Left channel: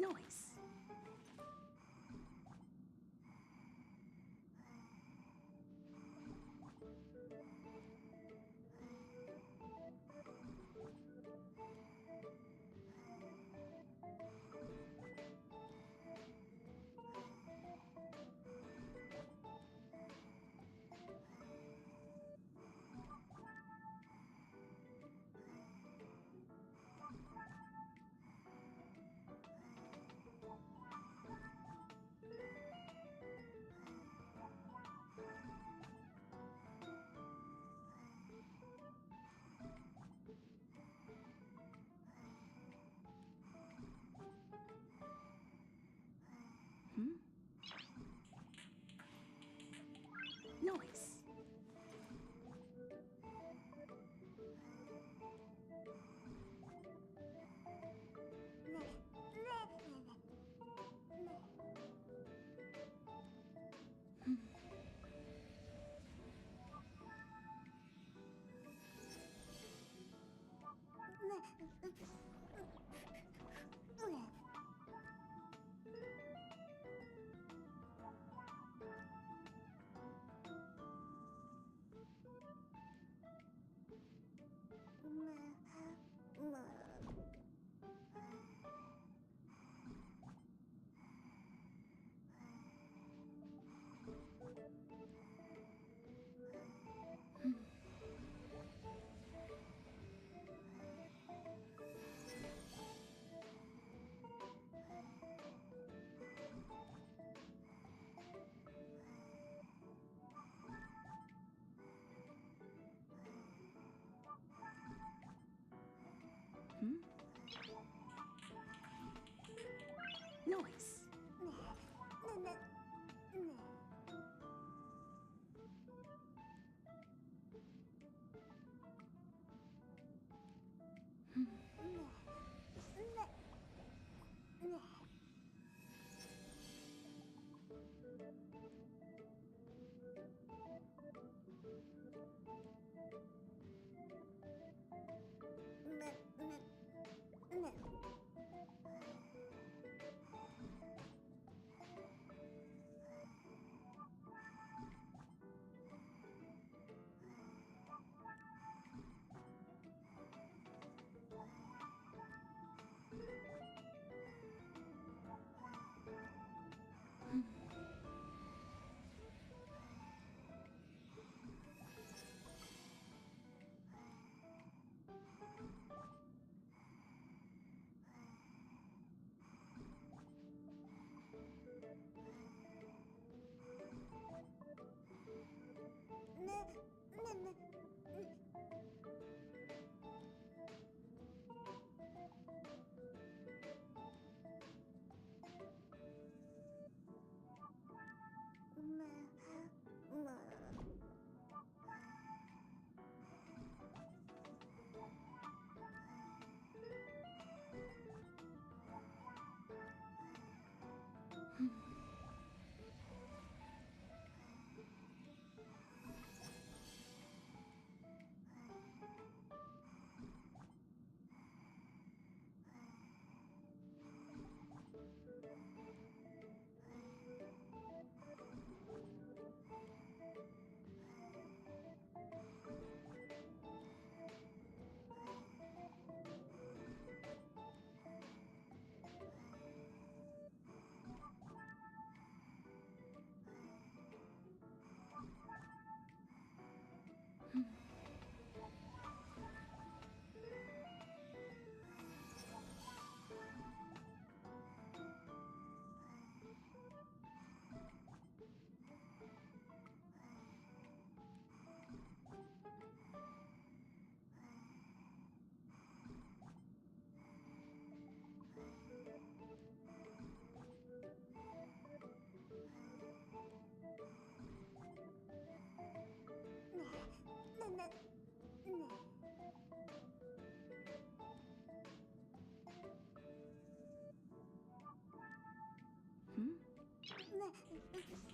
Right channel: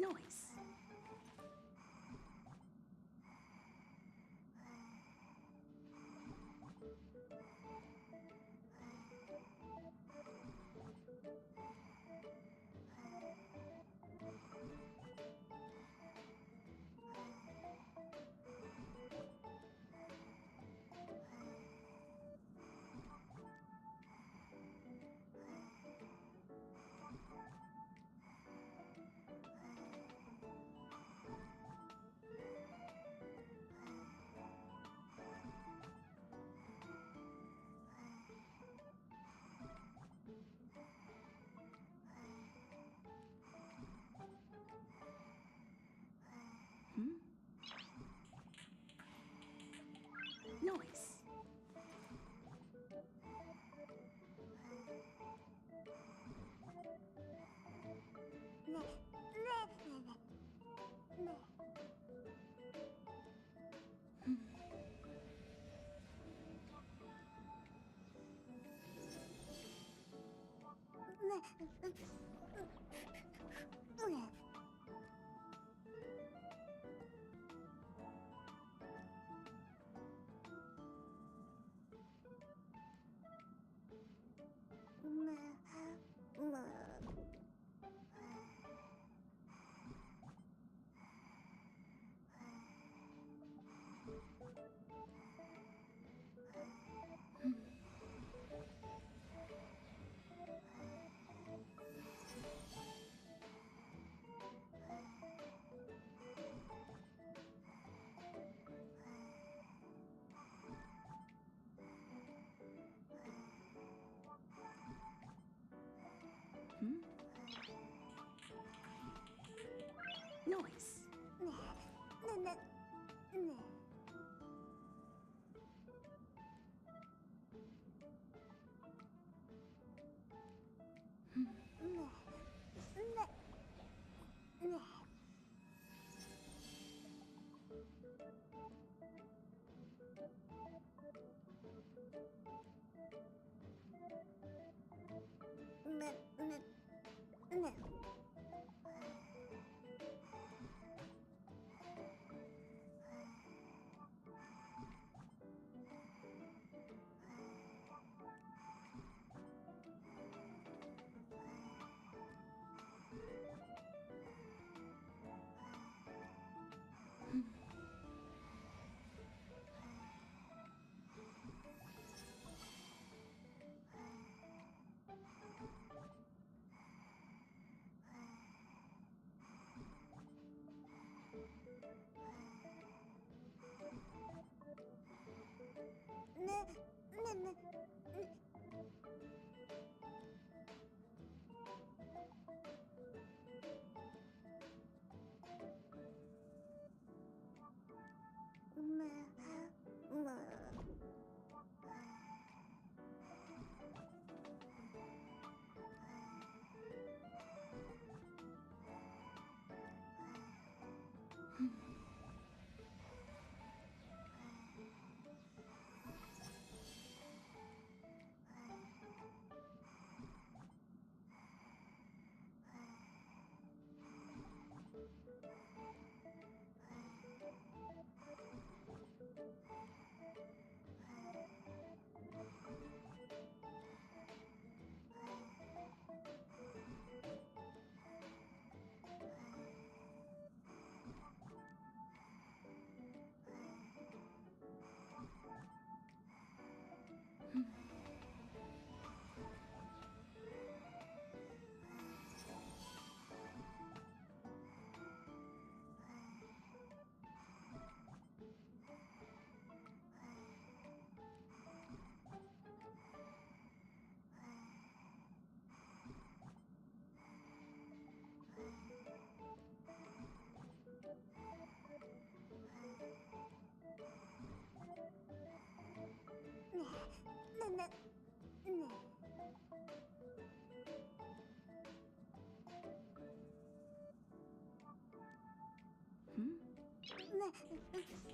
Noise. Noise.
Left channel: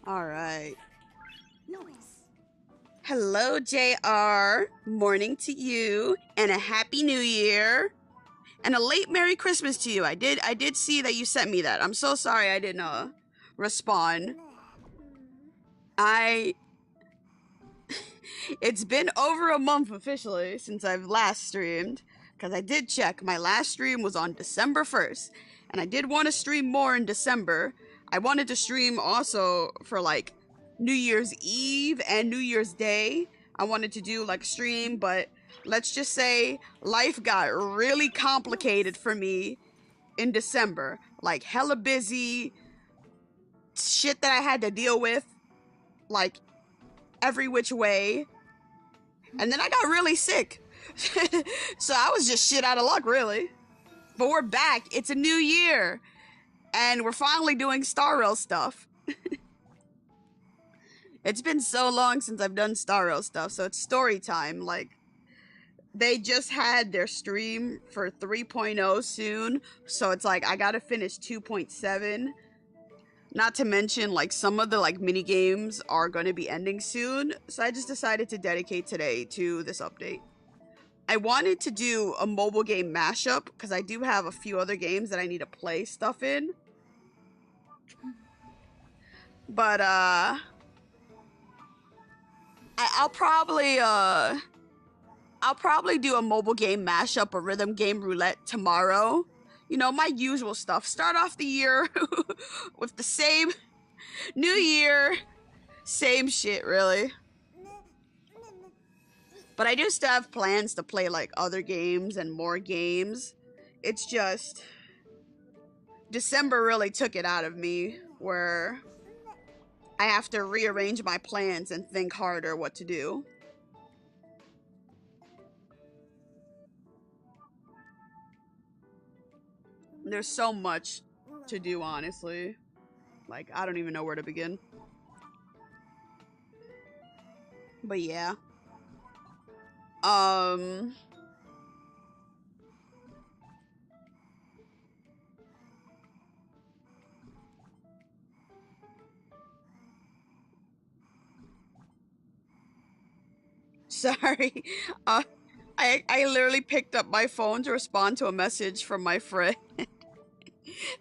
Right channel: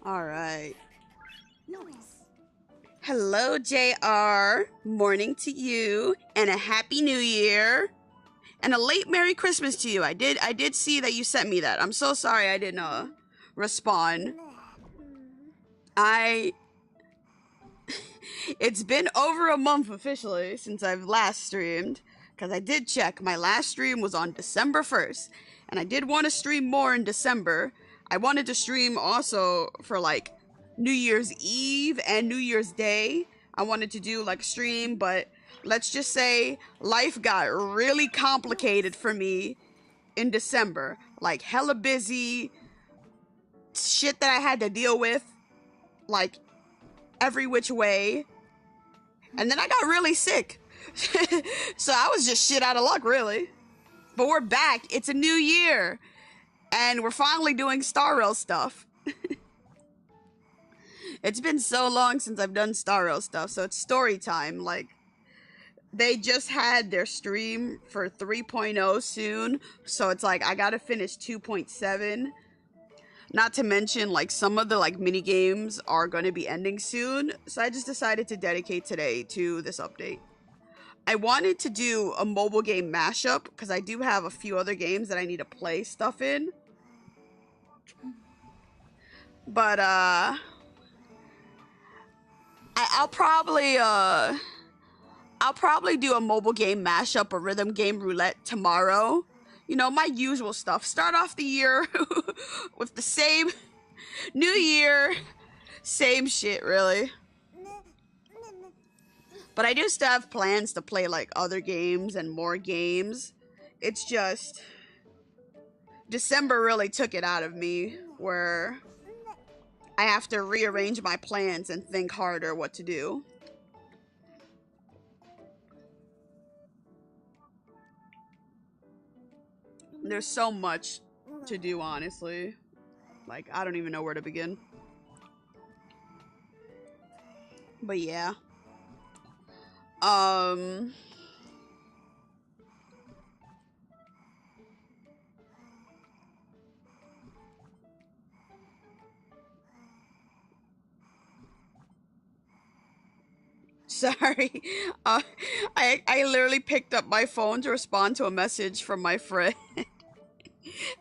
All right. Noise. Hello, JR. Morning to you, and a happy new year, and a late Merry Christmas to you. I did see that you sent me that. I'm so sorry I didn't respond. It's been over a month officially since I've last streamed, because I did check. My last stream was on December 1st, and I did want to stream more in December. I wanted to stream also for like New Year's Eve and New Year's Day. I wanted to do like stream, but let's just say life got really complicated for me in December. Like hella busy, shit that I had to deal with, like every which way. And then I got really sick. So I was just shit out of luck, really. But we're back. It's a new year. And we're finally doing Star Rail stuff. It's been so long since I've done Star Rail stuff, so it's story time. Like, they just had their stream for 3.0 soon, so it's like, I gotta finish 2.7. Not to mention, like, some of the, like, mini games are going to be ending soon, so I just decided to dedicate today to this update. I wanted to do a mobile game mashup, because I do have a few other games that I need to play stuff in. But, I'll probably do a mobile game mashup or rhythm game roulette tomorrow. You know, my usual stuff. Start off the year with the same new year, same shit, really. But I do still have plans to play like other games and more games. It's just December really took it out of me, where I have to rearrange my plans and think harder what to do. There's so much to do, honestly. Like, I don't even know where to begin. But yeah. Sorry. I literally picked up my phone to respond to a message from my friend.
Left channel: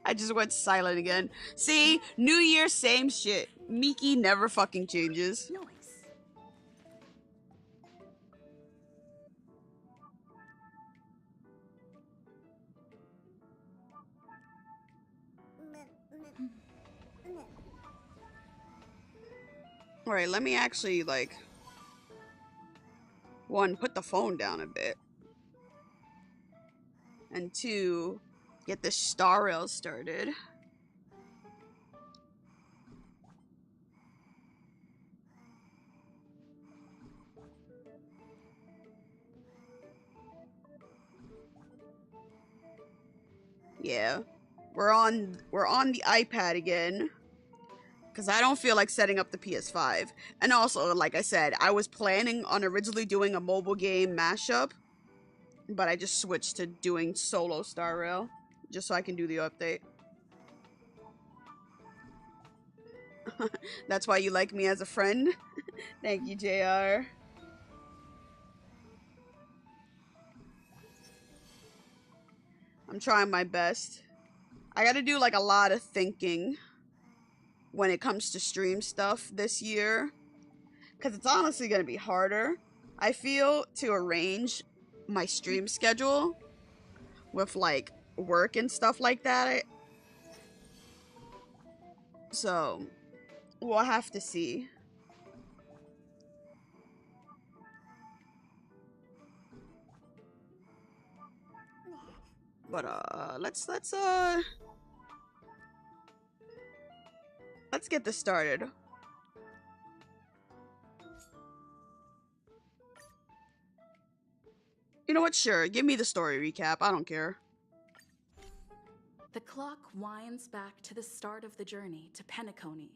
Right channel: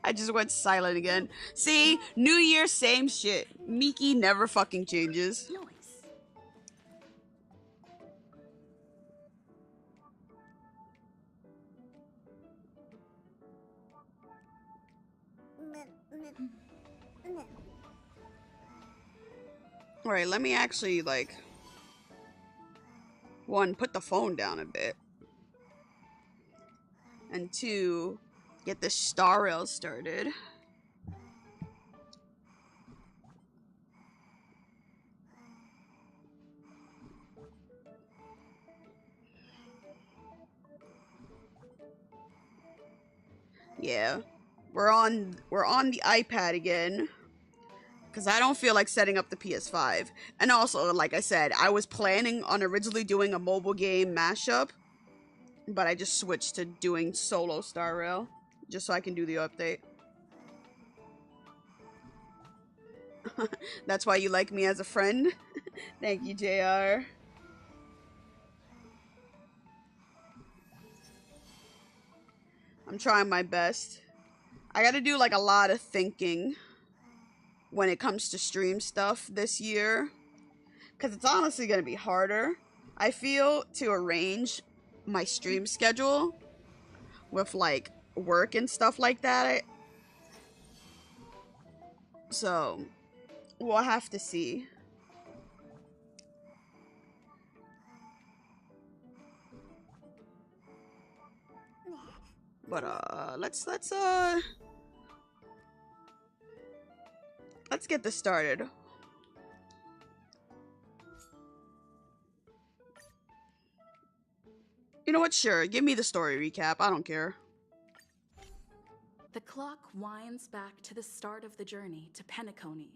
I just went silent again. See? New Year, same shit. Miki never fucking changes. Noise. Alright, let me actually, like... One, put the phone down a bit. And two, get the Star Rail started. Yeah. We're on the iPad again, because I don't feel like setting up the PS5. And also, like I said, I was planning on originally doing a mobile game mashup, but I just switched to doing solo Star Rail, just so I can do the update. That's why you like me as a friend? Thank you, JR. I'm trying my best. I gotta do like a lot of thinking when it comes to stream stuff this year, because it's honestly gonna be harder, I feel, to arrange my stream schedule with like work and stuff like that. So we'll have to see. But let's get this started. You know what? Sure, give me the story recap. I don't care. The clock winds back to the start of the journey to Penacony.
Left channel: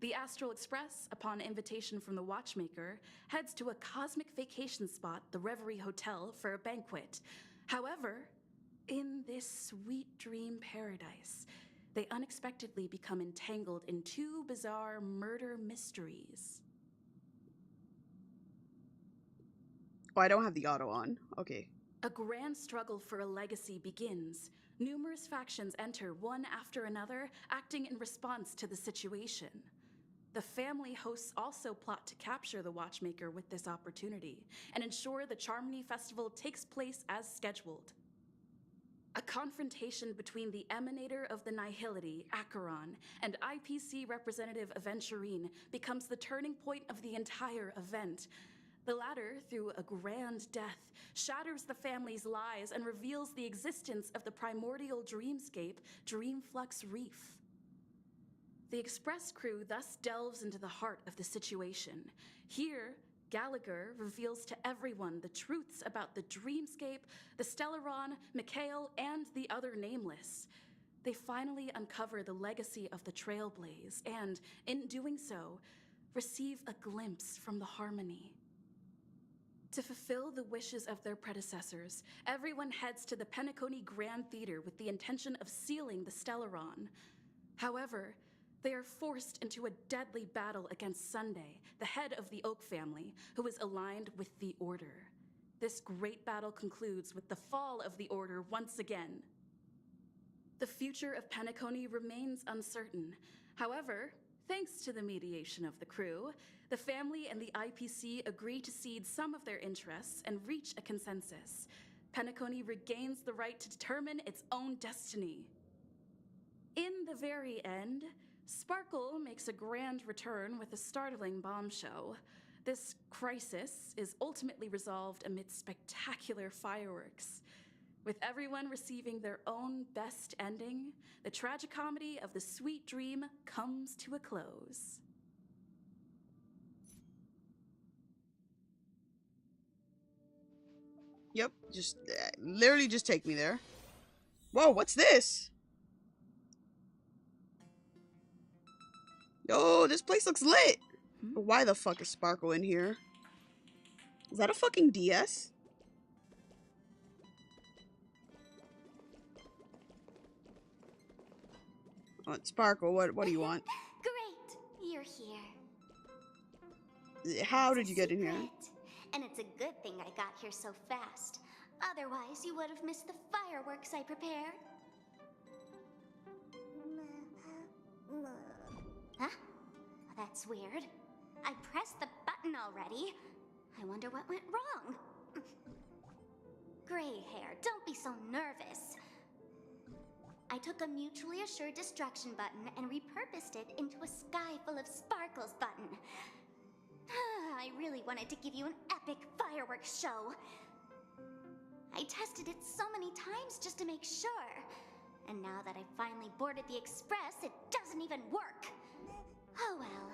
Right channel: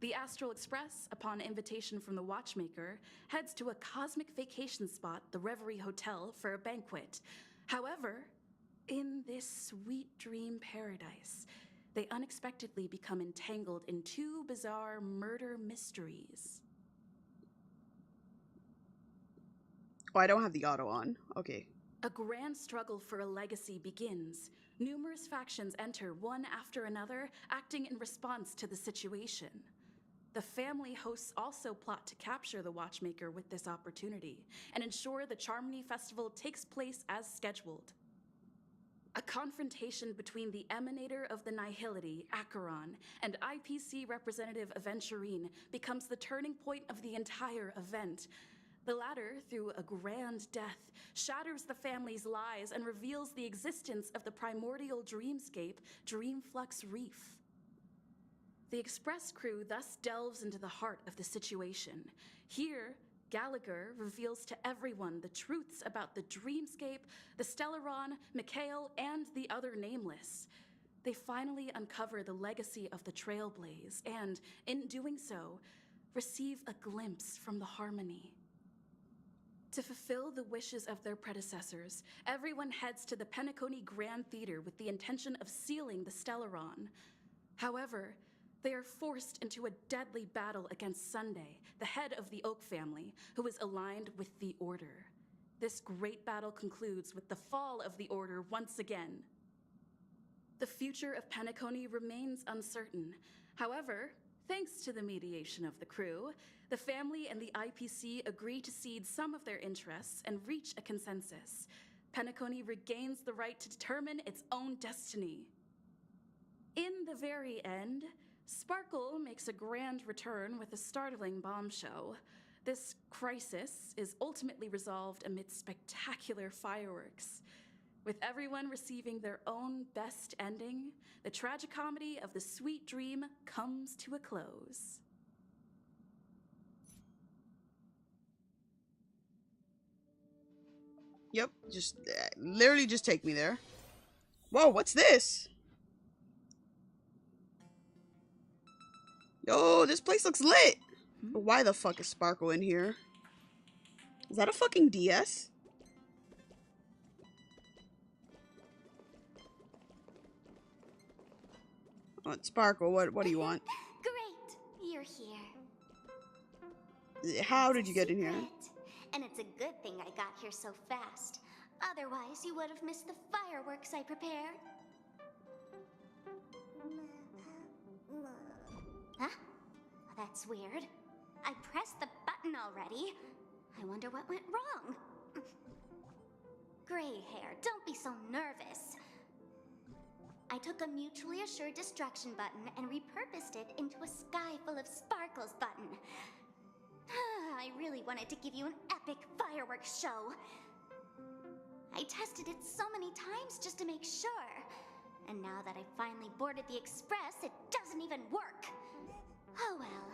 The Astral Express, upon invitation from the watchmaker, heads to a cosmic vacation spot, the Reverie Hotel, for a banquet. However, in this sweet dream paradise, they unexpectedly become entangled in two bizarre murder mysteries. Oh, I don't have the auto on. Okay. A grand struggle for a legacy begins. Numerous factions enter one after another, acting in response to the situation. The family hosts also plot to capture the Watchmaker with this opportunity and ensure the Charmony Festival takes place as scheduled. A confrontation between the emanator of the Nihility, Acheron, and IPC representative Aventurine becomes the turning point of the entire event. The latter, through a grand death, shatters the family's lies and reveals the existence of the primordial dreamscape, Dreamflux Reef. The Express crew thus delves into the heart of the situation. Here, Gallagher reveals to everyone the truths about the dreamscape, the Stellaron, Mikhail, and the other nameless. They finally uncover the legacy of the Trailblaze and, in doing so, receive a glimpse from the Harmony. To fulfill the wishes of their predecessors, everyone heads to the Penacony Grand Theater with the intention of sealing the Stellaron. However, they are forced into a deadly battle against Sunday, the head of the Oak family, who is aligned with the Order. This great battle concludes with the fall of the Order once again. The future of Penacony remains uncertain. However, thanks to the mediation of the crew, the family and the IPC agree to cede some of their interests and reach a consensus. Penacony regains the right to determine its own destiny. In the very end, Sparkle makes a grand return with a startling bombshell. This crisis is ultimately resolved amid spectacular fireworks. With everyone receiving their own best ending, the tragicomedy of the sweet dream comes to a close. Yep, just literally just take me there. Whoa, what's this? Oh, this place looks lit. Why the fuck is Sparkle in here? Is that a fucking DS? Sparkle, what do you want? Great, you're here. How did you get in here? Secret. And it's a good thing I got here so fast. Otherwise, you would have missed the fireworks I prepared. Huh? That's weird. I pressed the button already. I wonder what went wrong. Gray hair, don't be so nervous. I took a mutually assured destruction button and repurposed it into a sky full of sparkles button. I really wanted to give you an epic fireworks show. I tested it so many times just to make sure. And now that I finally boarded the Express, it doesn't even work. Oh well.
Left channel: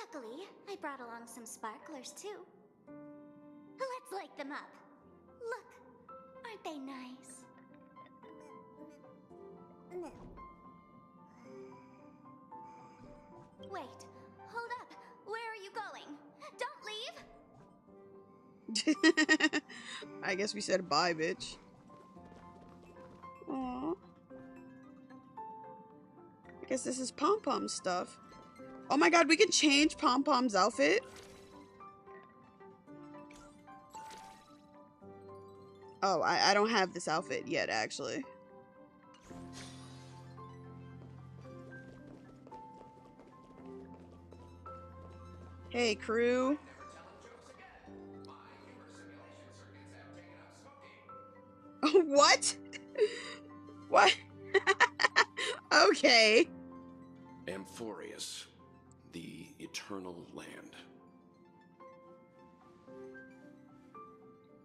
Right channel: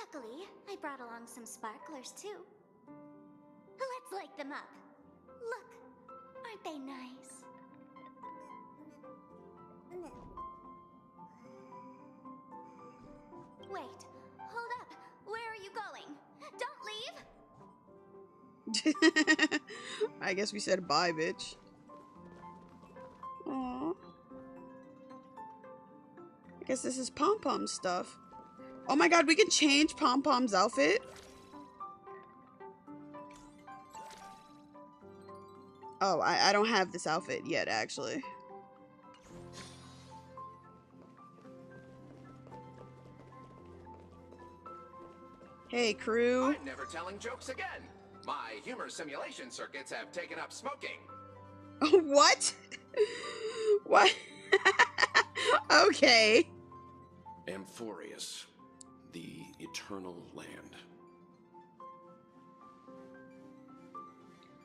Luckily, I brought along some sparklers too. Let's light them up. Look, aren't they nice? Wait, hold up. Where are you going? Don't leave! I guess we said bye, bitch. Aww. I guess this is Pom-Pom's stuff. Oh my god, we can change Pom-Pom's outfit? Oh, I don't have this outfit yet, actually. Hey, crew. I'm never telling jokes again. My humor simulation circuits have taken up smoking. What? What? Okay. Amphorius, the eternal land.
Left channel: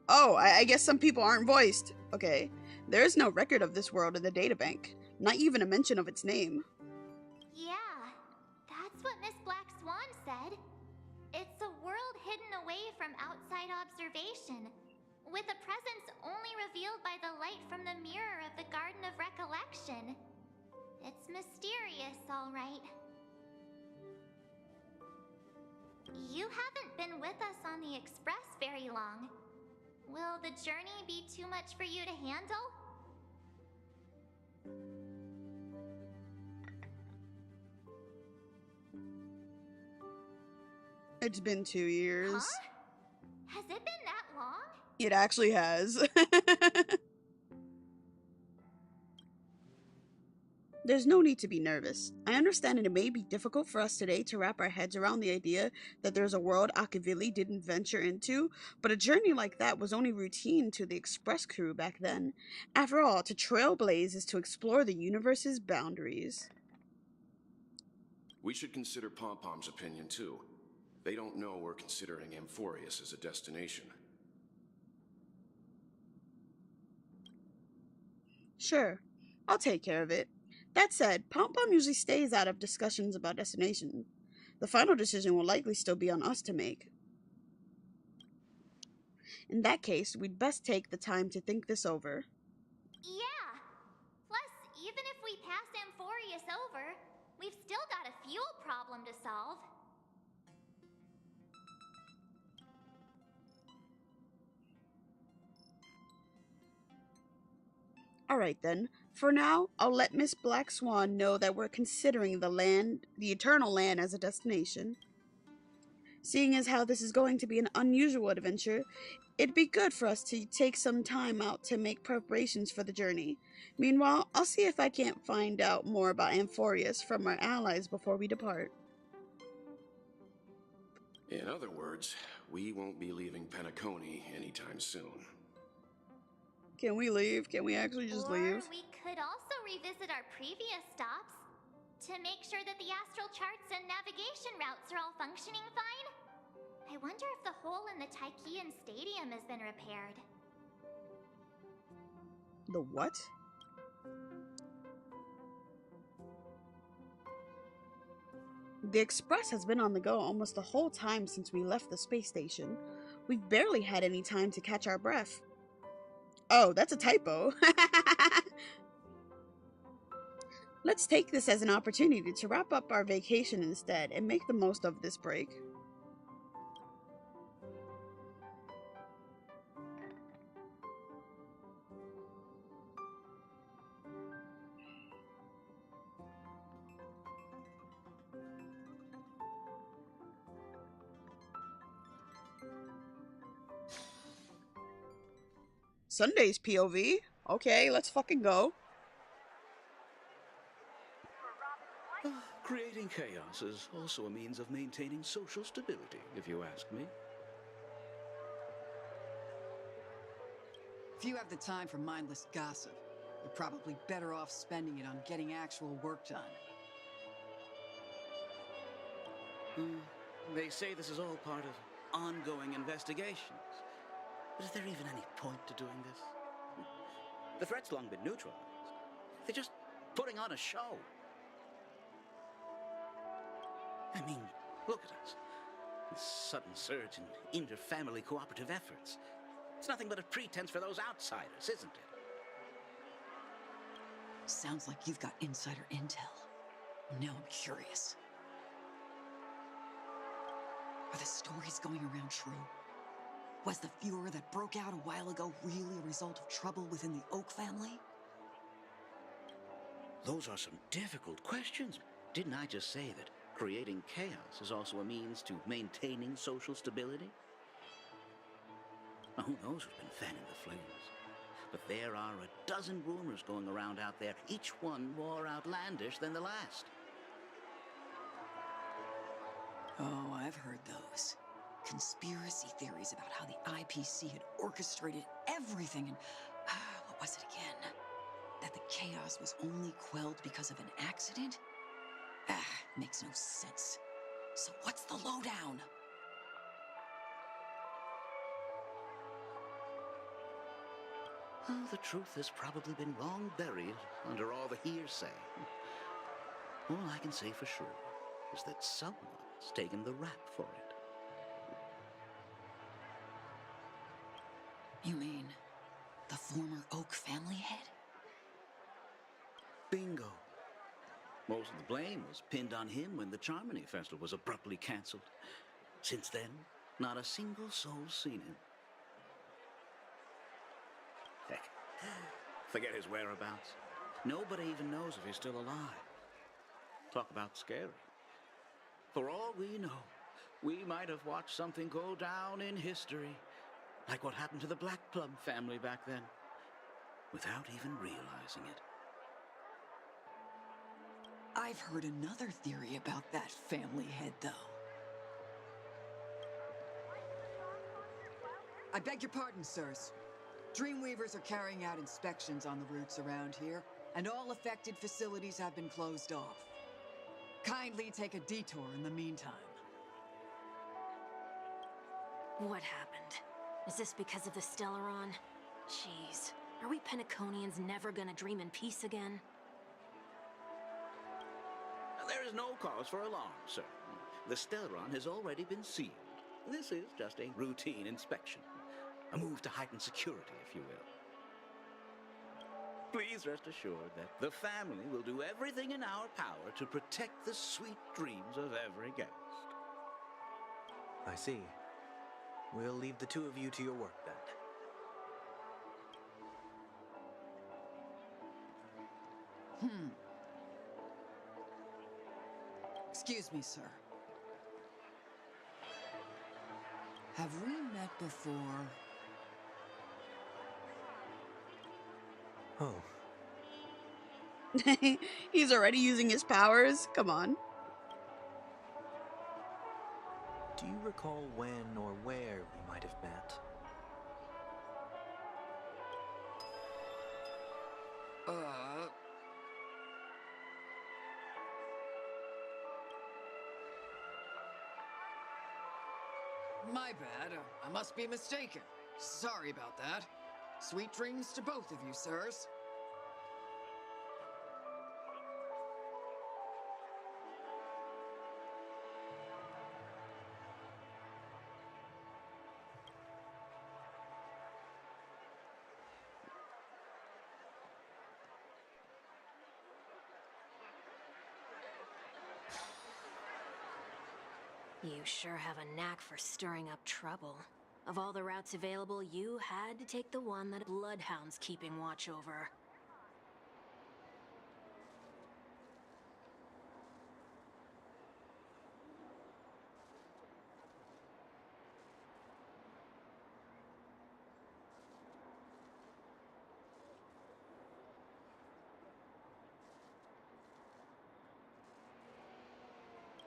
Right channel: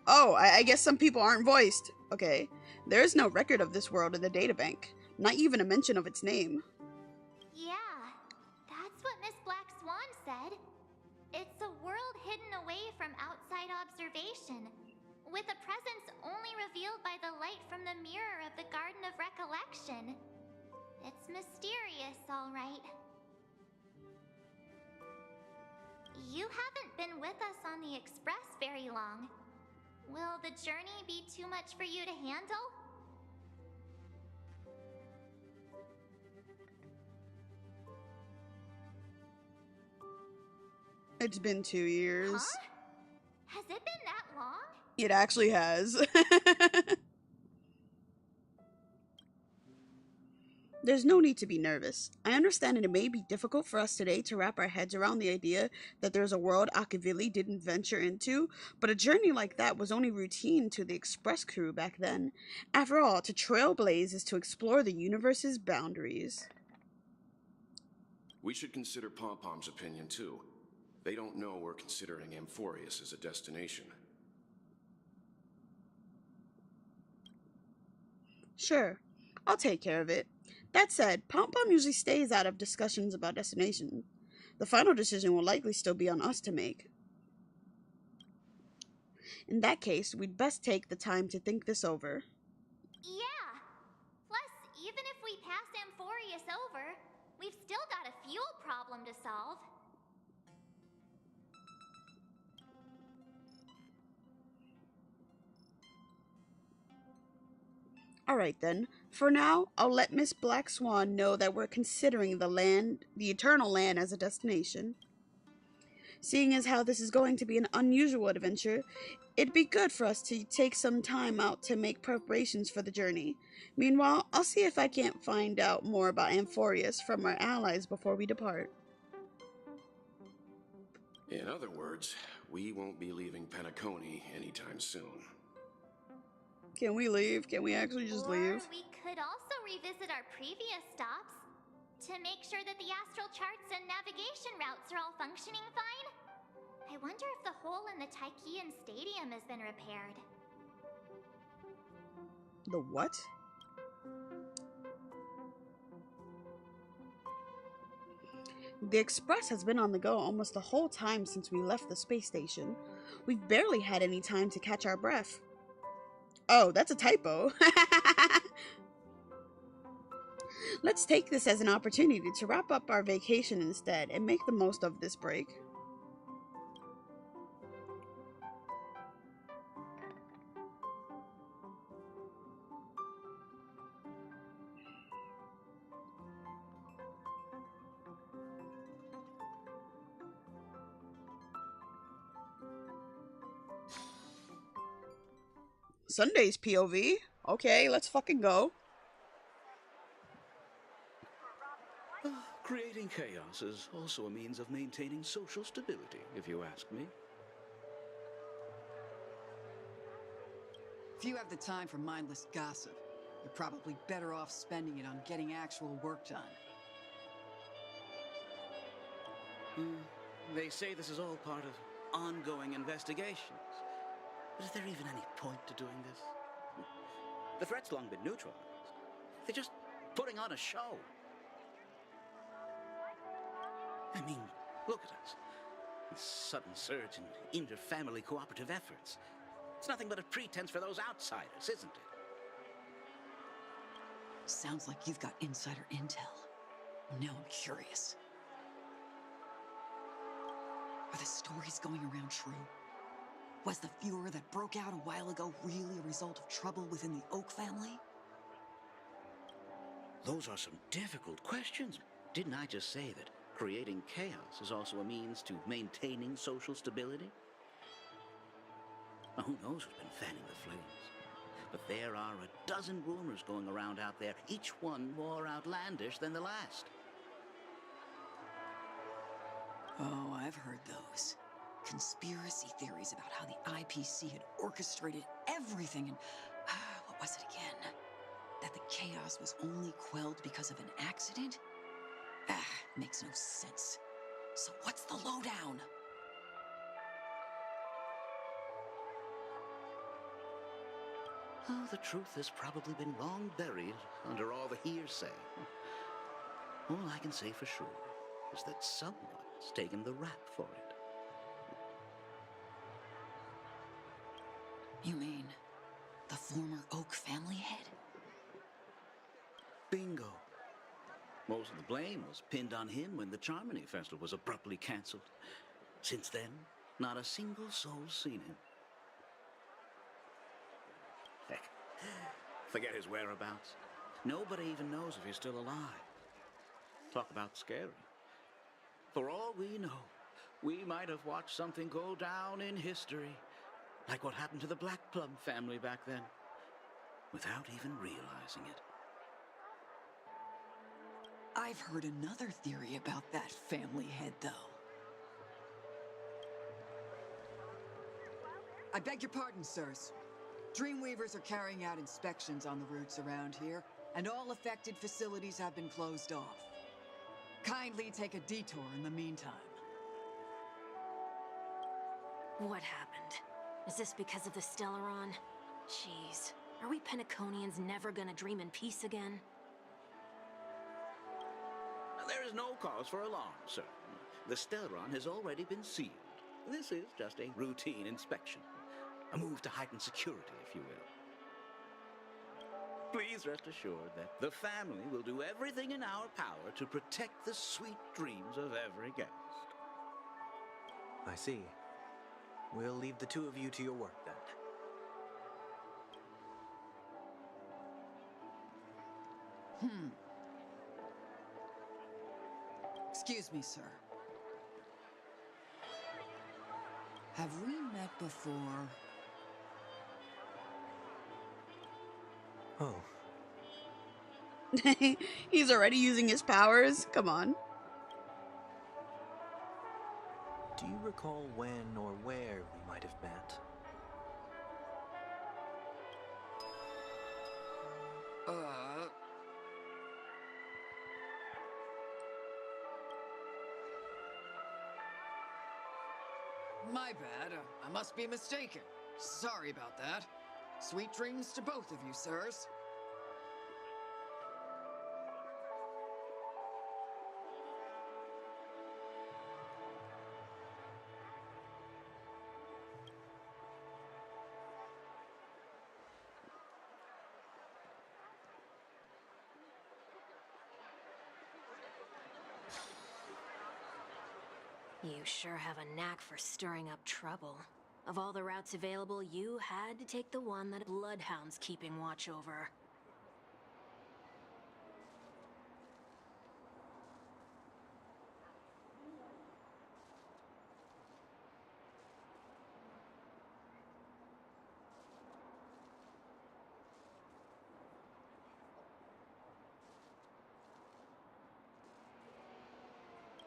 Oh, I guess some people aren't voiced. Okay. There is no record of this world in the databank. Not even a mention of its name. Yeah, that's what Miss Black Swan said. It's a world hidden away from outside observation, with a presence only revealed by the light from the mirror of the Garden of Recollection. It's mysterious, all right. You haven't been with us on the Express very long. Will the journey be too much for you to handle? It's been 2 years. Huh? Has it been that long? It actually has. There's no need to be nervous. I understand that it may be difficult for us today to wrap our heads around the idea that there's a world Akavili didn't venture into, but a journey like that was only routine to the Express crew back then. After all, to trailblaze is to explore the universe's boundaries. We should consider Pom-Pom's opinion, too. They don't know we're considering Amphorius as a destination. Sure, I'll take care of it. That said, Pom-Pom usually stays out of discussions about destination. The final decision will likely still be on us to make. In that case, we'd best take the time to think this over. Yeah. Plus, even if we pass Amphorius over, we've still got a fuel problem to solve. Alright then, for now, I'll let Miss Black Swan know that we're considering the Eternal Land as a destination. Seeing as how this is going to be an unusual adventure, it'd be good for us to take some time out to make preparations for the journey. Meanwhile, I'll see if I can't find out more about Amphorius from our allies before we depart. In other words, we won't be leaving Penacony anytime soon. Can we leave? Can we actually just leave? Or we could also revisit our previous stops to make sure that the astral charts and navigation routes are all functioning fine. I wonder if the hole in the Tychean Stadium has been repaired. The what? The Express has been on the go almost the whole time since we left the space station. We've barely had any time to catch our breath. Oh, that's a typo. Let's take this as an opportunity to wrap up our vacation instead and make the most of this break. Sunday's POV. Okay, let's fucking go. Creating chaos is also a means of maintaining social stability, if you ask me. If you have the time for mindless gossip, you're probably better off spending it on getting actual work done. They say this is all part of ongoing investigations. But is there even any point to doing this? The threat's long been neutralized. They're just putting on a show. I mean, look at us. This sudden surge in inter-family cooperative efforts. It's nothing but a pretense for those outsiders, isn't it? Sounds like you've got insider intel. Now I'm curious. Are the stories going around true? Was the furor that broke out a while ago really a result of trouble within the Oak family? Those are some difficult questions. Didn't I just say that creating chaos is also a means to maintaining social stability? Now, who knows who's been fanning the flames? But there are a dozen rumors going around out there, each one more outlandish than the last. Oh, I've heard those. Conspiracy theories about how the IPC had orchestrated everything and... what was it again? That the chaos was only quelled because of an accident? Makes no sense. So what's the lowdown? Oh, the truth has probably been long buried under all the hearsay. All I can say for sure is that someone's taken the rap for it. You mean the former Oak family head? Bingo. Most of the blame was pinned on him when the Charmony Festival was abruptly cancelled. Since then, not a single soul's seen him. Heck, forget his whereabouts. Nobody even knows if he's still alive. Talk about scary. For all we know, we might have watched something go down in history, like what happened to the Black Plum family back then, without even realizing it. I've heard another theory about that family head, though. I beg your pardon, sirs. Dreamweavers are carrying out inspections on the routes around here, and all affected facilities have been closed off. Kindly take a detour in the meantime. What happened? Is this because of the Stellaron? Jeez, are we Penaconians never gonna dream in peace again? There is no cause for alarm, sir. The Stellaron has already been sealed. This is just a routine inspection. A move to heighten security, if you will. Please rest assured that the family will do everything in our power to protect the sweet dreams of every guest. I see. We'll leave the two of you to your work, then. Excuse me, sir. Have we met before? Oh, He's already using his powers? Come on. do you recall when or where we might have met? My bad. I must be mistaken. Sorry about that. Sweet dreams to both of you, sirs. You sure have a knack for stirring up trouble. Of all the routes available, you had to take the one that Bloodhound's keeping watch over.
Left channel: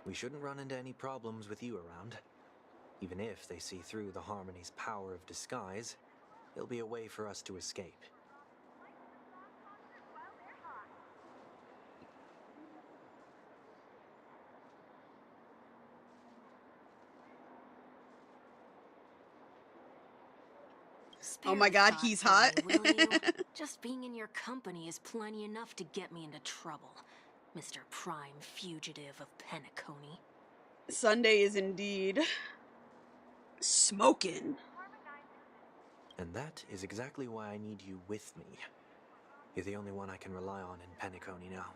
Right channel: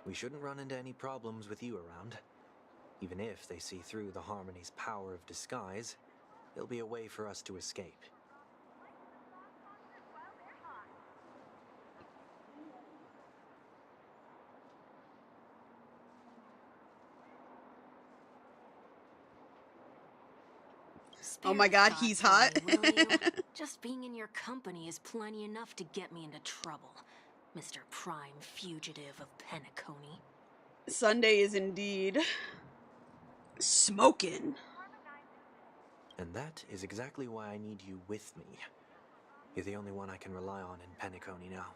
We shouldn't run into any problems with you around. Even if they see through the Harmony's power of disguise, there'll be a way for us to escape. Oh my God, he's hot. Will you? Just being in your company is plenty enough to get me into trouble, Mr. Prime Fugitive of Penacony. Sunday is indeed smoking. And that is exactly why I need you with me. You're the only one I can rely on in Penacony now.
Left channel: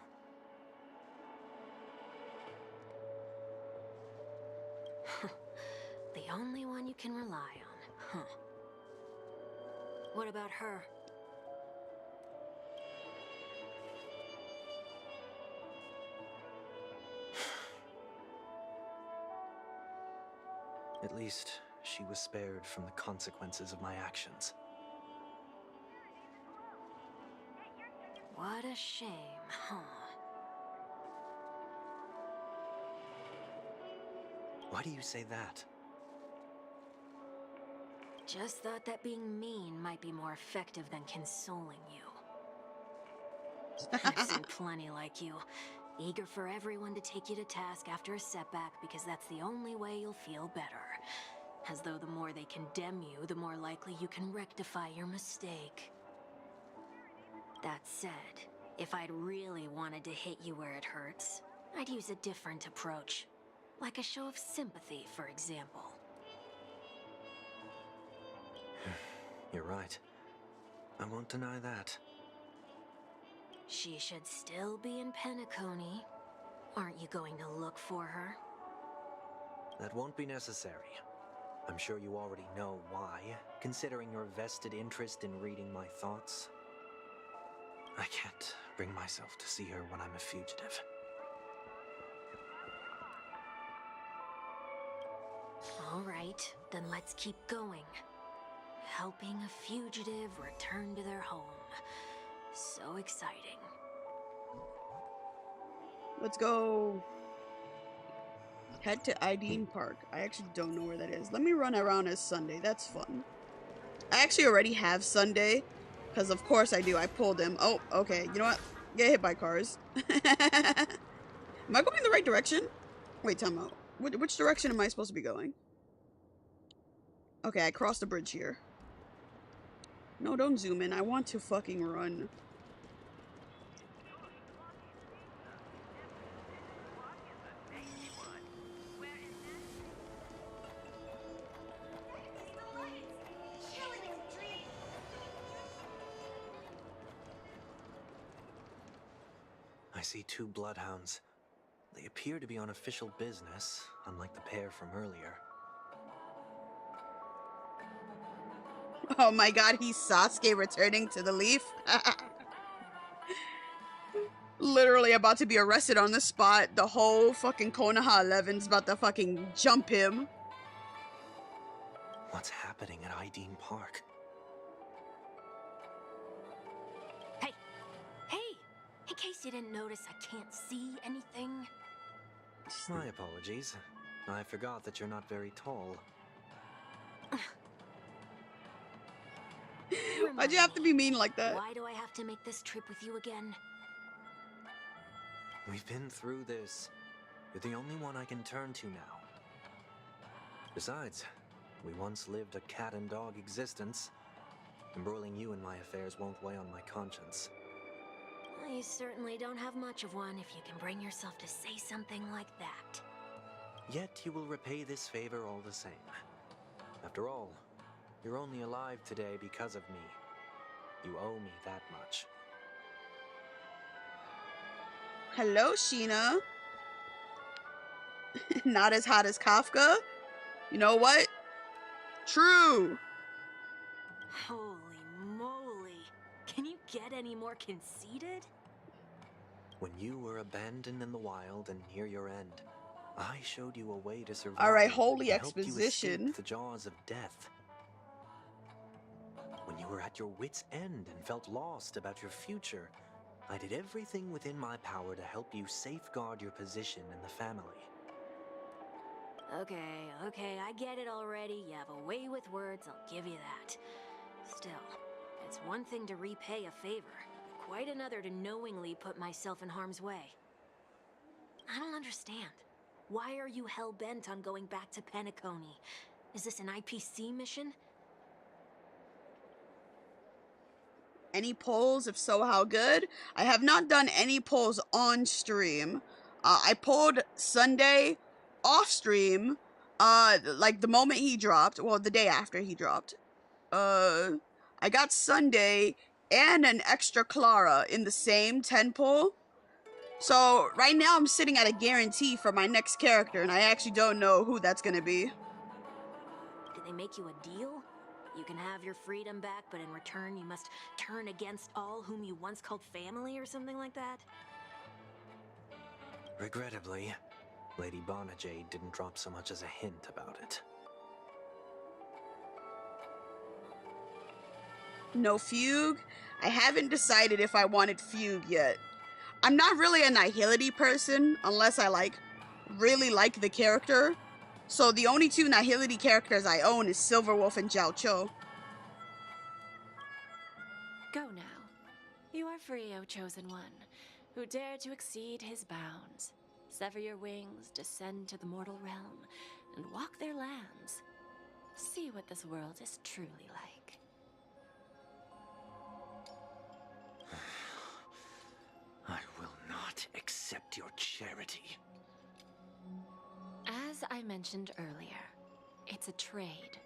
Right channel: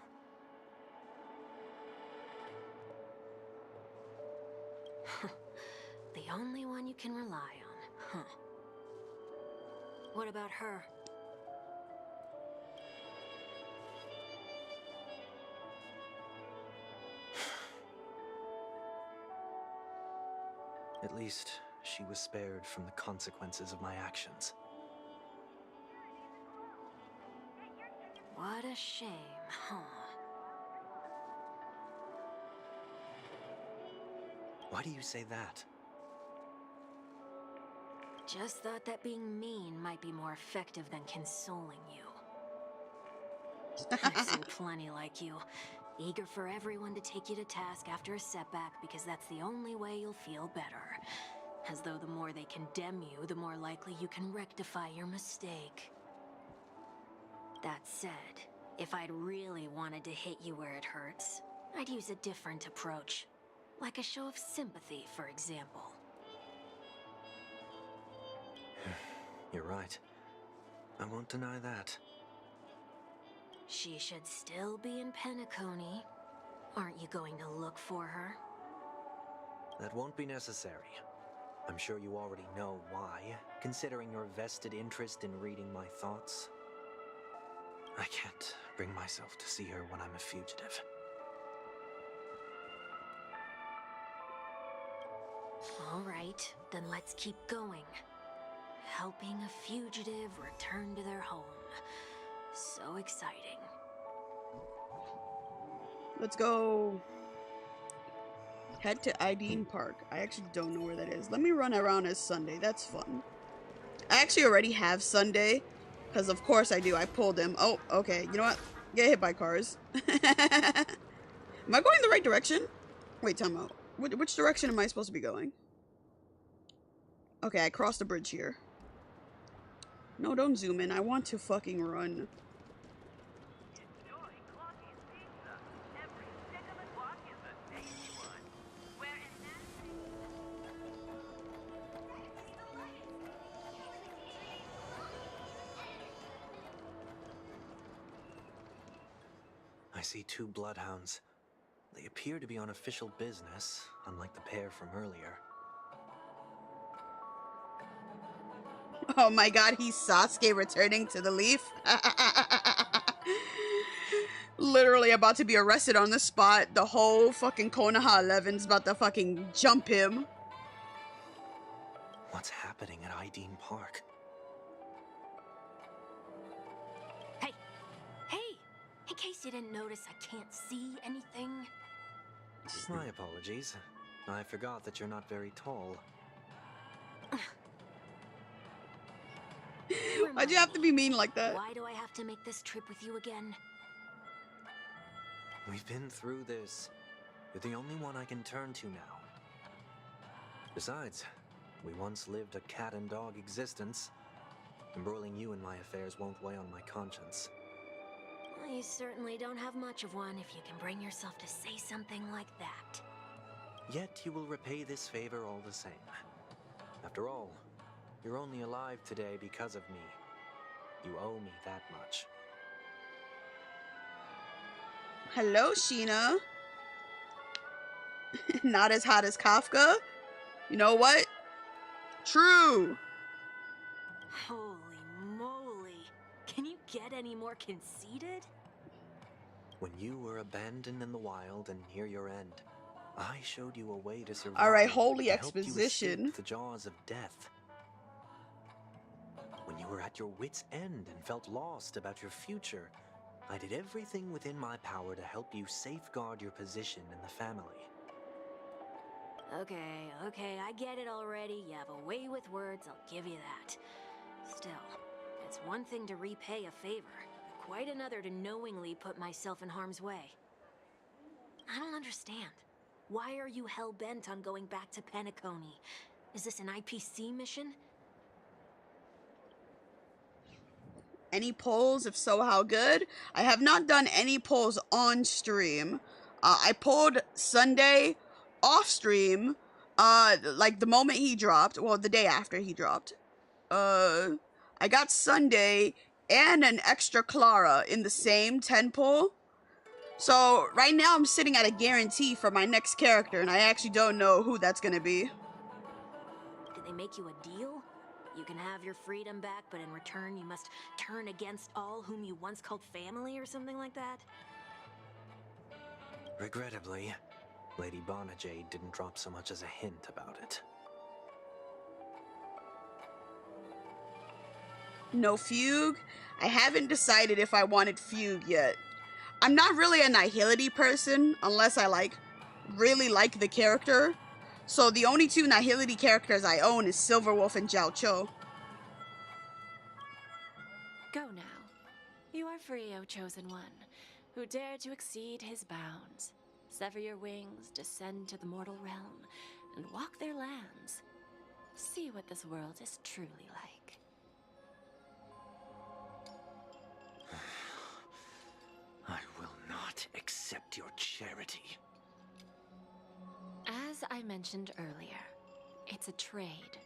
The only one you can rely on, huh? What about her? At least, she was spared from the consequences of my actions. What a shame, huh? Why do you say that? Just thought that being mean might be more effective than consoling you. I've seen plenty like you, eager for everyone to take you to task after a setback because that's the only way you'll feel better. As though the more they condemn you, the more likely you can rectify your mistake. That said, if I'd really wanted to hit you where it hurts, I'd use a different approach. Like a show of sympathy, for example. You're right. I won't deny that. She should still be in Penacony. Aren't you going to look for her? That won't be necessary. I'm sure you already know why, considering your vested interest in reading my thoughts. I can't bring myself to see her when I'm a fugitive. All right, then let's keep going. Helping a fugitive return to their home. So exciting. Let's go. Head to Ideen Park. I actually don't know where that is. Let me run around as Sunday. That's fun. I actually already have Sunday. Because of course I do. I pulled him. Oh, okay. You know what? Get hit by cars. Am I going the right direction? Wait, time out. Which direction am I supposed to be going? Okay, I crossed the bridge here. No, don't zoom in. I want to fucking run. I see 2 bloodhounds. They appear to be on official business, unlike the pair from earlier. Oh my god, he's Sasuke returning to the Leaf. Literally about to be arrested on the spot. The whole fucking Konoha 11's about to fucking jump him. What's happening at Ideen Park? Hey! Hey! In case you didn't notice, I can't see anything. My apologies. I forgot that you're not very tall. Why'd you have to be mean like that? Why do I have to make this trip with you again? We've been through this. You're the only one I can turn to now. Besides, we once lived a cat and dog existence. Embroiling you in my affairs won't weigh on my conscience. Well, you certainly don't have much of one if you can bring yourself to say something like that. Yet you will repay this favor all the same. After all, you're only alive today because of me. You owe me that much. Hello, Sheena. Not as hot as Kafka? You know what? True. Holy moly. Can you get any more conceited? When you were abandoned in the wild and near your end, I showed you a way to survive. Alright, holy and helped you exposition. escape the jaws of death. When you were at your wit's end and felt lost about your future, I did everything within my power to help you safeguard your position in the family. Okay, I get it already. You have a way with words, I'll give you that. Still, it's one thing to repay a favor, quite another to knowingly put myself in harm's way. I don't understand. Why are you hell-bent on going back to Penacony? Is this an IPC mission? Any polls? If so, how good? I have not done any polls on stream. I pulled Sunday off stream, like the moment he dropped, well, the day after he dropped. I got Sunday and an extra Clara in the same 10 pull. So right now I'm sitting at a guarantee for my next character, and I actually don't know who that's gonna be. Did they make you a deal? You can have your freedom back, but in return you must turn against all whom you once called family or something like that? Regrettably, Lady Bonajade didn't drop so much as a hint about it. No Fugue? I haven't decided if I wanted Fugue yet. I'm not really a Nihility person, unless I really like the character. So the only 2 Nihility characters I own is Silverwolf and Jiao Cho. Go now. You are free, O Chosen One, who dare to exceed his bounds. Sever your wings, descend to the mortal realm, and walk their lands. See what this world is truly like. I will not accept your charity. As I mentioned earlier, it's a trade,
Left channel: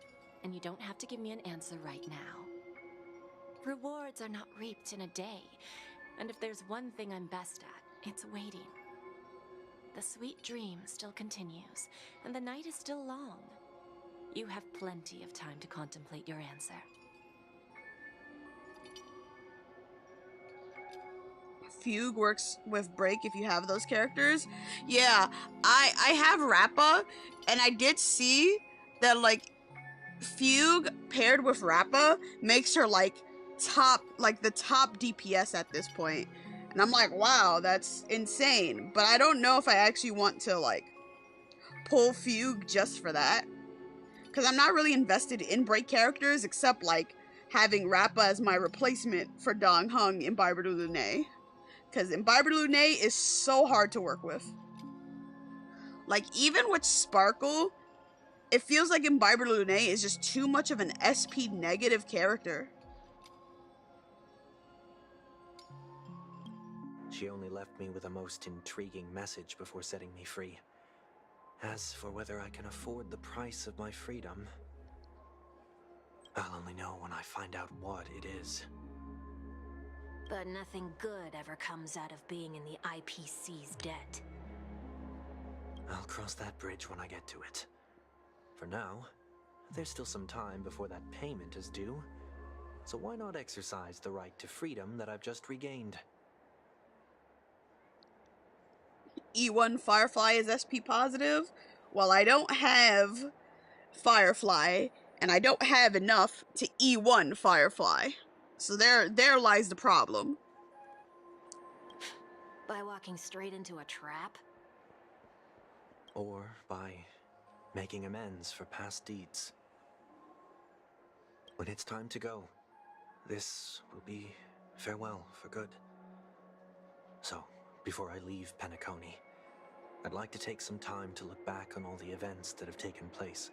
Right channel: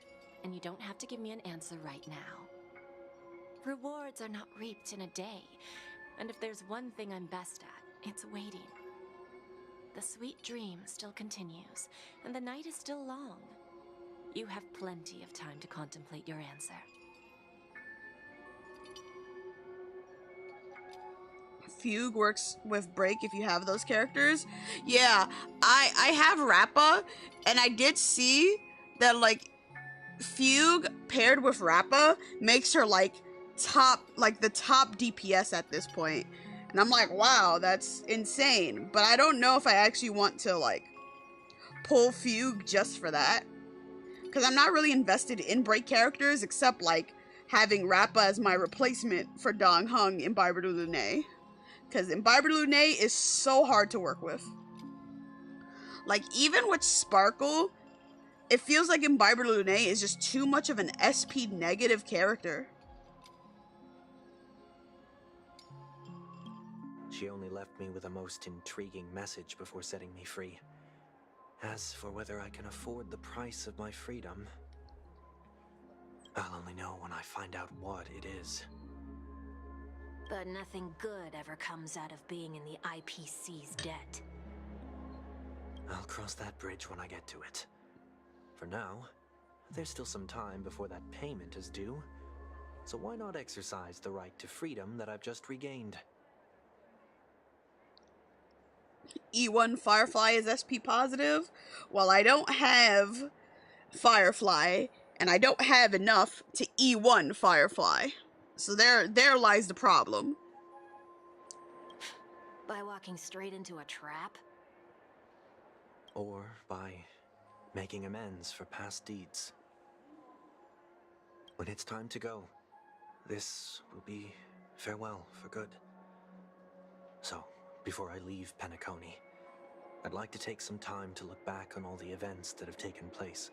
and you don't have to give me an answer right now. Rewards are not reaped in a day, and if there's one thing I'm best at, it's waiting. The sweet dream still continues, and the night is still long. You have plenty of time to contemplate your answer. Fugue works with Break if you have those characters. Yeah, I have Rappa, and I did see that like Fugue paired with Rappa makes her like the top DPS at this point. And I'm like, wow, that's insane. But I don't know if I actually want to like pull Fugue just for that. Because I'm not really invested in break characters except like having Rappa as my replacement for Dong Hung in Imbiber de Lune. Because Imbiber de Lune is so hard to work with. Like, even with Sparkle, it feels like Imbiber de Lune is just too much of an SP negative character. She only left me with a most intriguing message before setting me free. As for whether I can afford the price of my freedom, I'll only know when I find out what it is. But nothing good ever comes out of being in the IPC's debt. I'll cross that bridge when I get to it. For now, there's still some time before that payment is due, so why not exercise the right to freedom that I've just regained? E1 Firefly is SP positive. Well, I don't have Firefly, and I don't have enough to E1 Firefly. So there lies the problem. By walking straight into a trap? Or by making amends for past deeds. When it's time to go, this will be farewell for good. So, before I leave Penacony, I'd like to take some time to look back on all the events that have taken place.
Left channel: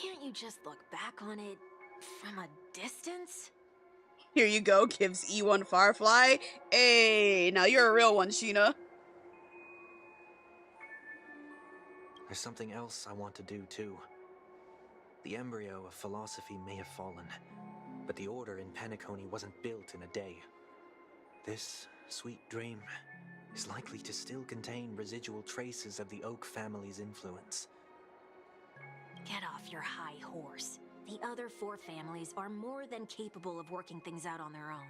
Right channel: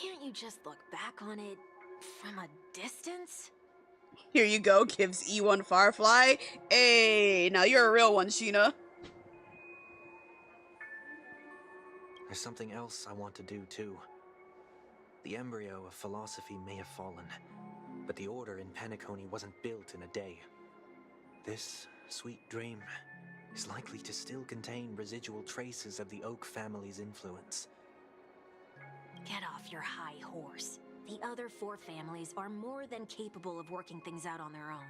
Can't you just look back on it from a distance? Here you go, gives E1 Firefly. Hey, now you're a real one, Sheena. There's something else I want to do, too. The embryo of philosophy may have fallen, but the order in Penacony wasn't built in a day. This sweet dream is likely to still contain residual traces of the Oak family's influence. Get off your high horse. The other 4 families are more than capable of working things out on their own.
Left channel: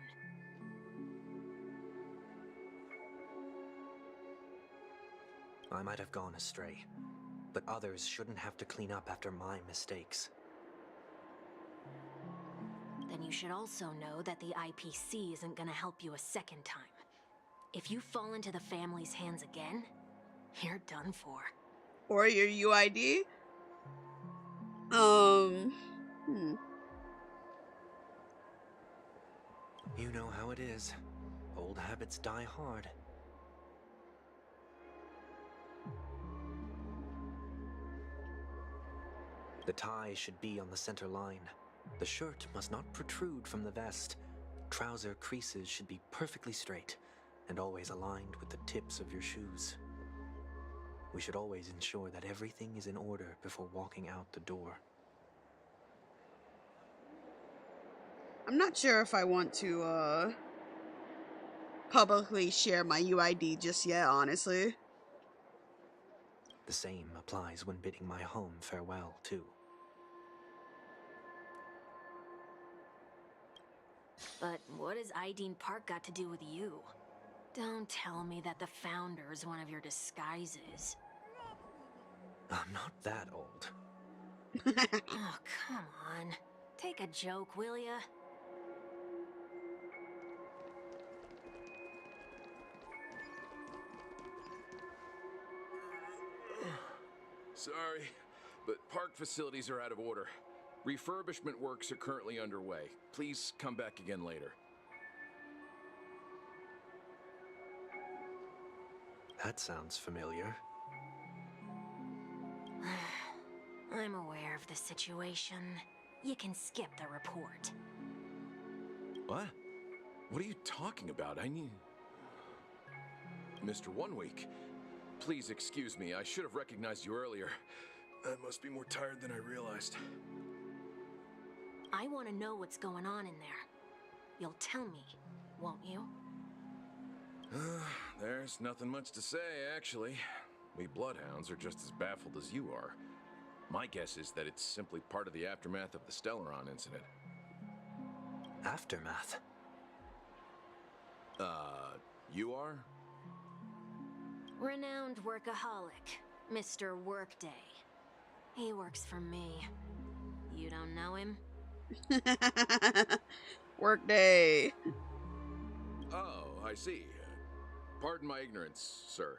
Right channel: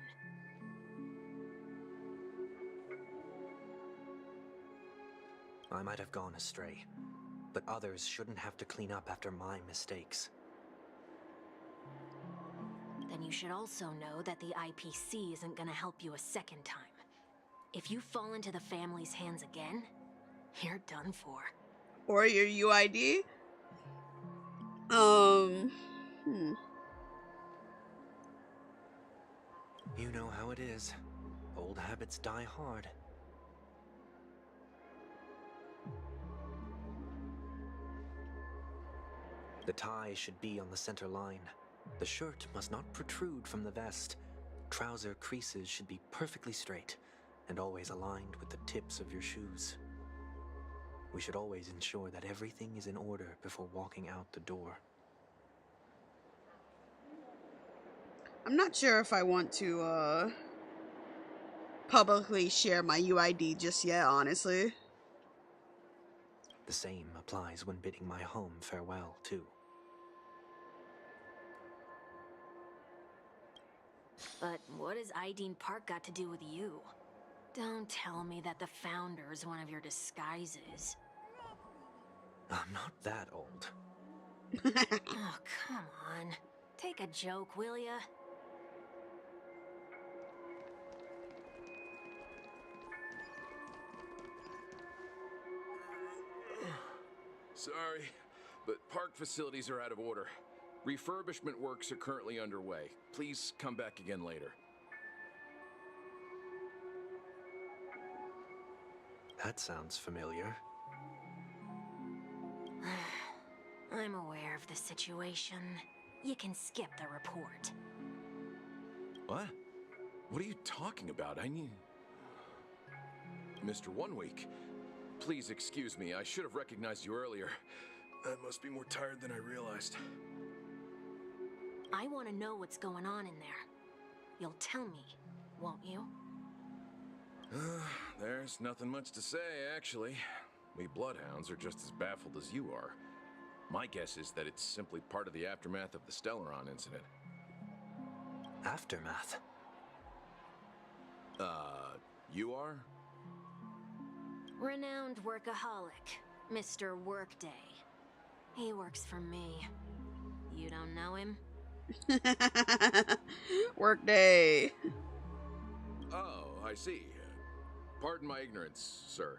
I might have gone astray, but others shouldn't have to clean up after my mistakes. Then you should also know that the IPC isn't gonna help you a second time. If you fall into the family's hands again, you're done for. Or your UID? You know how it is. Old habits die hard. The tie should be on the center line. The shirt must not protrude from the vest. Trouser creases should be perfectly straight and always aligned with the tips of your shoes. We should always ensure that everything is in order before walking out the door. I'm not sure if I want to, publicly share my UID just yet, honestly. The same applies when bidding my home farewell, too. But what has Ideen Park got to do with you? Don't tell me that the Founder's one of your disguises. I'm not that old. Oh, come on. Take a joke, will ya? Sorry, but park facilities are out of order. Refurbishment works are currently underway. Please come back again later. That sounds familiar. I'm aware of the situation. You can skip the report. What? What are you talking about? I need... Mr. One Week, please excuse me. I should have recognized you earlier. I must be more tired than I realized. I want to know what's going on in there. You'll tell me, won't you? There's nothing much to say, actually. We Bloodhounds are just as baffled as you are. My guess is that it's simply part of the aftermath of the Stellaron incident. Aftermath? You are? Renowned workaholic, Mr. Workday. He works for me. You don't know him? Workday. Oh, I see. Pardon my ignorance, sir.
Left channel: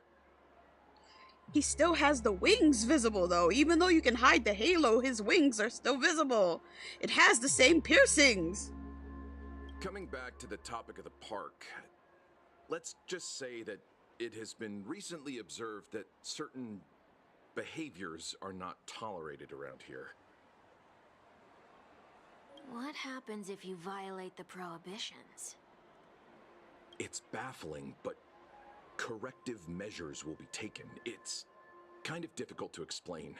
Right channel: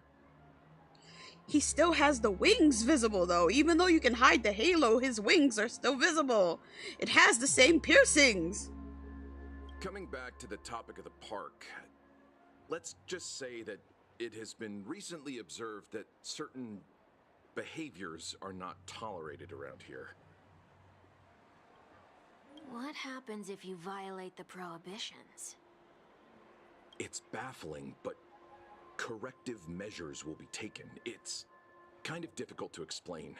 He still has the wings visible, though. Even though you can hide the halo, his wings are still visible. It has the same piercings. Coming back to the topic of the park, let's just say that it has been recently observed that certain behaviors are not tolerated around here. What happens if you violate the prohibitions? It's baffling, but corrective measures will be taken. It's kind of difficult to explain.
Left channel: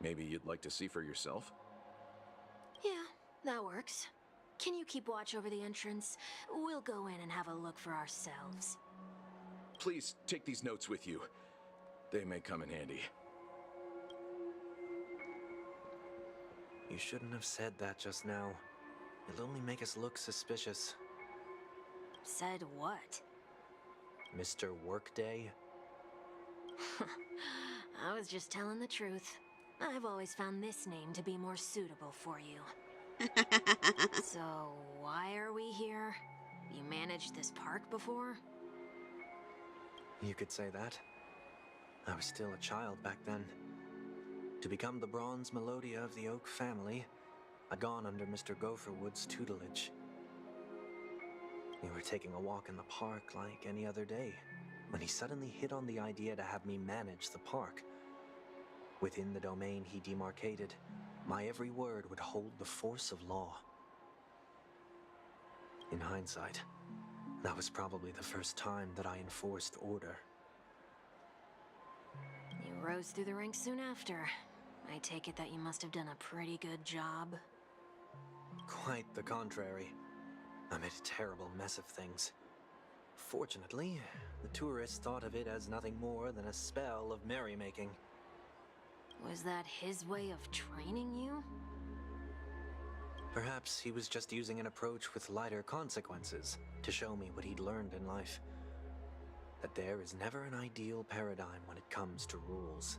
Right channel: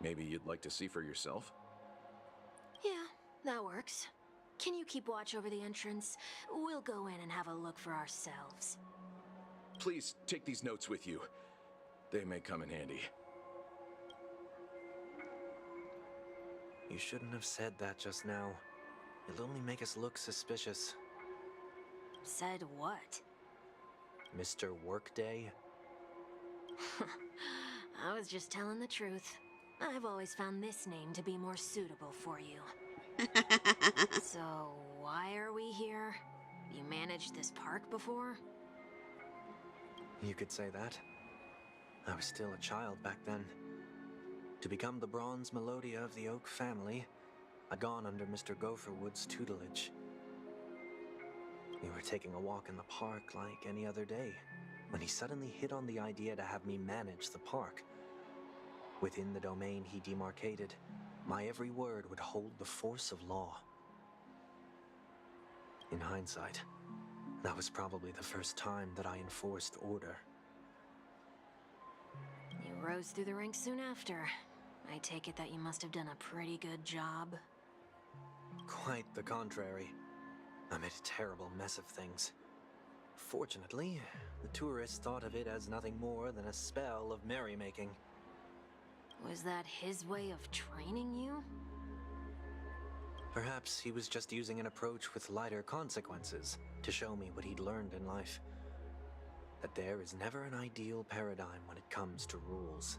Maybe you'd like to see for yourself? Yeah, that works. Can you keep watch over the entrance? We'll go in and have a look for ourselves. Please take these notes with you. They may come in handy. You shouldn't have said that just now. It'll only make us look suspicious. Said what? Mr. Workday? I was just telling the truth. I've always found this name to be more suitable for you. So, why are we here? You managed this park before? You could say that. I was still a child back then. To become the bronze Melodia of the Oak family, I'd gone under Mr. Gopherwood's tutelage. We were taking a walk in the park like any other day, when he suddenly hit on the idea to have me manage the park. Within the domain he demarcated, my every word would hold the force of law. In hindsight, that was probably the first time that I enforced order. You rose through the ranks soon after. I take it that you must have done a pretty good job. Quite the contrary. I made a terrible mess of things. Fortunately, the tourists thought of it as nothing more than a spell of merrymaking. Was that his way of training you? Perhaps he was just using an approach with lighter consequences to show me what he'd learned in life. That there is never an ideal paradigm when it comes to rules.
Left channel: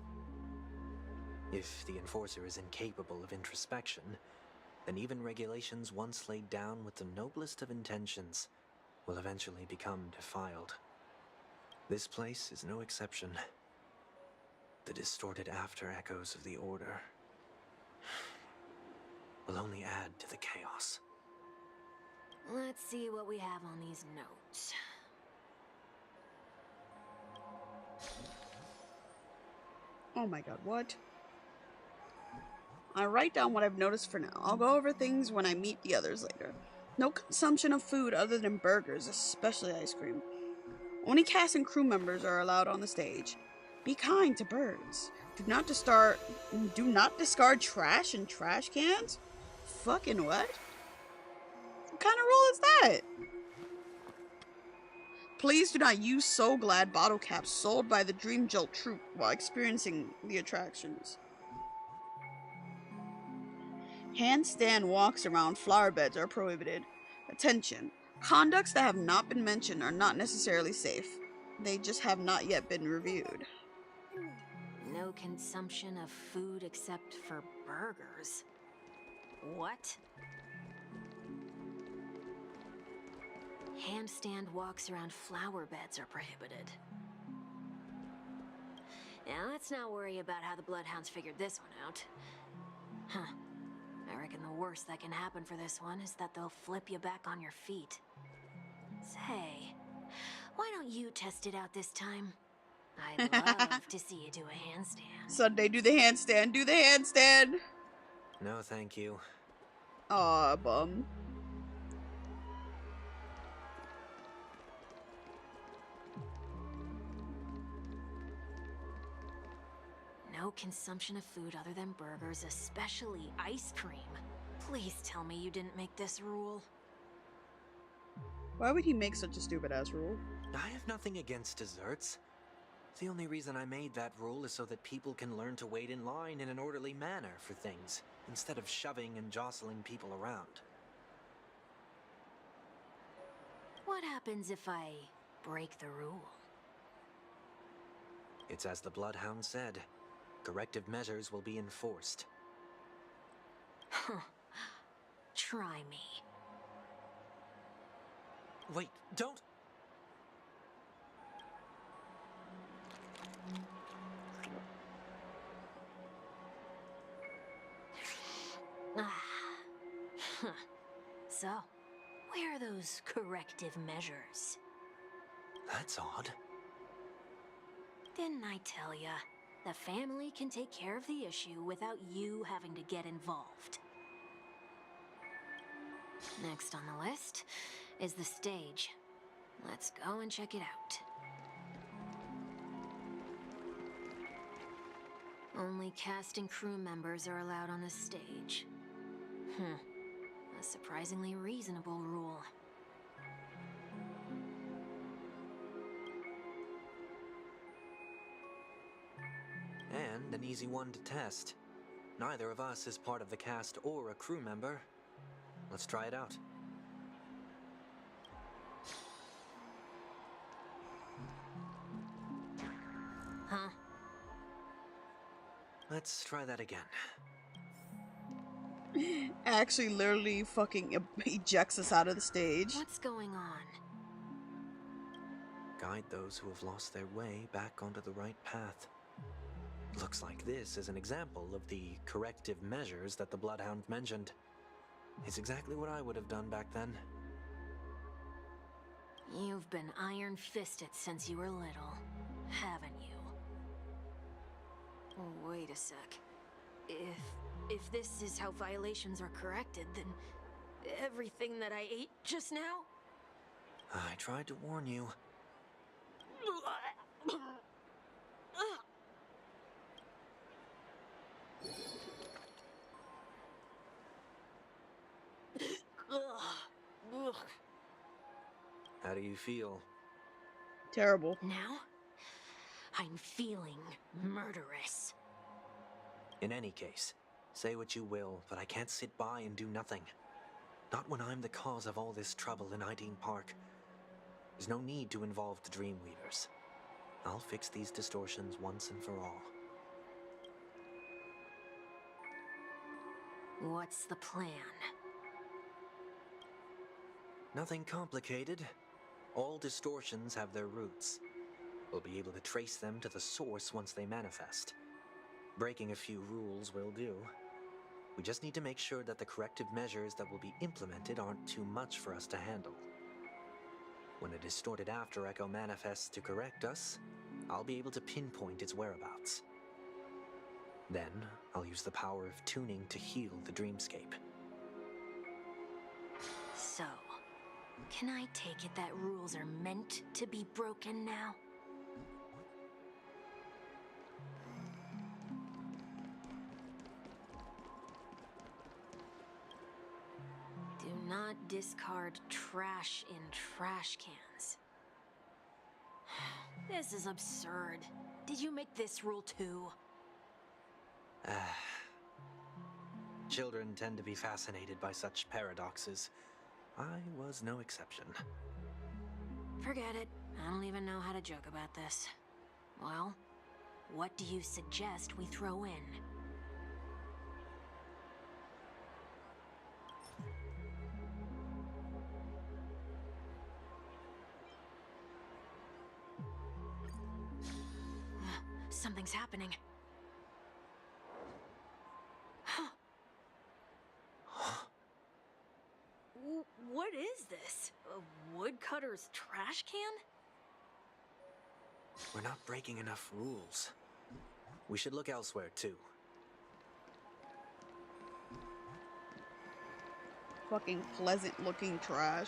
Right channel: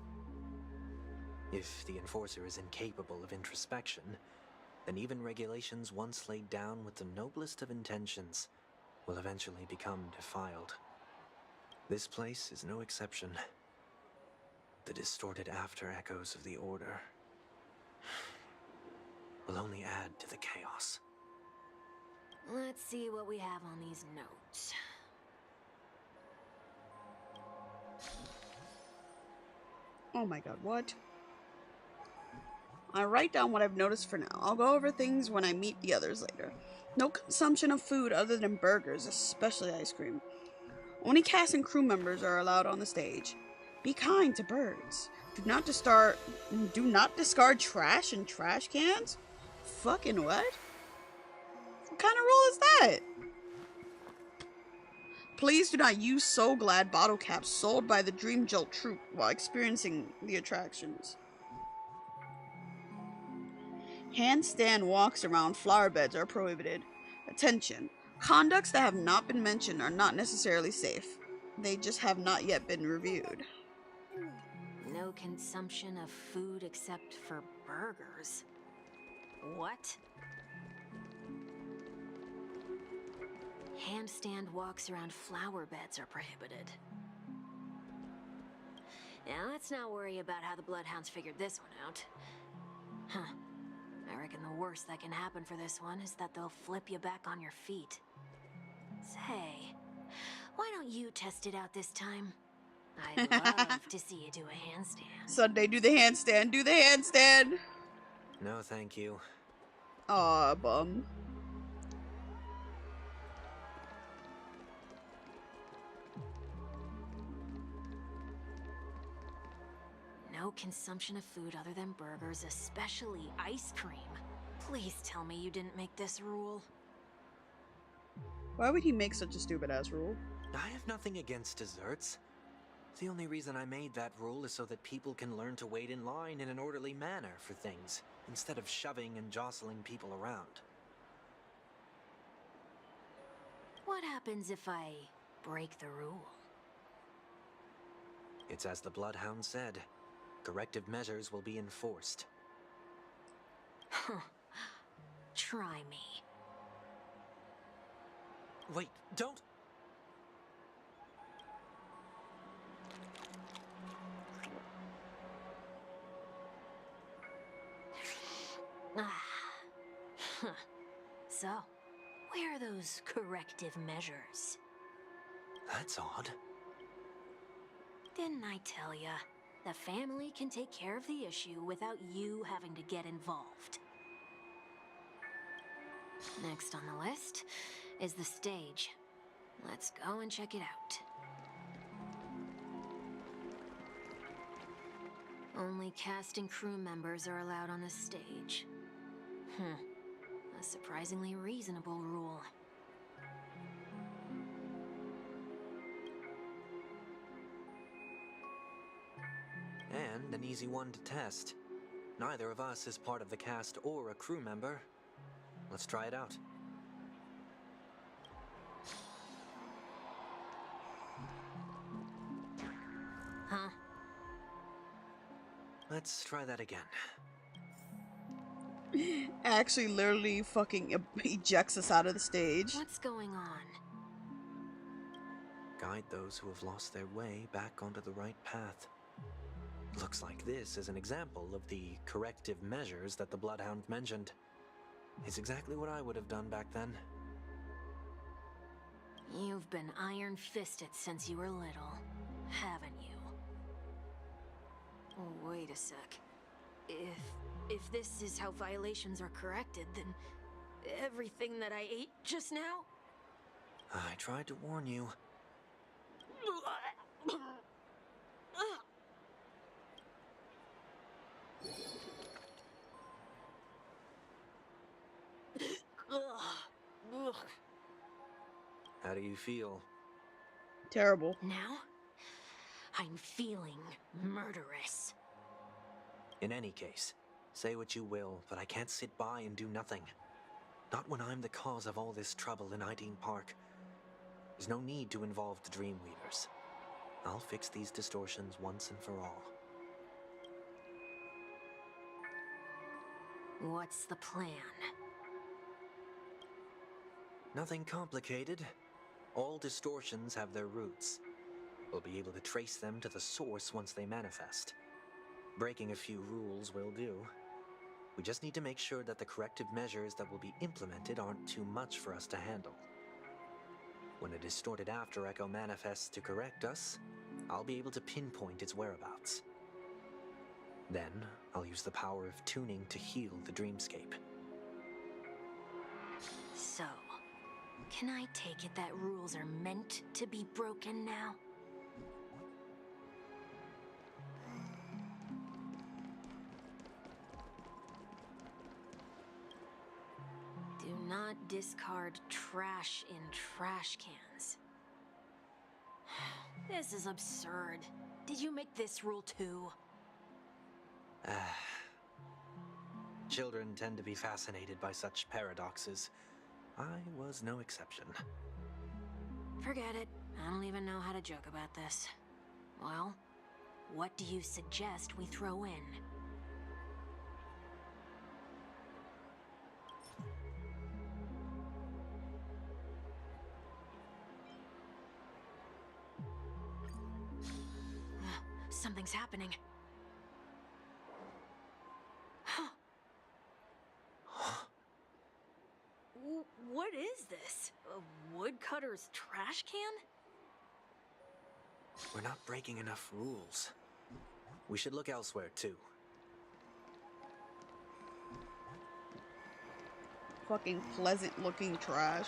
If the enforcer is incapable of introspection, then even regulations once laid down with the noblest of intentions will eventually become defiled. This place is no exception. The distorted after-echoes of the Order will only add to the chaos. Let's see what we have on these notes. Oh my god, what? I write down what I've noticed for now. I'll go over things when I meet the others later. No consumption of food other than burgers, especially ice cream. Only cast and crew members are allowed on the stage. Be kind to birds. Do not discard trash in trash cans? Fucking what? What kind of rule is that? Please do not use So Glad bottle caps sold by the Dream Jolt troupe while experiencing the attractions. Handstand walks around flower beds are prohibited. Attention. Conducts that have not been mentioned are not necessarily safe. They just have not yet been reviewed. No consumption of food except for burgers. What? Handstand walks around flower beds are prohibited. Now let's not worry about how the Bloodhounds figured this one out. Huh. I reckon the worst that can happen for this one is that they'll flip you back on your feet. Say, why don't you test it out this time? I'd love to see you do a handstand. Sunday, do the handstand. Do the handstand. No, thank you. Aw, bum. No consumption of food other than burgers, especially ice cream. Please tell me you didn't make this rule. Why would he make such a stupid-ass rule? I have nothing against desserts. The only reason I made that rule is so that people can learn to wait in line in an orderly manner for things, instead of shoving and jostling people around. What happens if I break the rule? It's as the Bloodhound said. corrective measures will be enforced. Huh. Try me. Wait, don't! Huh. So, where are those corrective measures? That's odd. Didn't I tell ya? The family can take care of the issue without you having to get involved. Next on the list is the stage. Let's go and check it out. Only cast and crew members are allowed on the stage. A surprisingly reasonable rule. And an easy one to test. Neither of us is part of the cast or a crew member. Let's try it out. Huh? Let's try that again. Actually, literally fucking ejects us out of the stage. What's going on? Guide those who have lost their way back onto the right path. Looks like this is an example of the corrective measures that the Bloodhound mentioned. It's exactly what I would have done back then. You've been iron-fisted since you were little, haven't you? Oh, wait a sec. If this is how violations are corrected, then everything that I ate just now? I tried to warn you. How do you feel? Terrible. Now, I'm feeling murderous. In any case, say what you will, but I can't sit by and do nothing. Not when I'm the cause of all this trouble in Ideen Park. There's no need to involve the Dreamweavers. I'll fix these distortions once and for all. What's the plan? Nothing complicated. All distortions have their roots. We'll be able to trace them to the source once they manifest. Breaking a few rules will do. We just need to make sure that the corrective measures that will be implemented aren't too much for us to handle. When a distorted after echo manifests to correct us, I'll be able to pinpoint its whereabouts. Then, I'll use the power of tuning to heal the dreamscape. So, can I take it that rules are meant to be broken now? Do not discard trash in trash cans. This is absurd. Did you make this rule too? Children tend to be fascinated by such paradoxes. I was no exception. Forget it. I don't even know how to joke about this. Well, what do you suggest we throw in? Something's happening. What is this? A woodcutter's trash can? We're not breaking enough rules. We should look elsewhere, too. Fucking pleasant looking trash.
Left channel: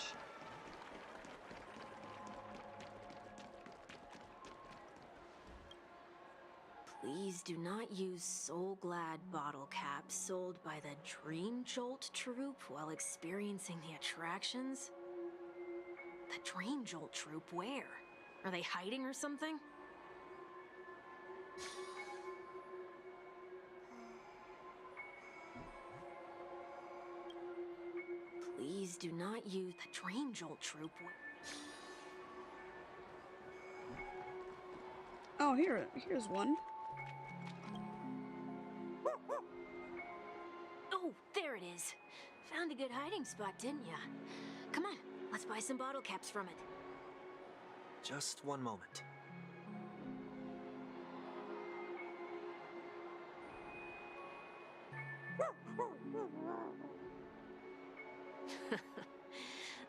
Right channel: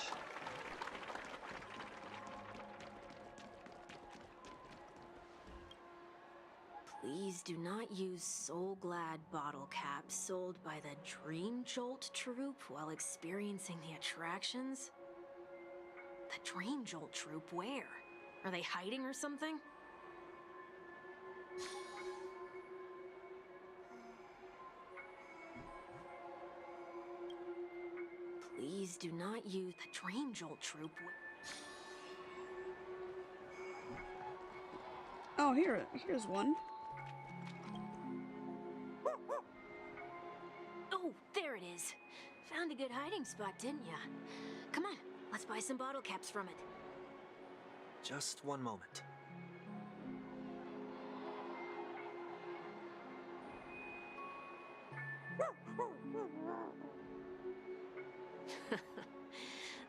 Please do not use Soul Glad bottle caps sold by the Dream Jolt troupe while experiencing the attractions. The Dream Jolt troupe, where? Are they hiding or something? Please do not use the Dream Jolt troupe. Oh, here's one. there it is. Found a good hiding spot, didn't ya? Come on, let's buy some bottle caps from it. Just one moment.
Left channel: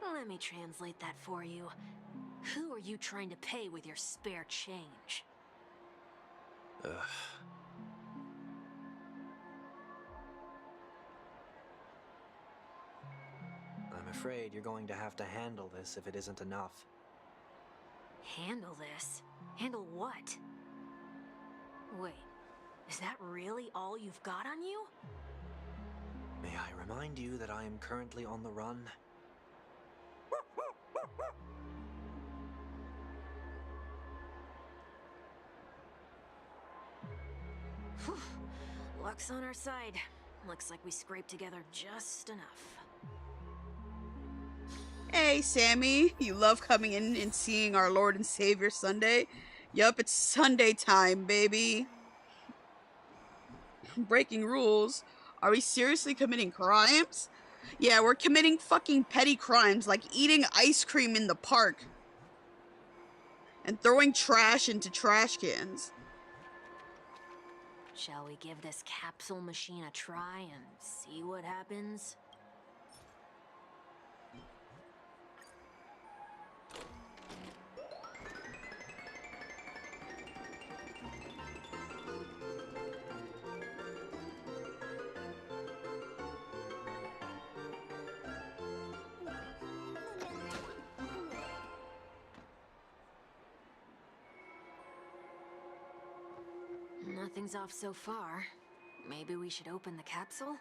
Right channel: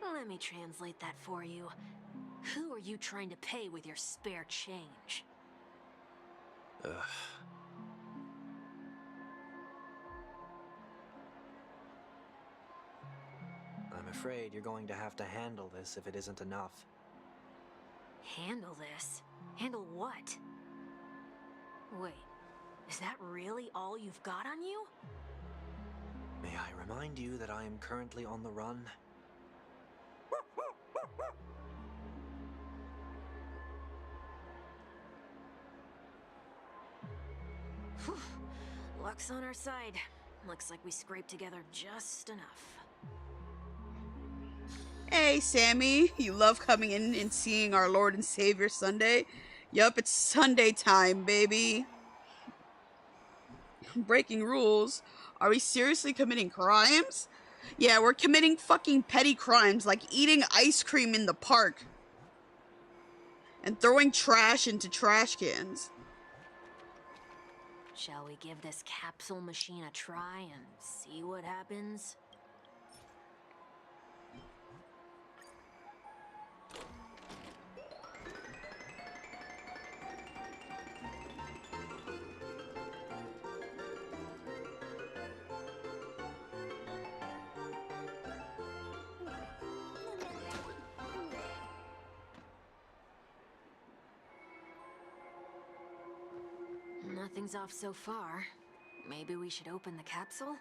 Let me translate that for you. Who are you trying to pay with your spare change? Ugh. I'm afraid you're going to have to handle this if it isn't enough. Handle this? Handle what? Wait, is that really all you've got on you? May I remind you that I am currently on the run? Whew. Luck's on our side. Looks like we scraped together just enough. Hey, Sammy, you love coming in and seeing our Lord and Savior Sunday? Yup, it's Sunday time, baby. Breaking rules? Are we seriously committing crimes? Yeah, we're committing fucking petty crimes like eating ice cream in the park and throwing trash into trash cans. Shall we give this capsule machine a try and see what happens? Nothing's off so far. Maybe we should open the capsule?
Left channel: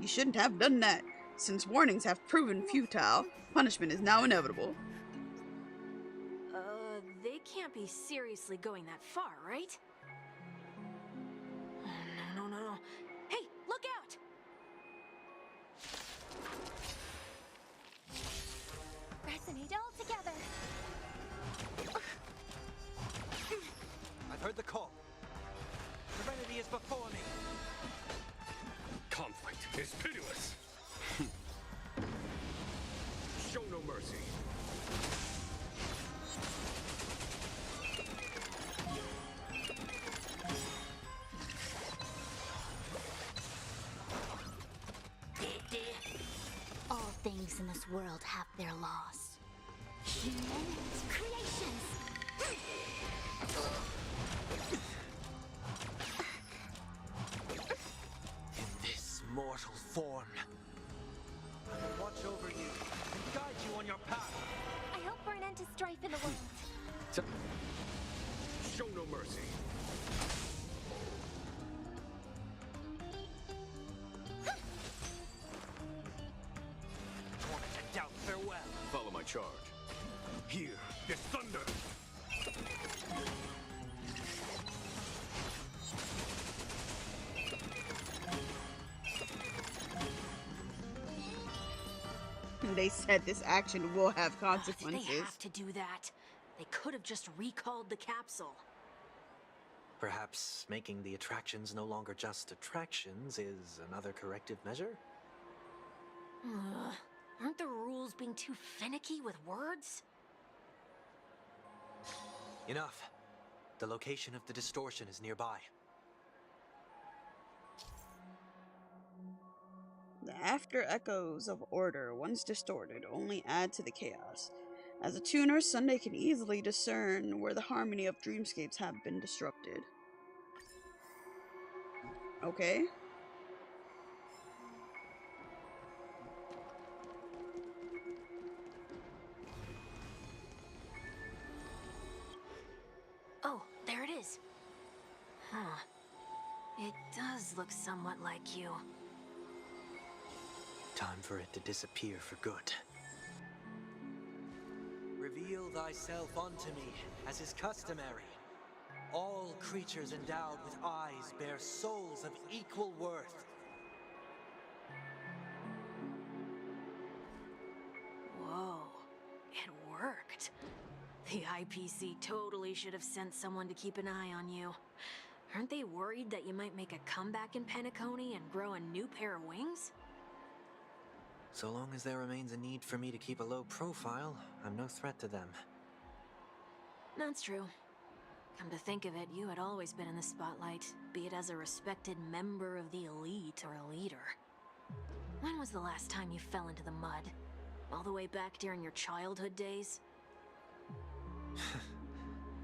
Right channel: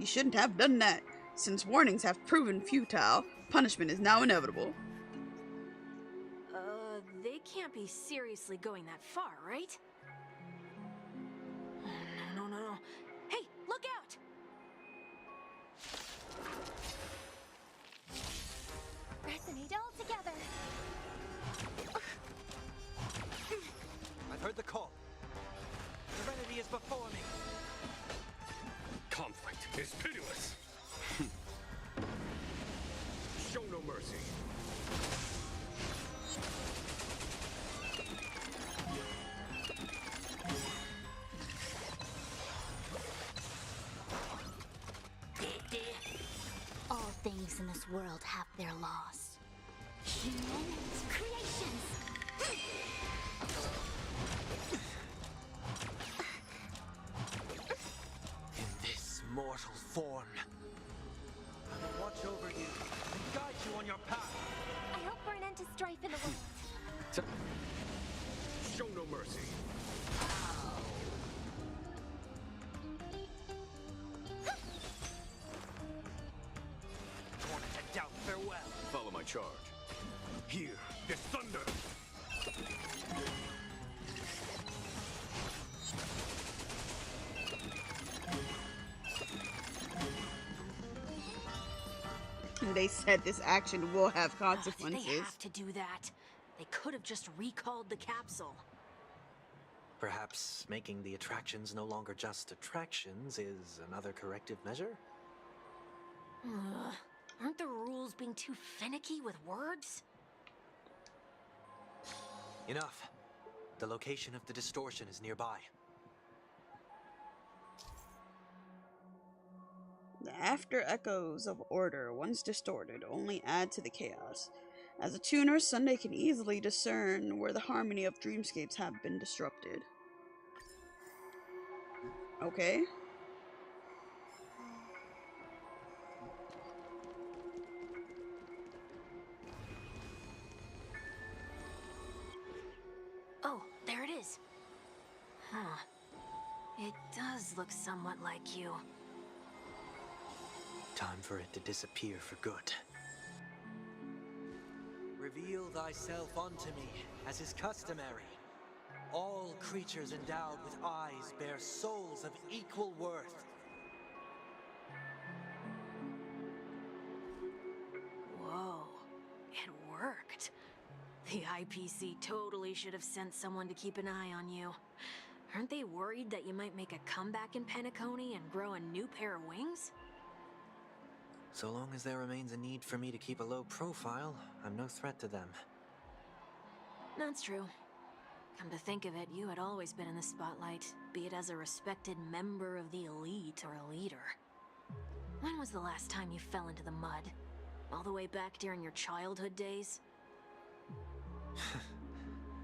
You shouldn't have done that. Since warnings have proven futile, punishment is now inevitable. They can't be seriously going that far, right? No. Hey, look out! Resonate all together. I've heard the call. Serenity is before me. Conflict is pitiless. Show no mercy. All things in this world have their laws. Human creations. In this mortal form, I will watch over you and guide you on your path. I hope for an end to strife in the world. Show no mercy. Torment and doubt, farewell. Follow my charge. Hear this thunder. They said this action will have Did consequences. they have to do that? They could have just recalled the capsule. Perhaps making the attractions no longer just attractions is another corrective measure? Ugh. Aren't the rules being too finicky with words? Enough. The location of the distortion is nearby. The after echoes of order, once distorted, only add to the chaos. As a tuner, Sunday can easily discern where the harmony of dreamscapes have been disrupted. Okay. Oh, there it is. Huh. It does look somewhat like you. Time for it to disappear for good. Reveal thyself unto me, as is customary. All creatures endowed with eyes bear souls of equal worth. Whoa. It worked. The IPC totally should have sent someone to keep an eye on you. Aren't they worried that you might make a comeback in Penacony and grow a new pair of wings? So long as there remains a need for me to keep a low profile, I'm no threat to them. That's true. Come to think of it, you had always been in the spotlight, be it as a respected member of the elite or a leader. When was the last time you fell into the mud? All the way back during your childhood days?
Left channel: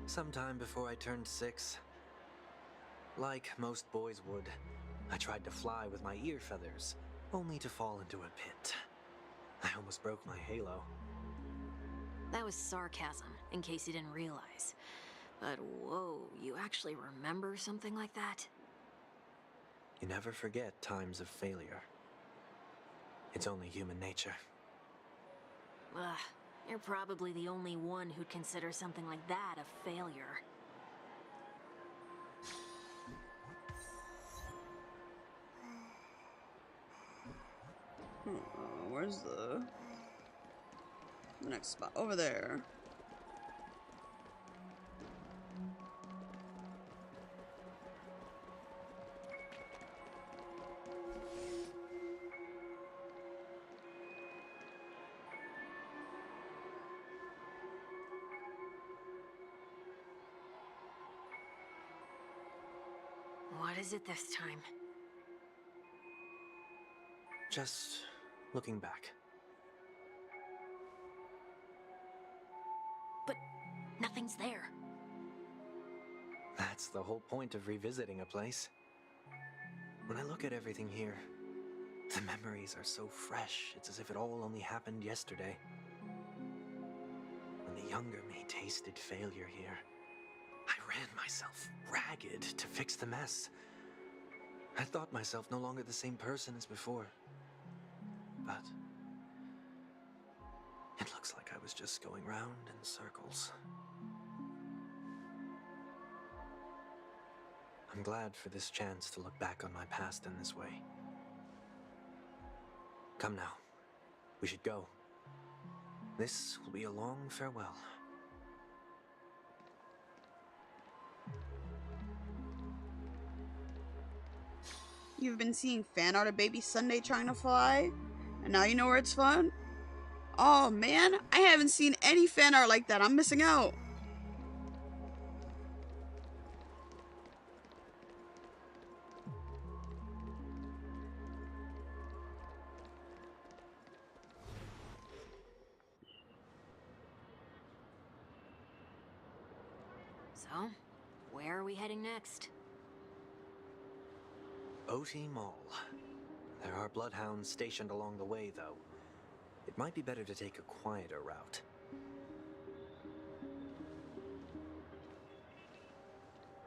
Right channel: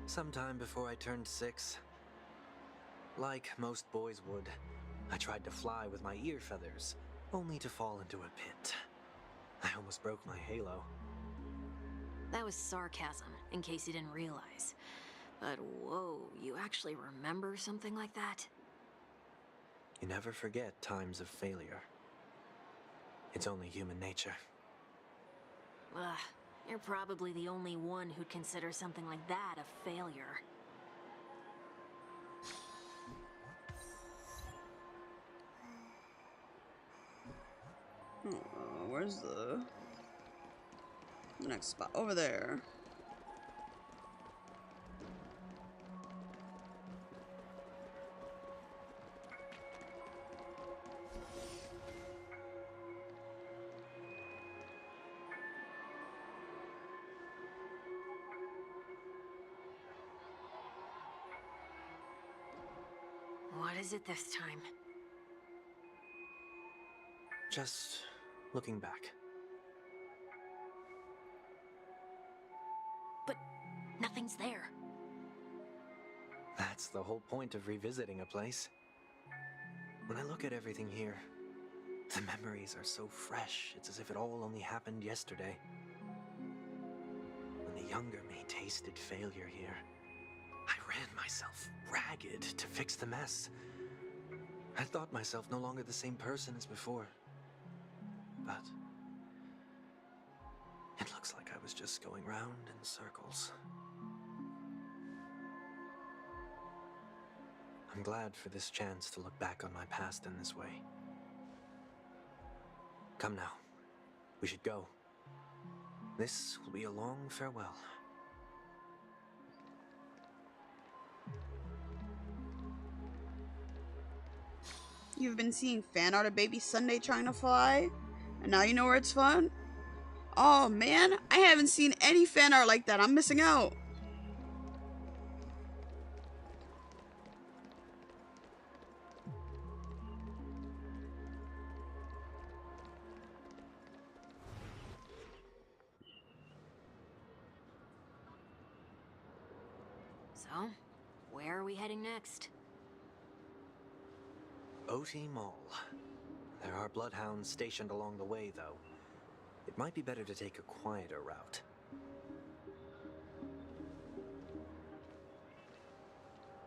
Sometime before I turned 6. Like most boys would, I tried to fly with my ear feathers, only to fall into a pit. I almost broke my halo. That was sarcasm, in case you didn't realize. But whoa, you actually remember something like that? You never forget times of failure. It's only human nature. Ugh, you're probably the only one who'd consider something like that a failure. Where's the next spot? Over there. What is it this time? Just looking back. But nothing's there. That's the whole point of revisiting a place. When I look at everything here, the memories are so fresh, it's as if it all only happened yesterday. When the younger me tasted failure here, I ran myself ragged to fix the mess. I thought myself no longer the same person as before. But it looks like I was just going round in circles. I'm glad for this chance to look back on my past in this way. Come now, we should go. This will be a long farewell. You've been seeing fan art of Baby Sunday trying to fly, and now you know where it's fun? Oh man, I haven't seen any fan art like that. I'm missing out. So, where are we heading next? OT Mall. There are bloodhounds stationed along the way, though. It might be better to take a quieter route.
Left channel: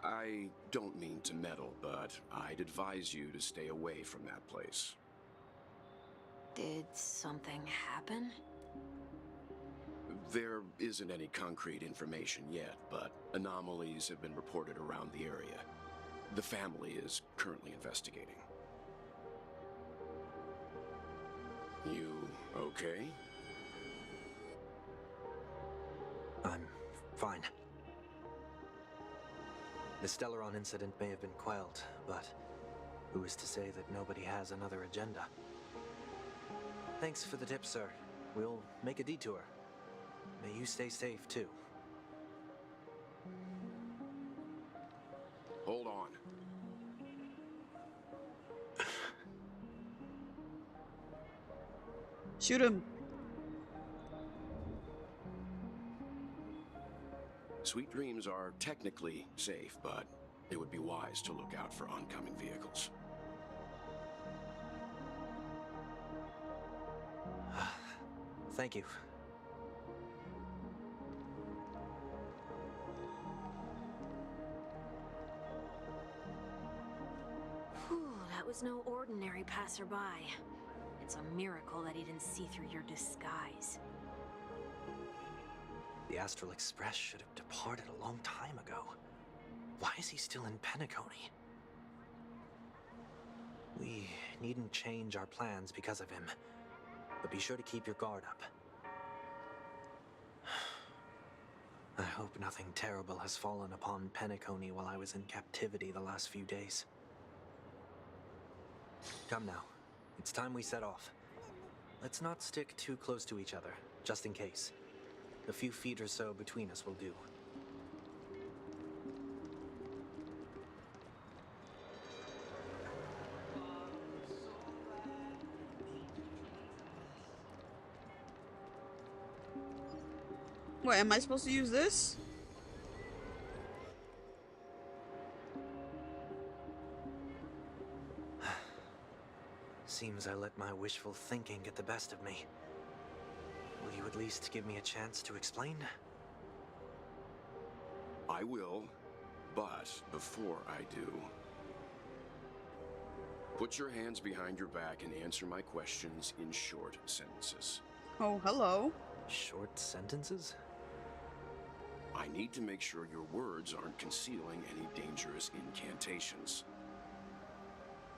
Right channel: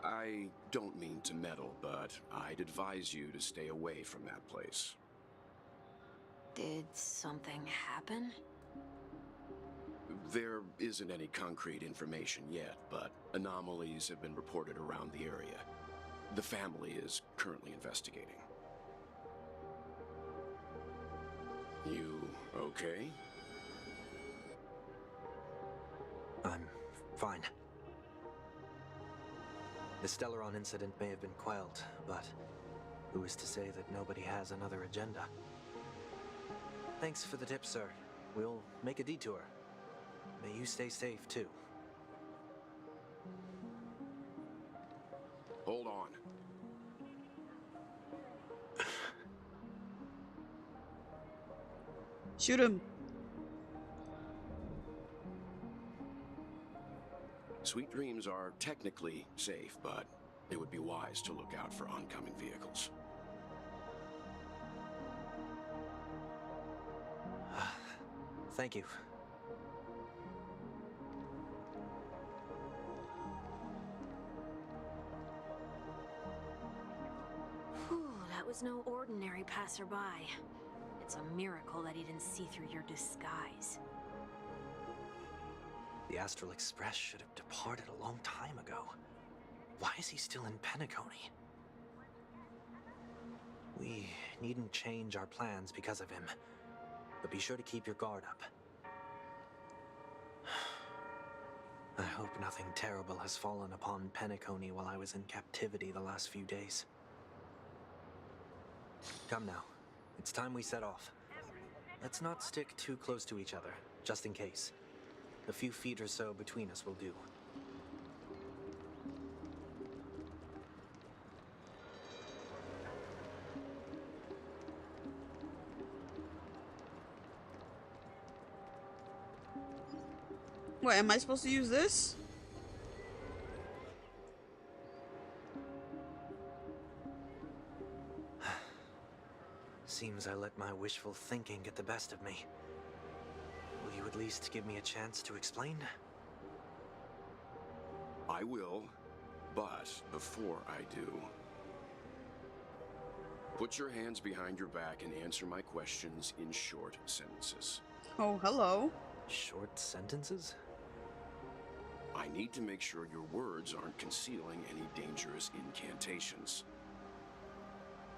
I don't mean to meddle, but I'd advise you to stay away from that place. Did something happen? There isn't any concrete information yet, but anomalies have been reported around the area. The family is currently investigating. You okay? I'm fine. The Stellaron incident may have been quelled, but who is to say that nobody has another agenda? Thanks for the tip, sir. We'll make a detour. May you stay safe, too. Hold on. Shoot him. Sweet Dreams are technically safe, but it would be wise to look out for oncoming vehicles. Thank you. Whew, that was no ordinary passerby. It's a miracle that he didn't see through your disguise. The Astral Express should have departed a long time ago. Why is he still in Penacony? We needn't change our plans because of him, but be sure to keep your guard up. I hope nothing terrible has fallen upon Penacony while I was in captivity the last few days. Come now. It's time we set off. Let's not stick too close to each other, just in case. A few feet or so between us will do. Wait, am I supposed to use this? Seems I let my wishful thinking get the best of me. Will you at least give me a chance to explain? I will, but before I do, put your hands behind your back and answer my questions in short sentences. Oh, hello. Short sentences? I need to make sure your words aren't concealing any dangerous incantations.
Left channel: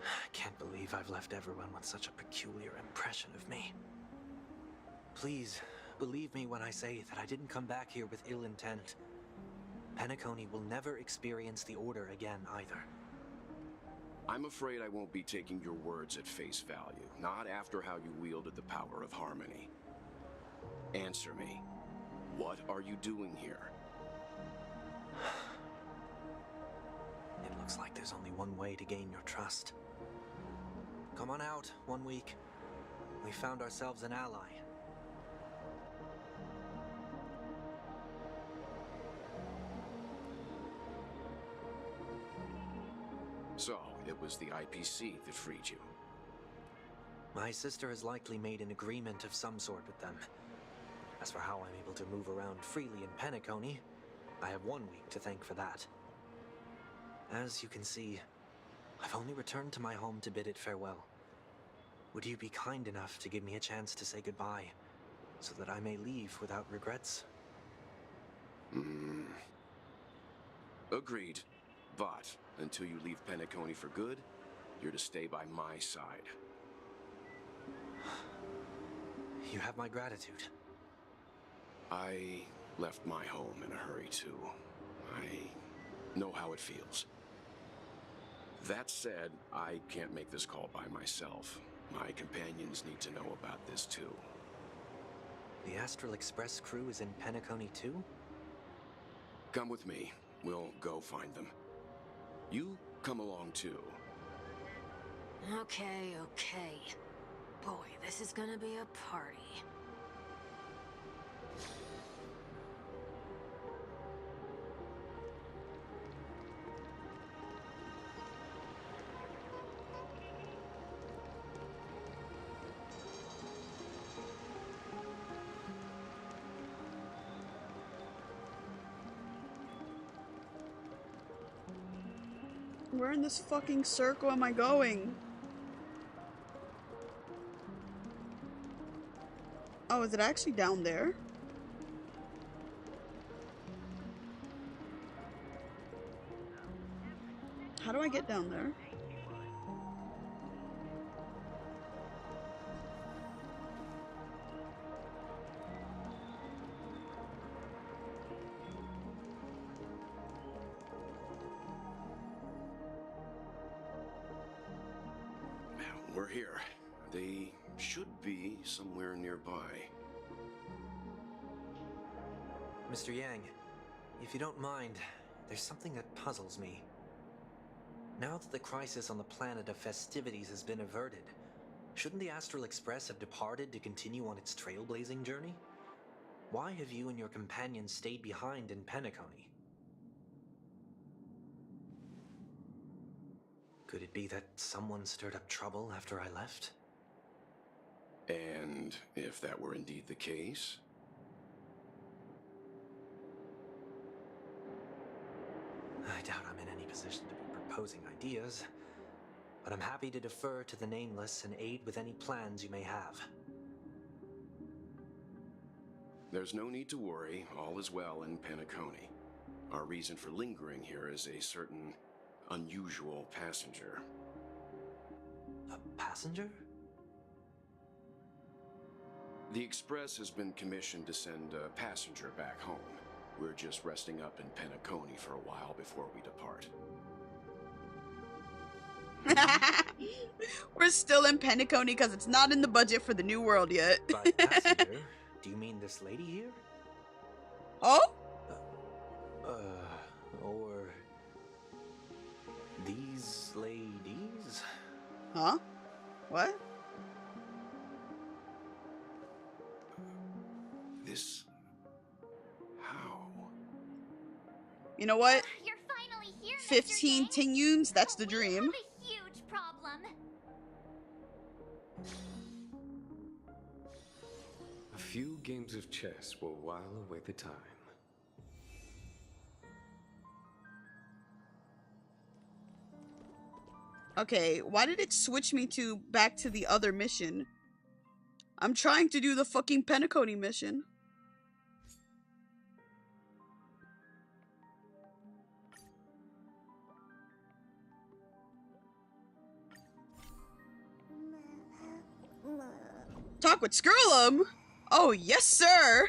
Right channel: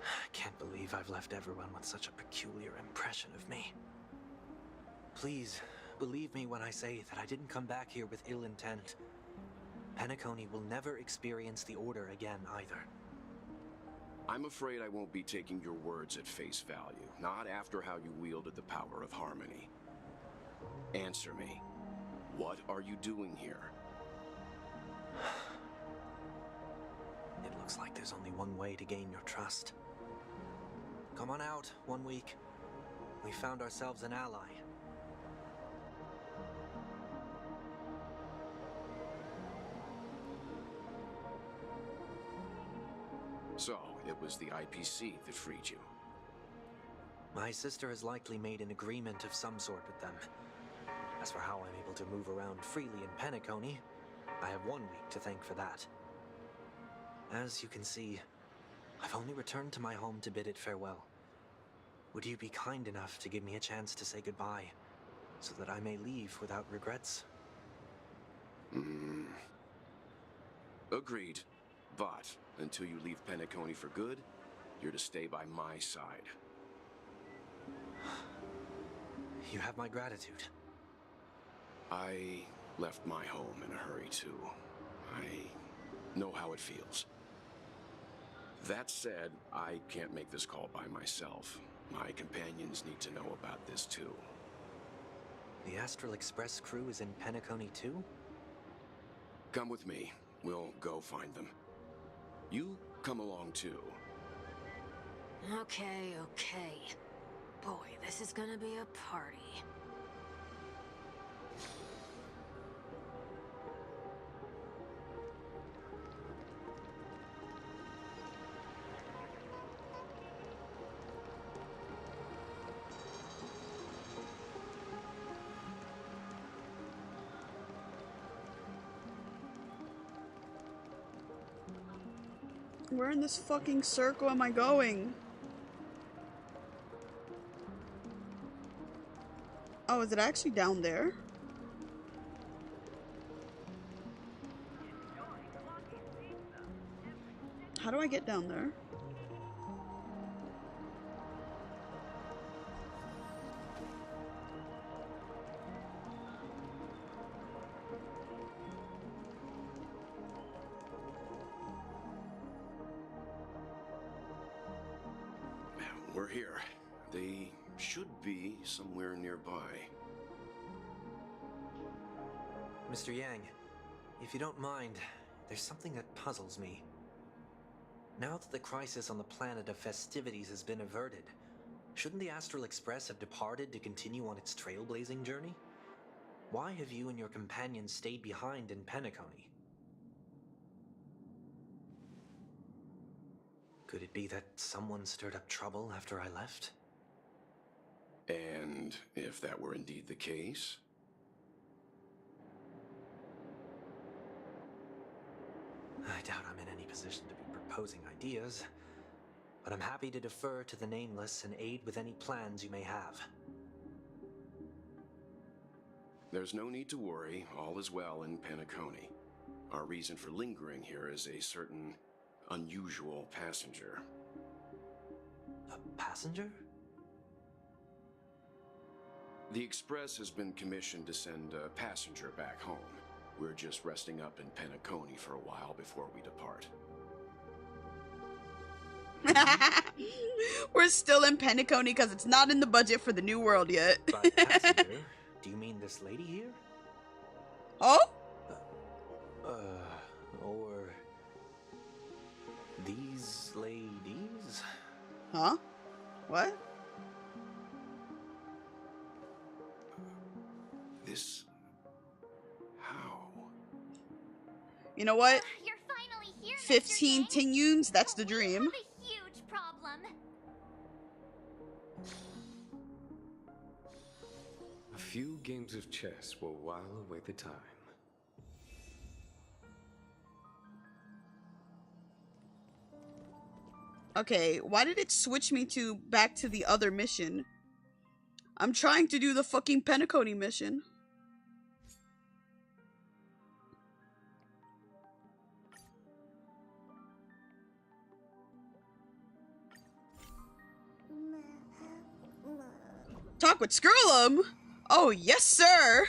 I can't believe I've left everyone with such a peculiar impression of me. Please, believe me when I say that I didn't come back here with ill intent. Penacony will never experience the Order again, either. I'm afraid I won't be taking your words at face value, not after how you wielded the power of harmony. Answer me. What are you doing here? It looks like there's only one way to gain your trust. Come on out, 1 week. We found ourselves an ally. So, it was the IPC that freed you. My sister has likely made an agreement of some sort with them. As for how I'm able to move around freely in Penacony, I have 1 week to thank for that. As you can see, I've only returned to my home to bid it farewell. Would you be kind enough to give me a chance to say goodbye, so that I may leave without regrets? Agreed. But, until you leave Penacony for good, you're to stay by my side. You have my gratitude. I left my home in a hurry, too. I know how it feels. That said, I can't make this call by myself. My companions need to know about this, too. The Astral Express crew is in Penacony, too? Come with me. We'll go find them. You come along, too. Okay, okay. Boy, this is gonna be a party. Where in this fucking circle am I going? Oh, is it actually down there? How do I get down there? We're here. They should be somewhere nearby. Mr. Yang, if you don't mind, there's something that puzzles me. Now that the crisis on the planet of festivities has been averted, shouldn't the Astral Express have departed to continue on its trailblazing journey? Why have you and your companions stayed behind in Penacony? Could it be that someone stirred up trouble after I left? And if that were indeed the case? I doubt I'm in any position to be proposing ideas, but I'm happy to defer to the Nameless and aid with any plans you may have. There's no need to worry. All is well in Penacony. Our reason for lingering here is a certain unusual passenger. A passenger? The Express has been commissioned to send a passenger back home. We're just resting up in Penacony for a while before we depart. We're still in Penacony because it's not in the budget for the New World yet. By passenger, do you mean this lady here? Oh? Or these ladies? Huh? What? This... how? You know what? You're finally here, 15 Mr. Yang. Tinyuns, that's the We dream. have a huge problem. A few games of chess will while away the time. Okay, why did it switch me back to the other mission? I'm trying to do the fucking Penacony mission. Talk with Skrullum? Oh, yes, sir!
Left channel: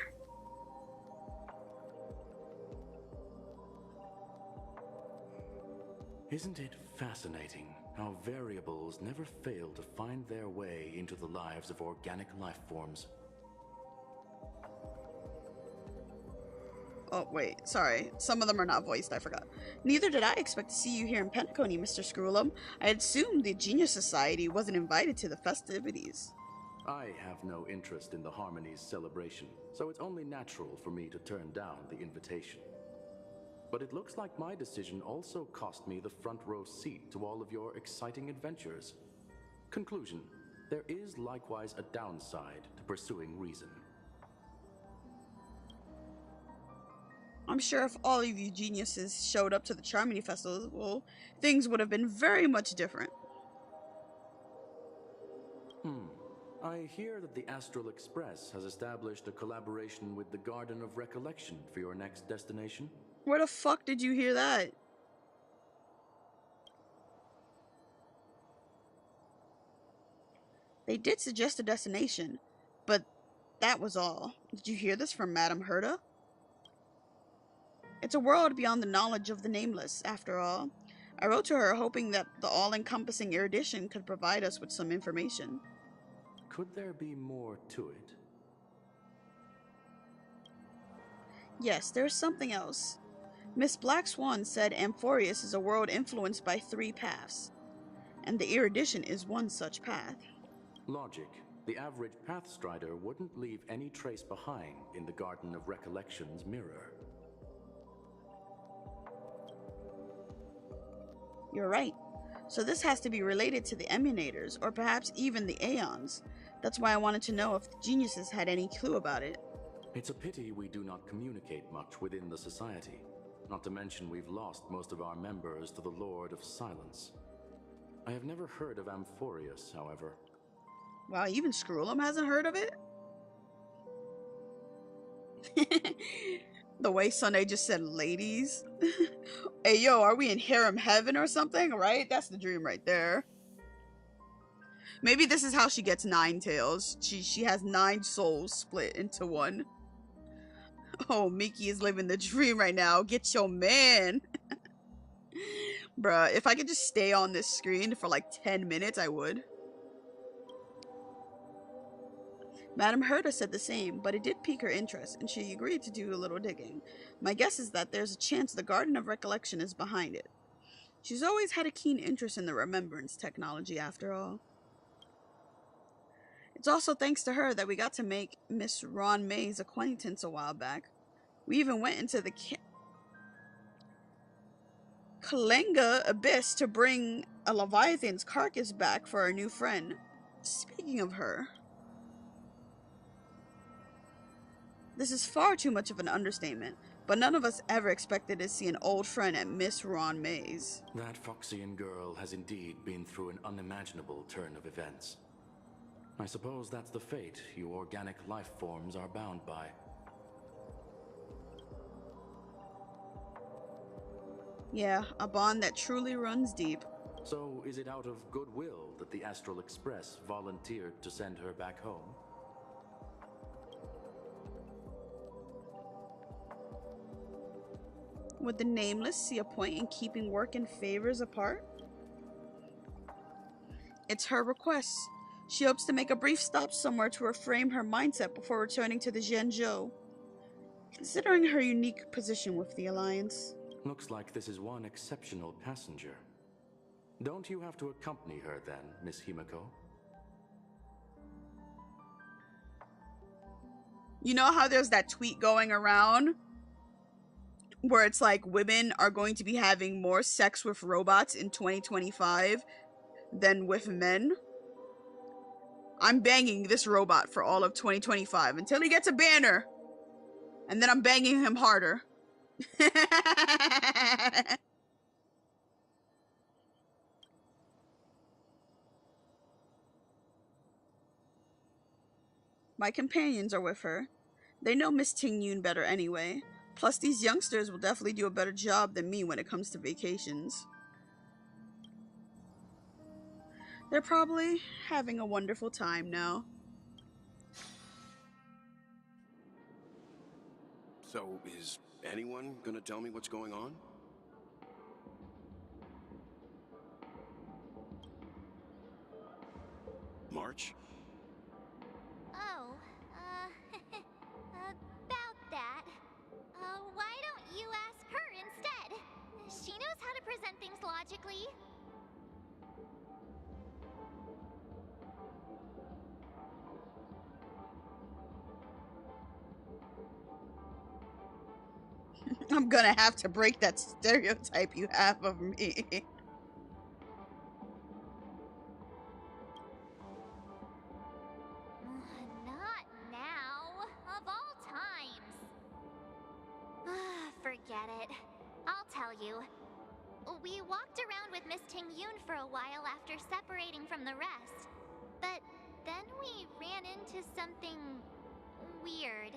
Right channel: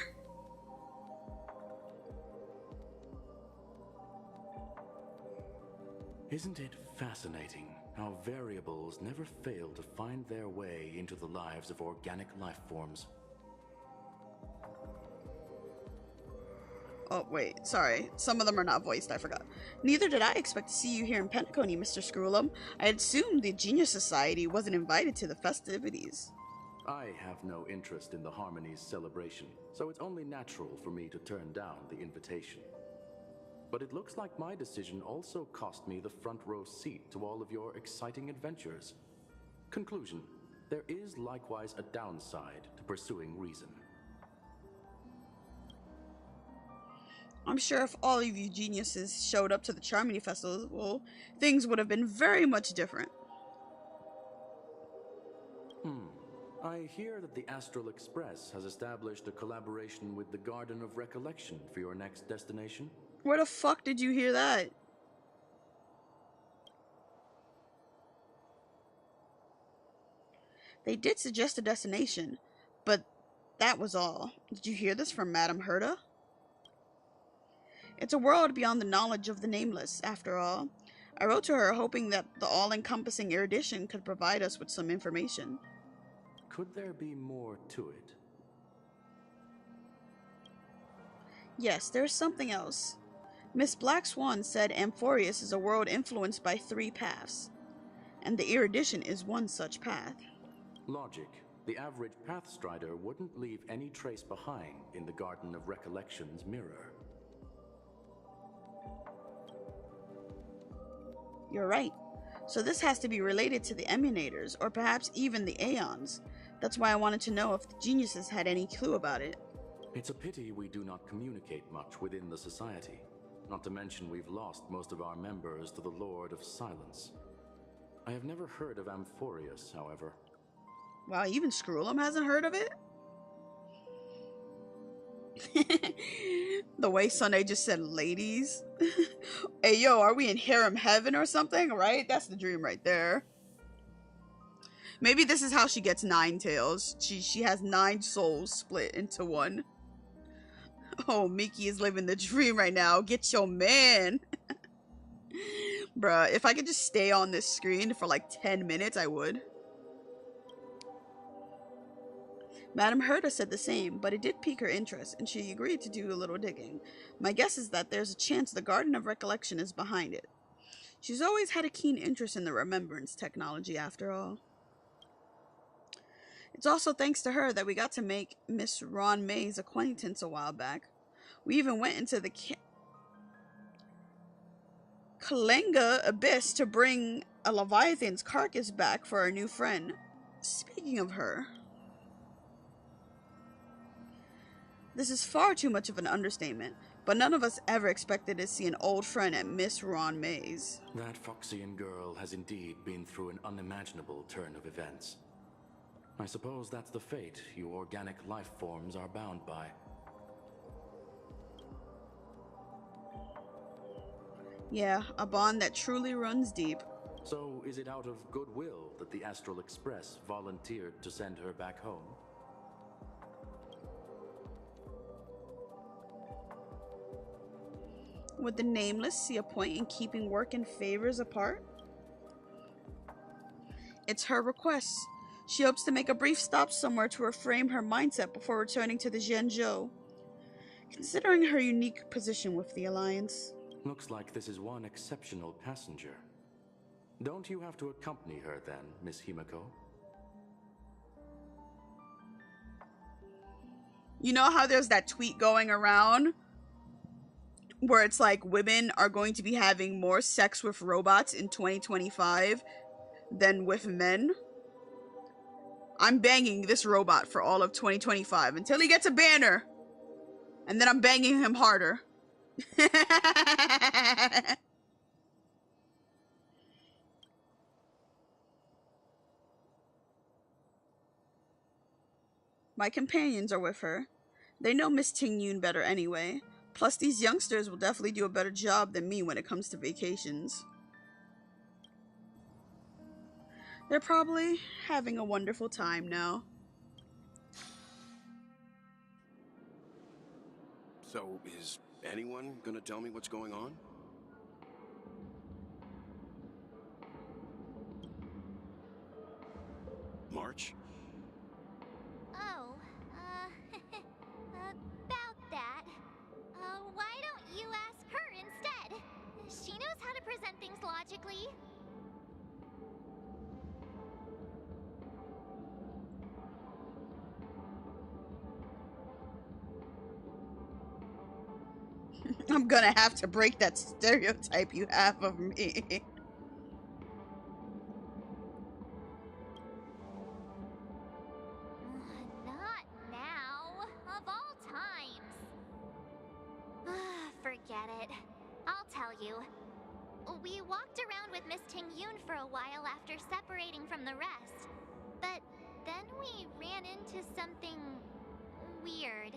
Isn't it fascinating how variables never fail to find their way into the lives of organic life forms? Oh, wait, sorry. Some of them are not voiced, I forgot. Neither did I expect to see you here in Penacony, Mr. Skrullum. I assumed the Genius Society wasn't invited to the festivities. I have no interest in the Harmony's celebration, so it's only natural for me to turn down the invitation. But it looks like my decision also cost me the front row seat to all of your exciting adventures. Conclusion: there is likewise a downside to pursuing reason. I'm sure if all of you geniuses showed up to the Charmony Festival, things would have been very much different. I hear that the Astral Express has established a collaboration with the Garden of Recollection for your next destination. Where the fuck did you hear that? They did suggest a destination, but that was all. Did you hear this from Madame Herta? It's a world beyond the knowledge of the nameless, after all. I wrote to her hoping that the all-encompassing erudition could provide us with some information. Could there be more to it? Yes, there's something else. Miss Black Swan said Amphorius is a world influenced by 3 paths, and the erudition is one such path. Logic. The average Pathstrider wouldn't leave any trace behind in the Garden of Recollection's mirror. You're right. So this has to be related to the Emunators, or perhaps even the Aeons. That's why I wanted to know if the geniuses had any clue about it. It's a pity we do not communicate much within the society. Not to mention we've lost most of our members to the Lord of Silence. I have never heard of Amphorius, however. Wow, even Skrullum hasn't heard of it? The way Sunday just said ladies. Hey, yo, are we in harem heaven or something? Right? That's the dream right there. Maybe this is how she gets 9 tails. She has 9 souls split into one. Oh, Miki is living the dream right now. Get your man. Bruh, if I could just stay on this screen for like 10 minutes, I would. Madame Herta said the same, but it did pique her interest, and she agreed to do a little digging. My guess is that there's a chance the Garden of Recollection is behind it. She's always had a keen interest in the remembrance technology, after all. It's also thanks to her that we got to make Miss Ron May's acquaintance a while back. We even went into the Kalenga Abyss to bring a Leviathan's carcass back for our new friend. Speaking of her... This is far too much of an understatement, but none of us ever expected to see an old friend at Miss Ron May's. That Foxian girl has indeed been through an unimaginable turn of events. I suppose that's the fate you organic life forms are bound by. Yeah, a bond that truly runs deep. So is it out of goodwill that the Astral Express volunteered to send her back home? Would the Nameless see a point in keeping work and favors apart? It's her request. She hopes to make a brief stop somewhere to reframe her mindset before returning to the Zhenzhou, considering her unique position with the Alliance. Looks like this is one exceptional passenger. Don't you have to accompany her then, Miss Himiko? You know how there's that tweet going around where it's like women are going to be having more sex with robots in 2025 than with men? I'm banging this robot for all of 2025 until he gets a banner. And then I'm banging him harder. My companions are with her. They know Miss Ting Yun better anyway. Plus, these youngsters will definitely do a better job than me when it comes to vacations. They're probably having a wonderful time now. So, is anyone gonna tell me what's going on? March? Oh, about that. Why don't you ask her instead? She knows how to present things logically. I'm gonna have to break that stereotype you have of me. Not now. Of all times. Forget it. I'll tell you. We walked around with Miss Ting Yun for a while after separating from the rest. But then we ran into something weird.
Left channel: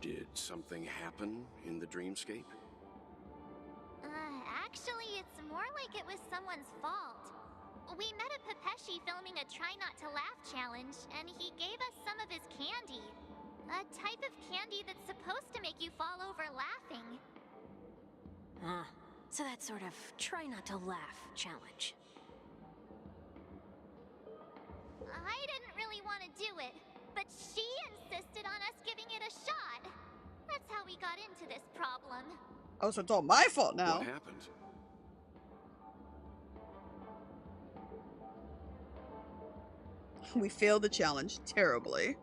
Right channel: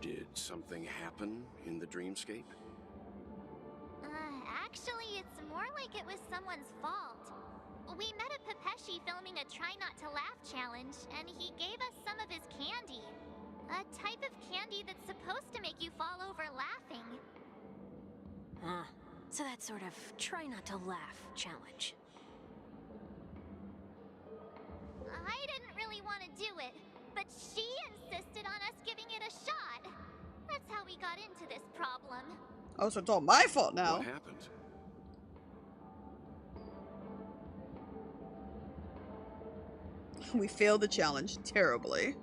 Did something happen in the dreamscape? Actually, it's more like it was someone's fault. We met a Pepeshi filming a Try Not to Laugh challenge, and he gave us some of his candy. A type of candy that's supposed to make you fall over laughing. So that sort of try not to laugh challenge. I didn't really want to do it, but she insisted on us giving it a shot. That's how we got into this problem. Oh, so it's all my fault now. What happened? We failed the challenge terribly.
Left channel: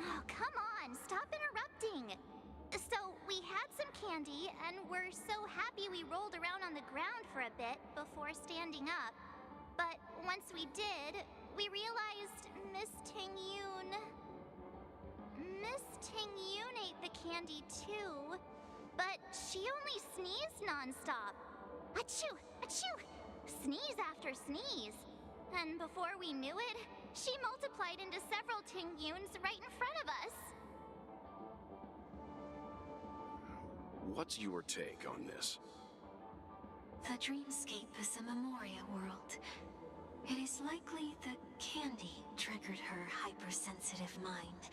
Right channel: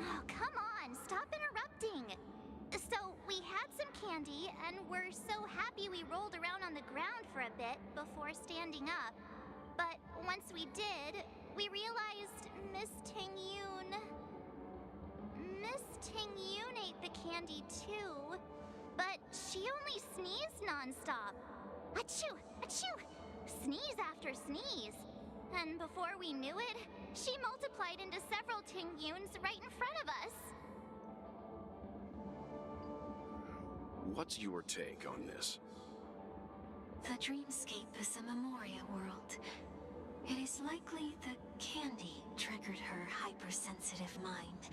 Oh, come on, stop interrupting. So, we had some candy, and we're so happy we rolled around on the ground for a bit before standing up. But once we did, we realized Miss Ting Yun ate the candy too, but she only sneezed nonstop. Achoo! Achoo! Sneeze after sneeze. And before we knew it, she multiplied into several Ting Yuns right in front of us. What's your take on this? The dreamscape is a Memoria world. It is likely the candy triggered her hypersensitive mind,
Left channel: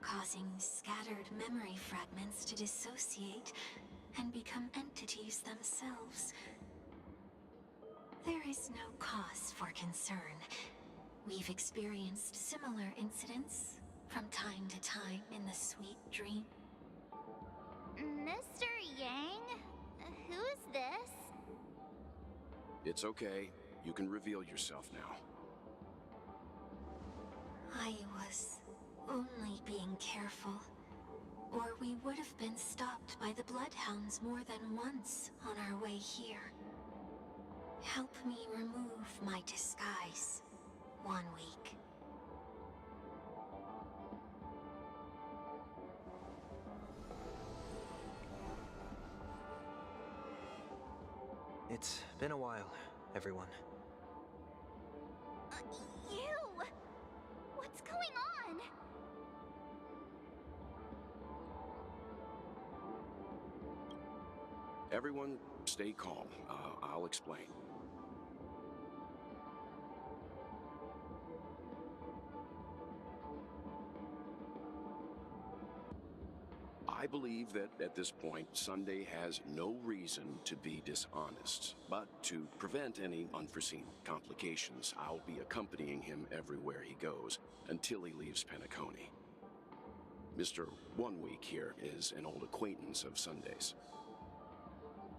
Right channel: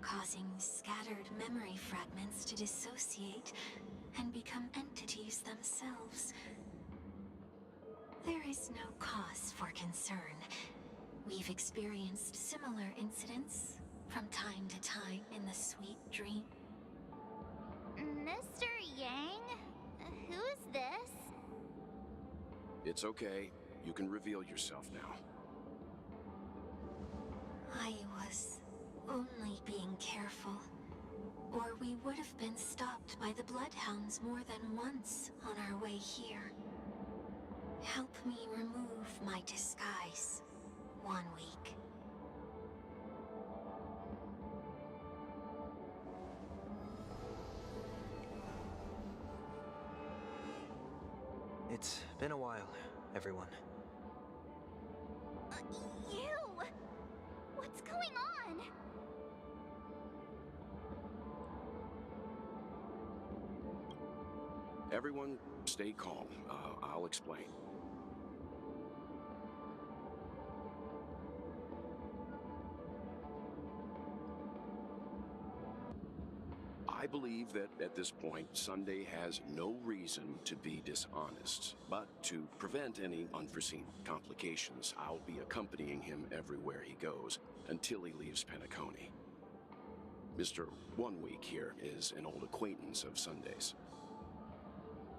causing scattered memory fragments to dissociate and become entities themselves. There is no cause for concern. We've experienced similar incidents from time to time in the sweet dream. Mr. Yang? Who's this? It's okay. You can reveal yourself now. I was only being careful, or we would have been stopped by the Bloodhounds more than once on our way here. Help me remove my disguise. 1 week. It's been a while, everyone. You! What's going on? Everyone, stay calm. I'll explain. I believe that at this point, Sunday has no reason to be dishonest. But to prevent any unforeseen complications, I'll be accompanying him everywhere he goes until he leaves Penacony. Mr. 1 Week here is an old acquaintance of Sunday's.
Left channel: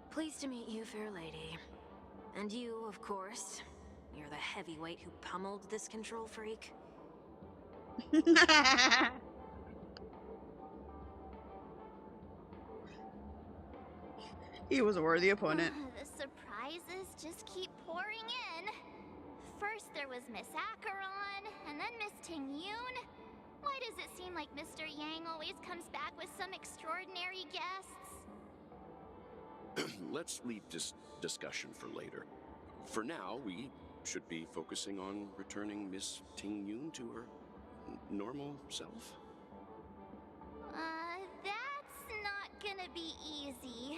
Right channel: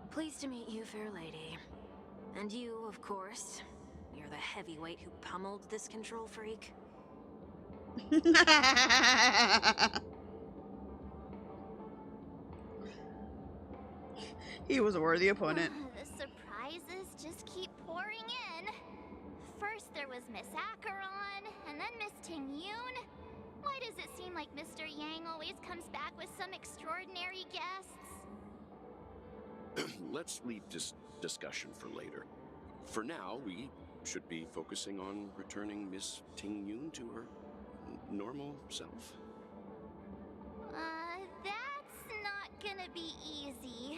Pleased to meet you, fair lady. And you, of course. You're the heavyweight who pummeled this control freak. He was a worthy opponent. The surprises just keep pouring in. First there was Miss Acheron, and then Miss Ting-Yoon. Why does it seem like Mr. Yang always comes back with some extraordinary guests? Let's leave this discussion for later. For now, we should be focusing on returning Miss Ting-Yoon to her normal self. That's not gonna be easy.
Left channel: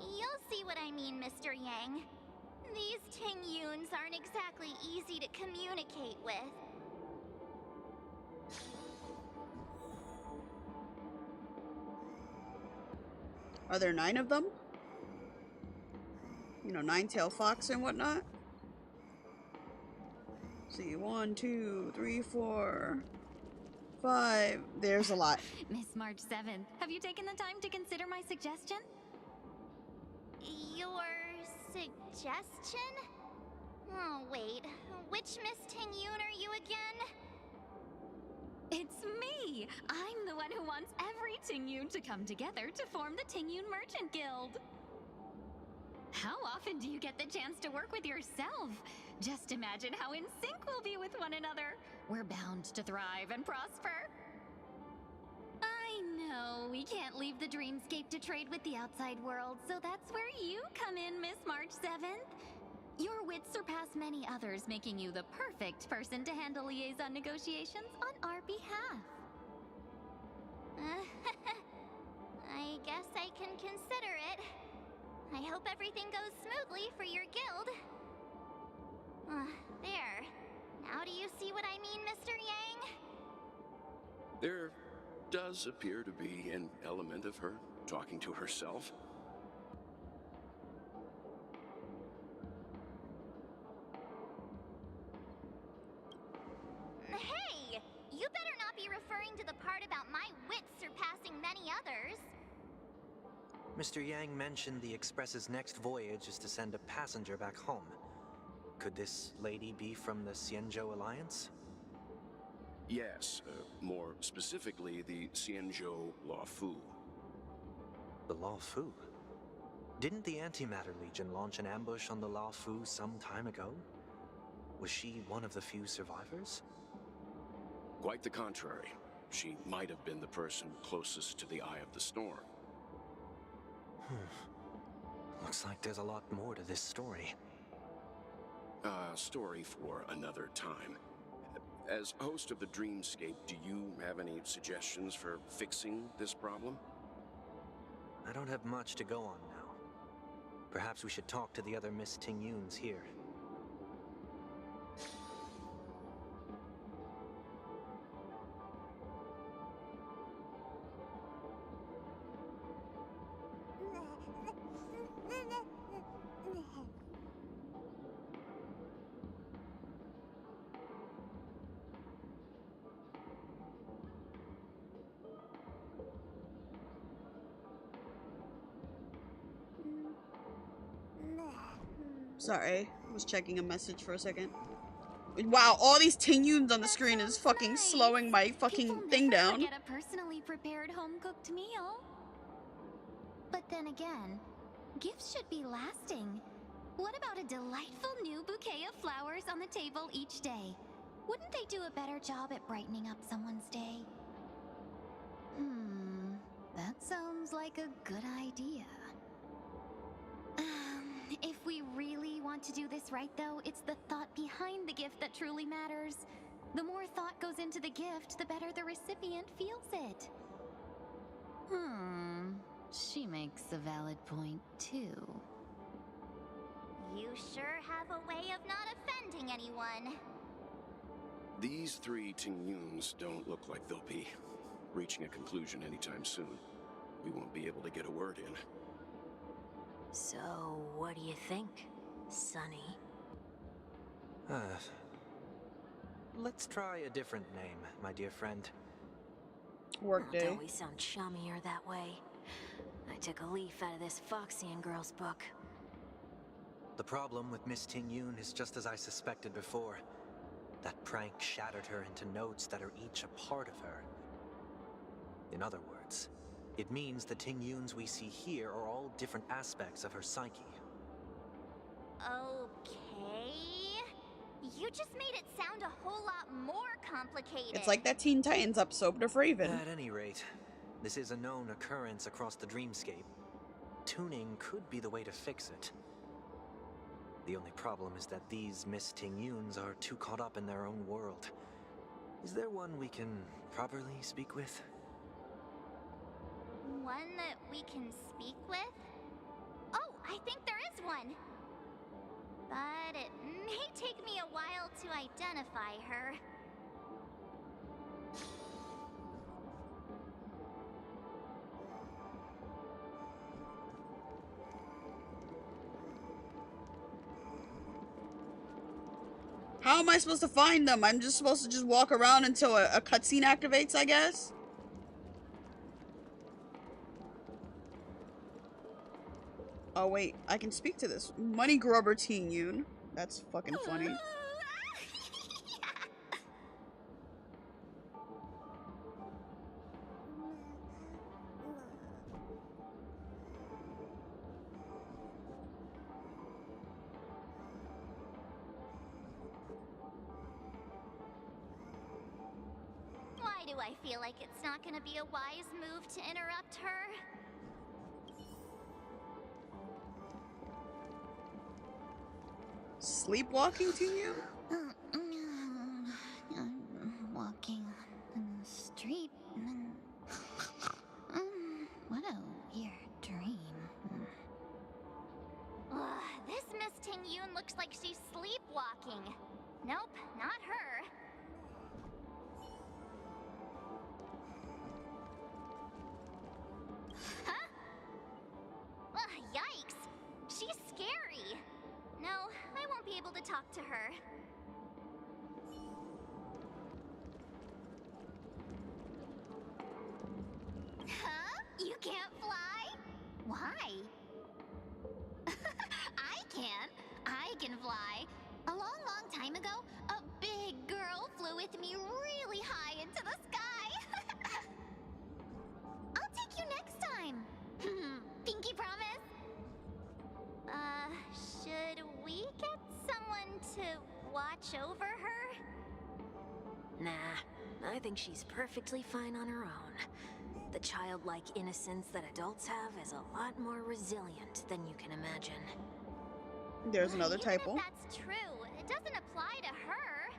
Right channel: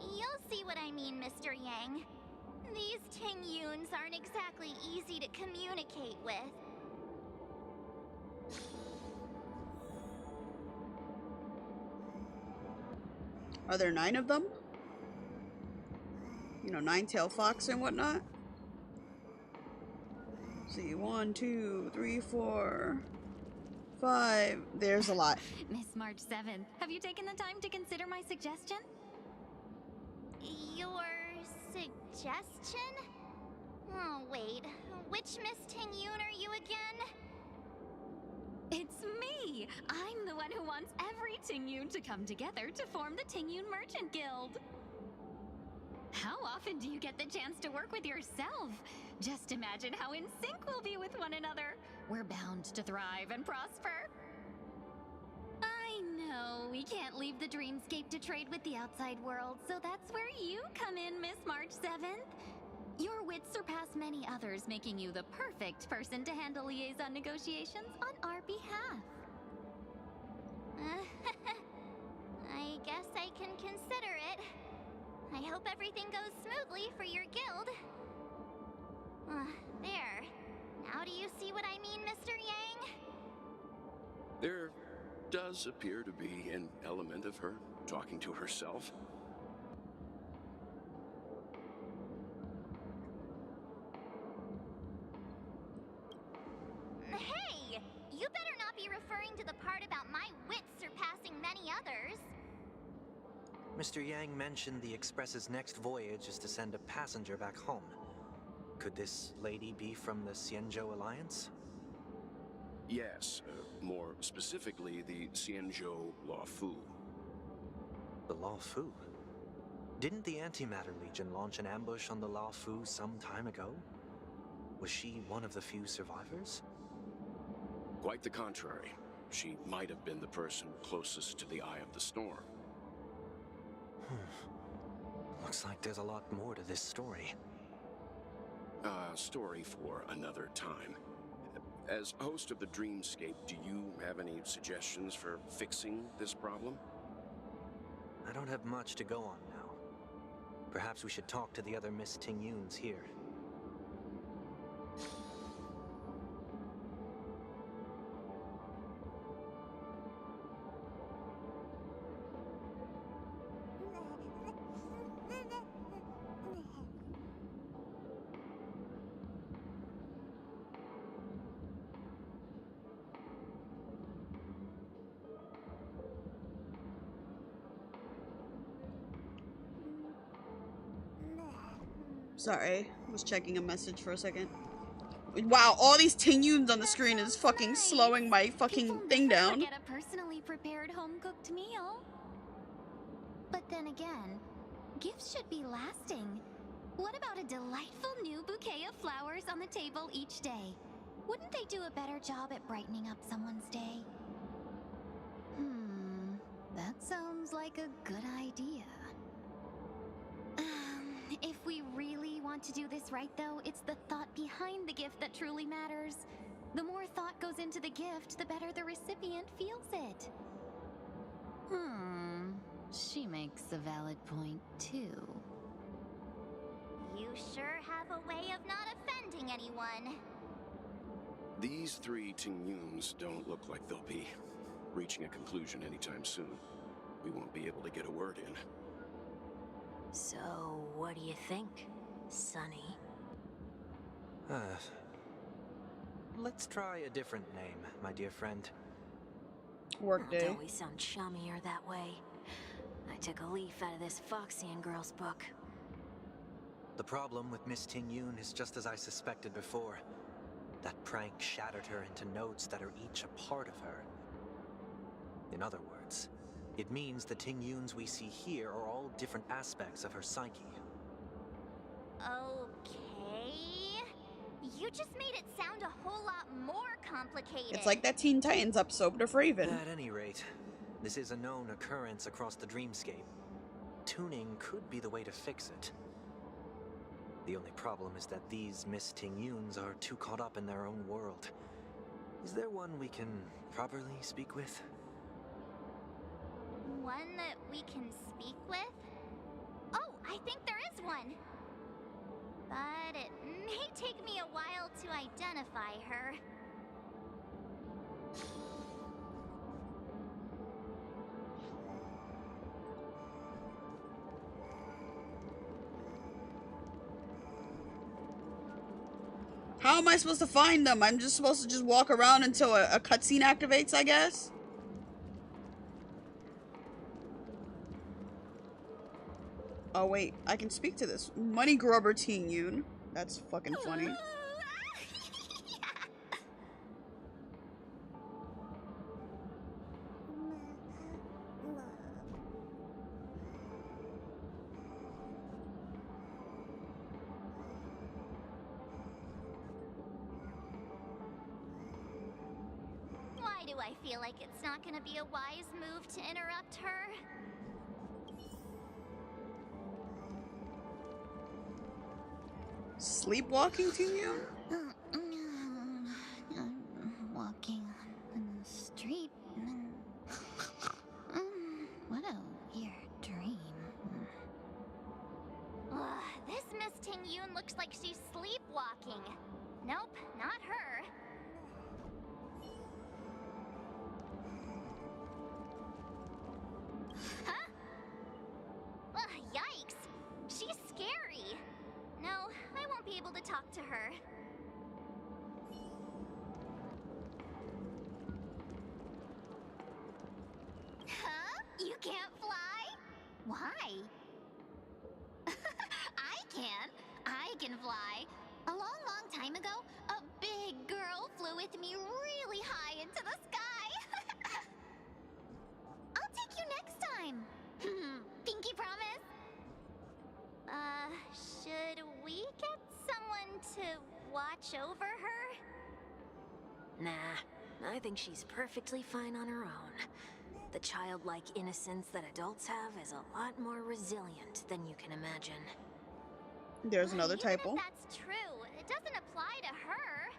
You'll see what I mean, Mr. Yang. These Ting-Yoons aren't exactly easy to communicate with. Are there 9 of them? You know, 9-tailed fox and whatnot? See, 1, 2, 3, 4, 5. There's a lot. Miss March 7th, have you taken the time to consider my suggestion? Your suggestion? Oh, wait. Which Miss Ting-Yoon are you again? It's me! I'm the one who wants every Ting-Yoon to come together to form the Ting-Yoon Merchant Guild. How often do you get the chance to work with yourself? Just imagine how in sync we'll be with one another. We're bound to thrive and prosper. I know we can't leave the dreamscape to trade with the outside world, so that's where you come in, Miss March 7th. Your wits surpass many others, making you the perfect person to handle liaison negotiations on our behalf. I guess I can consider it. I hope everything goes smoothly for your guild. There. Now do you see what I mean, Mr. Yang? There does appear to be an element of her talking to herself. Hey! You better not be referring to the part about my wits surpassing many others. Mr. Yang mentioned the Express's next voyage is to send a passenger back home. Could this lady be from the Xianzhou Alliance? Yes, more specifically, the Xianzhou Luofu. The Luofu? Didn't the Antimatter Legion launch an ambush on the Luofu some time ago? Was she one of the few survivors? Quite the contrary. She might have been the person closest to the eye of the storm. Looks like there's a lot more to this story. Story for another time. As host of the Dreamscape, do you have any suggestions for fixing this problem? I don't have much to go on now. Perhaps we should talk to the other Miss Ting-Yoons here. Sorry, I was checking a message for a second. Wow, all these Ting-Yoons on the screen is fucking slowing my fucking thing down. Get a personally prepared home-cooked meal. But then again, gifts should be lasting. What about a delightful new bouquet of flowers on the table each day? Wouldn't they do a better job at brightening up someone's day? That sounds like a good idea. If we really want to do this right, though, it's the thought behind the gift that truly matters. The more thought goes into the gift, the better the recipient feels it. She makes a valid point, too. You sure have a way of not offending anyone. These 3 Ting-Yoons don't look like they'll be reaching a conclusion anytime soon. we won't be able to get a word in. So, what do you think, Sonny? Let's try a different name, my dear friend. Workday. Don't we sound chummier that way? I took a leaf out of this Foxian girl's book. The problem with Miss Ting Yun is just as I suspected before. That prank shattered her into notes that are each a part of her. In other words, it means the Ting Yuns we see here are all different aspects of her psyche. Okay. You just made it sound a whole lot more complicated. It's like that Teen Titans episode of Raven. At any rate, this is a known occurrence across the dreamscape. Tuning could be the way to fix it. The only problem is that these Miss Ting Yuns are too caught up in their own world. Is there one we can properly speak with? One that we can speak with? Oh, I think there is one. But it may take me a while to identify her. How am I supposed to find them? I'm just supposed to just walk around until a cutscene activates, I guess? Oh wait, I can speak to this money grubber Teen Yun. That's fucking funny. Why do I feel like it's not gonna be a wise move to interrupt her? Sleepwalking Teen Yun? I'm walking in the street and what a weird dream. This Miss Ting Yun looks like she's sleepwalking. Nope, not her. Huh? Yikes! She's scary. No, I won't be able to talk to her. Huh? You can't fly? Why? I can. I can fly. A long time ago, a big girl flew with me really high into the sky. I'll take you next time. Pinky promise? Should we get someone to watch over her? Nah, I think she's perfectly fine on her own. The childlike innocence that adults have is a lot more resilient than you can imagine. There's another typo. Even if that's true, it doesn't apply to her.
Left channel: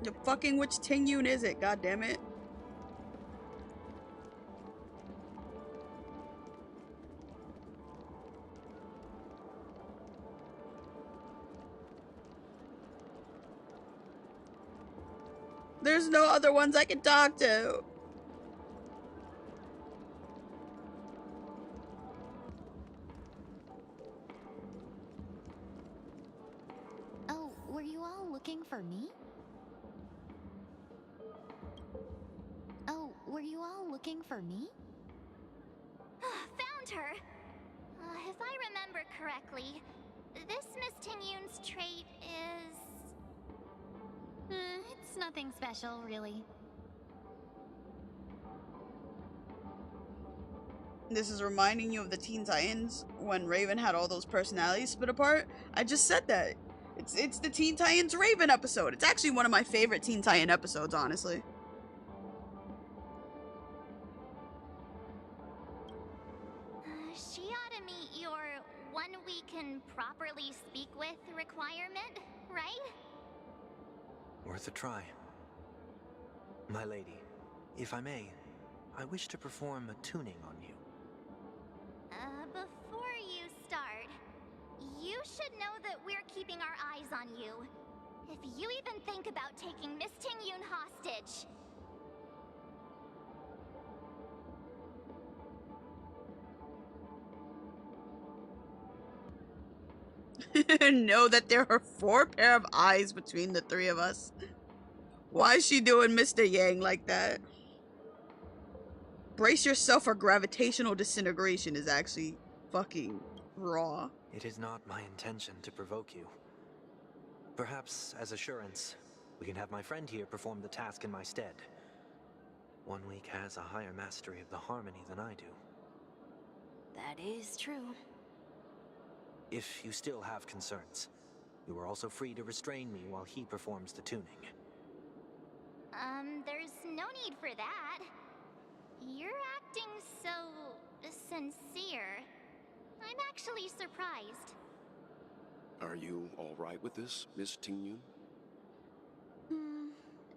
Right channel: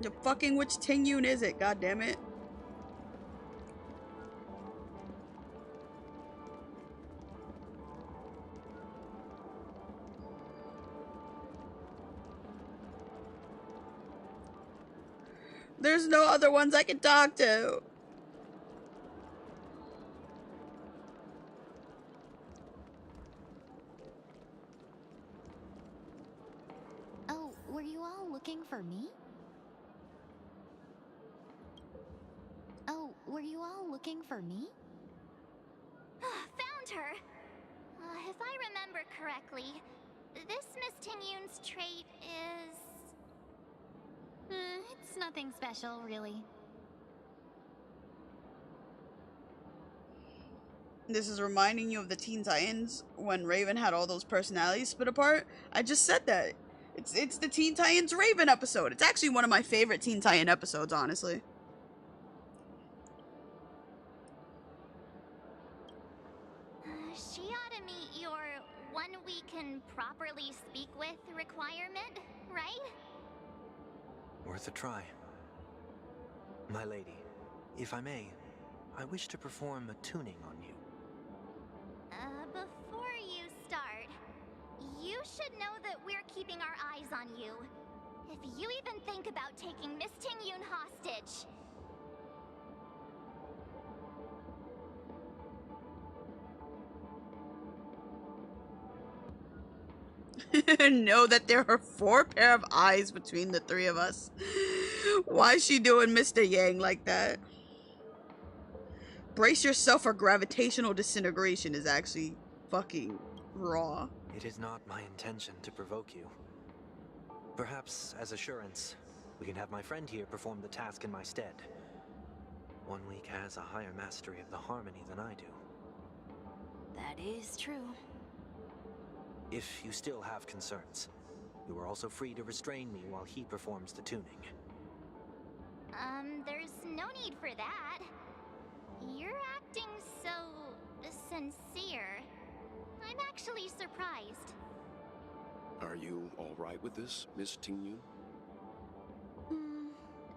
The fucking which Ting Yun is it? God damn it! There's no other ones I can talk to. Oh, were you all looking for me? Oh, were you all looking for me? Found her! If I remember correctly, this Miss Ting Yun's trait is... It's nothing special, really. This is reminding you of the Teen Titans when Raven had all those personalities split apart. I just said that. It's the Teen Titans Raven episode. It's actually one of my favorite Teen Titan episodes, honestly. She ought to meet your one we can properly speak with requirement, right? Worth a try. My lady, if I may, I wish to perform a tuning on you. Before you start, you should know that we're keeping keeping our eyes on you. If you even think about taking Miss Ting-Yun hostage. Know that there are 4 pair of eyes between the 3 of us. Why is she doing Mr. Yang like that? Brace yourself for gravitational disintegration is actually fucking raw. It is not my intention to provoke you. Perhaps, as assurance, we can have my friend here perform the task in my stead. 1 week has a higher mastery of the harmony than I do. That is true. If you still have concerns, you are also free to restrain me while he performs the tuning. There's no need for that. You're acting so sincere. I'm actually surprised. Are you all right with this, Miss Ting-Yun?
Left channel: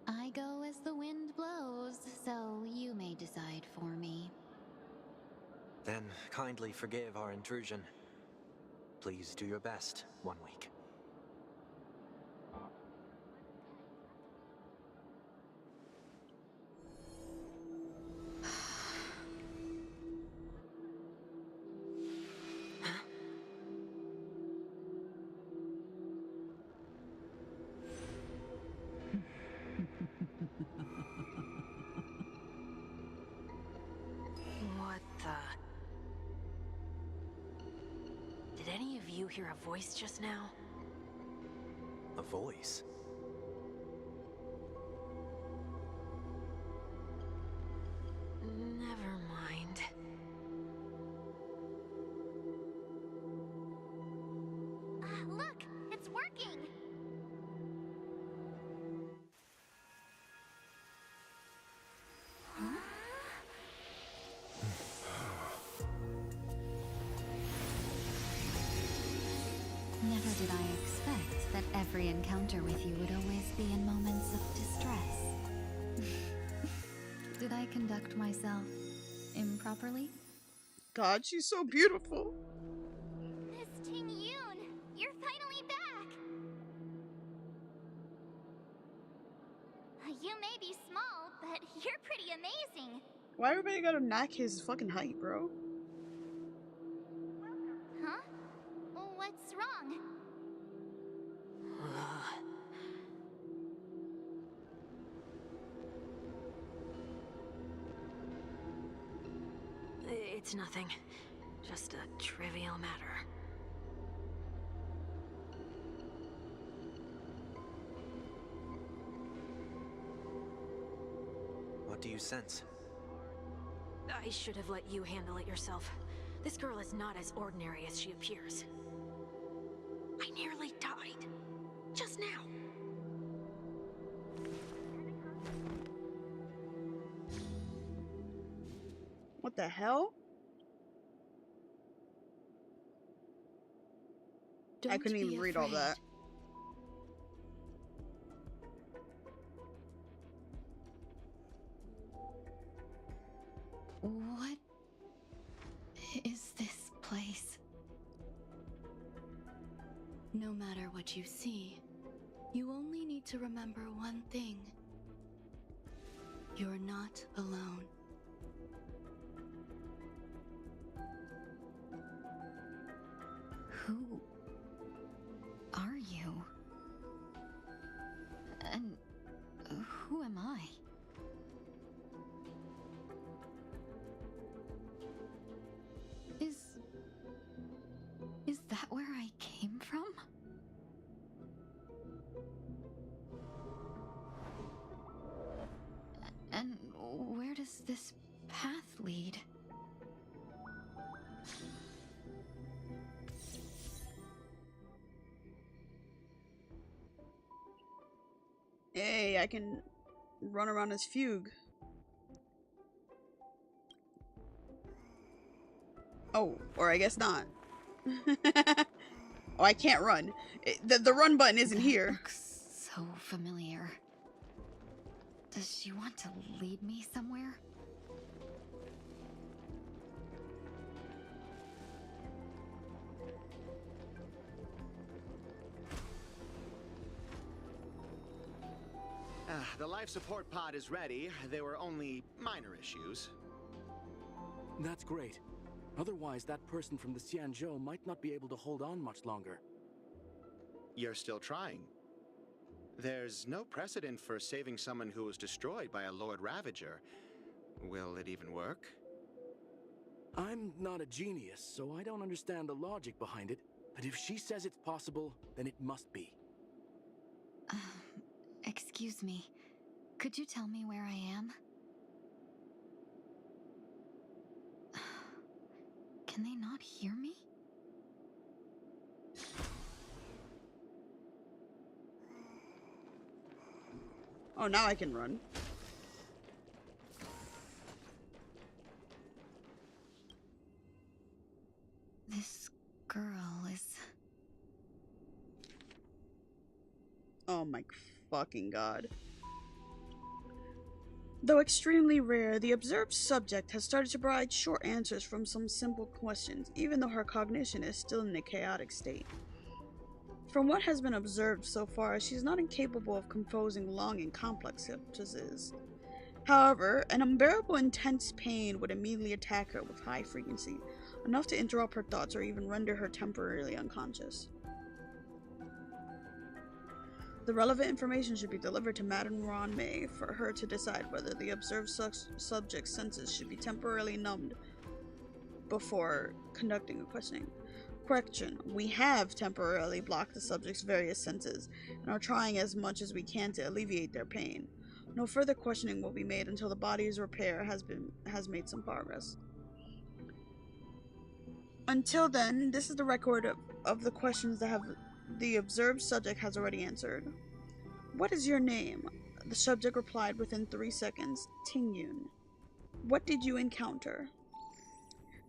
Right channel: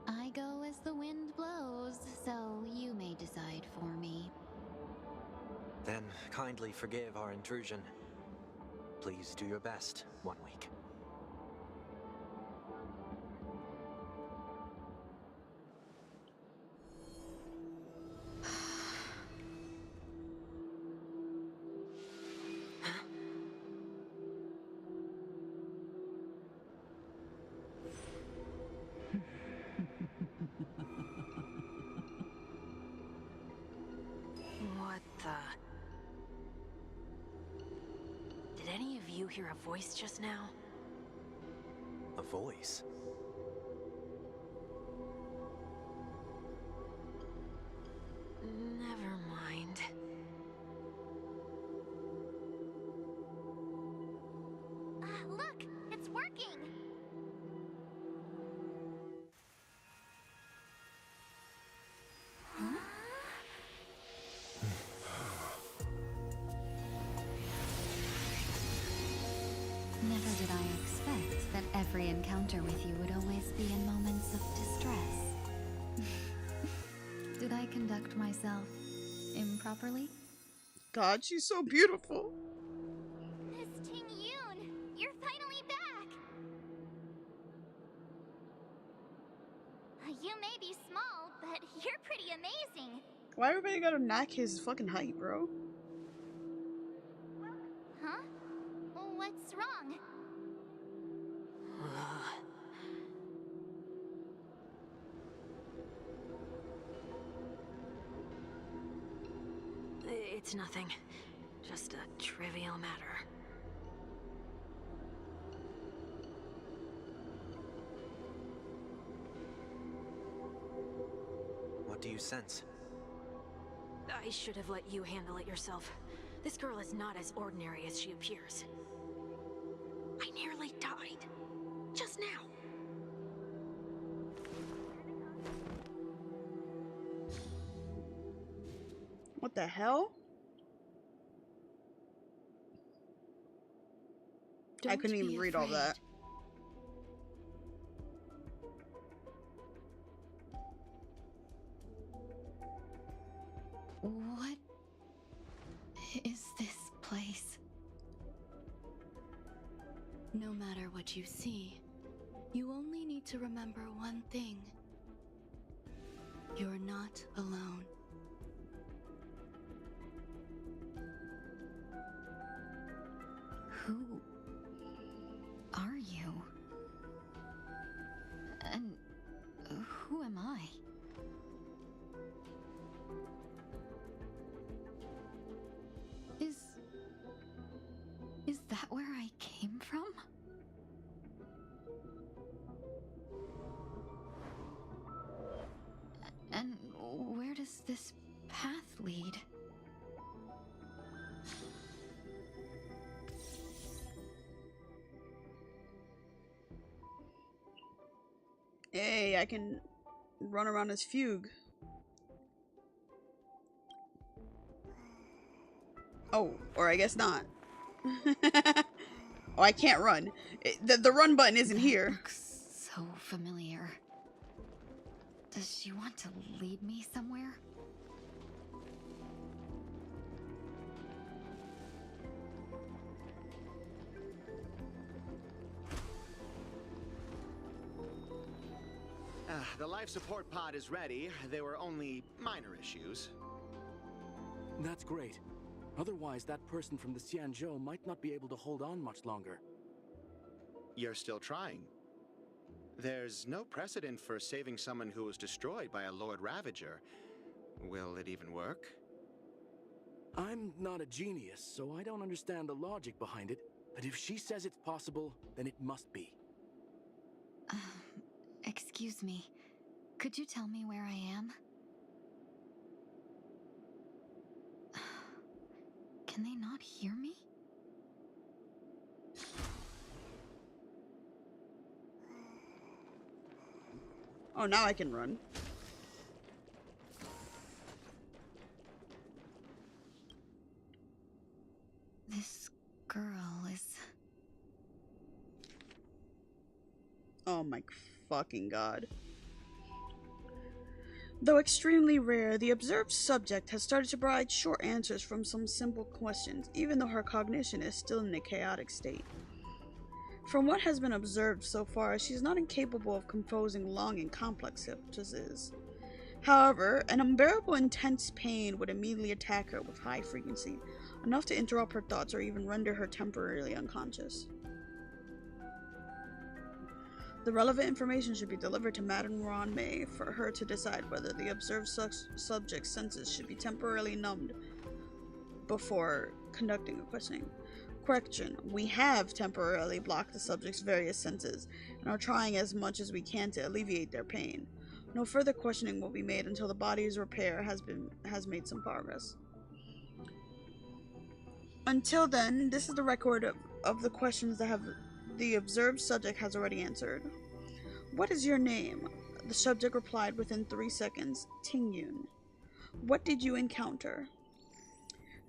I go as the wind blows, so you may decide for me. Then kindly forgive our intrusion. Please do your best, 1 week. What the? Did any of you hear a voice just now? A voice? Never mind. Look, it's working. Never did I expect that every encounter with you would always be in moments of distress. Did I conduct myself improperly? God, she's so beautiful. Miss Ting-Yun, you're finally back. You may be small, but you're pretty amazing. Why everybody gotta knock his fucking height, bro? Huh? What's wrong? It's nothing. Just a trivial matter. What do you sense? I should have let you handle it yourself. This girl is not as ordinary as she appears. I nearly died. Just now. What the hell? I couldn't even read all that. What is this place? No matter what you see, you only need to remember one thing. You're not alone. Who are you? And who am I? Is that where I came from? And where does this path lead? Hey, I can run around as Fugue. Oh, or I guess not. Oh, I can't run. The run button isn't here. Looks so familiar. Does she want to lead me somewhere? The life support pod is ready. There were only minor issues. That's great. Otherwise, that person from the Xianzhou might not be able to hold on much longer. You're still trying. There's no precedent for saving someone who was destroyed by a Lord Ravager. Will it even work? I'm not a genius, so I don't understand the logic behind it. But if she says it's possible, then it must be. Excuse me. Could you tell me where I am? Can they not hear me? Oh, now I can run. This girl is... Oh my fucking god. Though extremely rare, the observed subject has started to provide short answers from some simple questions, even though her cognition is still in a chaotic state. From what has been observed so far, she is not incapable of composing long and complex sentences. However, an unbearable intense pain would immediately attack her with high frequency, enough to interrupt her thoughts or even render her temporarily unconscious. The relevant information should be delivered to Madame Ronmei for her to decide whether the observed subject's senses should be temporarily numbed before conducting a questioning. Correction, we have temporarily blocked the subject's various senses and are trying as much as we can to alleviate their pain. No further questioning will be made until the body's repair has made some progress. Until then, this is the record of the questions that the observed subject has already answered. What is your name? The subject replied within 3 seconds. Tingyun. What did you encounter?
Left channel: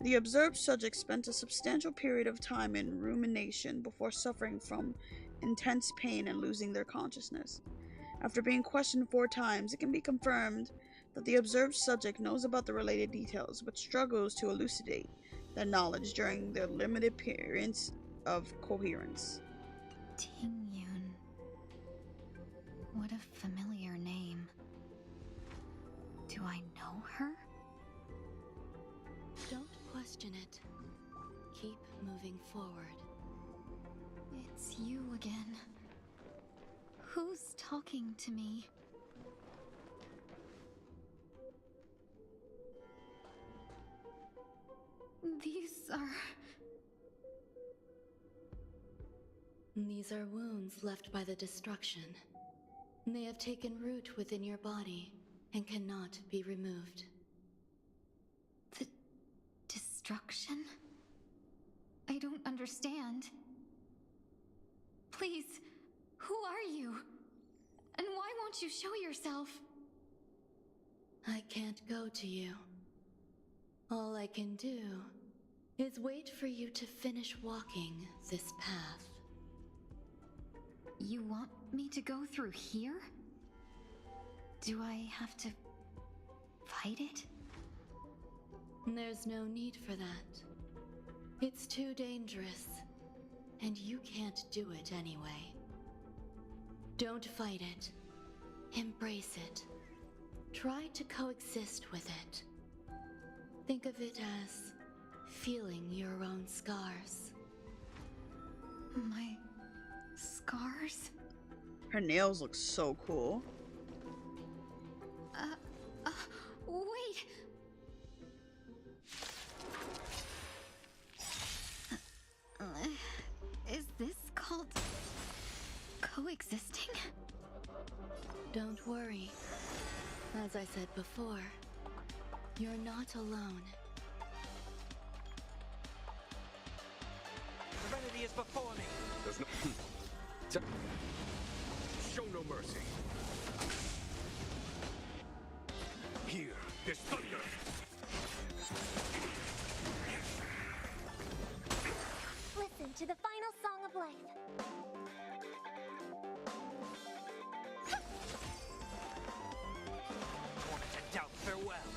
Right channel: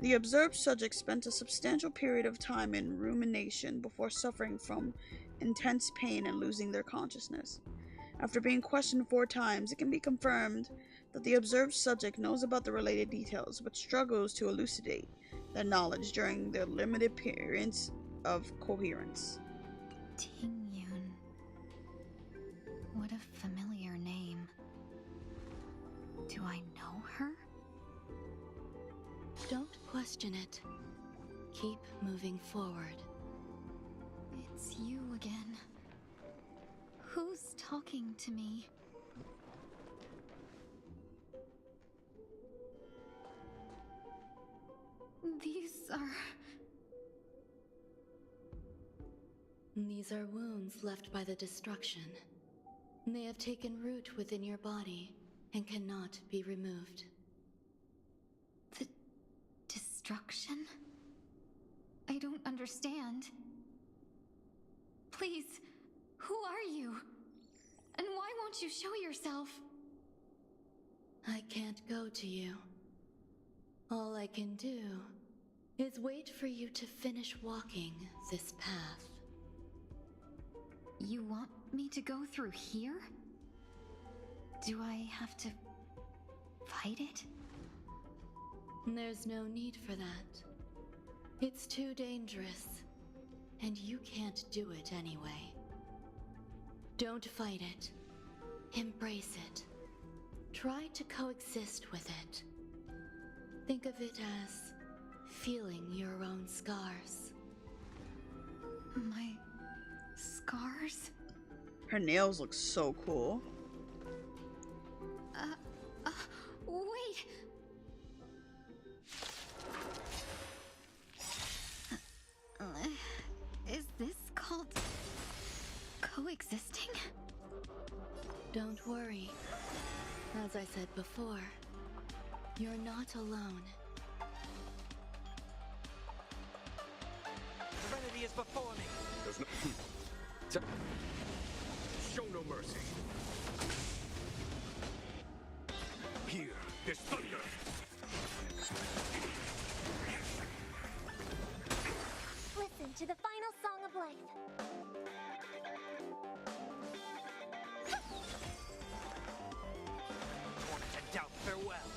The observed subject spent a substantial period of time in rumination before suffering from intense pain and losing their consciousness. After being questioned 4 times, it can be confirmed that the observed subject knows about the related details, but struggles to elucidate their knowledge during their limited periods of coherence. Tingyun. What a familiar name. Do I know her? Don't question it. Keep moving forward. It's you again. Who's talking to me? These are wounds left by the destruction. They have taken root within your body and cannot be removed. The destruction? I don't understand. Please, who are you? And why won't you show yourself? I can't go to you. All I can do is wait for you to finish walking this path. You want me to go through here? Do I have to fight it? There's no need for that. It's too dangerous, and you can't do it anyway. Don't fight it. Embrace it. Try to coexist with it. Think of it as feeling your own scars. My scars? Her nails look so cool. Wait! Is this called coexisting? Don't worry. As I said before, you're not alone. Serenity is before me. There's no... Show no mercy. Hear this thunder. Listen to the final song of life. Wanted to doubt farewell.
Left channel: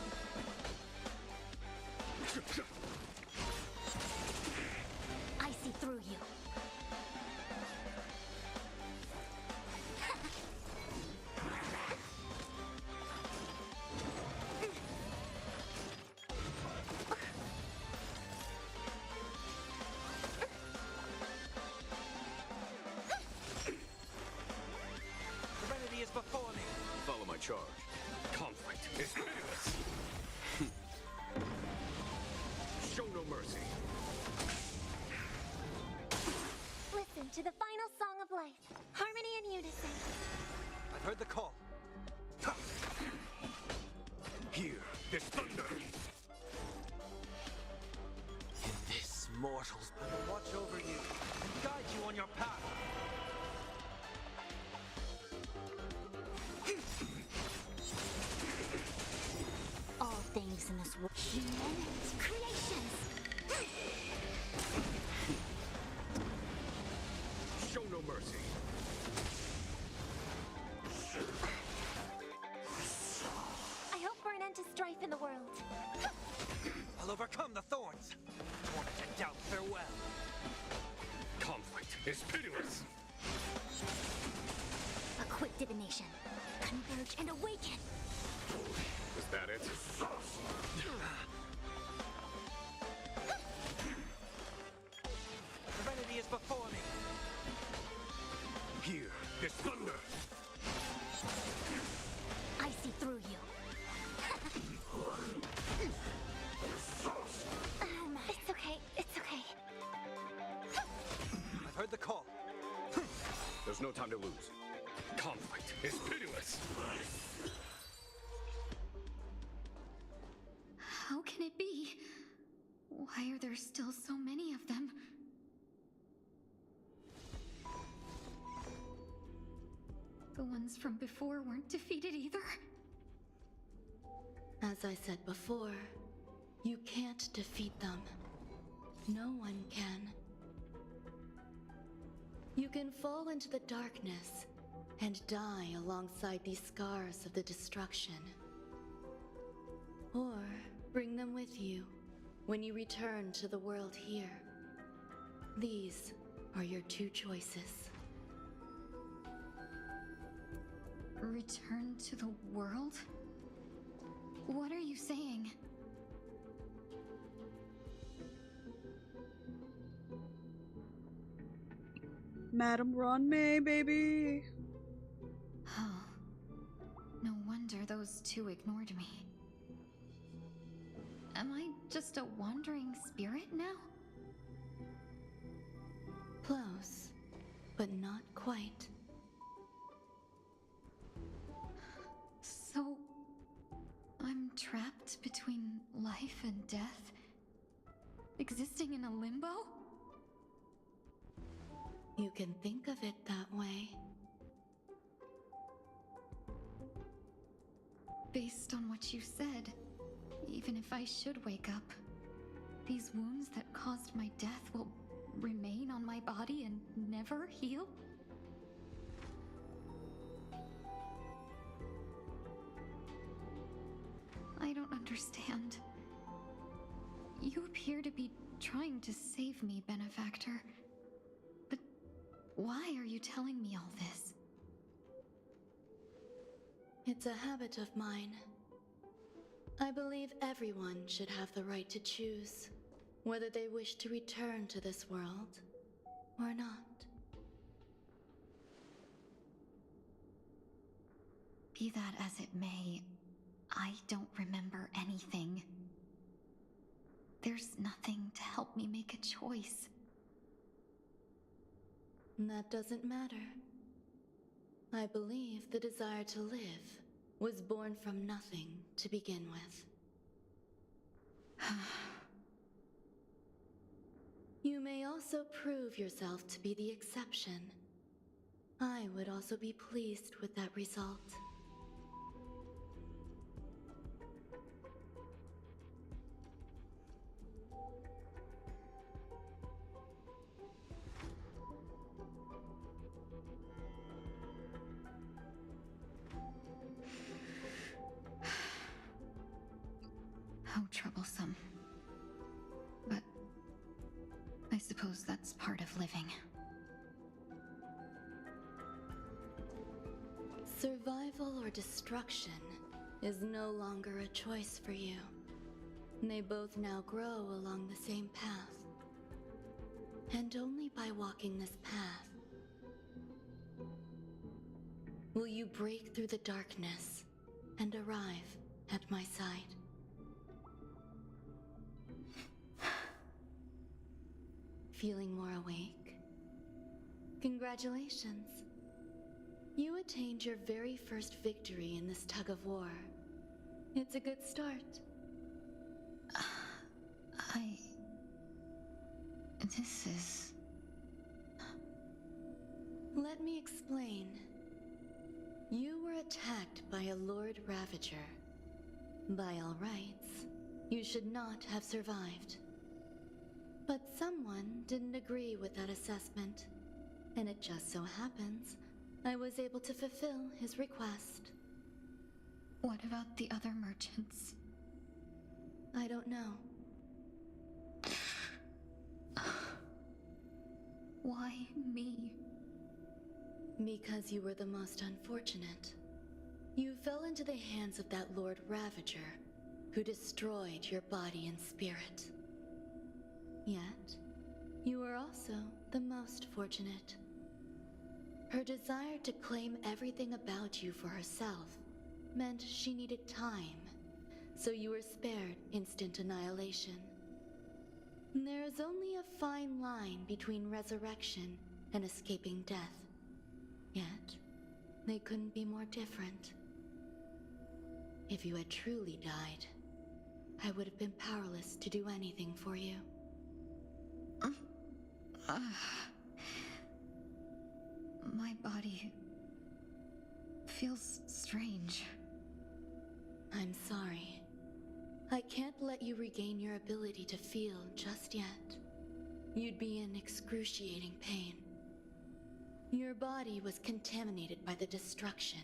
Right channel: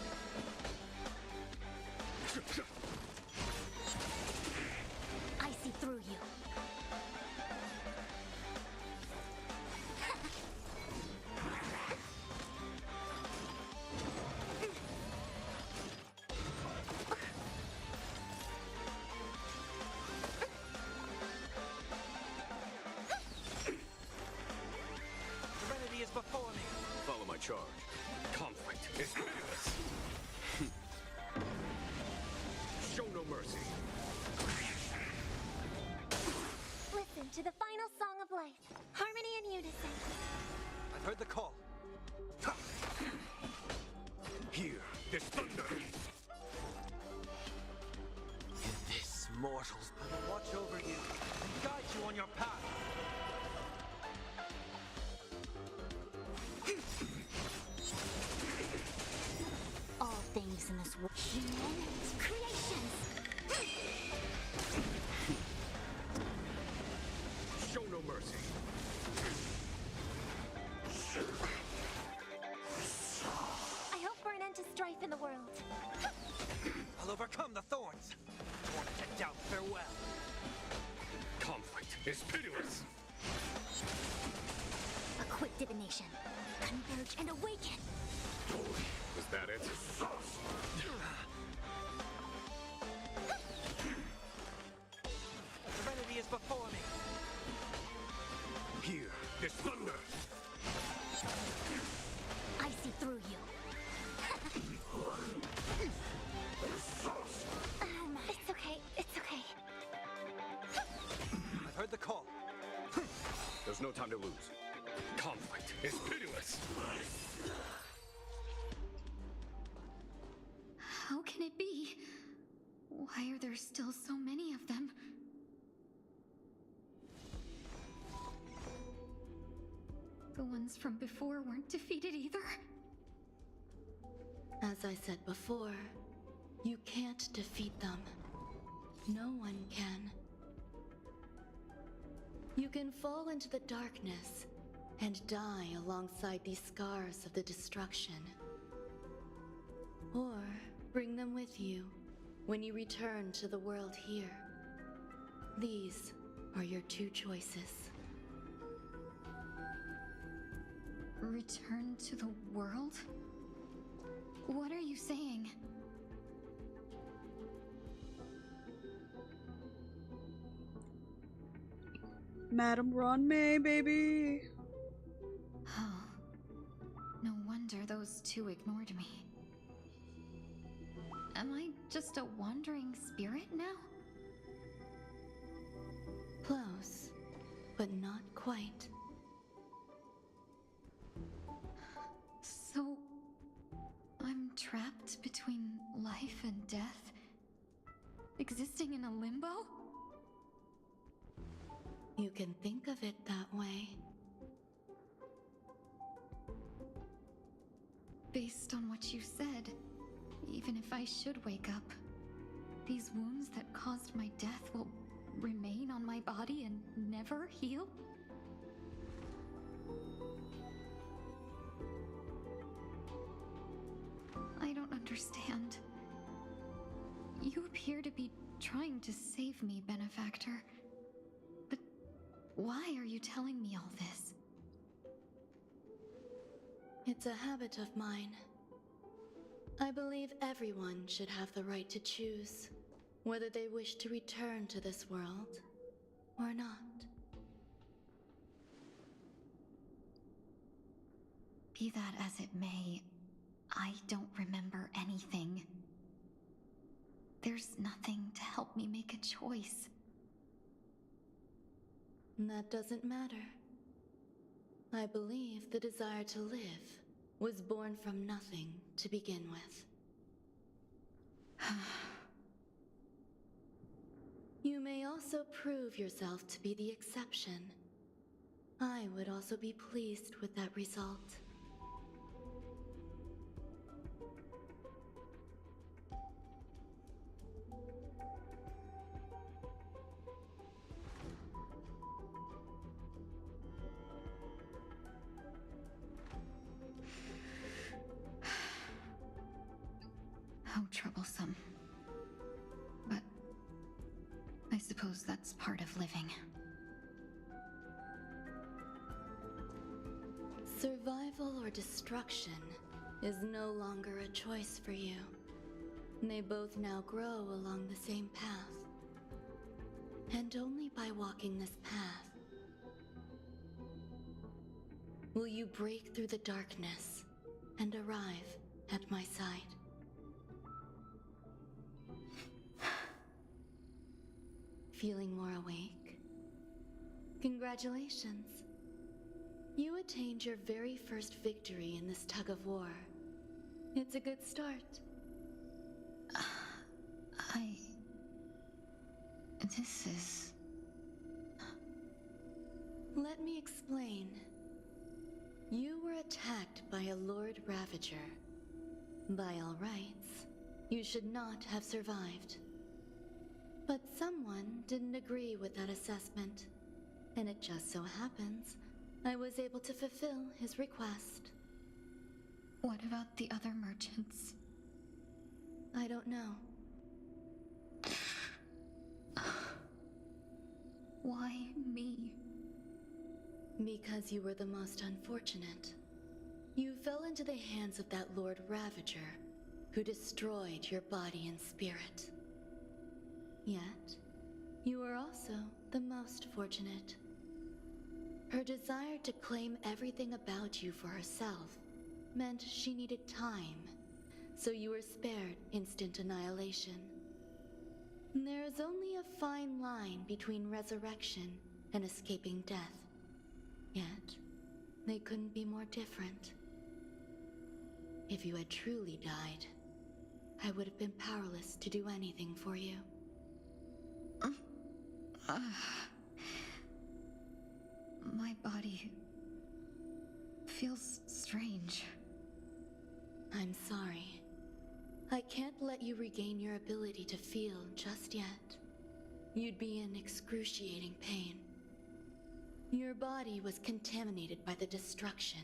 I see through you. charge. Conflict is pitiless. Show no mercy. Listen to the final song of life. Harmony and unison. I've heard the call. Hear this thunder. In this, mortals, I will watch over you and guide you on your path. All things in this world, human creations. Show no mercy. I hope for an end to strife in the world. I'll overcome the thorns. Torment and doubt farewell. Conflict is pitiless. A quick divination. Converge and awaken. Is that it? Serenity is before me. Hear this thunder. I see through you. It's okay. It's okay. I've heard the call. There's no time to lose. Conflict is pitiless. How can it be? Why are there still so many of them? The ones from before weren't defeated either? As I said before, you can't defeat them. No one can. You can fall into the darkness and die alongside these scars of the destruction. Or bring them with you when you return to the world here. These are your two choices. Return to the world? What are you saying? Madame Ronmay, baby. Oh. No wonder those two ignored me. Am I just a wandering spirit now? Close, but not quite. So, I'm trapped between life and death? Existing in a limbo? You can think of it that way. Based on what you said, even if I should wake up, these wounds that caused my death will remain on my body and never heal? I don't understand. You appear to be trying to save me, Benefactor. But why are you telling me all this? It's a habit of mine. I believe everyone should have the right to choose whether they wish to return to this world or not. Be that as it may, I don't remember anything. There's nothing to help me make a choice. That doesn't matter. I believe the desire to live was born from nothing to begin with. You may also prove yourself to be the exception. I would also be pleased with that result. How troublesome. But I suppose that's part of living. Survival or destruction is no longer a choice for you. They both now grow along the same path. And only by walking this path will you break through the darkness and arrive at my side. Feeling more awake? Congratulations. You attained your very first victory in this tug of war. It's a good start. This is... Let me explain. You were attacked by a Lord Ravager. By all rights, you should not have survived. But someone didn't agree with that assessment, and it just so happens I was able to fulfill his request. What about the other merchants? I don't know. Why me? Because you were the most unfortunate. You fell into the hands of that Lord Ravager, who destroyed your body and spirit. Yet, you were also the most fortunate. Her desire to claim everything about you for herself meant she needed time, so you were spared instant annihilation. There is only a fine line between resurrection and escaping death. Yet, they couldn't be more different. If you had truly died, I would have been powerless to do anything for you. My body feels strange. I'm sorry. I can't let you regain your ability to feel just yet. You'd be in excruciating pain. Your body was contaminated by the destruction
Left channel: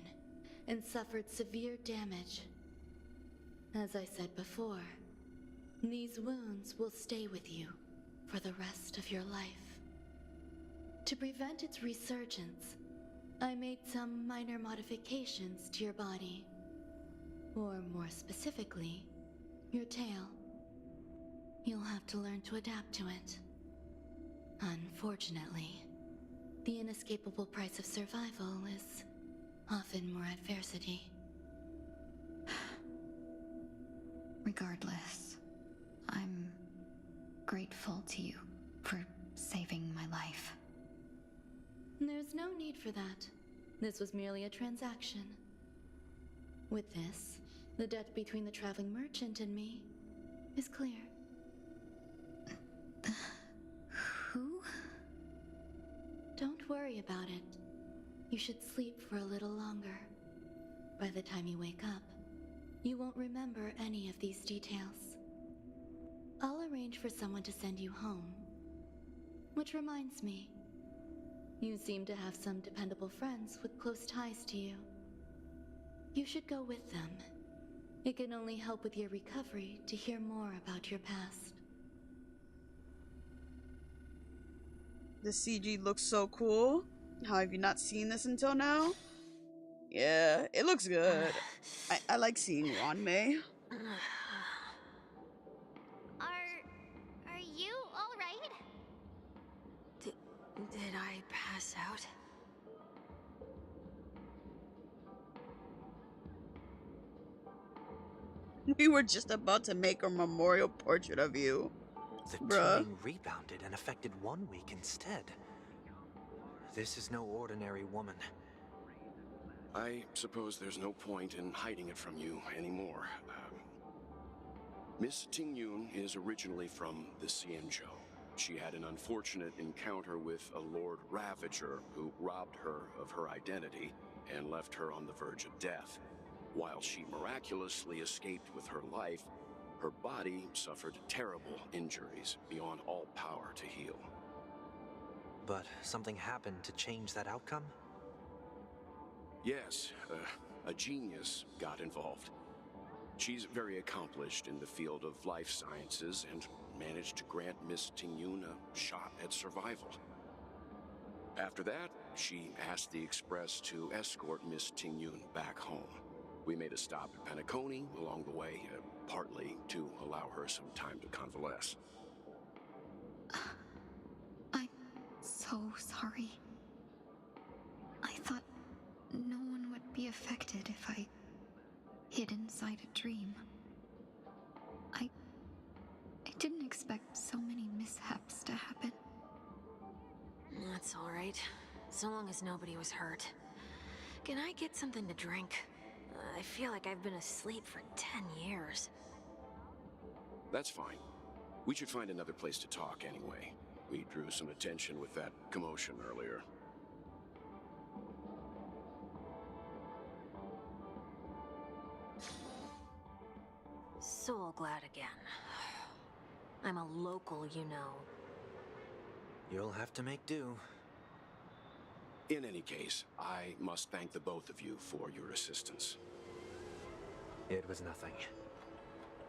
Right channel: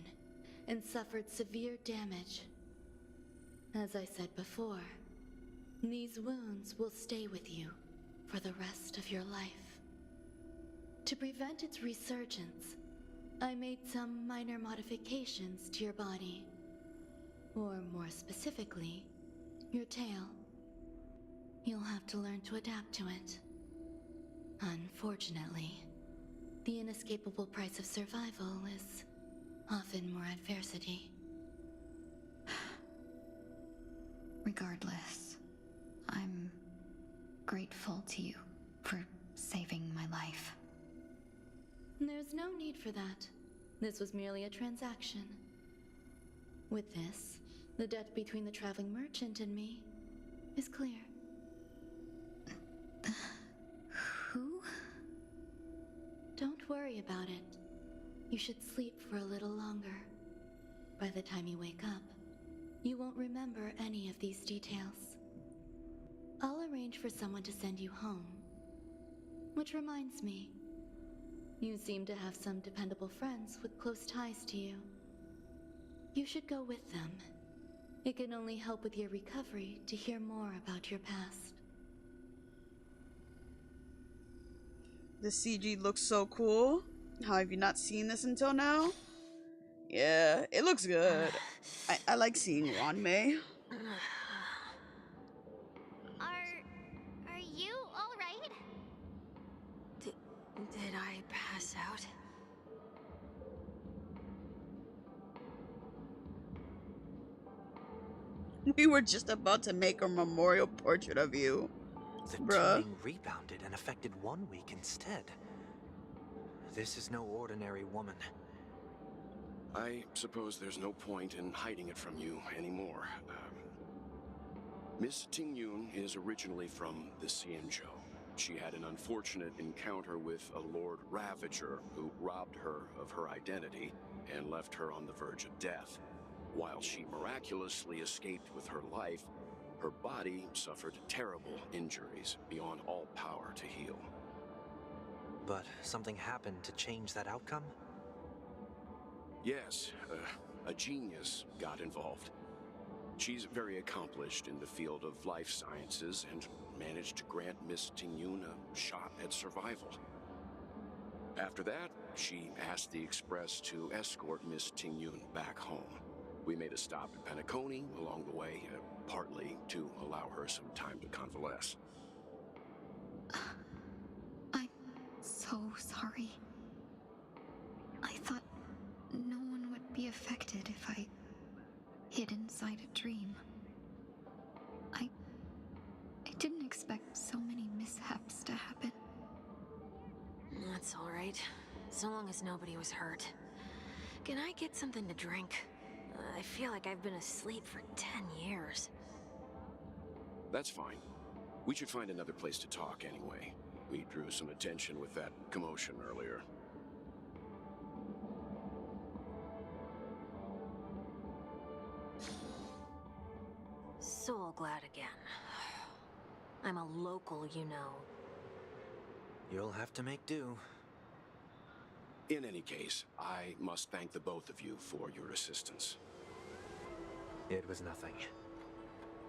and suffered severe damage. As I said before, these wounds will stay with you for the rest of your life. To prevent its resurgence, I made some minor modifications to your body. Or more specifically, your tail. You'll have to learn to adapt to it. Unfortunately, the inescapable price of survival is often more adversity. Regardless, I'm grateful to you for saving my life. There's no need for that. This was merely a transaction. With this, the debt between the traveling merchant and me is clear. Who? Don't worry about it. You should sleep for a little longer. By the time you wake up, you won't remember any of these details. I'll arrange for someone to send you home. Which reminds me, you seem to have some dependable friends with close ties to you. You should go with them. It can only help with your recovery to hear more about your past. The CG looks so cool. How have you not seen this until now? Yeah, it looks good. I like seeing Wanmei. Are you all right? Did I pass out? We were just about to make a memorial portrait of you. The Bruh. tuning rebounded and affected 1 week instead. This is no ordinary woman. I suppose there's no point in hiding it from you anymore. Miss Tingyun is originally from the Xianzhou. She had an unfortunate encounter with a Lord Ravager who robbed her of her identity and left her on the verge of death. While she miraculously escaped with her life, her body suffered terrible injuries beyond all power to heal. But something happened to change that outcome? Yes, a genius got involved. She's very accomplished in the field of life sciences and managed to grant Miss Tingyun a shot at survival. After that, she asked the Express to escort Miss Tingyun back home. We made a stop at Penacony along the way, partly to allow her some time to convalesce. I'm so sorry. I thought no one would be affected if I hid inside a dream. I didn't expect so many mishaps to happen. That's all right. So long as nobody was hurt. Can I get something to drink? I feel like I've been asleep for 10 years. That's fine. We should find another place to talk anyway. We drew some attention with that commotion earlier. Soul glad again. I'm a local, you know. You'll have to make do. In any case, I must thank the both of you for your assistance. It was nothing.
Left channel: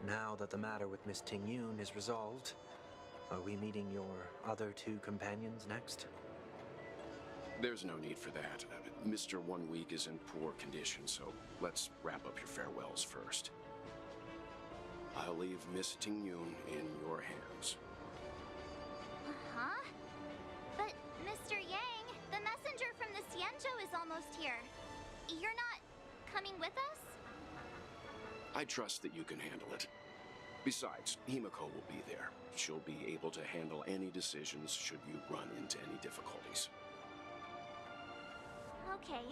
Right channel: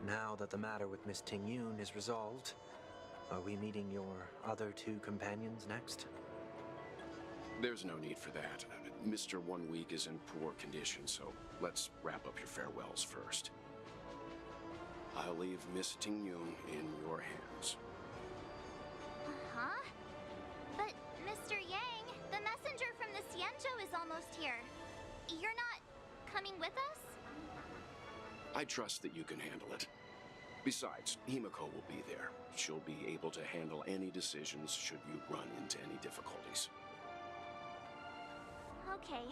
Now that the matter with Miss Ting-Yun is resolved, are we meeting your other two companions next? There's no need for that. Mr. 1 Week is in poor condition, so let's wrap up your farewells first. I'll leave Miss Ting-Yun in your hands. Uh-huh. But, Mr. Yang, the messenger from the Xianzhou is almost here. You're not coming with us? I trust that you can handle it. Besides, Himiko will be there. She'll be able to handle any decisions should you run into any difficulties. Okay.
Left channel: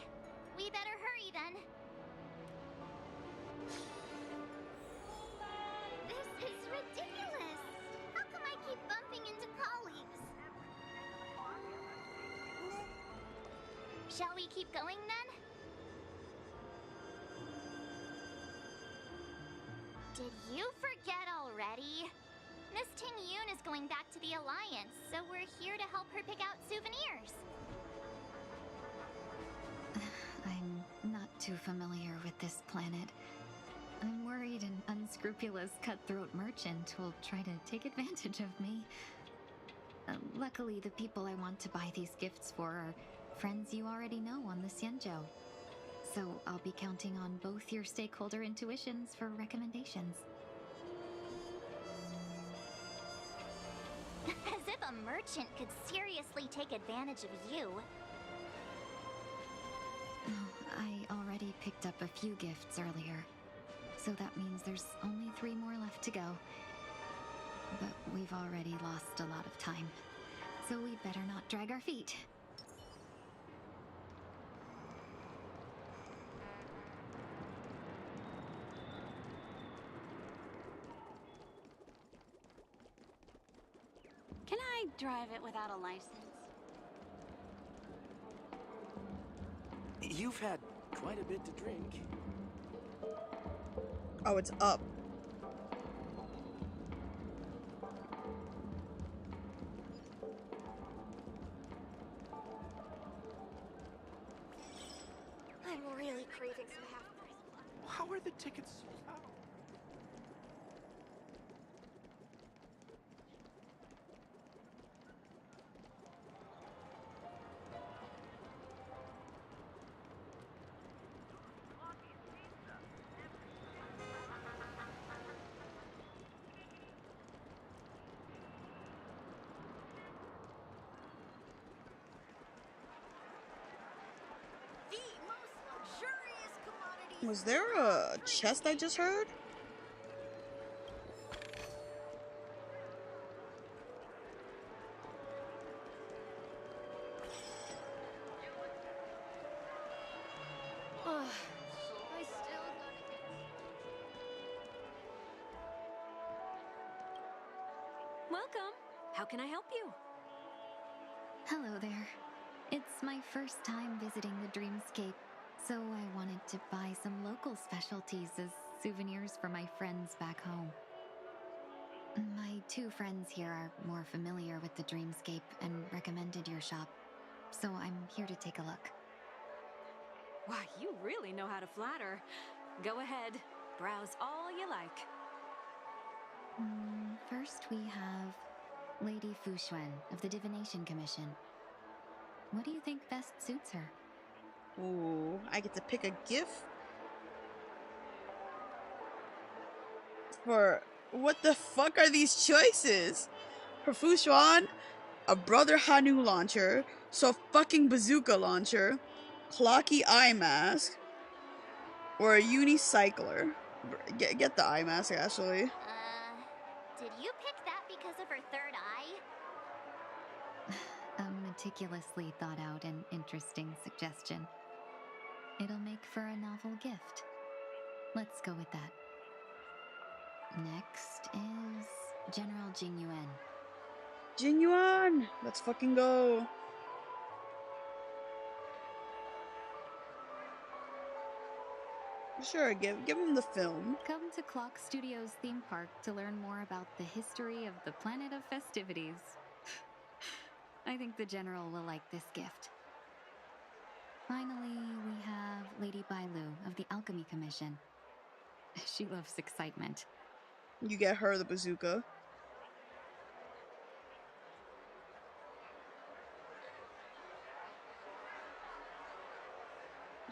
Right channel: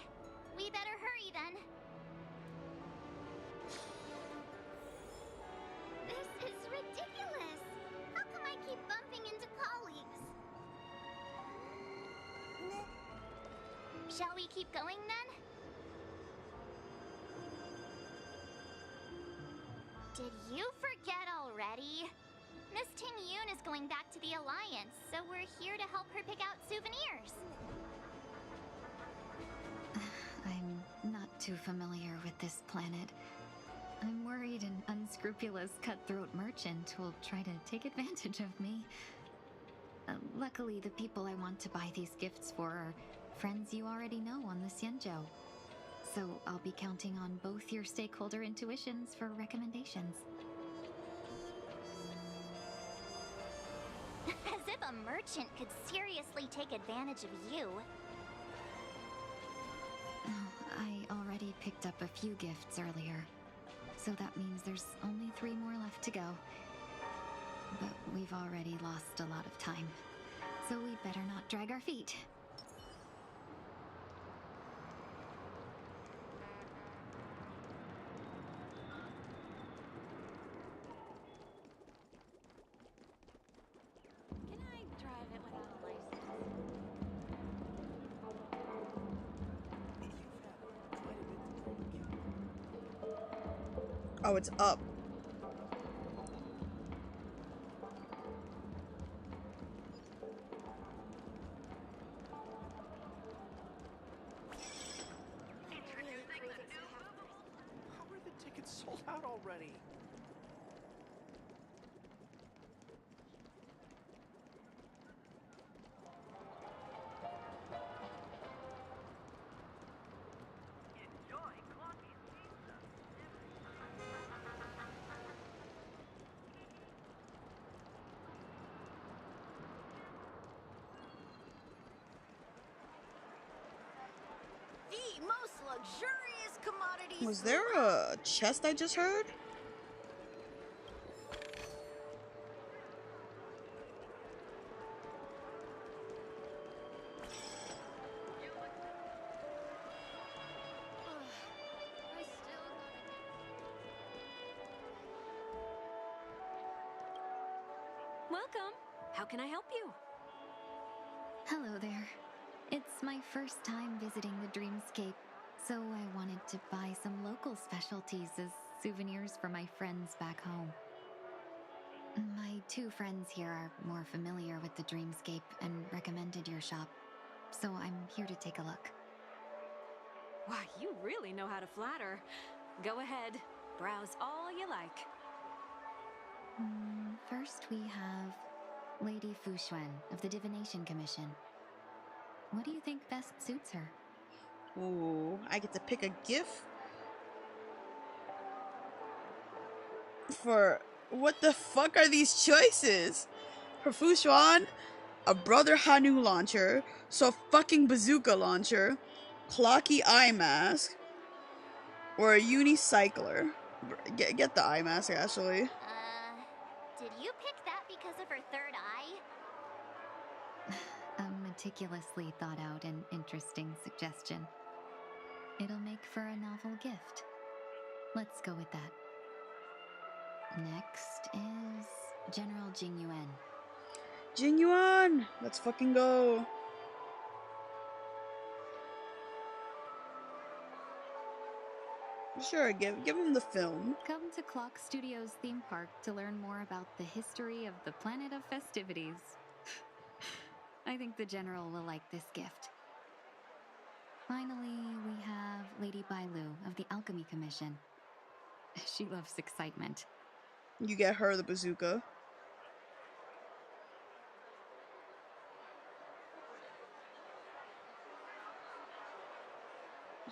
We better hurry then. This is ridiculous! How come I keep bumping into colleagues? Shall we keep going then? Did you forget already? Miss Ting-Yun is going back to the Alliance, so we're here to help her pick out souvenirs. I'm not too familiar with this planet. I'm worried an unscrupulous cutthroat merchant will try to take advantage of me. Luckily, the people I want to buy these gifts for are friends you already know on the Xianzhou. So I'll be counting on both your stakeholder intuitions for recommendations. As if a merchant could seriously take advantage of you. I already picked up a few gifts earlier, so that means there's only 3 more left to go. But we've already lost a lot of time, so we better not drag our feet. Can I drive it without a license? You've had quite a bit to drink. Oh, it's up. I'm really craving some half-price. How are the tickets sold out already? The most luxurious commodities. Was there a chest I just heard? I still gotta get. Welcome. How can I help you? Hello there. It's my first time visiting the Dreamscape, so I wanted to buy some local specialties as souvenirs for my friends back home. My 2 friends here are more familiar with the Dreamscape and recommended your shop, so I'm here to take a look. Why, you really know how to flatter. Go ahead. Browse all you like. First we have Lady Fu Xuan of the Divination Commission. What do you think best suits her? Ooh, I get to pick a gift? For what the fuck are these choices? For Fu Xuan, a Brother Hanu launcher, so fucking bazooka launcher, clocky eye mask, Or a unicycler. Get the eye mask, actually. Did you pick that because of her third eye? A meticulously thought out and interesting suggestion. It'll make for a novel gift. Let's go with that. Next is General Jing Yuan. Jing Yuan! Let's fucking go. Sure, give him the film. Come to Clock Studios theme park to learn more about the history of the planet of festivities. I think the General will like this gift. Finally, we have Lady Bailu of the Alchemy Commission. She loves excitement. You get her the bazooka.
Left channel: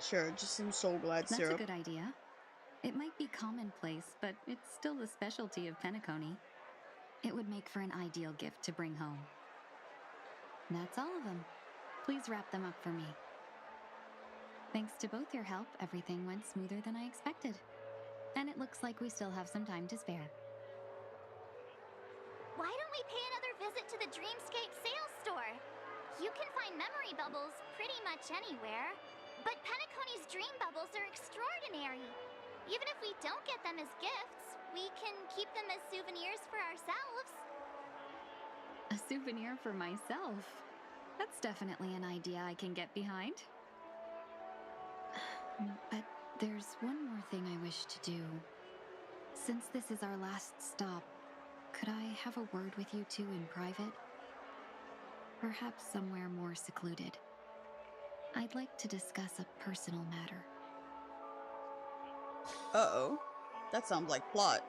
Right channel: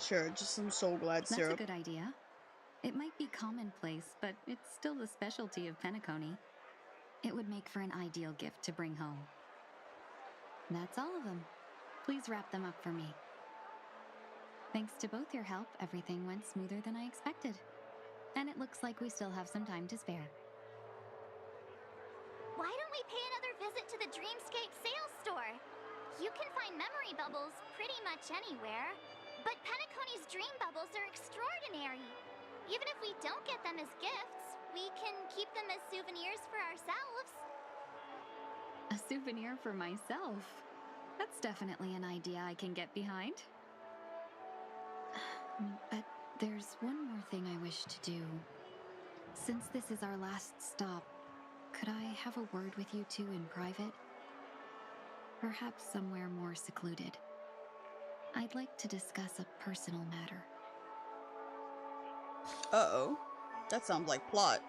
Sure, just some Soul Glide syrup. That's a good idea. It might be commonplace, but it's still the specialty of Penacony. It would make for an ideal gift to bring home. That's all of them. Please wrap them up for me. Thanks to both your help, everything went smoother than I expected. And it looks like we still have some time to spare. Why don't we pay another visit to the Dreamscape sales store? You can find memory bubbles pretty much anywhere. But Penacony's dream bubbles are extraordinary. Even if we don't get them as gifts, we can keep them as souvenirs for ourselves. A souvenir for myself? That's definitely an idea I can get behind. But there's one more thing I wish to do. Since this is our last stop, could I have a word with you two in private? Perhaps somewhere more secluded. I'd like to discuss a personal matter. Uh-oh. That sounds like plot.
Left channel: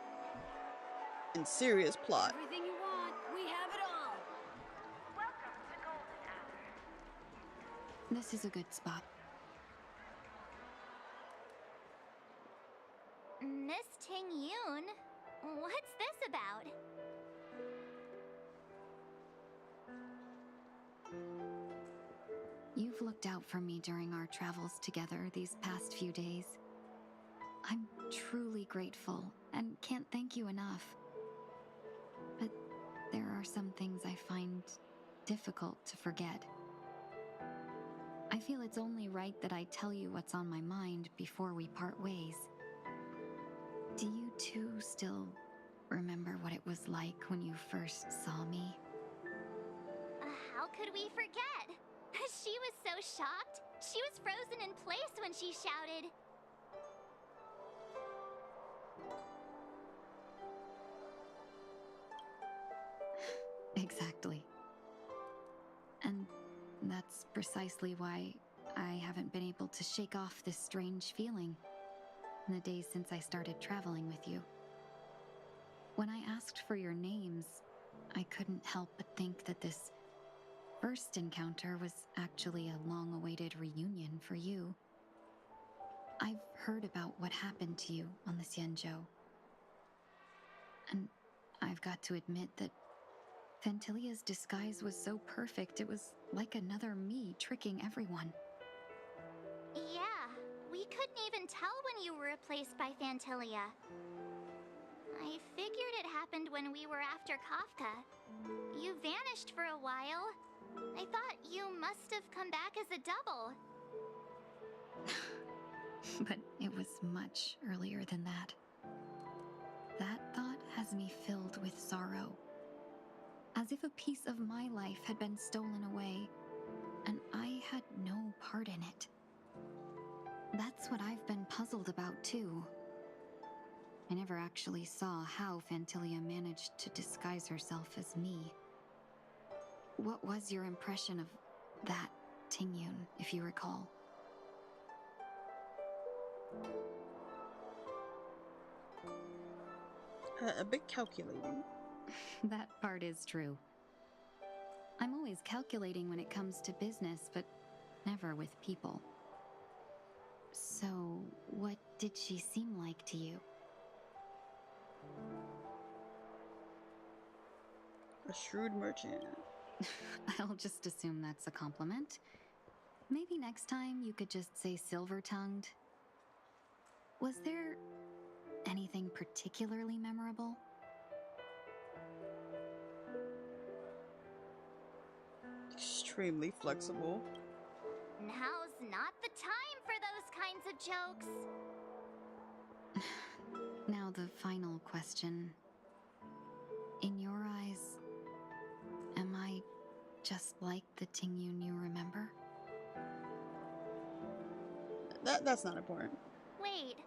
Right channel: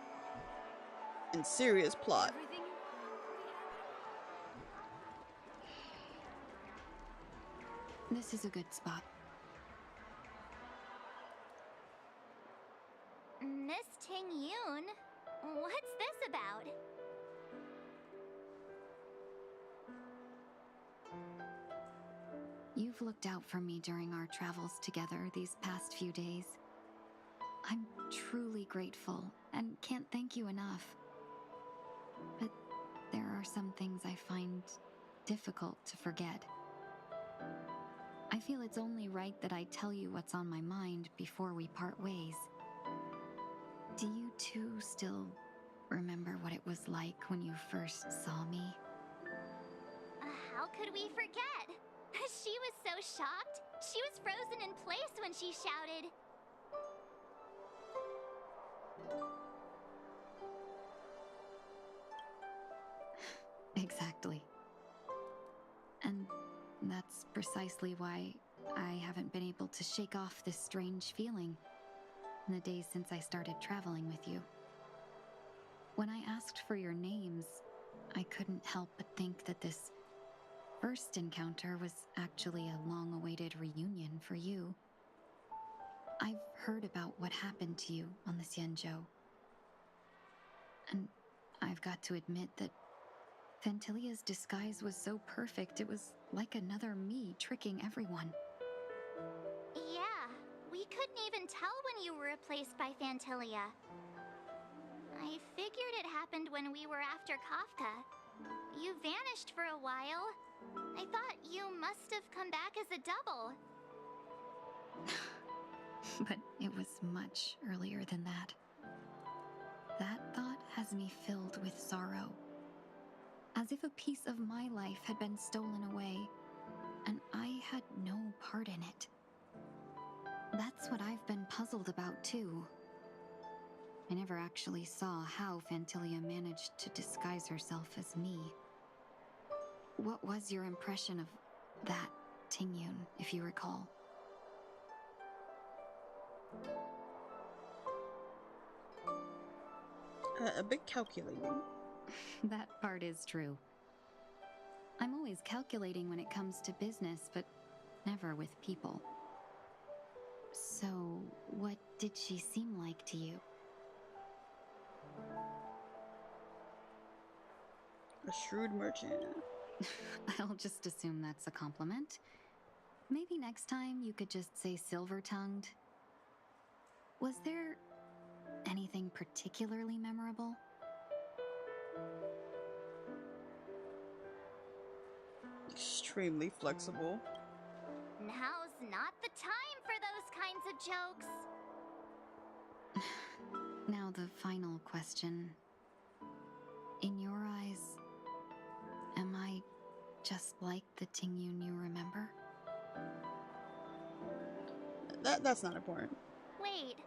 And serious plot. Everything you want, we have it all. This is a good spot. Miss Ting Yoon, what's this about? You've looked out for me during our travels together these past few days. I'm truly grateful and can't thank you enough. But there are some things I find difficult to forget. I feel it's only right that I tell you what's on my mind before we part ways. Do you two still remember what it was like when you first saw me? How could we forget? She was so shocked. She was frozen in place when she shouted. Exactly. And that's precisely why I haven't been able to shake off this strange feeling in the days since I started traveling with you. When I asked for your names, I couldn't help but think that this first encounter was actually a long-awaited reunion for you. I've heard about what happened to you on the Xianzhou. And I've got to admit that Fantilia's disguise was so perfect, it was like another me tricking everyone. Yeah, we couldn't even tell when you were replaced by Fantilia. I figured it happened when we were after Kafka. You vanished for a while. I thought you must have come back as a double. But it was much earlier than that. That thought has me filled with sorrow. As if a piece of my life had been stolen away, and I had no part in it. That's what I've been puzzled about, too. I never actually saw how Fantilia managed to disguise herself as me. What was your impression of that Ting Yoon, if you recall? A bit calculating. That part is true. I'm always calculating when it comes to business, but never with people. So, what did she seem like to you? A shrewd merchant. I'll just assume that's a compliment. Maybe next time you could just say silver-tongued. Was there anything particularly memorable? Extremely flexible. Now's not the time for those kinds of jokes. Now the final question. In your eyes, am I just like the Tingyun you remember? That's not important. Wait,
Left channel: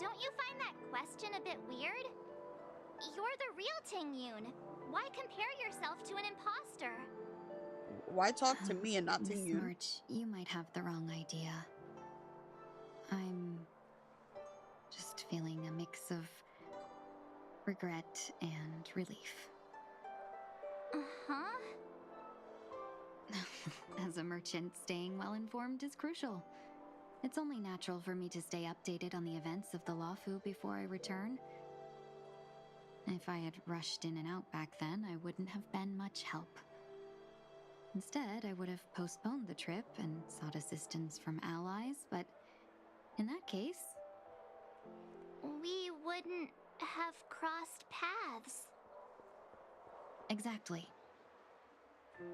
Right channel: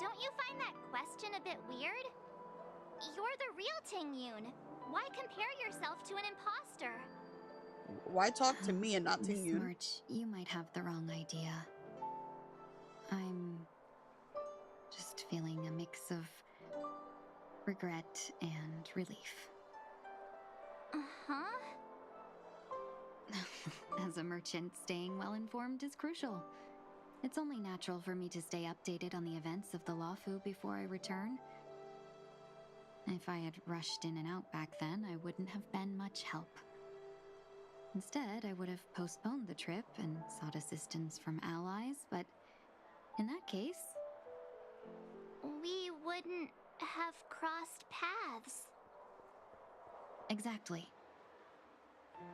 don't you find that question a bit weird? You're the real Tingyun. Why compare yourself to an imposter? Why talk to me and not to Miss you? March, you might have the wrong idea. I'm just feeling a mix of regret and relief. Uh-huh. As a merchant, staying well informed is crucial. It's only natural for me to stay updated on the events of the Lawfu before I return. If I had rushed in and out back then, I wouldn't have been much help. Instead, I would have postponed the trip and sought assistance from allies, but in that case... We wouldn't have crossed paths. Exactly.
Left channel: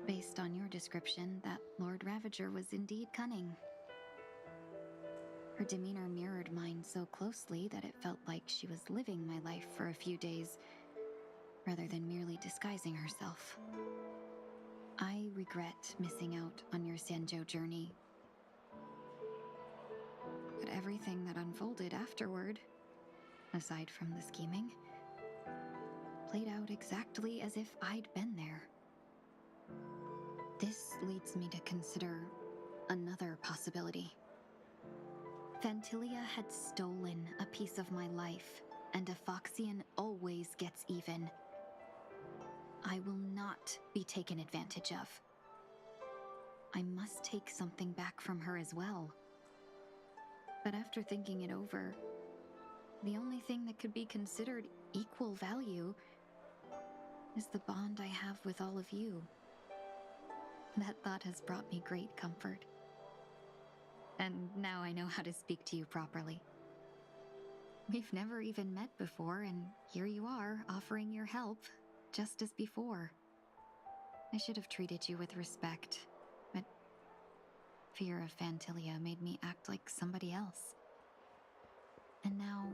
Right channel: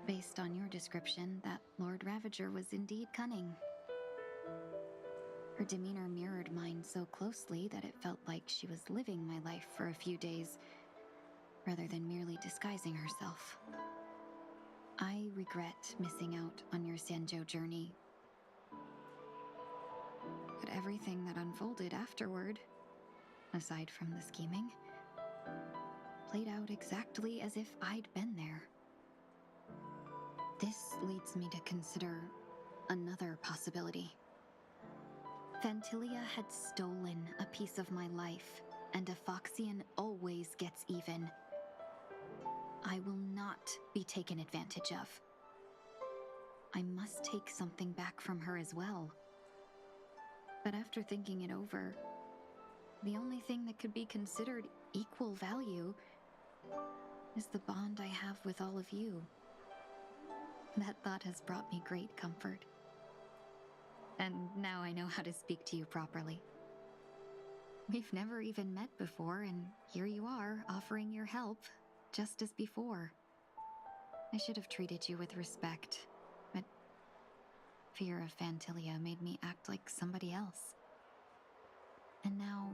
Based on your description, that Lord Ravager was indeed cunning. Her demeanor mirrored mine so closely that it felt like she was living my life for a few days, rather than merely disguising herself. I regret missing out on your Sanjo journey. But everything that unfolded afterward, aside from the scheming, played out exactly as if I'd been there. This leads me to consider another possibility. Phantilia had stolen a piece of my life, and a Foxian always gets even. I will not be taken advantage of. I must take something back from her as well. But after thinking it over, the only thing that could be considered equal value is the bond I have with all of you. That thought has brought me great comfort. And now I know how to speak to you properly. We've never even met before, and here you are, offering your help, just as before. I should have treated you with respect, but fear of Phantilia made me act like somebody else. And now,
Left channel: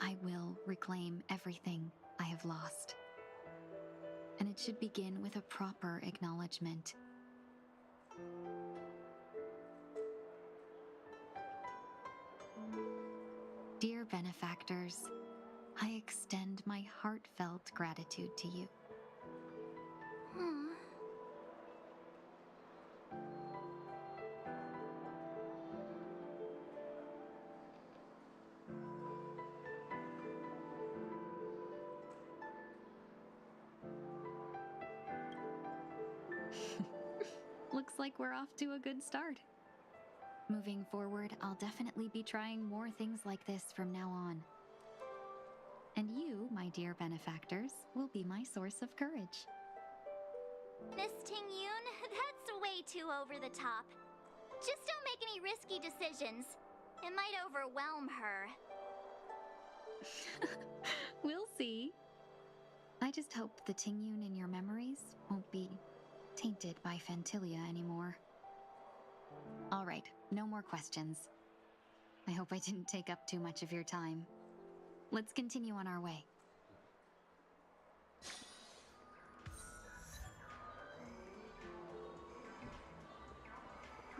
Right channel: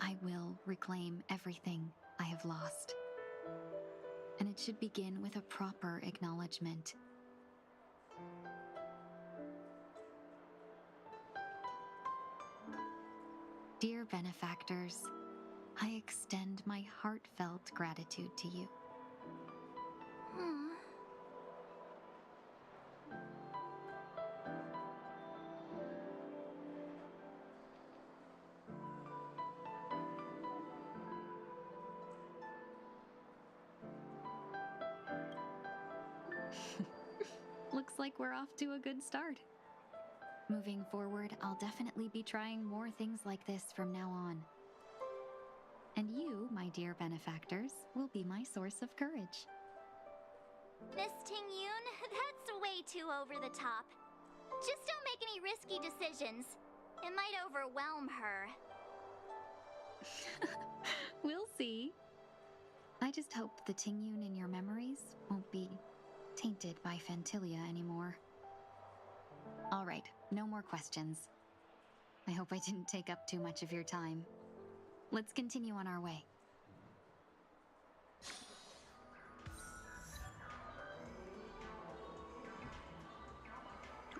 I will reclaim everything I have lost. And it should begin with a proper acknowledgement. Dear benefactors, I extend my heartfelt gratitude to you. Looks like we're off to a good start. Moving forward, I'll definitely be trying more things like this from now on. And you, my dear benefactors, will be my source of courage. Miss Tingyun, that's way too over the top. Just don't make any risky decisions. It might overwhelm her. We'll see. I just hope the Tingyun in your memories won't be tainted by Phantilia anymore. All right, no more questions. I hope I didn't take up too much of your time. Let's continue on our way.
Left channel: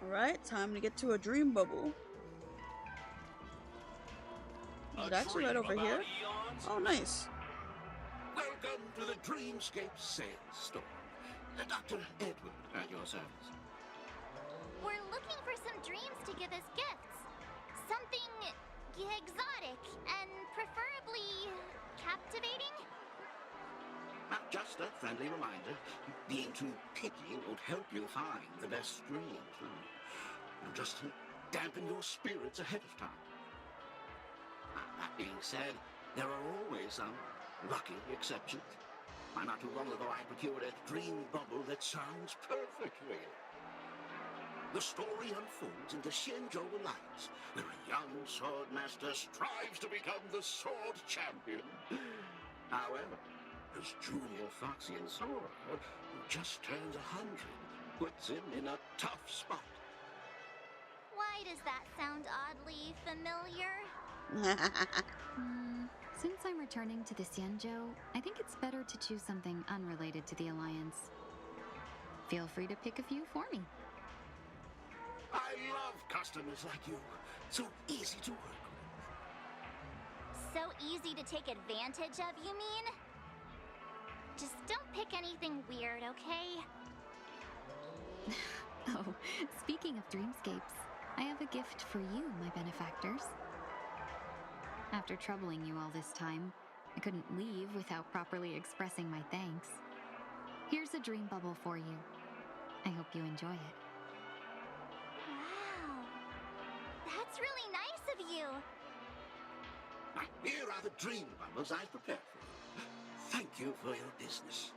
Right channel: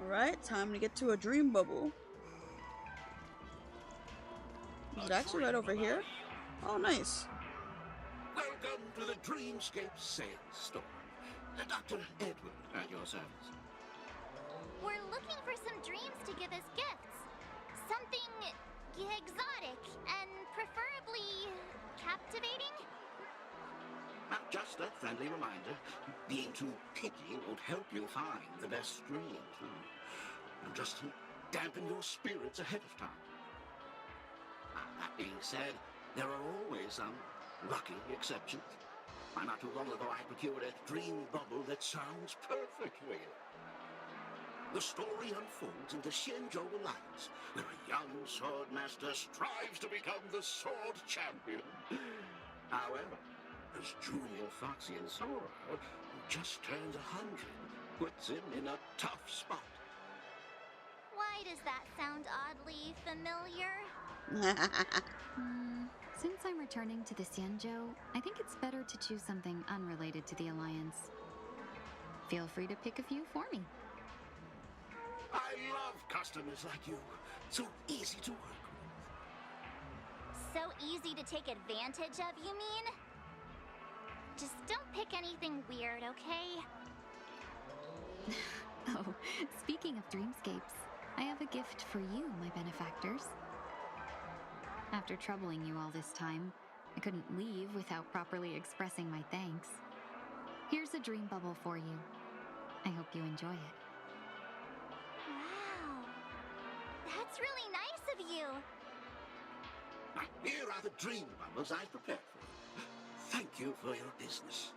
Alright, time to get to a dream bubble. It's actually right over here. Oh, nice. Welcome to the Dreamscape Sales Store. Dr. Edward at your service. We're looking for some dreams to give as gifts. Something exotic and preferably captivating. Just a friendly reminder, being too picky won't help you find the best dreams. You'll just dampen your spirits ahead of time. That being said, there are always some lucky exceptions. Not too long ago, I procured a dream bubble that sounds perfect for you. the story unfolds in the Xianzhou Alliance, where a young swordmaster strives to become the sword champion. However, his junior Foxian Sora, who just turned 100, puts him in a tough spot. Why does that sound oddly familiar? Since I'm returning to the Xianzhou, I think it's better to choose something unrelated to the Alliance. Feel free to pick a few for me. I love customers like you. So easy to work with. So easy to take advantage of, you mean? Just don't pick anything weird, okay? Oh, speaking of dreamscapes, I have a gift for you, my benefactors. After troubling you all this time, I couldn't leave without properly expressing my thanks. Here's a dream bubble for you. I hope you enjoy it. Wow. That's really nice of you. Here are the dream bubbles I've prepared for you. Thank you for your business.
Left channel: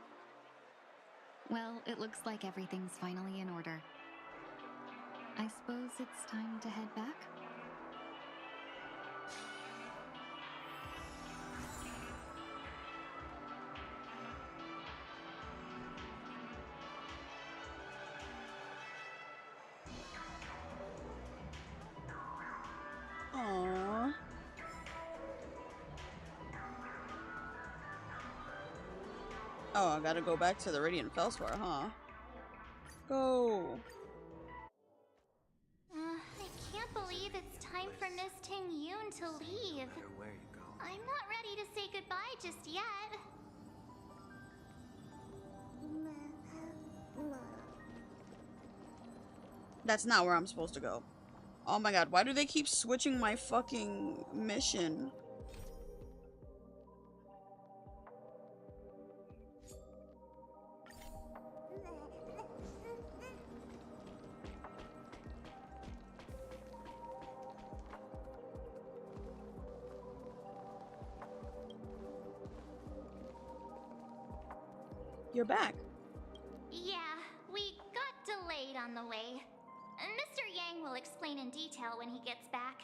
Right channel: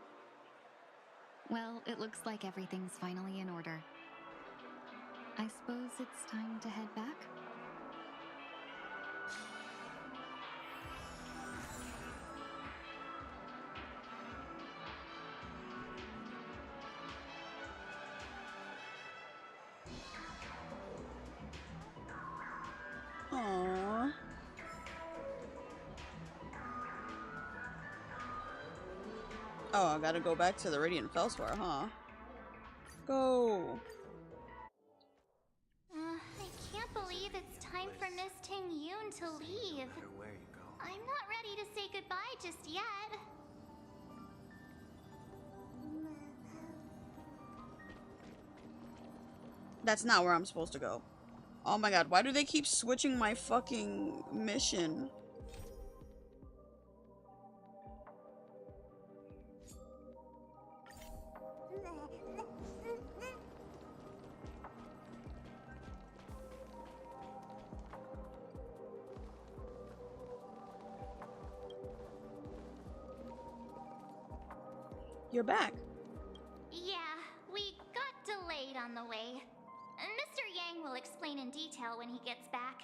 Well, it looks like everything's finally in order. I suppose it's time to head back? Aww. Oh, I gotta go back to the Radiant Felspar, huh? Go! I can't believe it's time for Miss Ting Yoon to leave. No matter where you go. I'm not ready to say goodbye just yet. That's not where I'm supposed to go. Oh my god, why do they keep switching my fucking mission? You're back. Yeah, we got delayed on the way. Mr. Yang will explain in detail when he gets back.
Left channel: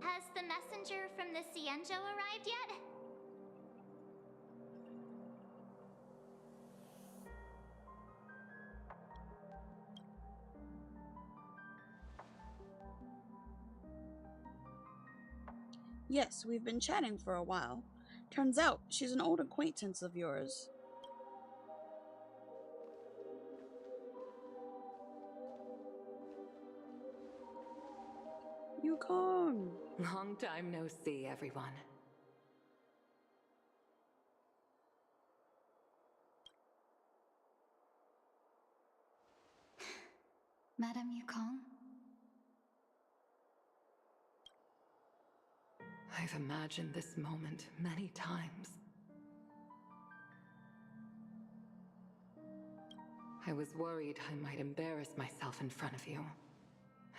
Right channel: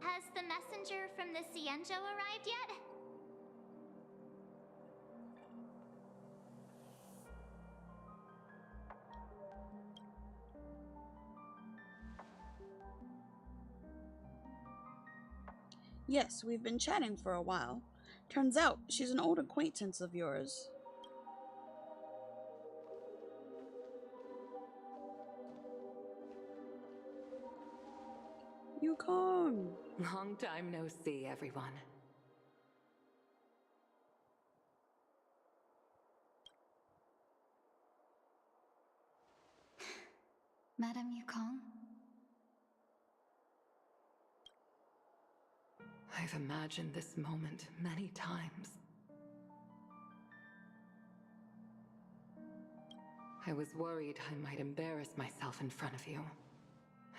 Has the messenger from the Xianzhou arrived yet? Yes, we've been chatting for a while. Turns out she's an old acquaintance of yours. Yukong! Long time no see, everyone. Madame Yukong? I've imagined this moment many times. I was worried I might embarrass myself in front of you.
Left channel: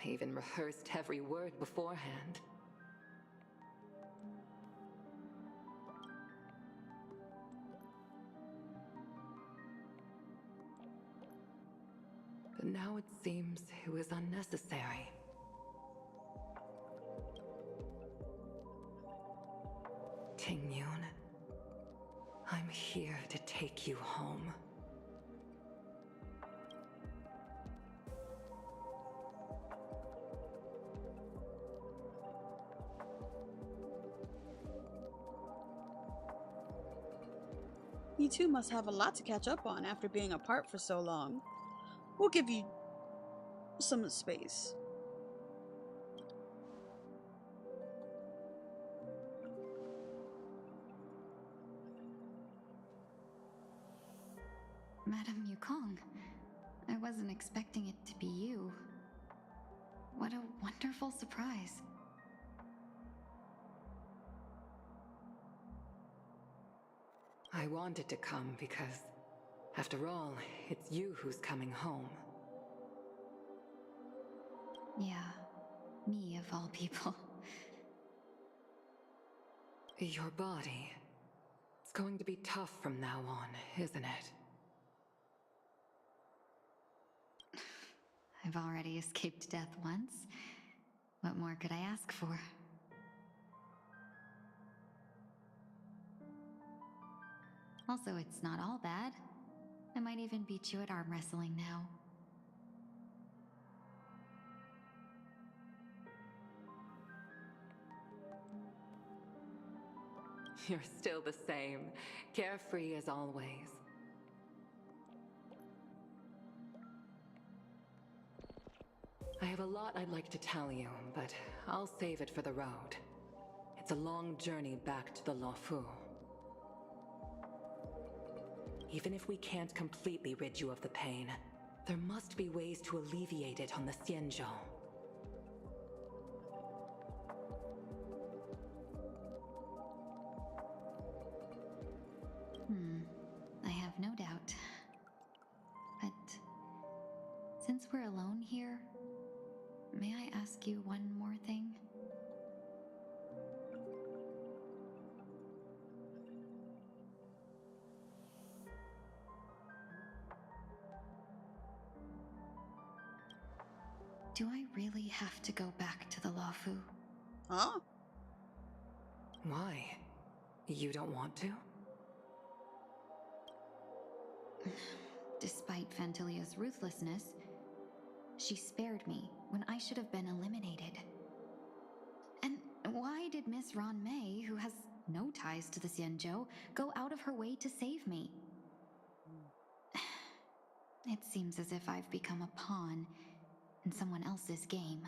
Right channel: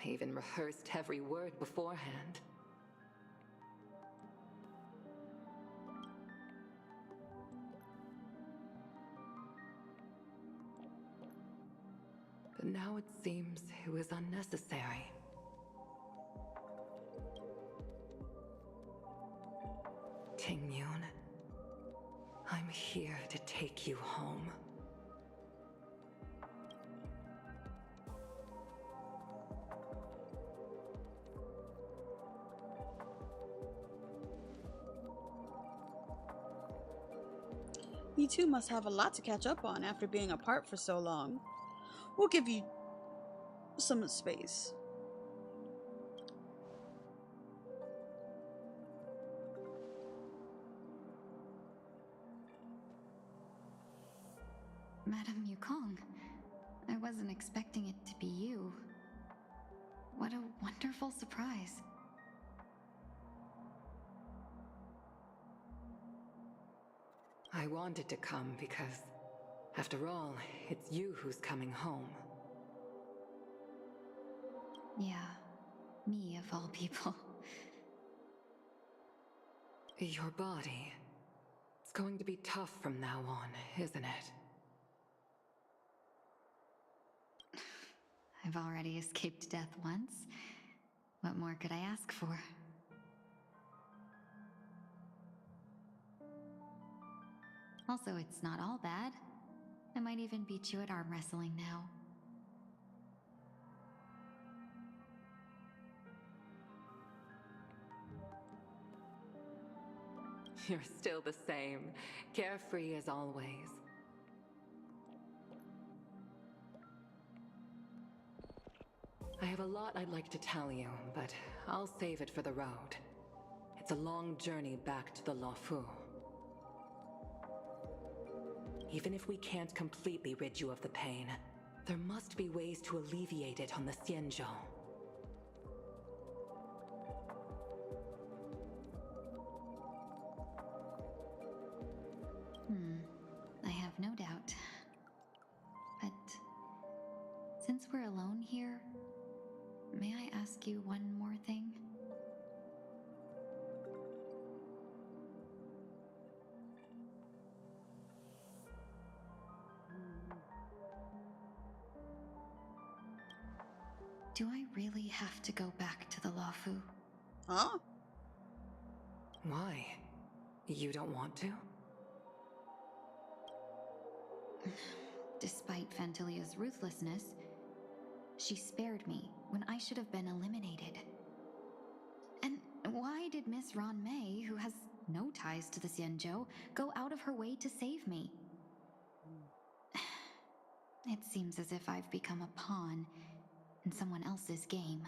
I even rehearsed every word beforehand. But now it seems it was unnecessary. Ting Yoon, I'm here to take you home. You two must have a lot to catch up on after being apart for so long. We'll give you some space. Madame Yukong, I wasn't expecting it to be you. What a wonderful surprise. I wanted to come because, after all, it's you who's coming home. Yeah, me of all people. Your body. It's going to be tough from now on, isn't it? I've already escaped death once. What more could I ask for? Also, it's not all bad. I might even beat you at arm wrestling now. You're still the same, carefree as always. I have a lot I'd like to tell you, but I'll save it for the road. It's a long journey back to the Luofu. Even if we can't completely rid you of the pain, there must be ways to alleviate it on the Xianzhou. I have no doubt. But since we're alone here, may I ask you one more thing? Do I really have to go back to the Luofu? Huh? Why? You don't want to? Despite Fantilia's ruthlessness, she spared me when I should have been eliminated. And why did Miss Ron Mei, who has no ties to the Xianzhou, go out of her way to save me? It seems as if I've become a pawn in someone else's game.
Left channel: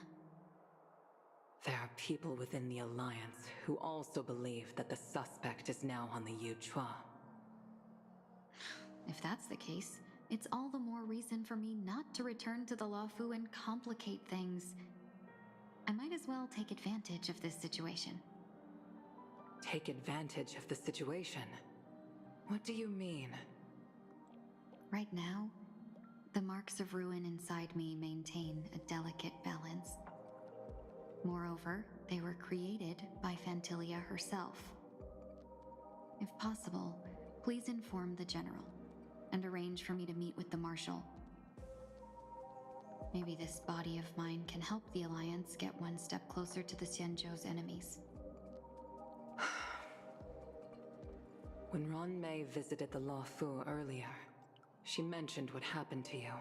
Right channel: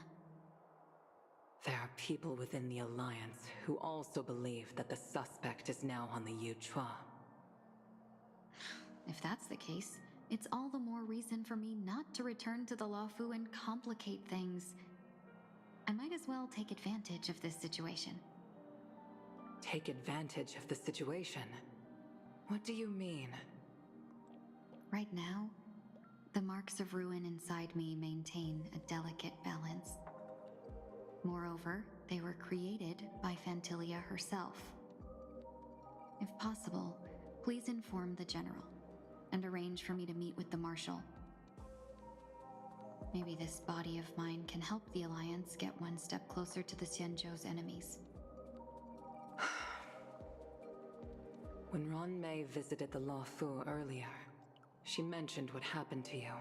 There are people within the Alliance who also believe that the suspect is now on the Yuchua. If that's the case, it's all the more reason for me not to return to the Luofu and complicate things. I might as well take advantage of this situation. Take advantage of the situation? What do you mean? Right now, the marks of ruin inside me maintain a delicate balance. Moreover, they were created by Fantilia herself. If possible, please inform the General and arrange for me to meet with the Marshal. Maybe this body of mine can help the Alliance get one step closer to the Xianzhou's enemies. When Ron Mei visited the Luofu earlier, she mentioned what happened to you.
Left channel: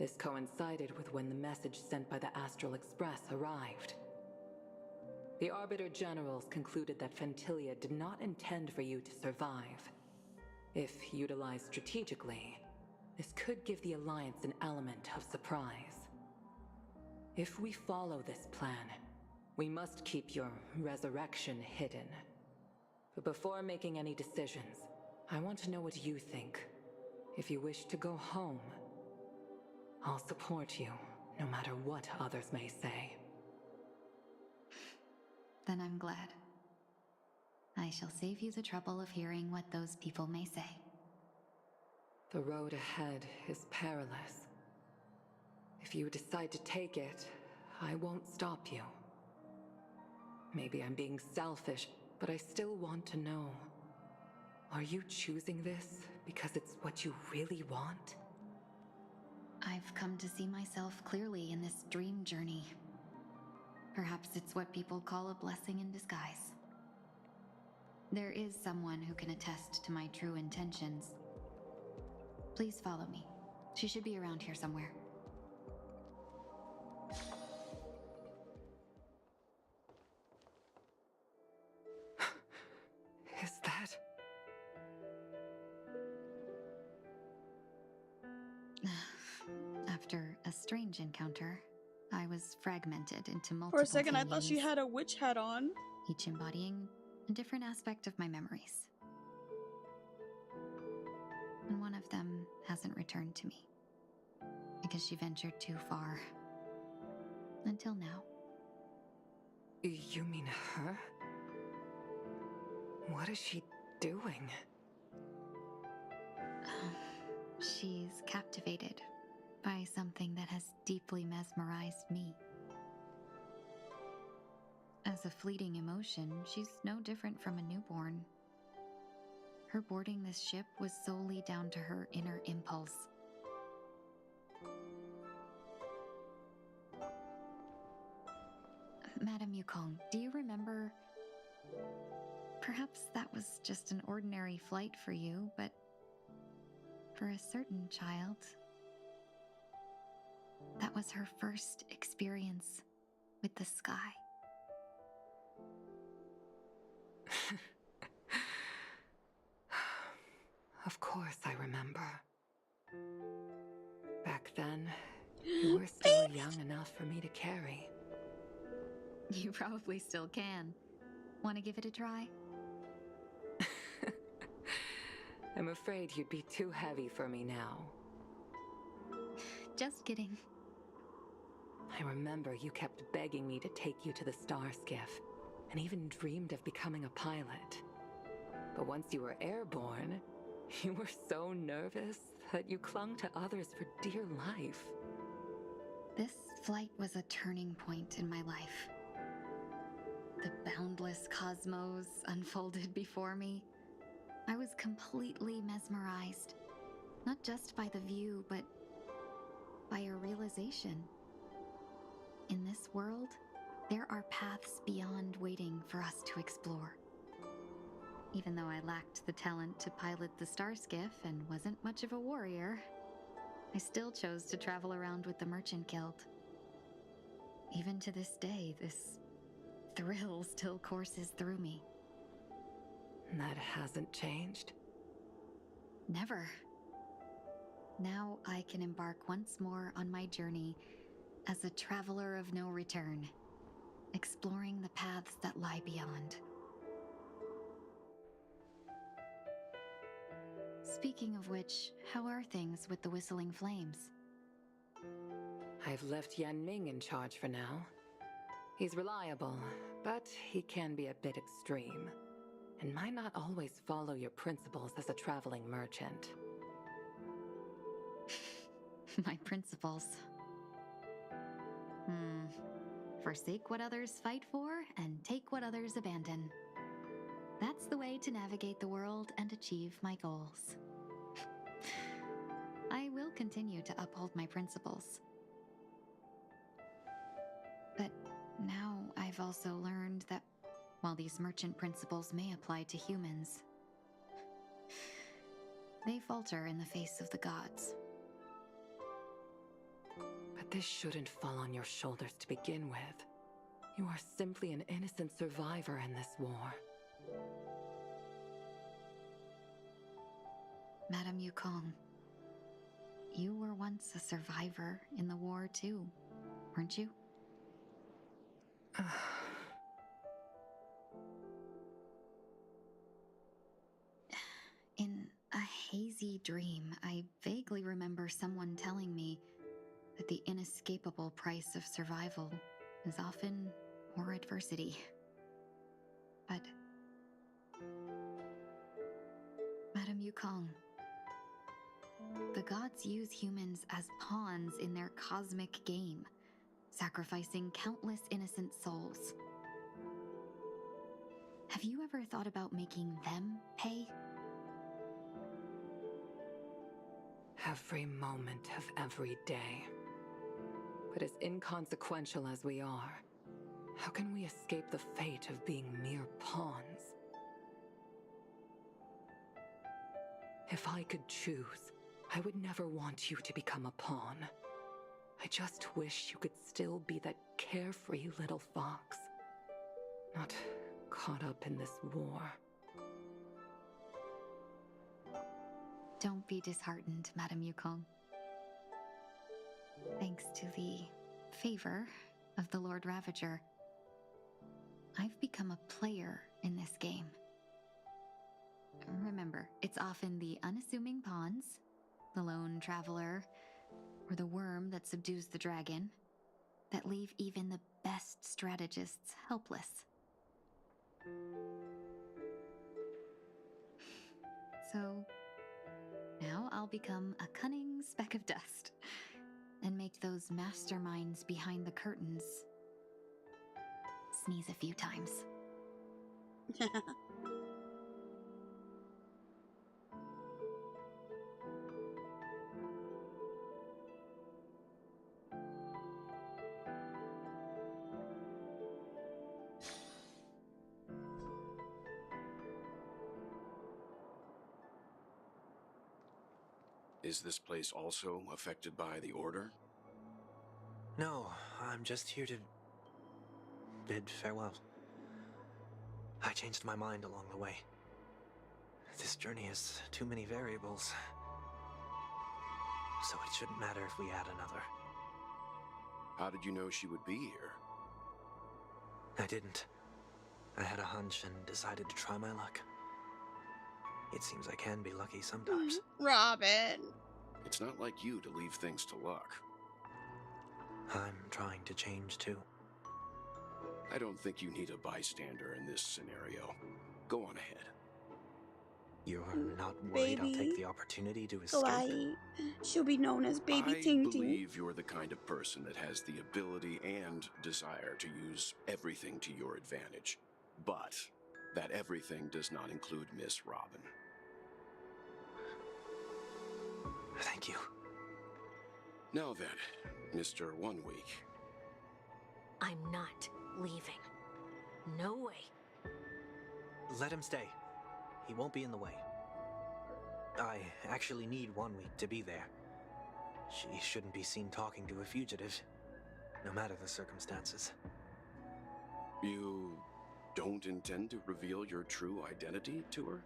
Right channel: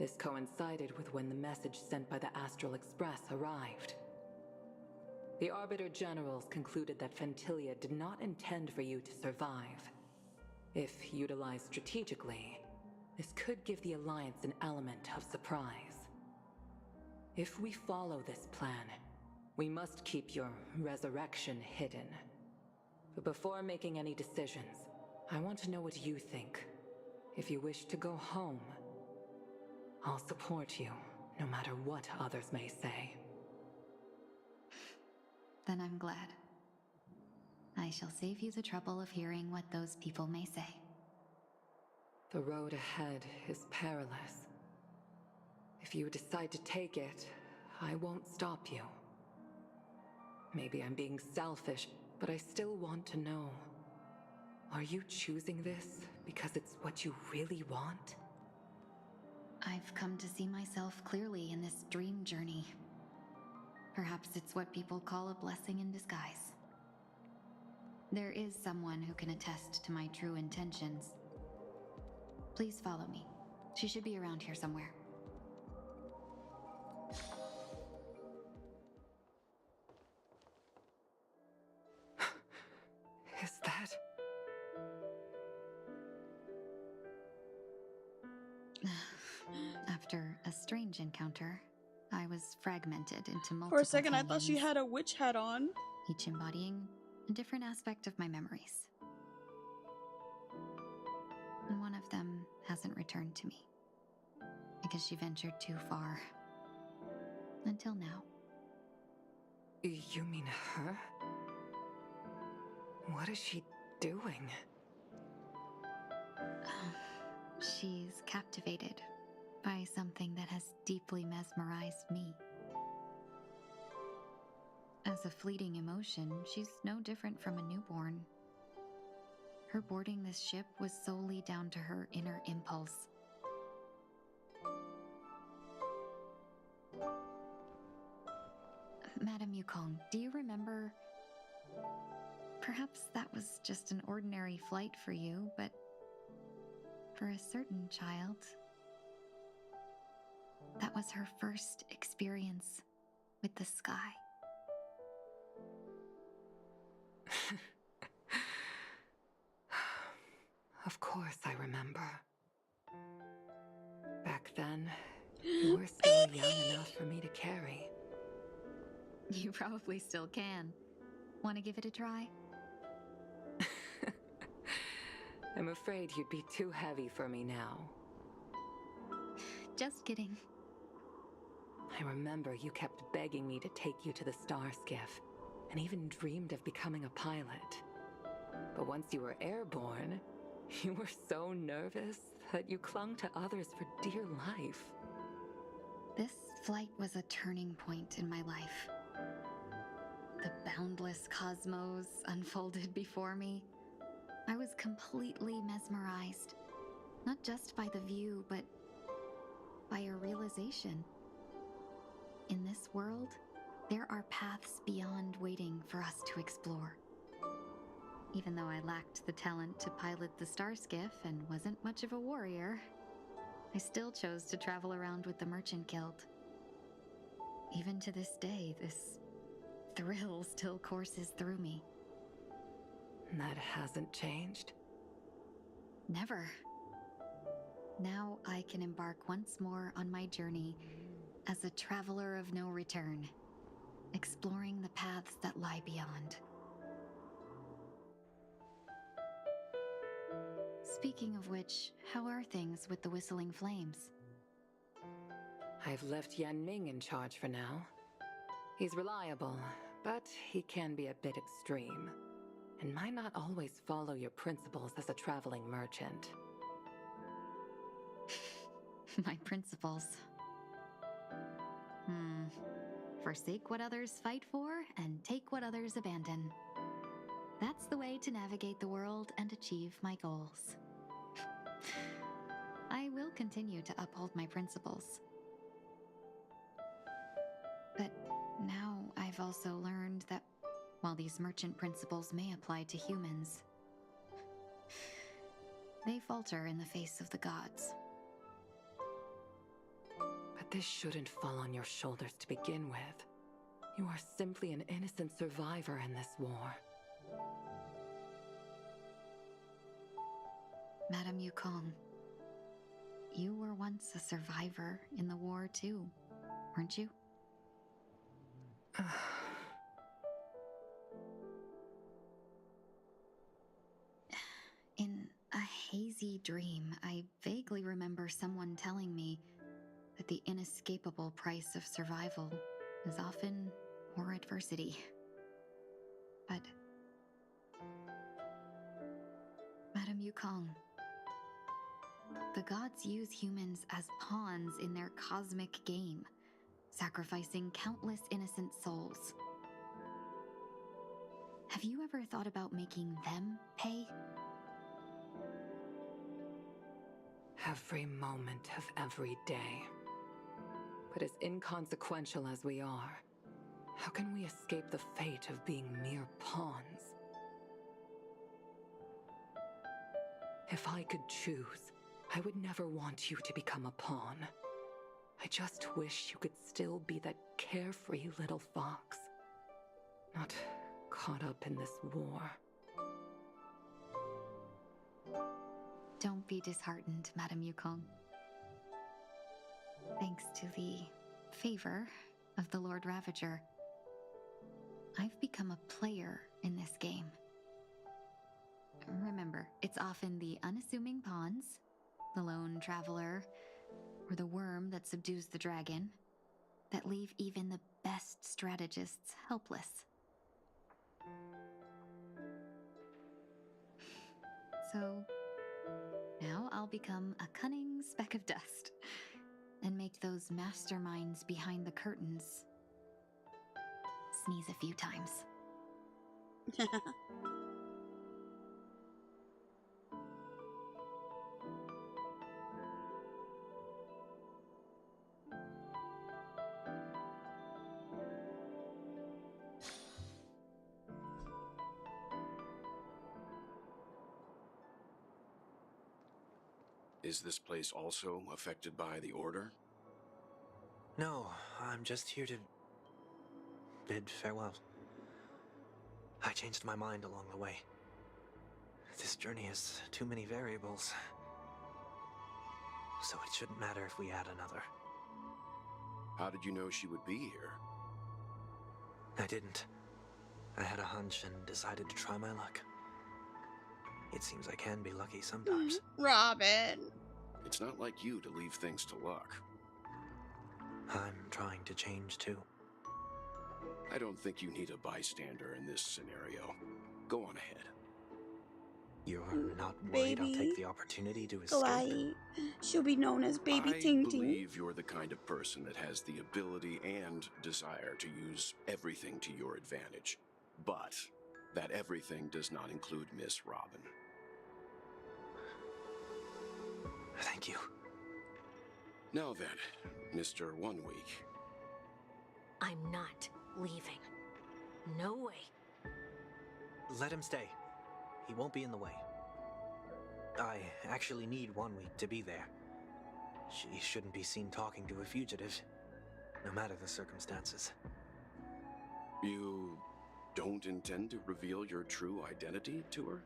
This coincided with when the message sent by the Astral Express arrived. The Arbiter Generals concluded that Fantilia did not intend for you to survive. If utilized strategically, this could give the Alliance an element of surprise. If we follow this plan, we must keep your resurrection hidden. But before making any decisions, I want to know what you think. If you wish to go home, I'll support you, no matter what others may say. Then I'm glad. I shall save you the trouble of hearing what those people may say. The road ahead is perilous. If you decide to take it, I won't stop you. Maybe I'm being selfish, but I still want to know. Are you choosing this because it's what you really want? I've come to see myself clearly in this dream journey. Perhaps it's what people call a blessing in disguise. There is someone who can attest to my true intentions. Please follow me. She should be around here somewhere. Is that... After a strange encounter, I was fragmented into multiple For a second, I thought she canyons, had a witch hat on. each embodying a different aspect of my memories. And one of them hasn't returned to me, because she ventured too far. Until now. You mean her? What is she doing? She's captivated by something that has deeply mesmerized me. As a fleeting emotion, she's no different from a newborn. Her boarding this ship was solely down to her inner impulse. Madame Yukong, do you remember? Perhaps that was just an ordinary flight for you, but for a certain child, that was her first experience with the sky. Of course I remember. Back then, you were still young enough for me to carry. You probably still can. Want to give it a try? I'm afraid you'd be too heavy for me now. Just kidding. I remember you kept begging me to take you to the star skiff, and even dreamed of becoming a pilot. But once you were airborne, you were so nervous that you clung to others for dear life. This flight was a turning point in my life. The boundless cosmos unfolded before me. I was completely mesmerized, not just by the view, but by a realization. In this world, there are paths beyond waiting for us to explore. Even though I lacked the talent to pilot the star skiff and wasn't much of a warrior, I still chose to travel around with the Merchant Guild. Even to this day, this thrill still courses through me. That hasn't changed? Never. Now I can embark once more on my journey as a traveler of no return, exploring the paths that lie beyond. Speaking of which, how are things with the Whistling Flames? I've left Yan Ming in charge for now. He's reliable, but he can be a bit extreme, and might not always follow your principles as a traveling merchant. My principles. Forsake what others fight for, and take what others abandon. That's the way to navigate the world and achieve my goals. I will continue to uphold my principles. But now I've also learned that while these merchant principles may apply to humans, they falter in the face of the gods. But this shouldn't fall on your shoulders to begin with. You are simply an innocent survivor in this war. Madame Yukong, you were once a survivor in the war too, weren't you? In a hazy dream, I vaguely remember someone telling me that the inescapable price of survival is often more adversity. But Madame Yukong, the gods use humans as pawns in their cosmic game, sacrificing countless innocent souls. Have you ever thought about making them pay? Every moment of every day. But as inconsequential as we are, how can we escape the fate of being mere pawns? If I could choose, I would never want you to become a pawn. I just wish you could still be that carefree little fox, not caught up in this war. Don't be disheartened, Madame Yukong. Thanks to the favor of the Lord Ravager, I've become a player in this game. Remember, it's often the unassuming pawns, the lone traveler, or the worm that subdues the dragon, that leave even the best strategists helpless. So, now I'll become a cunning speck of dust, and make those masterminds behind the curtains sneeze a few times. Is this place also affected by the Order? No, I'm just here to bid farewell. I changed my mind along the way. This journey has too many variables. So it shouldn't matter if we add another. How did you know she would be here? I didn't. I had a hunch and decided to try my luck. It seems I can be lucky sometimes. Robin! It's not like you to leave things to luck. I'm trying to change too. I don't think you need a bystander in this scenario. Go on ahead. You're not worried I'll take the opportunity to escape? She'll be known as Baby I Ting Ting. believe you're the kind of person that has the ability and desire to use everything to your advantage. But that everything does not include Miss Robin. Thank you. Now then, Mr. 1 Week. I'm not leaving. No way. Let him stay. He won't be in the way. I actually need 1 week to be there. She shouldn't be seen talking to a fugitive, no matter the circumstances. You don't intend to reveal your true identity to her?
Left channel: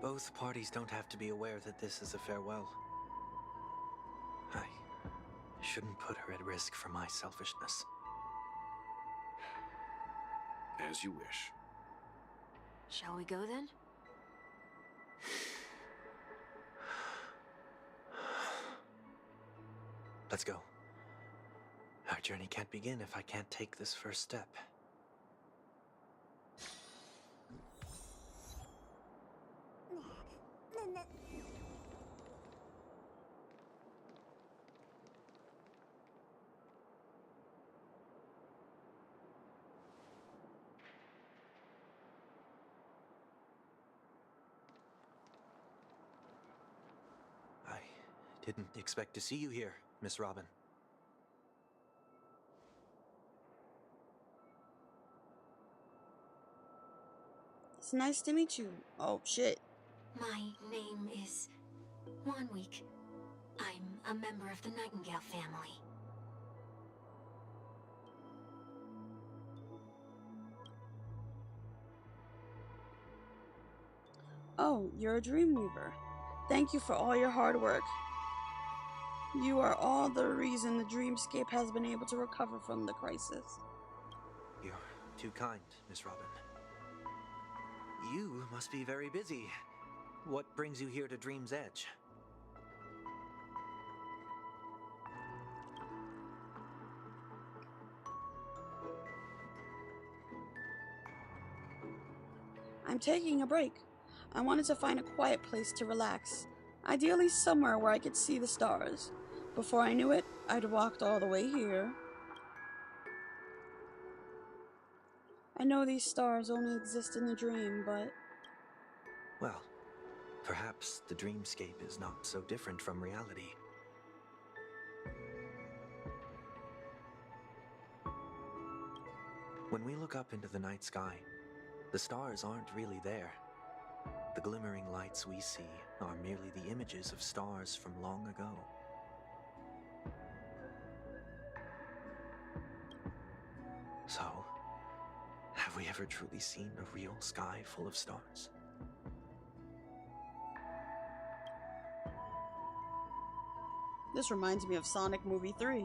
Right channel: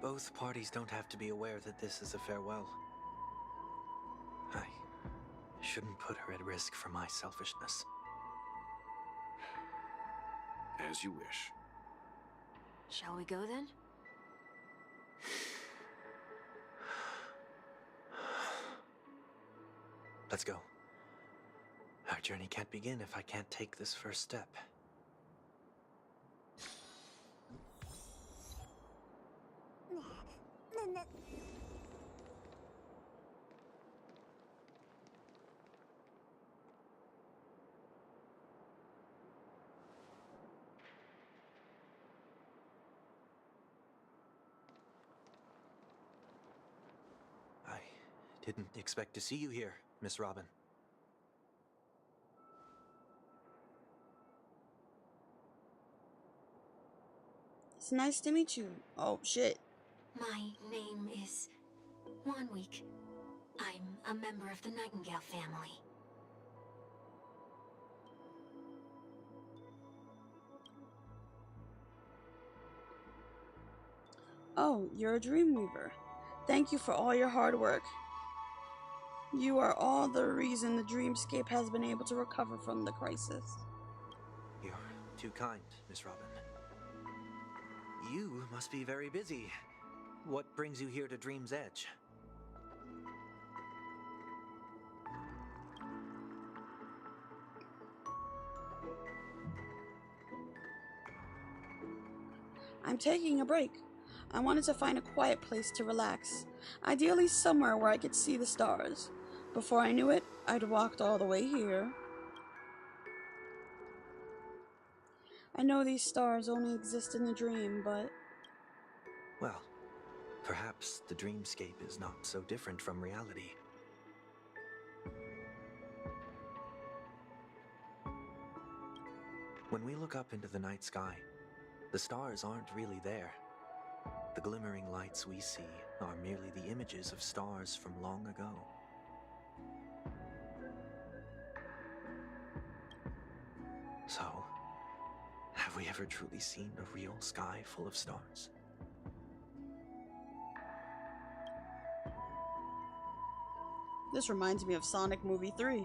Both parties don't have to be aware that this is a farewell. I shouldn't put her at risk for my selfishness. As you wish. Shall we go then? Let's go. Our journey can't begin if I can't take this first step. I didn't expect to see you here, Miss Robin. It's nice to meet you. Oh, shit. My name is 1 Week. I'm a member of the Nightingale family. Oh, you're a dream weaver. Thank you for all your hard work. You are all the reason the dreamscape has been able to recover from the crisis. You're too kind, Miss Robin. You must be very busy. What brings you here to Dream's Edge? I'm taking a break. I wanted to find a quiet place to relax. Ideally somewhere where I could see the stars. Before I knew it, I'd walked all the way here. I know these stars only exist in the dream, but... Well, perhaps the dreamscape is not so different from reality. When we look up into the night sky, the stars aren't really there. The glimmering lights we see are merely the images of stars from long ago. So, have we ever truly seen a real sky full of stars? This reminds me of Sonic Movie 3.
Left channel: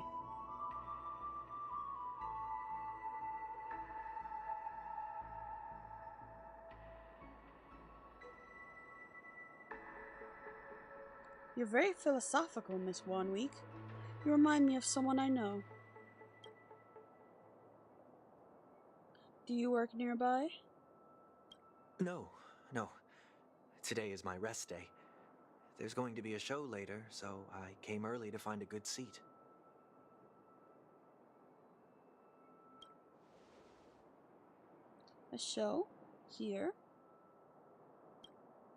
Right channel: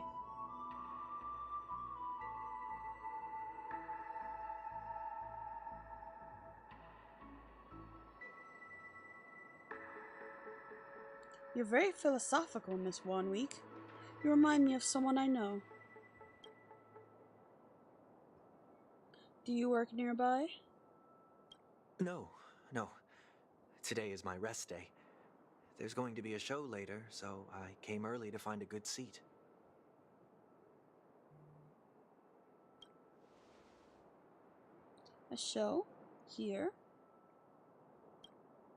You're very philosophical, Miss 1 Week. You remind me of someone I know. Do you work nearby? No. Today is my rest day. There's going to be a show later, so I came early to find a good seat. A show? Here?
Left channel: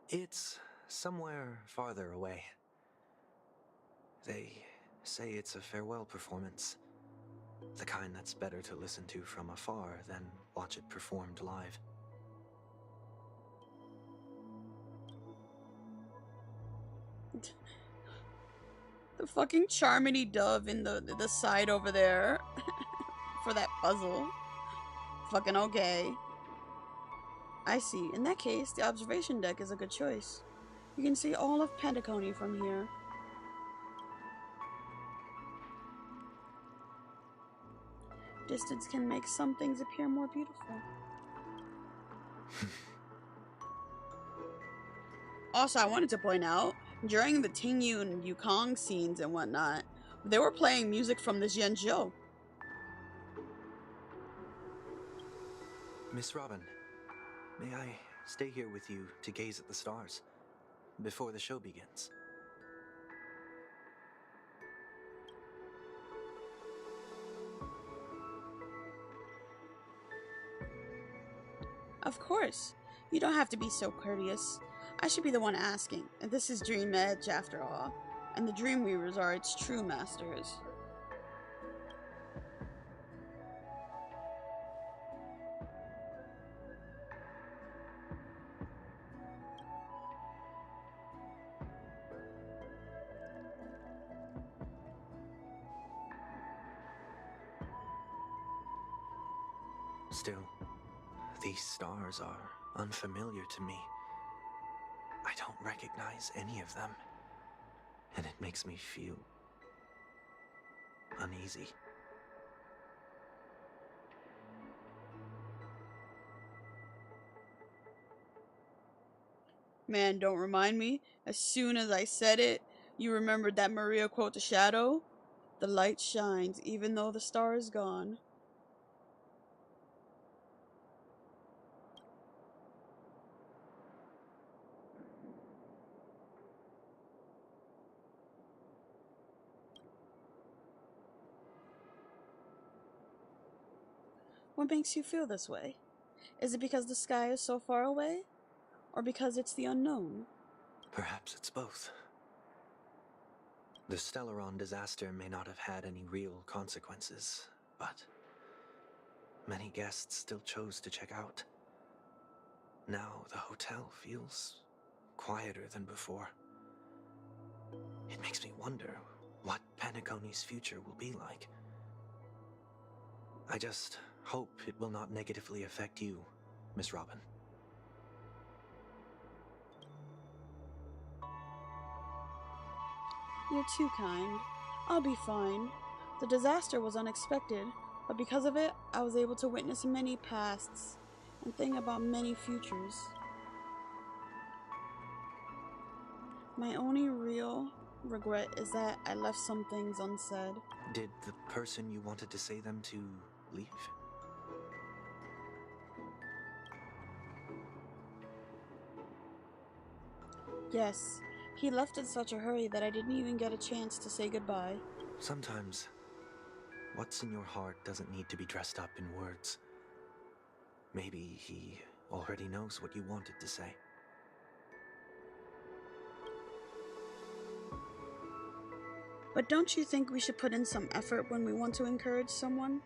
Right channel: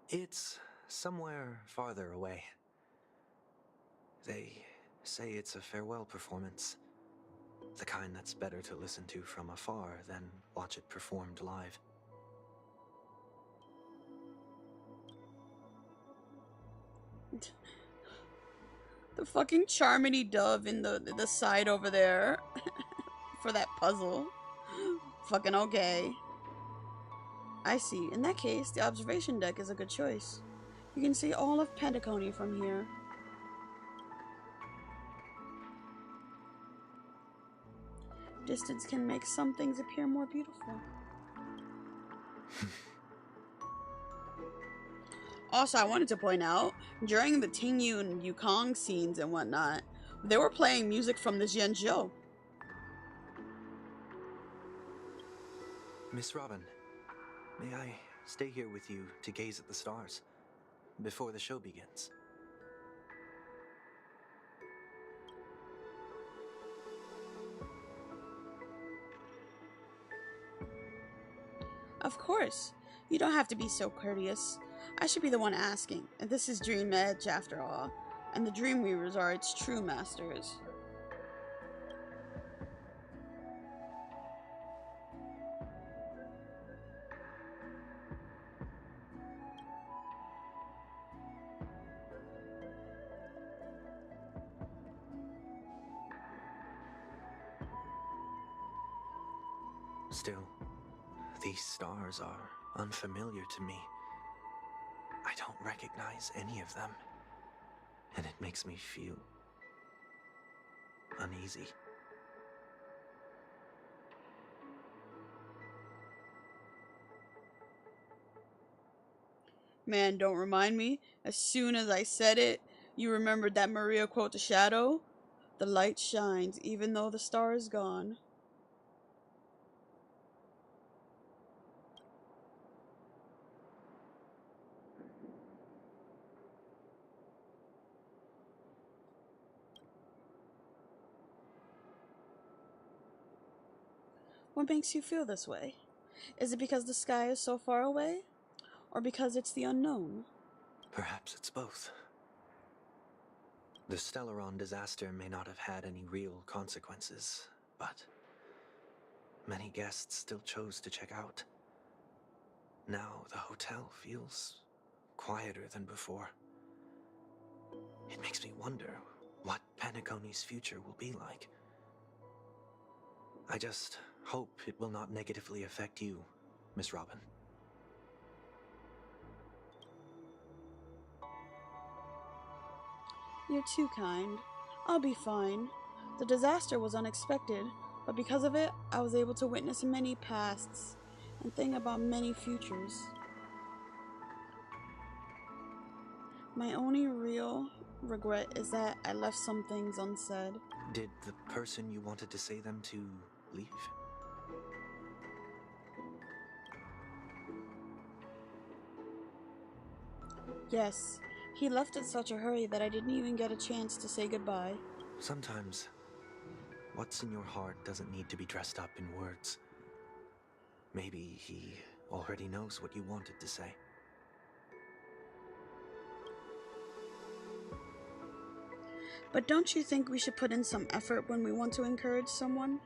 It's somewhere farther away. They say it's a farewell performance. The kind that's better to listen to from afar than watch it performed live. The fucking Charmity dove in the side over there for that puzzle. Fucking okay. I see. In that case, the observation deck is a good choice. You can see all of Penacony from here. Distance can make some things appear more beautiful. Also, I wanted to point out, during the Tingyu and Yukong scenes and whatnot, they were playing music from the Zhenzhou. Miss Robin, may I stay here with you to gaze at the stars before the show begins? Of course. You don't have to be so courteous. I should be the one asking. This is Dream Edge, after all, and the Dreamweavers are its true masters. Still, these stars are unfamiliar to me. I don't recognize any of them, and it makes me feel uneasy. Man, don't remind me. As soon as I said it, you remembered that Maria quote to Shadow? The light shines even though the star is gone. What makes you feel this way? Is it because the sky is so far away? Or because it's the unknown? Perhaps it's both. The Stellaron disaster may not have had any real consequences, but many guests still chose to check out. Now the hotel feels quieter than before. It makes me wonder what Penacony's future will be like. I just hope it will not negatively affect you, Miss Robin. You're too kind. I'll be fine. The disaster was unexpected, but because of it, I was able to witness many pasts and think about many futures. My only real regret is that I left some things unsaid. Did the person you wanted to say them to leave? Yes, he left in such a hurry that I didn't even get a chance to say goodbye. Sometimes, what's in your heart doesn't need to be dressed up in words. Maybe he already knows what you wanted to say. But don't you think we should put in some effort when we want to encourage someone?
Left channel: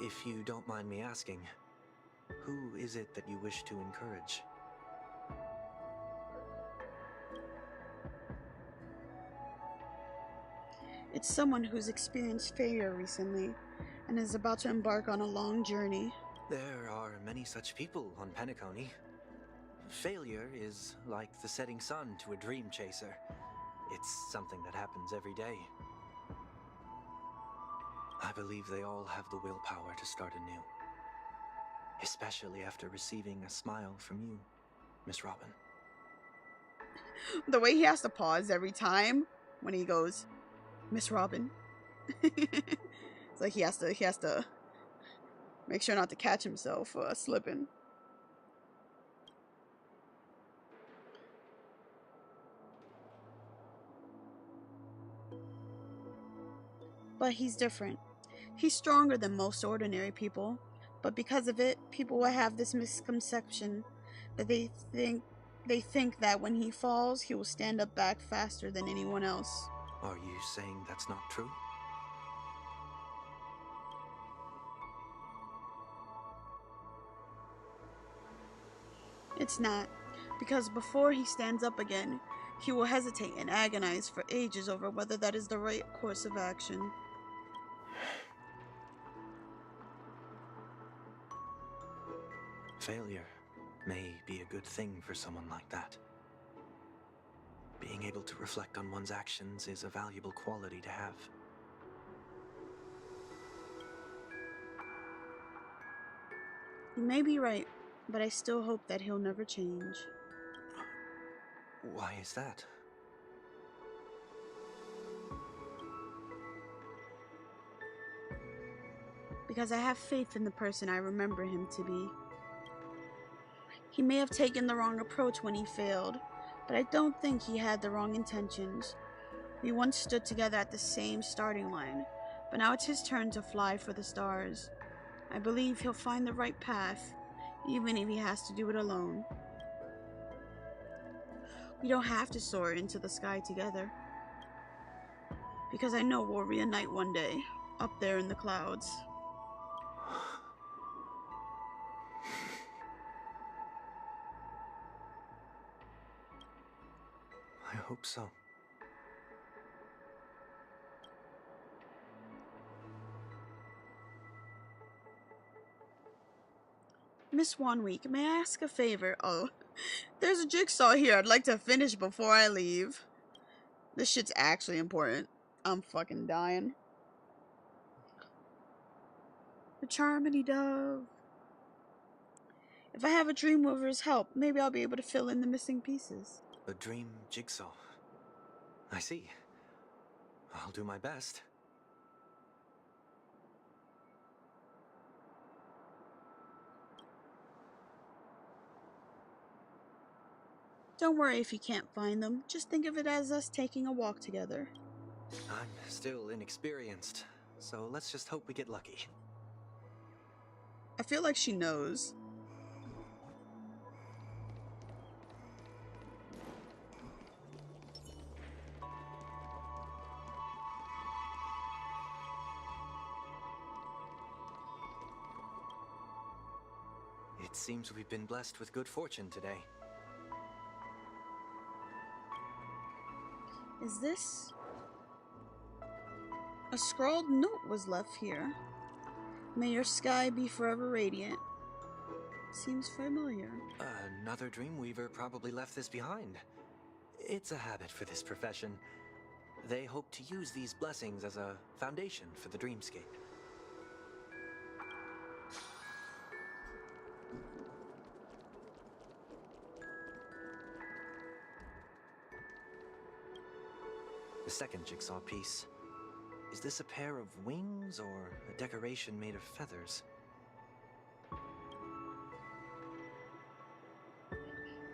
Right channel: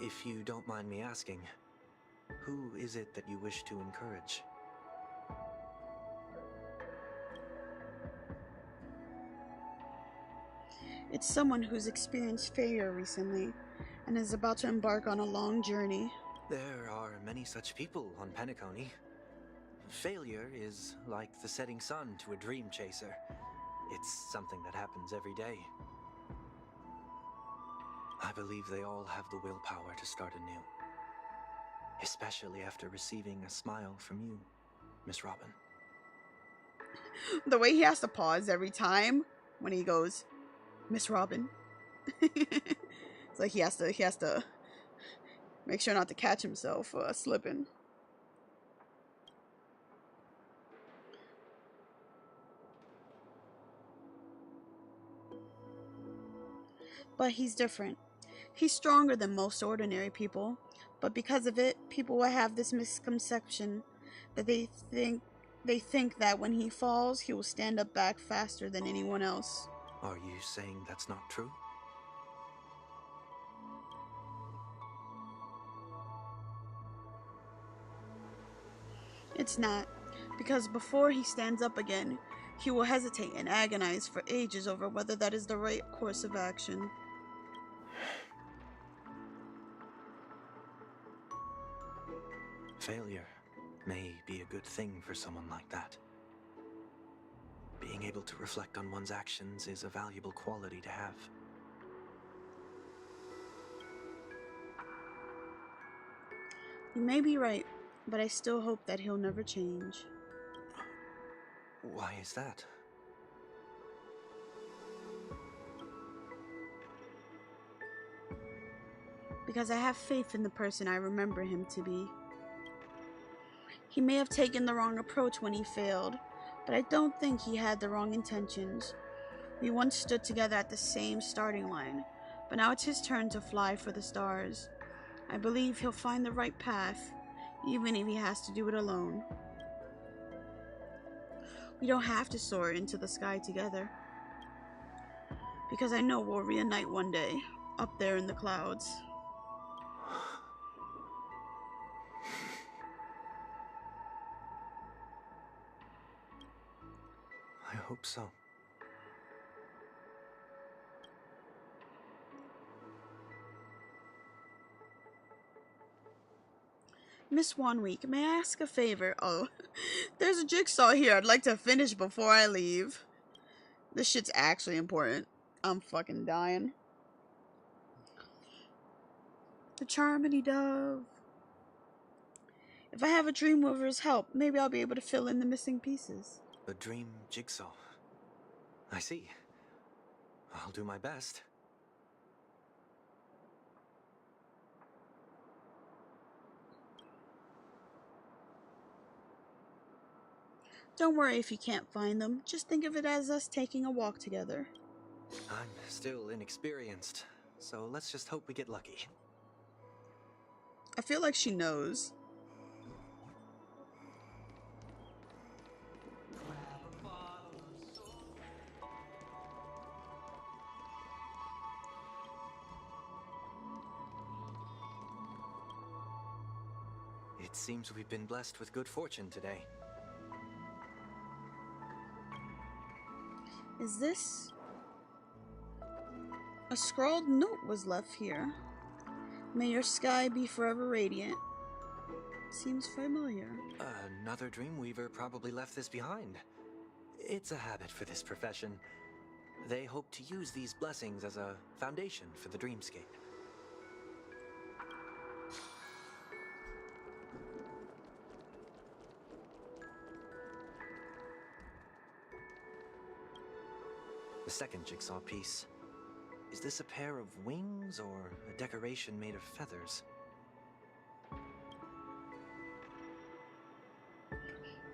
If you don't mind me asking, who is it that you wish to encourage? It's someone who's experienced failure recently and is about to embark on a long journey. There are many such people on Penacony. Failure is like the setting sun to a dream chaser. It's something that happens every day. I believe they all have the willpower to start anew. Especially after receiving a smile from you, Miss Robin. The way he has to pause every time when he goes, Miss Robin. It's like he has to make sure not to catch himself slipping. But he's different. He's stronger than most ordinary people, but because of it, people will have this misconception that they think that when he falls, he will stand up back faster than anyone else. Are you saying that's not true? It's not, because before he stands up again, he will hesitate and agonize for ages over whether that is the right course of action. Failure may be a good thing for someone like that. Being able to reflect on one's actions is a valuable quality to have. You may be right, but I still hope that he'll never change. Why is that? Because I have faith in the person I remember him to be. He may have taken the wrong approach when he failed, but I don't think he had the wrong intentions. We once stood together at the same starting line, but now it's his turn to fly for the stars. I believe he'll find the right path, even if he has to do it alone. We don't have to soar into the sky together, because I know we'll reunite one day, up there in the clouds. I hope so. Miss Wanweek, may I ask a favor? Oh, there's a jigsaw here I'd like to finish before I leave. This shit's actually important. I'm fucking dying. The Charmity Dove. If I have a Dreamweaver's help, maybe I'll be able to fill in the missing pieces. A dream jigsaw. I see. I'll do my best. Don't worry if you can't find them. Just think of it as us taking a walk together. I'm still inexperienced, so let's just hope we get lucky. I feel like she knows. It seems we've been blessed with good fortune today. Is this... A scrawled note was left here. May your sky be forever radiant. Seems familiar. Another Dreamweaver probably left this behind. It's a habit for this profession. They hope to use these blessings as a foundation for the dreamscape. The second jigsaw piece. Is this a pair of wings or a decoration made of feathers?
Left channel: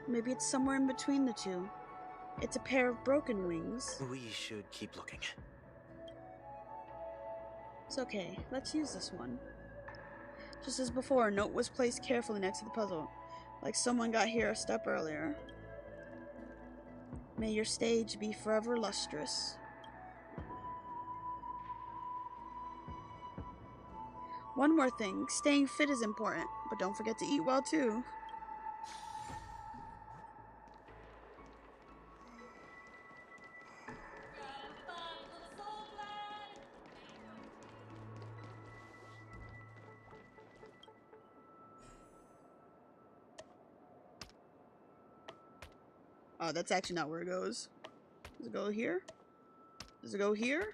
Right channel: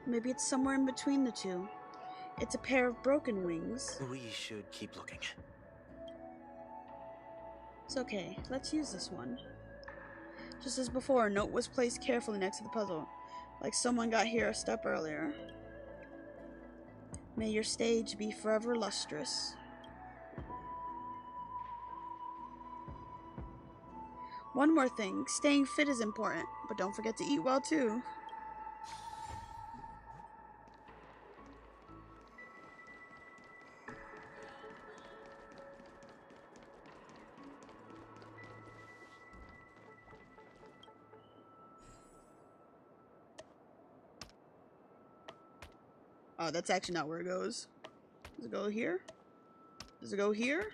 Maybe it's somewhere in between the two. It's a pair of broken wings. We should keep looking. It's okay. Let's use this one. Just as before, a note was placed carefully next to the puzzle, like someone got here a step earlier. May your stage be forever lustrous. One more thing, staying fit is important, but don't forget to eat well too. Oh, that's actually not where it goes. Does it go here? Does it go here?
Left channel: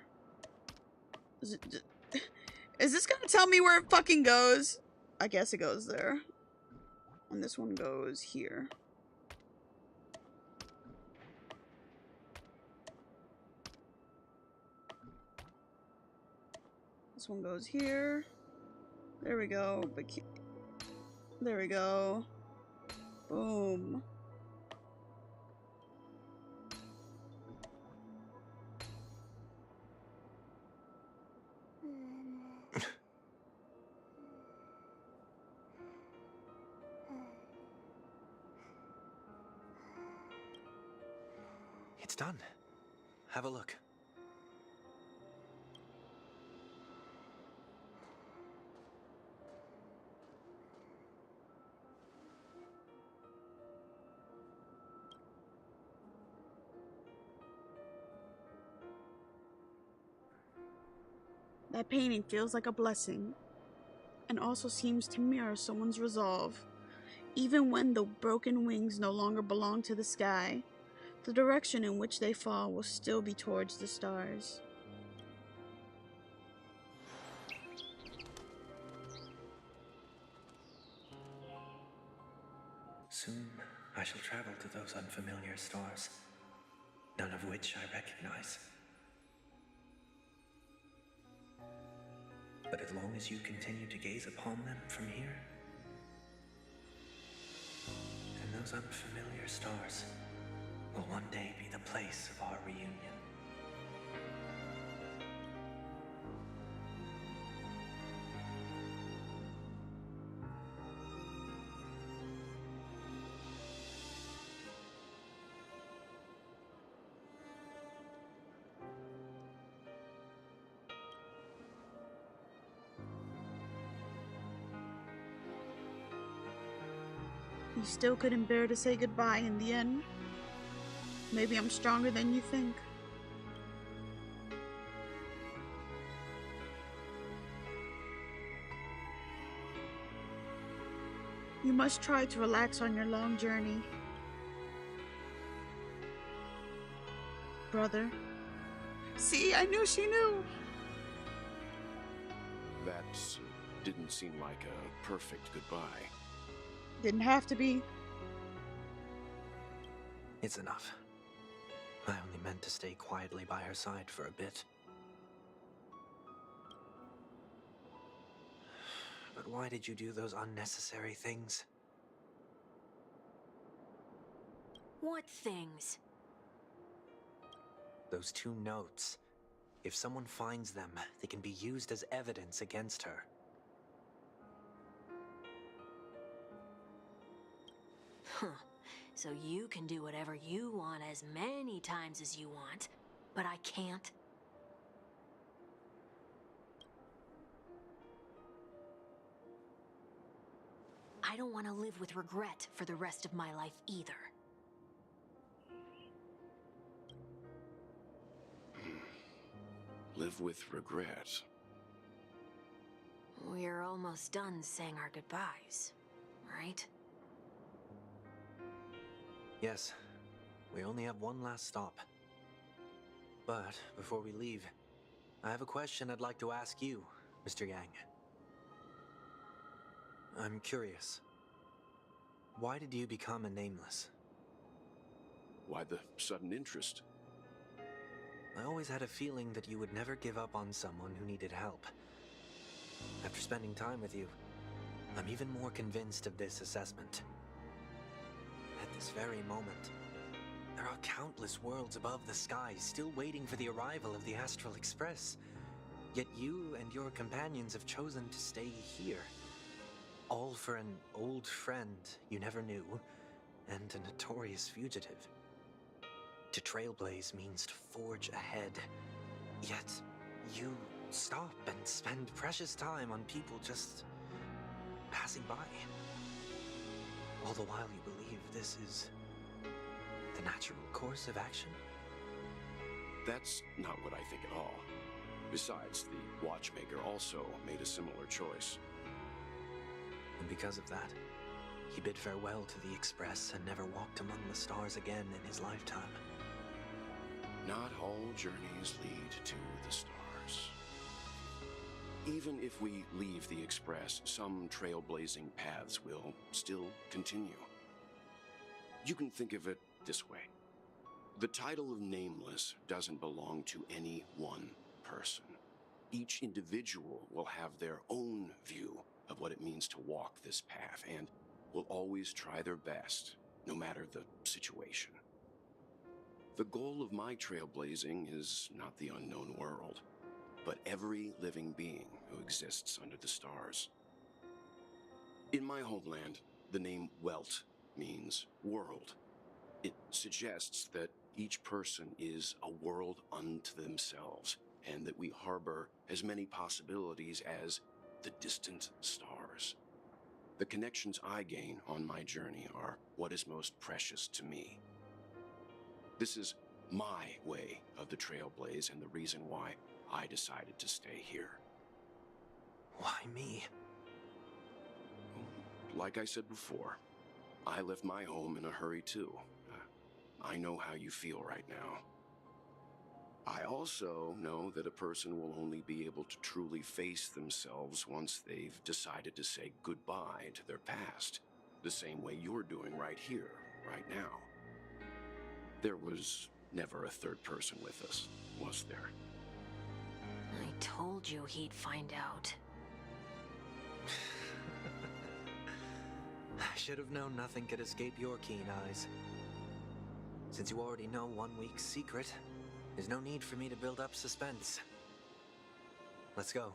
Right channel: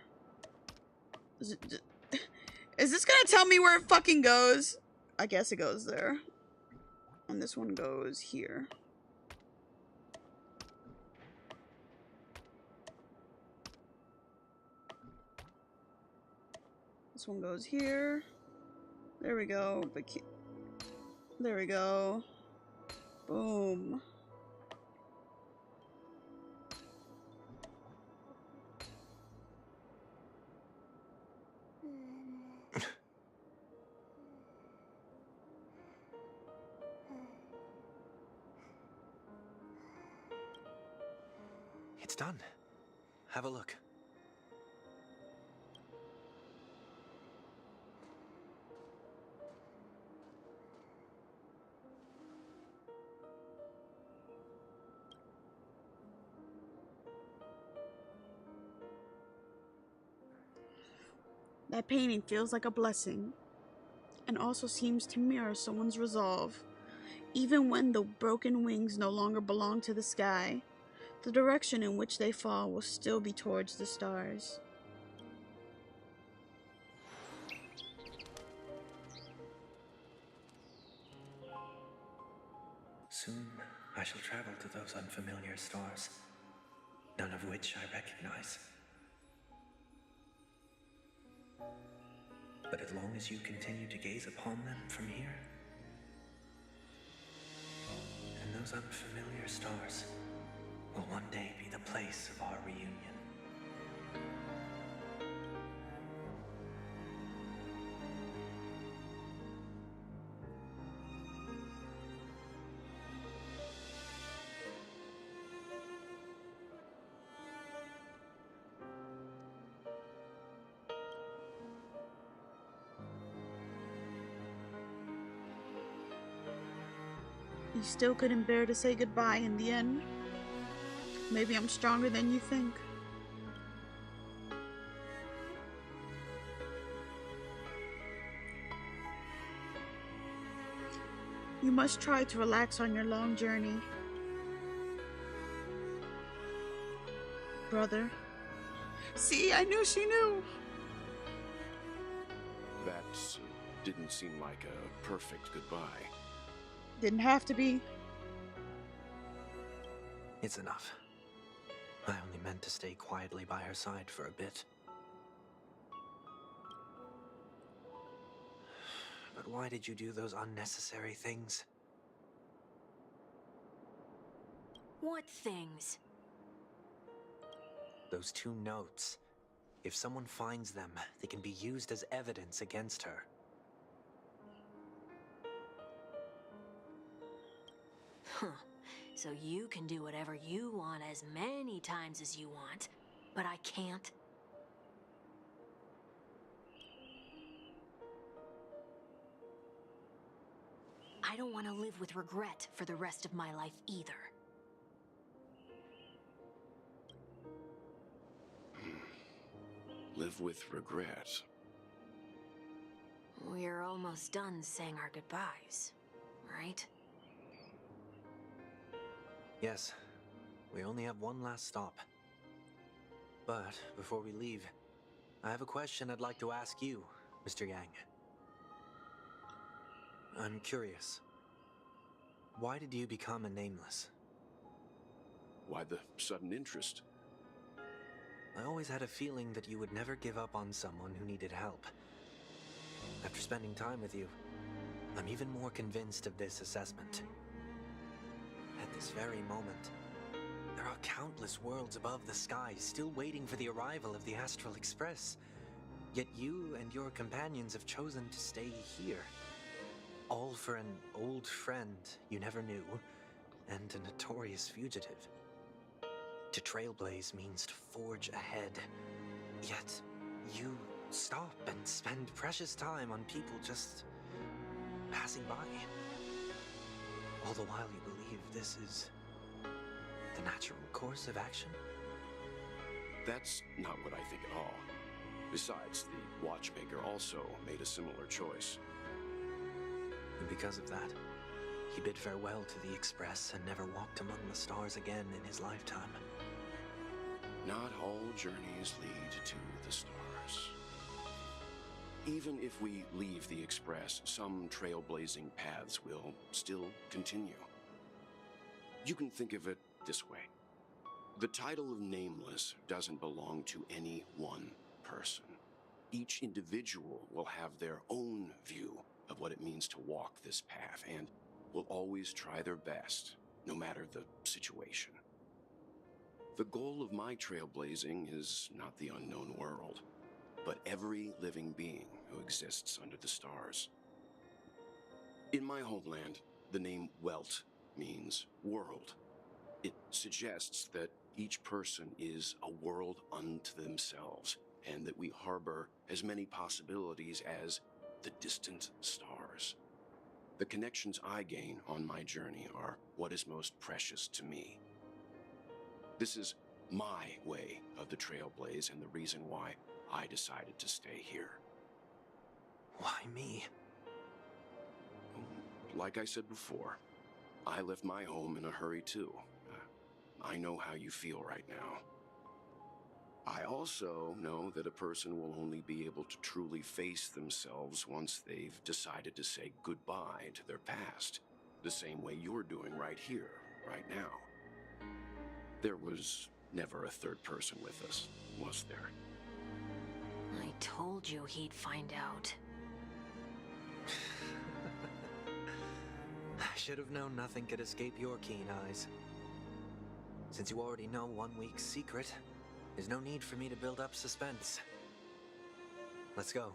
Is it... Is this gonna tell me where it fucking goes? I guess it goes there. And this one goes here. This one goes here. There we go. There we go. Boom. It's done. Have a look. That painting feels like a blessing, and also seems to mirror someone's resolve. Even when the broken wings no longer belong to the sky, the direction in which they fall will still be towards the stars. Soon I shall travel to those unfamiliar stars, none of which I recognize. But as long as you continue to gaze upon them from here, then those unfamiliar stars will one day be the place of our reunion. You still couldn't bear to say goodbye in the end. Maybe I'm stronger than you think. You must try to relax on your long journey. Brother. See, I knew she knew. That didn't seem like a perfect goodbye. Didn't have to be. It's enough. I only meant to stay quietly by her side for a bit. But why did you do those unnecessary things? What things? Those 2 notes. If someone finds them, they can be used as evidence against her. Huh. So you can do whatever you want as many times as you want, but I can't? I don't want to live with regret for the rest of my life either. Live with regret. We're almost done saying our goodbyes, right? Yes, we only have one last stop. But before we leave, I have a question I'd like to ask you, Mr. Yang. I'm curious. Why did you become a nameless? Why the sudden interest? I always had a feeling that you would never give up on someone who needed help. After spending time with you, I'm even more convinced of this assessment. At this very moment, there are countless worlds above the sky still waiting for the arrival of the Astral Express. Yet you and your companions have chosen to stay here. All for an old friend you never knew, and a notorious fugitive. To trailblaze means to forge ahead. Yet, you stop and spend precious time on people just passing by. All the while you believe this is the natural course of action? That's not what I think at all. Besides, the watchmaker also made a similar choice. And because of that, he bid farewell to the Express and never walked among the stars again in his lifetime. Not all journeys lead to the stars. Even if we leave the Express, some trailblazing paths will still continue. You can think of it this way. The title of Nameless doesn't belong to any one person. Each individual will have their own view of what it means to walk this path and will always try their best, no matter the situation. The goal of my trailblazing is not the unknown world, but every living being who exists under the stars. In my homeland, the name Welt means world. It suggests that each person is a world unto themselves, and that we harbor as many possibilities as the distant stars. The connections I gain on my journey are what is most precious to me. This is my way of the trailblaze and the reason why I decided to stay here. like I said before, I left my home in a hurry too. I know how you feel right now. I also know that a person will only be able to truly face themselves once they've decided to say goodbye to their past, the same way you're doing right here, right now. There was never a third person with us, was there? I told you he'd find out. I should have known nothing could escape your keen eyes. Since you already know 1 week's secret, there's no need for me to build up suspense. Let's go.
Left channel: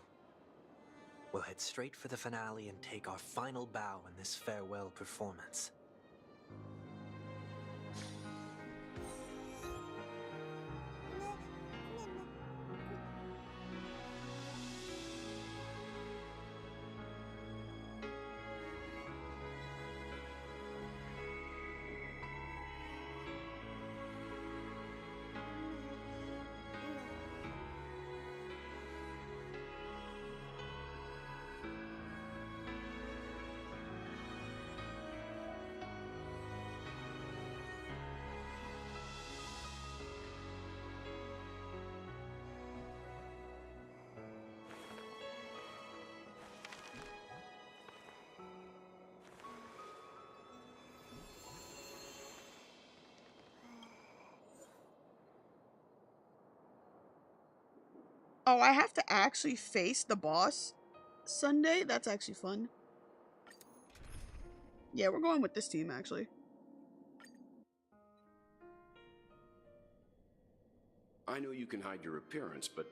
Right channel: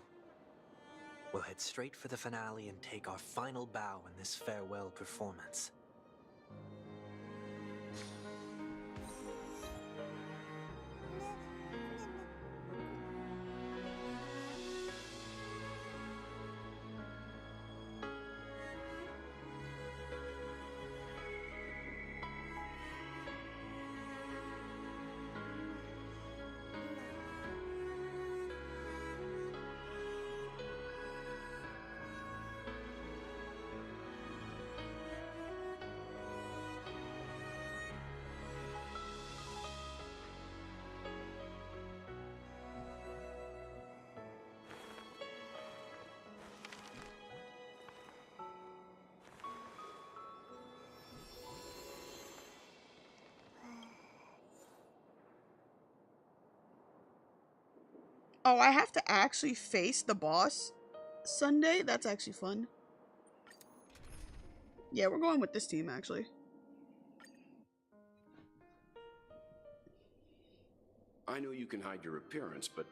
We'll head straight for the finale and take our final bow in this farewell performance. Oh, I have to actually face the boss Sunday? That's actually fun. Yeah, we're going with this team, actually. I know you can hide your appearance, but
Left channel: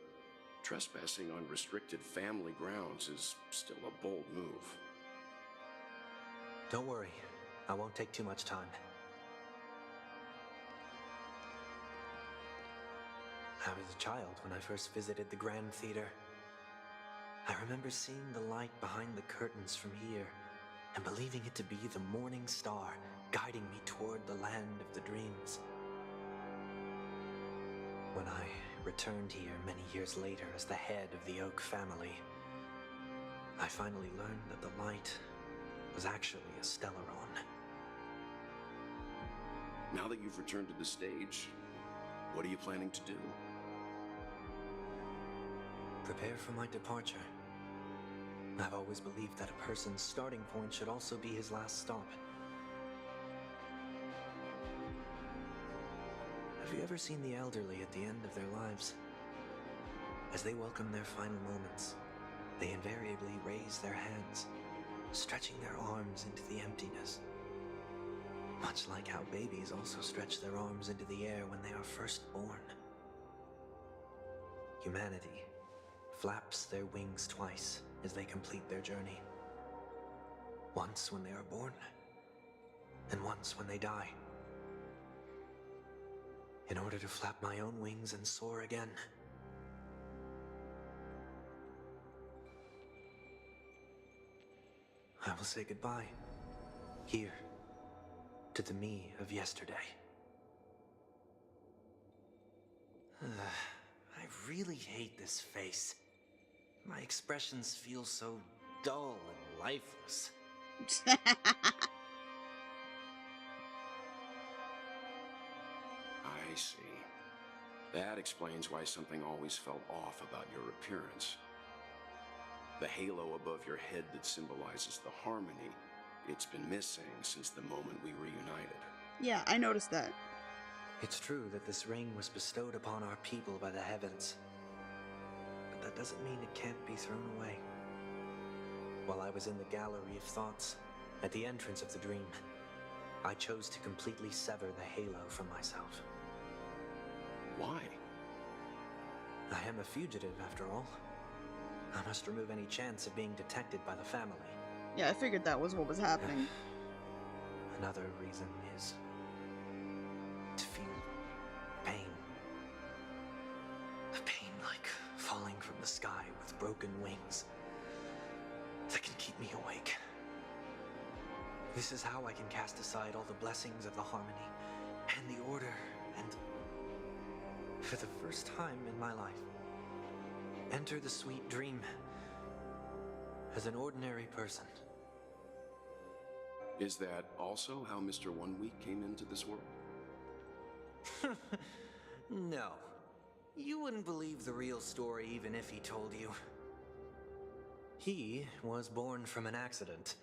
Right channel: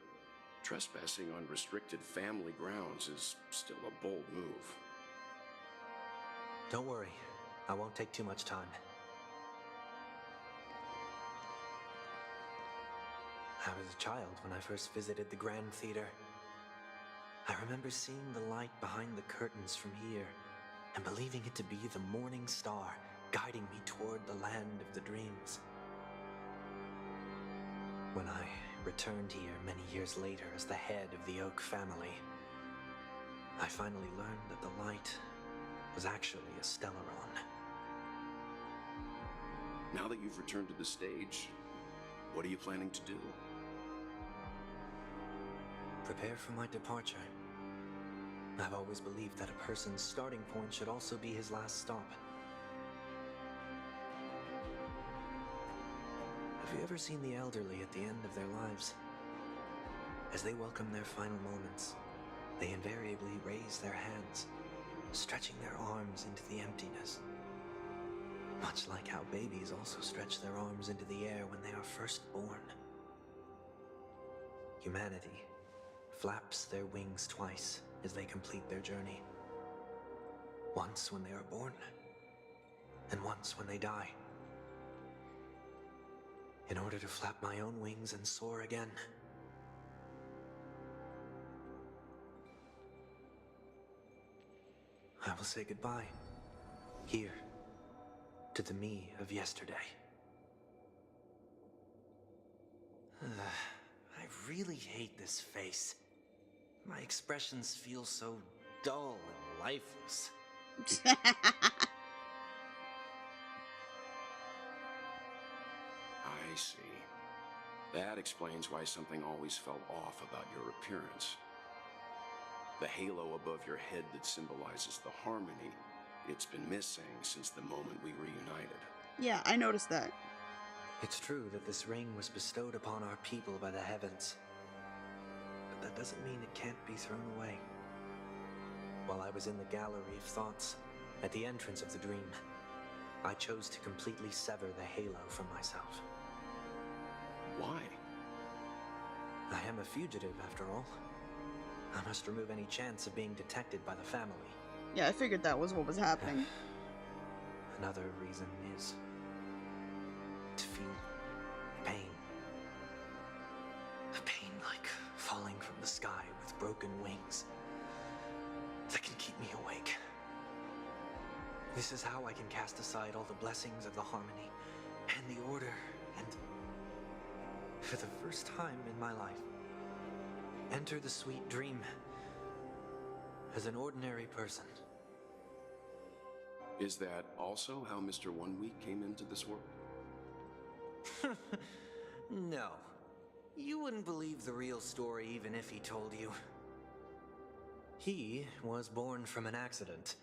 trespassing on restricted family grounds is still a bold move. Don't worry, I won't take too much time. I was a child when I first visited the Grand Theater. I remember seeing the light behind the curtains from here and believing it to be the morning star guiding me toward the land of the dreams. When I returned here many years later as the head of the Oak family, I finally learned that the light was actually a Stellaron. Now that you've returned to the stage, what are you planning to do? Prepare for my departure. I've always believed that a person's starting point should also be his last stop. Have you ever seen the elderly at the end of their lives? As they welcome their final moments, they invariably raise their hands, stretching their arms into the emptiness. Much like how babies also stretch their arms into the air when they are first born. Humanity flaps their wings twice as they complete their journey. Once when they are born, and once when they die. In order to flap my own wings and soar again. I will say goodbye, here, to the me of yesterday. I really hate this face. My expressions feel so dull and lifeless. I see. That explains why something always felt off about your appearance. The halo above your head that symbolizes the harmony, it's been missing since the moment we reunited. Yeah, I noticed that. It's true that this ring was bestowed upon our people by the heavens. But that doesn't mean it can't be thrown away. While I was in the gallery of thoughts, at the entrance of the dream, I chose to completely sever the halo from myself. Why? I am a fugitive, after all. I must remove any chance of being detected by the family. Yeah, I figured that was what was happening. Another reason is to feel pain. A pain like falling from the sky with broken wings that can keep me awake. This is how I can cast aside all the blessings of the harmony and the order and, for the first time in my life, enter the sweet dream as an ordinary person. Is that also how Mr. One Week came into this world? No. You wouldn't believe the real story even if he told you. He was born from an accident.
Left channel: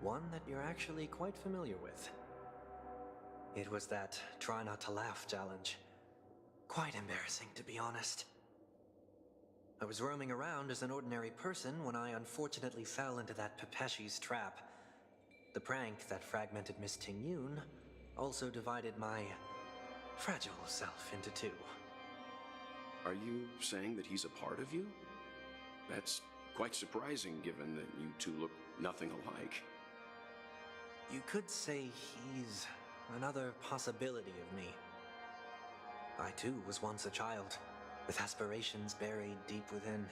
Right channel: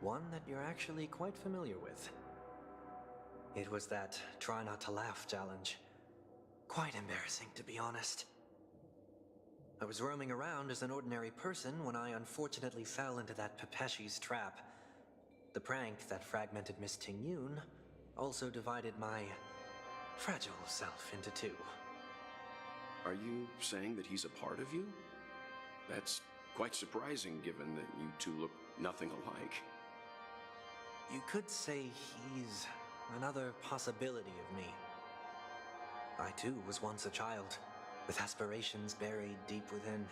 One that you're actually quite familiar with. It was that try not to laugh challenge. Quite embarrassing, to be honest. I was roaming around as an ordinary person when I unfortunately fell into that Pepeshi's trap. The prank that fragmented Miss Ting-Yun also divided my fragile self into two. Are you saying that he's a part of you? That's quite surprising given that you two look nothing alike. You could say he's another possibility of me. I too was once a child, with aspirations buried deep within.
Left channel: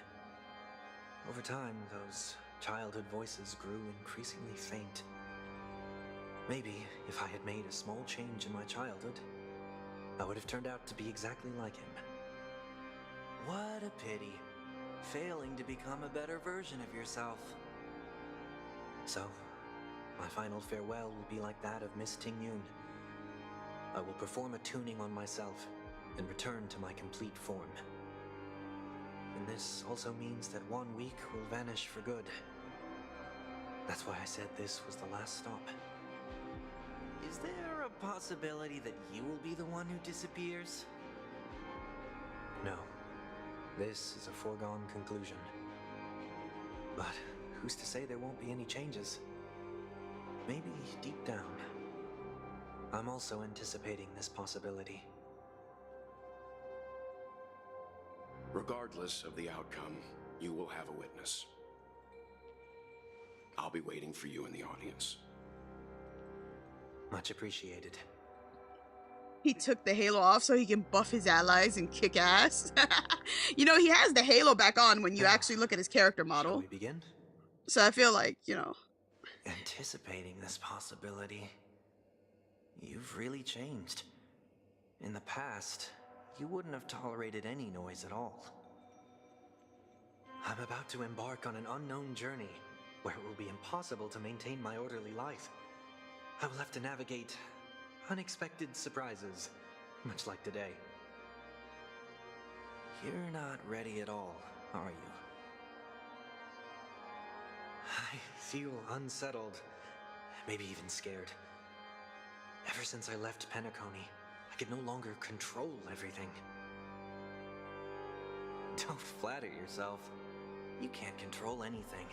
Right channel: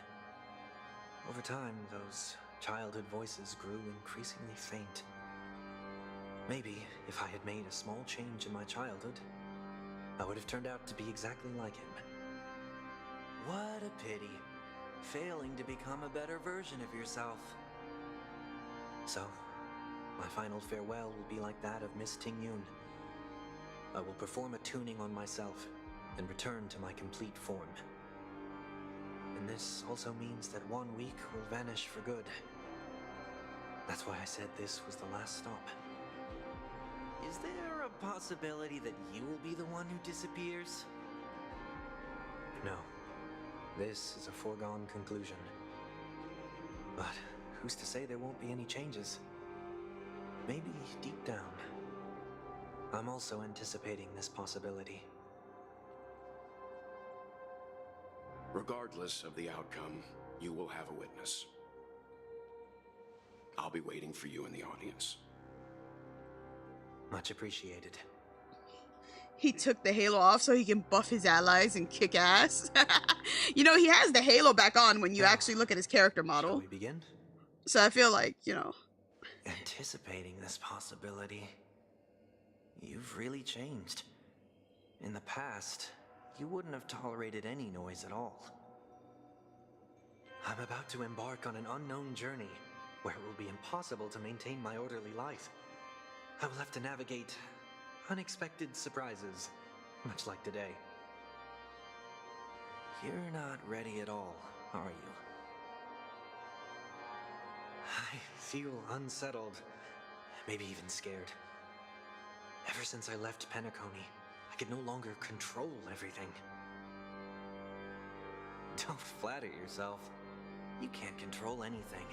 Over time, those childhood voices grew increasingly faint. Maybe if I had made a small change in my childhood, I would have turned out to be exactly like him. What a pity, failing to become a better version of yourself. So, my final farewell will be like that of Miss Ting-Yun. I will perform a tuning on myself and return to my complete form. And this also means that 1 week will vanish for good. That's why I said this was the last stop. Is there a possibility that you will be the one who disappears? No. This is a foregone conclusion. But who's to say there won't be any changes? Maybe deep down, I'm also anticipating this possibility. Regardless of the outcome, you will have a witness. I'll be waiting for you in the audience. Much appreciated. He took the halo off so he can buff his allies and kick ass. You know, he has the halo back on when you actually look at his character model. Shall we begin? So I feel like, you know. Anticipating this possibility. You've really changed. In the past, you wouldn't have tolerated any noise at all. I'm about to embark on an unknown journey where it will be impossible to maintain my orderly life. I will have to navigate unexpected surprises, much like today. You're not ready at all, are you? I feel unsettled, maybe even scared. Ever since I left Penacony, I could no longer control everything. Don't flatter yourself. You can't control anything.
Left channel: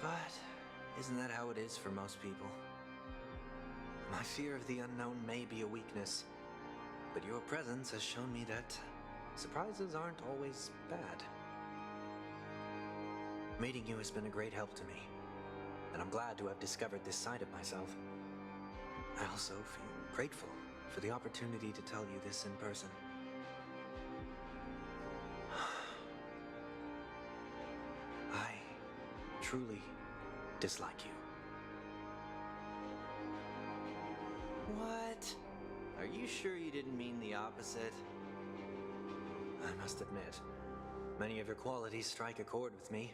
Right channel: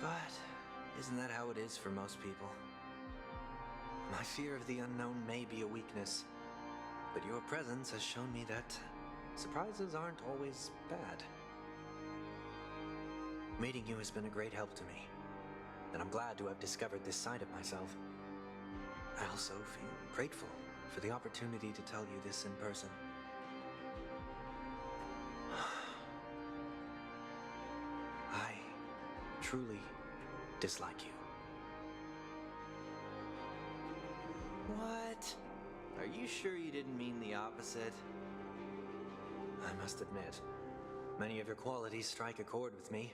But isn't that how it is for most people? My fear of the unknown may be a weakness, but your presence has shown me that surprises aren't always bad. Meeting you has been a great help to me, and I'm glad to have discovered this side of myself. I also feel grateful for the opportunity to tell you this in person. I truly dislike you. What? Are you sure you didn't mean the opposite? I must admit, many of your qualities strike a chord with me.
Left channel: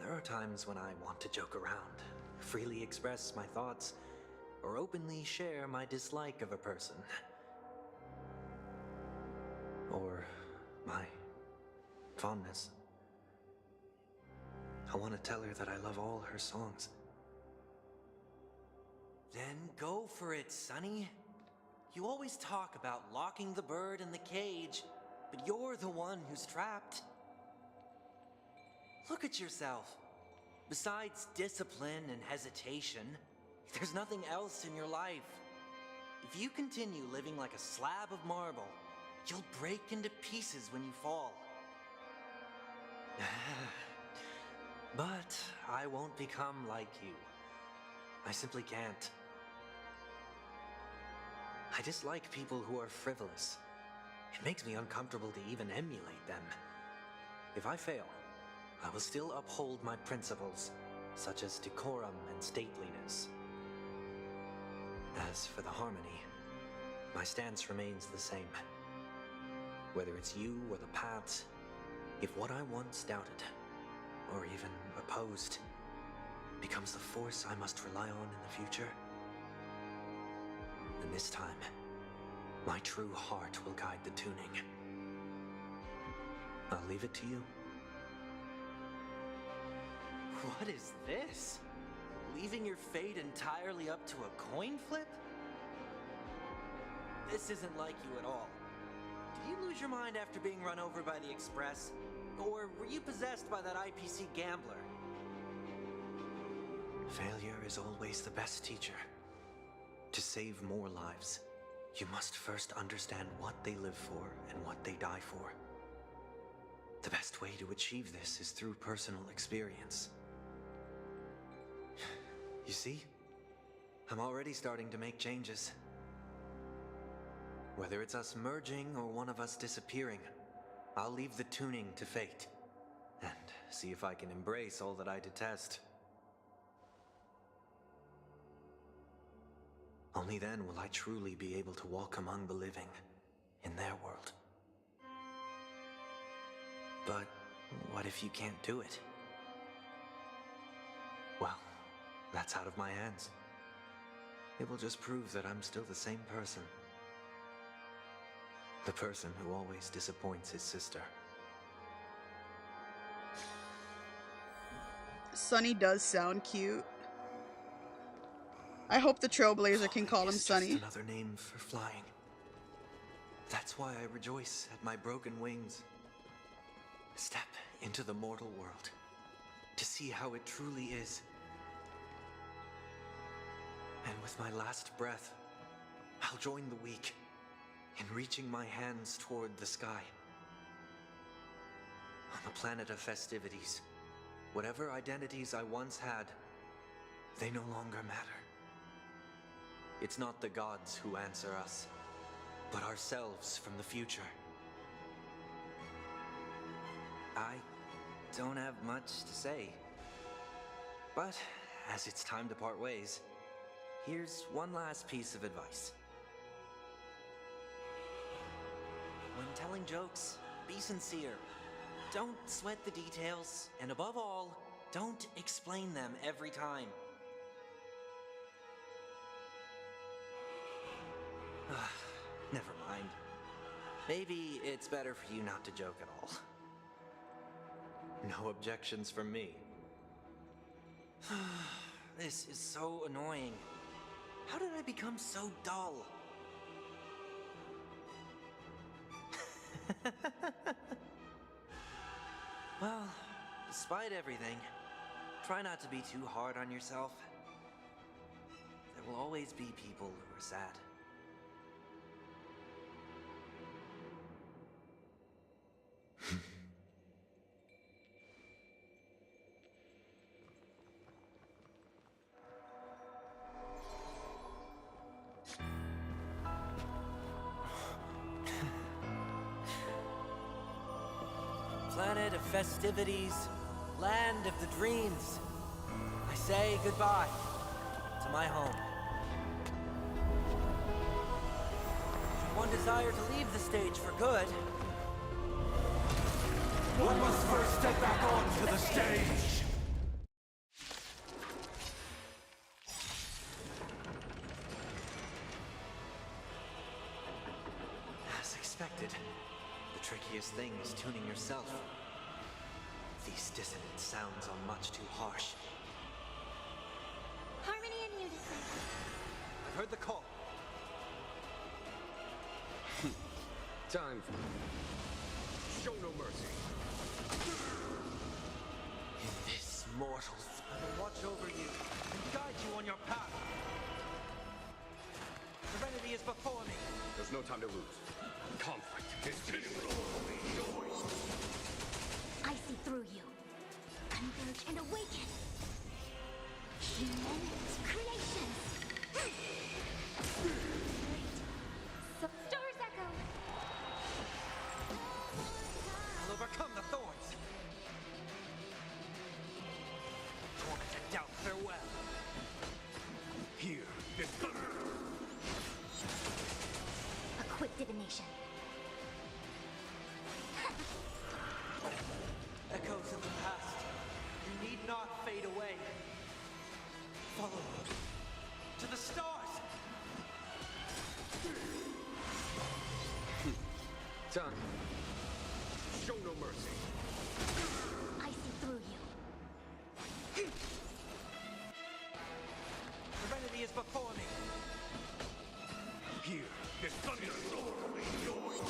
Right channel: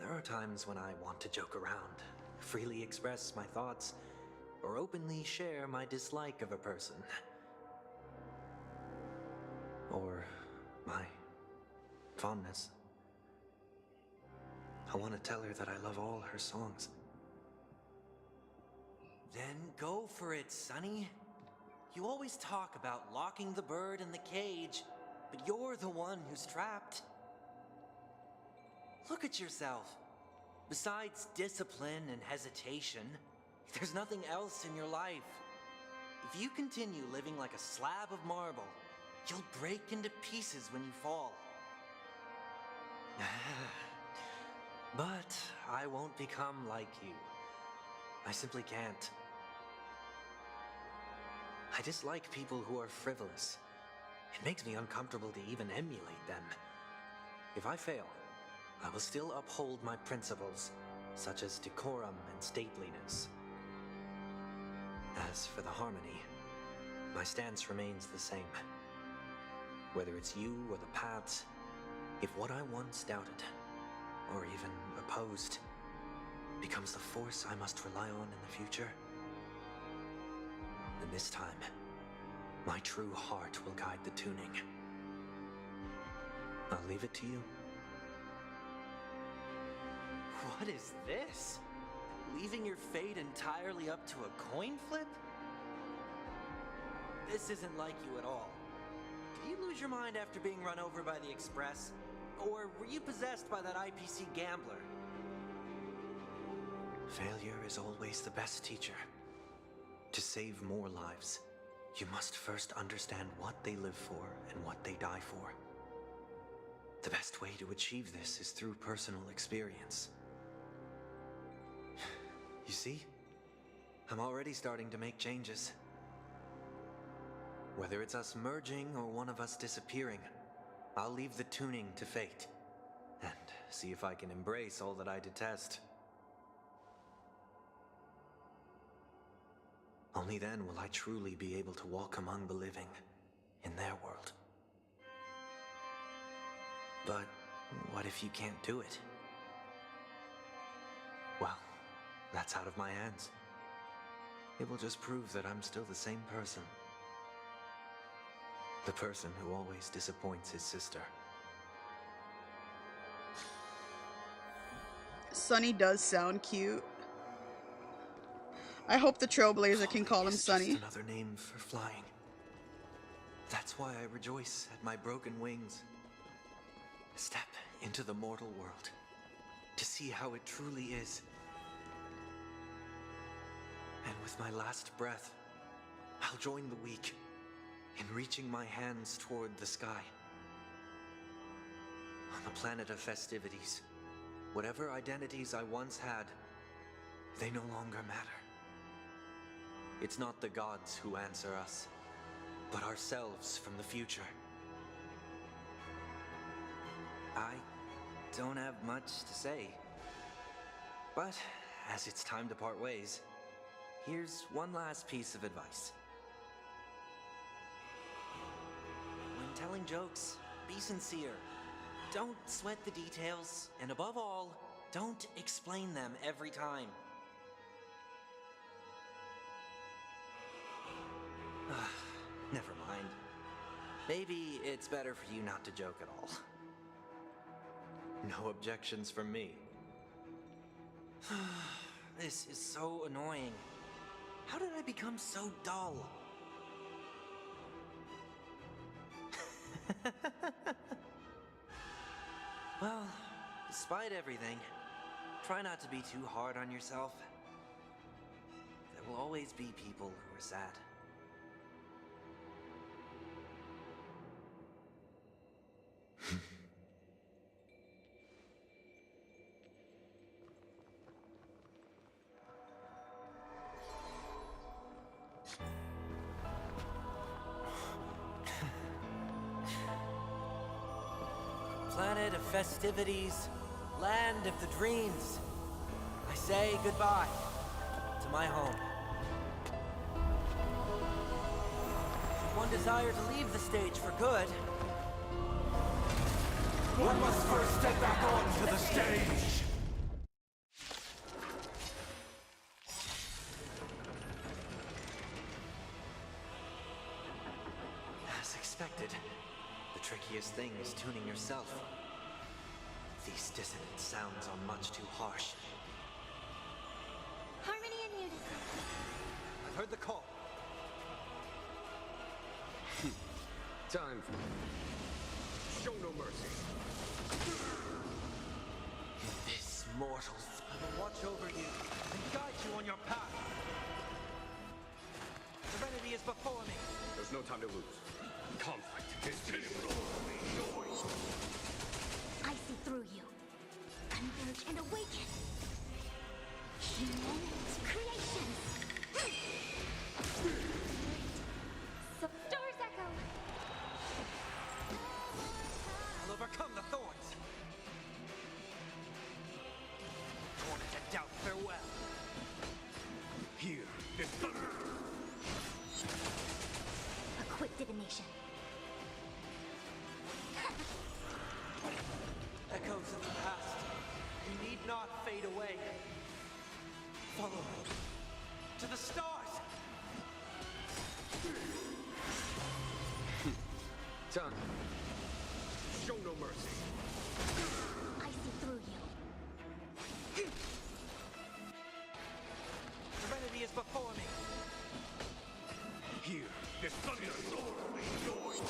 There are times when I want to joke around, freely express my thoughts, or openly share my dislike of a person. Or my fondness. I want to tell her that I love all her songs. Then go for it, Sonny. You always talk about locking the bird in the cage, but you're the one who's trapped. Look at yourself. Besides discipline and hesitation, there's nothing else in your life. If you continue living like a slab of marble, you'll break into pieces when you fall. But I won't become like you. I simply can't. I dislike people who are frivolous. It makes me uncomfortable to even emulate them. If I fail, I will still uphold my principles, such as decorum and stateliness. As for the harmony, my stance remains the same. Whether it's you or the paths, if what I once doubted, or even opposed, becomes the force I must rely on in the future. And this time, my true heart will guide the tuning. I'll leave it to you. What is this? Leaving your fate entirely up to a coin flip? This isn't like you at all. Did you lose your mind after being run over by the Express? Or were you possessed by that IPC gambler? Failure is always the best teacher. To save more lives, you must first understand what they live for and what they die for. The best way to achieve this is through personal experience. You see? I'm already starting to make changes. Whether it's us merging or one of us disappearing, I'll leave the tuning to fate, and see if I can embrace all that I detest. Only then will I truly be able to walk among the living, in their world. But what if you can't do it? Well, that's out of my hands. It will just prove that I'm still the same person. The person who always disappoints his sister. Sunny does sound cute. I hope the Trailblazer can call him Sunny. Just another name for flying. That's why I rejoice at my broken wings. Step into the mortal world to see how it truly is. And with my last breath, I'll join the weak in reaching my hands toward the sky. On the planet of festivities, whatever identities I once had, they no longer matter. It's not the gods who answer us, but ourselves from the future. I don't have much to say, but as it's time to part ways, here's one last piece of advice. When telling jokes, be sincere. Don't sweat the details, and above all, don't explain them every time. Never mind. Maybe it's better for you not to joke at all. No objections from me. This is so annoying. How did I become so dull? Well, despite everything, try not to be too hard on yourself. There will always be people who are sad. Planet of festivities, land of the dreams. I say goodbye to my home. Should one desire to leave the stage for good, one must first step back onto the stage. As expected, the trickiest thing is tuning yourself. These dissonant sounds are much too harsh. Harmony and unison. I've heard the call. Time for... Show no mercy. In this, mortals, I will watch over you and guide you on your path. Serenity is before me. There's no time to lose. Conflict is pitiful. I see through you. Converge and awaken. Human creations. So stars echo. I'll overcome the thorns. Torment and doubt, farewell. Here is thunder. A quick divination. Echoes of the past. You need not fade away. Follow me to the stars! Done. Show no mercy. I see through you. Serenity is before me. Here, this thunder sword noise.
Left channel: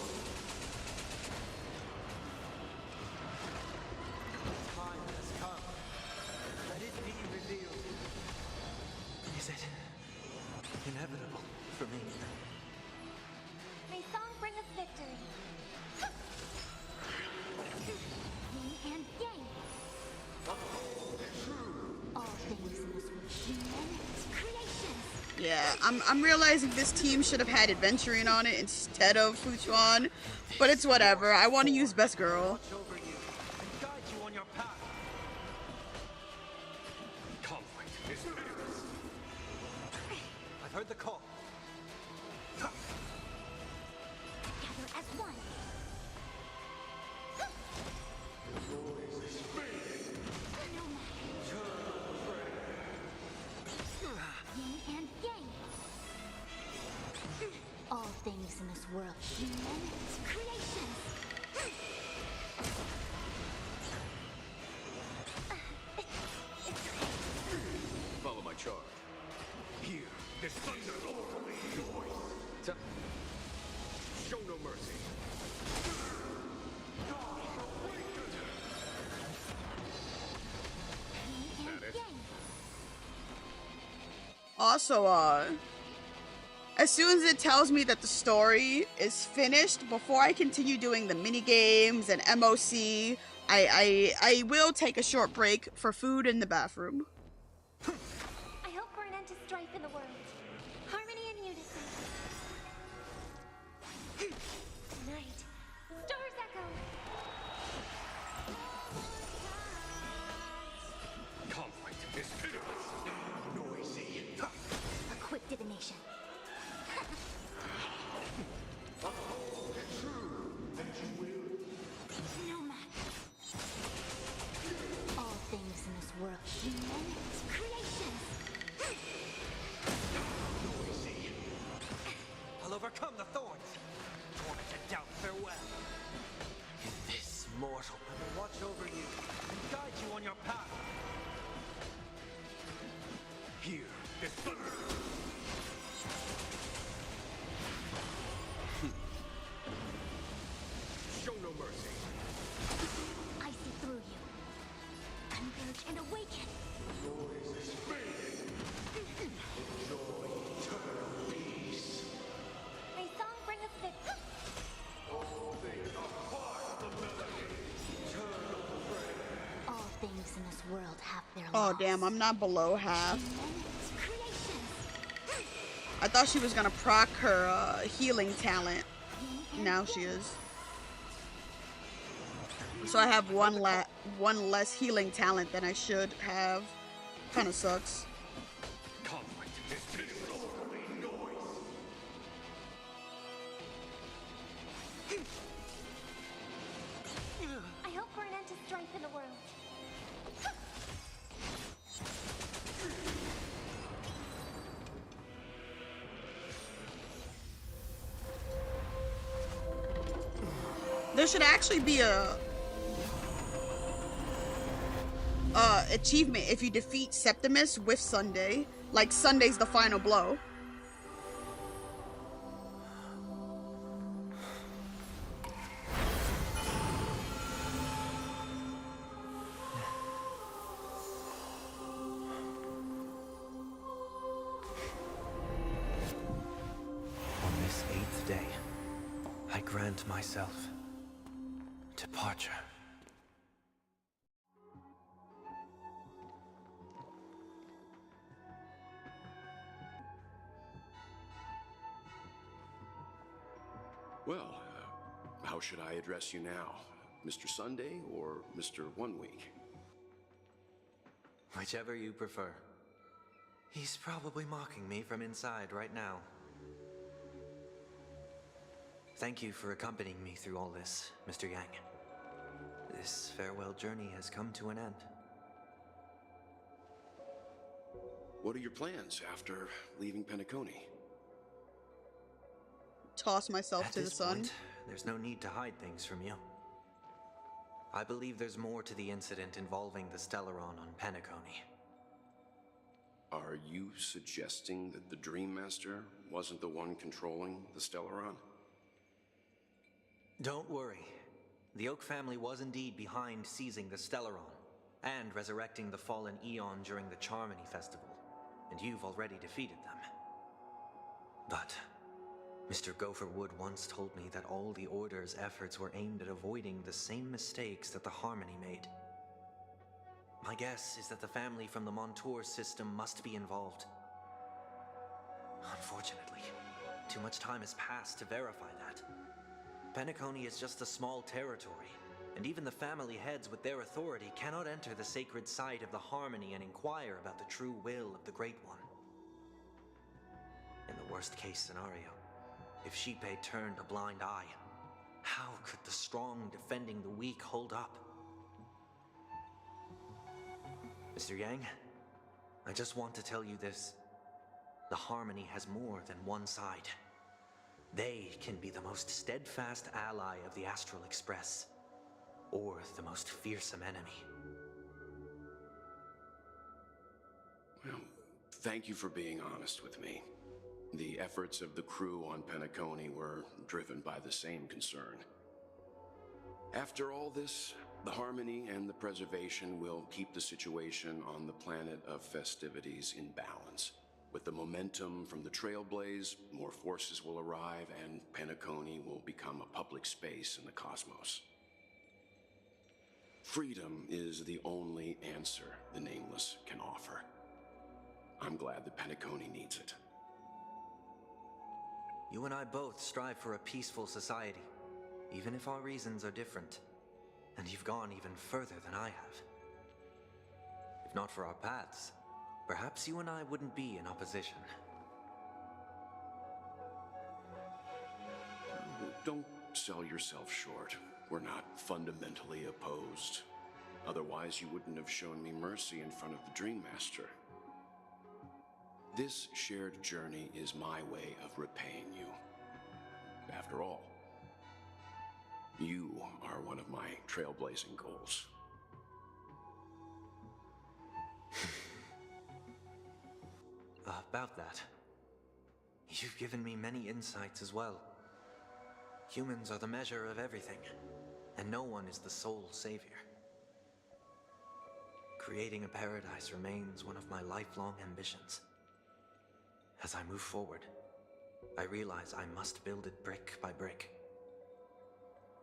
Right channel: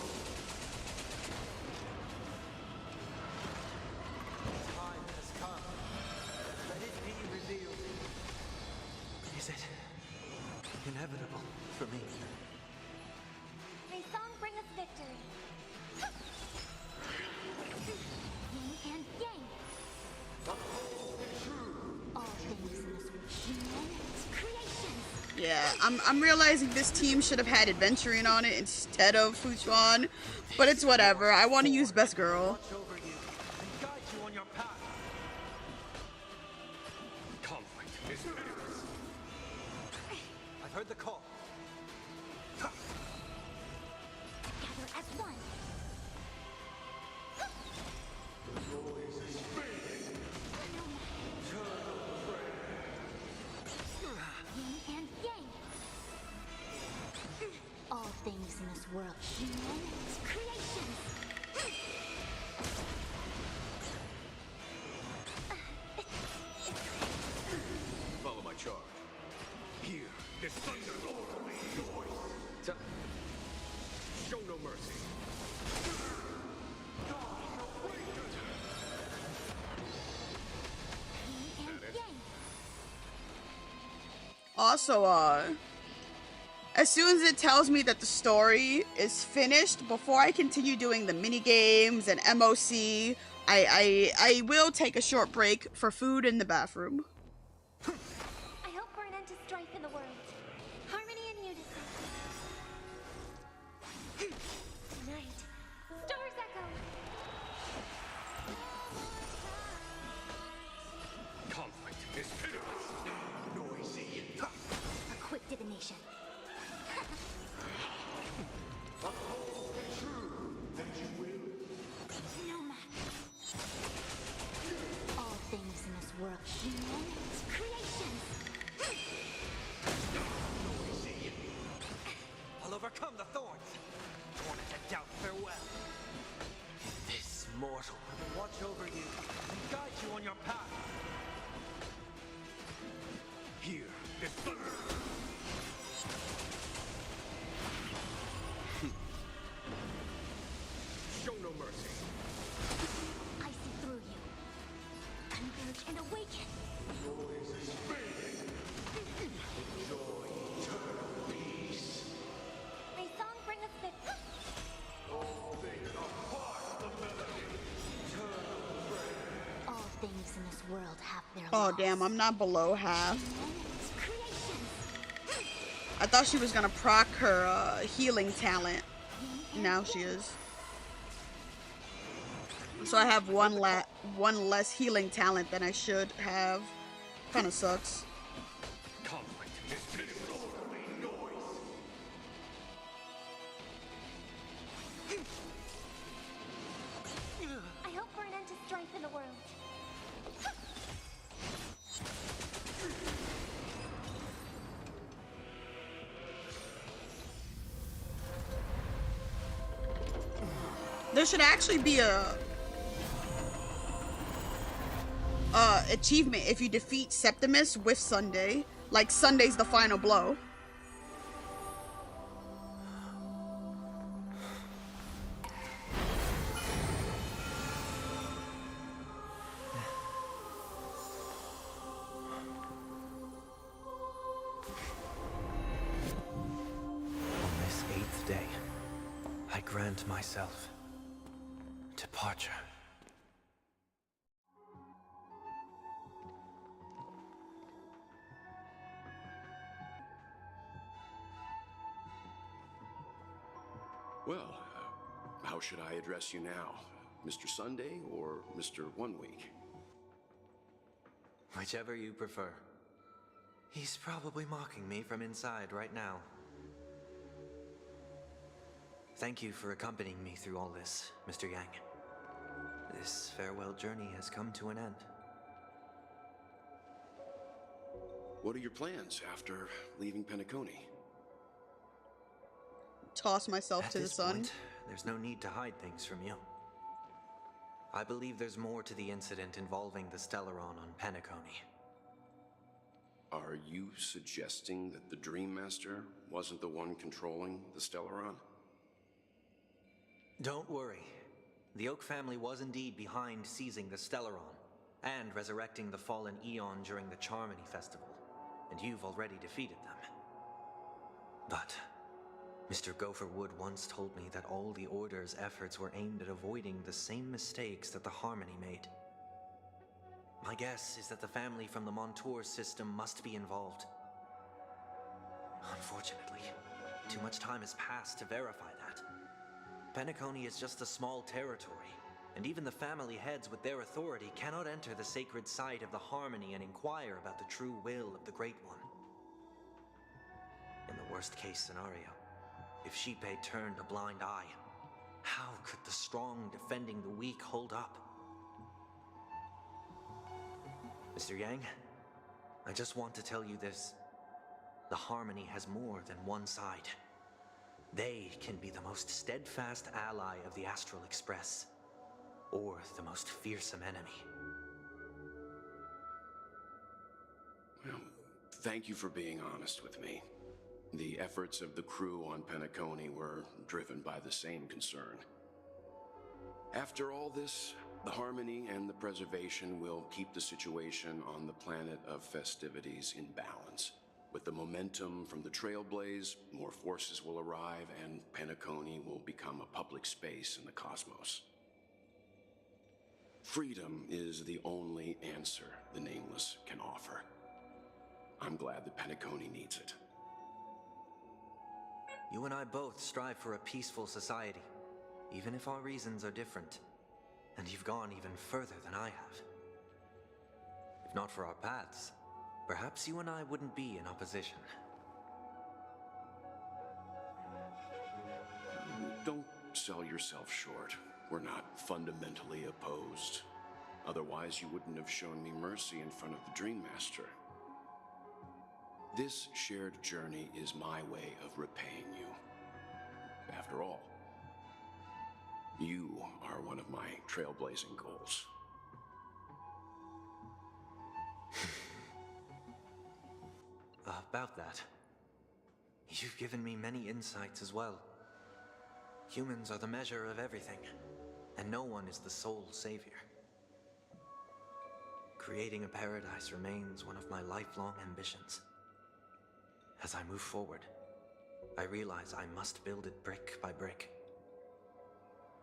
Time has come. Let it be revealed. Is it inevitable for me? May song bring us victory. Yin and yang. All things in this world. Human creations. Yeah, I'm realizing this team should have had Adventuring on it instead of Fuchuan, but it's whatever. I want to use Best Girl. Watch over you and guide you on your path. Conflict is pitiless. I've heard the call. Together as one. Yin and yang. All things in this world. Human creations. Follow my charge. Here, this thunder noise. Show no mercy. Yin and yang. Also, as soon as it tells me that the story is finished, before I continue doing the mini games and MOC, I will take a short break for food in the bathroom. I hope for an end to strife in the world. Harmony and unison. Tonight, stars echo. Conflict is pitiless. Noisy. A quick divination. Uphold the truth, and you will. No matter. All things in this world. Human creations. Noisy. I'll overcome the thorns. Torment and doubt farewell. In this mortal, I will watch over you and guide you on your path. Here, this thunder. Show no mercy. I see through you. Converge and awaken. Noise is fading. Enjoy eternal peace. May song bring us victory. All things are part of the melody. Eternal prayer. All things in this world have their Oh laws. damn, I'm not below half. Human creations. I thought she was gonna proc her healing talent. Yin and Now she yang. is. So I have one less healing talent than I should have. Kinda sucks. Conflict is pitiless. Noise. I hope for an end to strife in the world. There should actually be a achievement if you defeat Septimus with Sunday. Like Sunday's the final blow. On this 8th day, I grant myself departure. Well, how should I address you now? Mr. Sunday or Mr. 1 Week? Whichever you prefer. He's probably mocking me from inside right now. Thank you for accompanying me through all this, Mr. Yang. This farewell journey has come to an end. What are your plans after leaving Penacony? Toss myself At to the this sun. point, there's no need to hide things from you. I believe there's more to the incident involving the Stellaron on Penacony. Are you suggesting that the Dream Master wasn't the one controlling the Stellaron? Don't worry. The Oak family was indeed behind seizing the Stellaron and resurrecting the fallen Eon during the Charmony Festival, and you've already defeated them. But Mr. Gopherwood once told me that all the Order's efforts were aimed at avoiding the same mistakes that the Harmony made. My guess is that the family from the Montour system must be involved. Unfortunately, too much time has passed to verify that. Penacony is just a small territory, and even the family heads with their authority cannot enter the sacred site of the Harmony and inquire about the true will of the Great One. In the worst-case scenario, if Xipe turned a blind eye, how could the strong defending the weak hold up? Mr. Yang, I just want to tell you this. The Harmony has more than one side. They can be the most steadfast ally of the Astral Express, or the most fearsome enemy. Well, thank you for being honest with me. The efforts of the crew on Penacony were driven by the same concern. After all this, the Harmony and the Preservation will keep the situation on the planet of festivities in balance. With the momentum from the Trailblaze, more forces will arrive and Penacony will become a public space in the cosmos. Freedom is the only answer the Nameless can offer. I'm glad that Penacony needs it. You and I both strive for a peaceful society, even if our reasons are different. And you've gone even further than I have. If not for our paths, perhaps you and I wouldn't be in opposition. Don't sell yourself short. We're not fundamentally opposed. Otherwise, you wouldn't have shown me mercy in front of the Dream Master. This shared journey is my way of repaying you. After all, you are one of my trailblazing goals. About that, you've given me many insights as well. Humans are the measure of everything, and no one is the sole savior. Creating a paradise remains one of my lifelong ambitions. As I move forward, I realize I must build it brick by brick.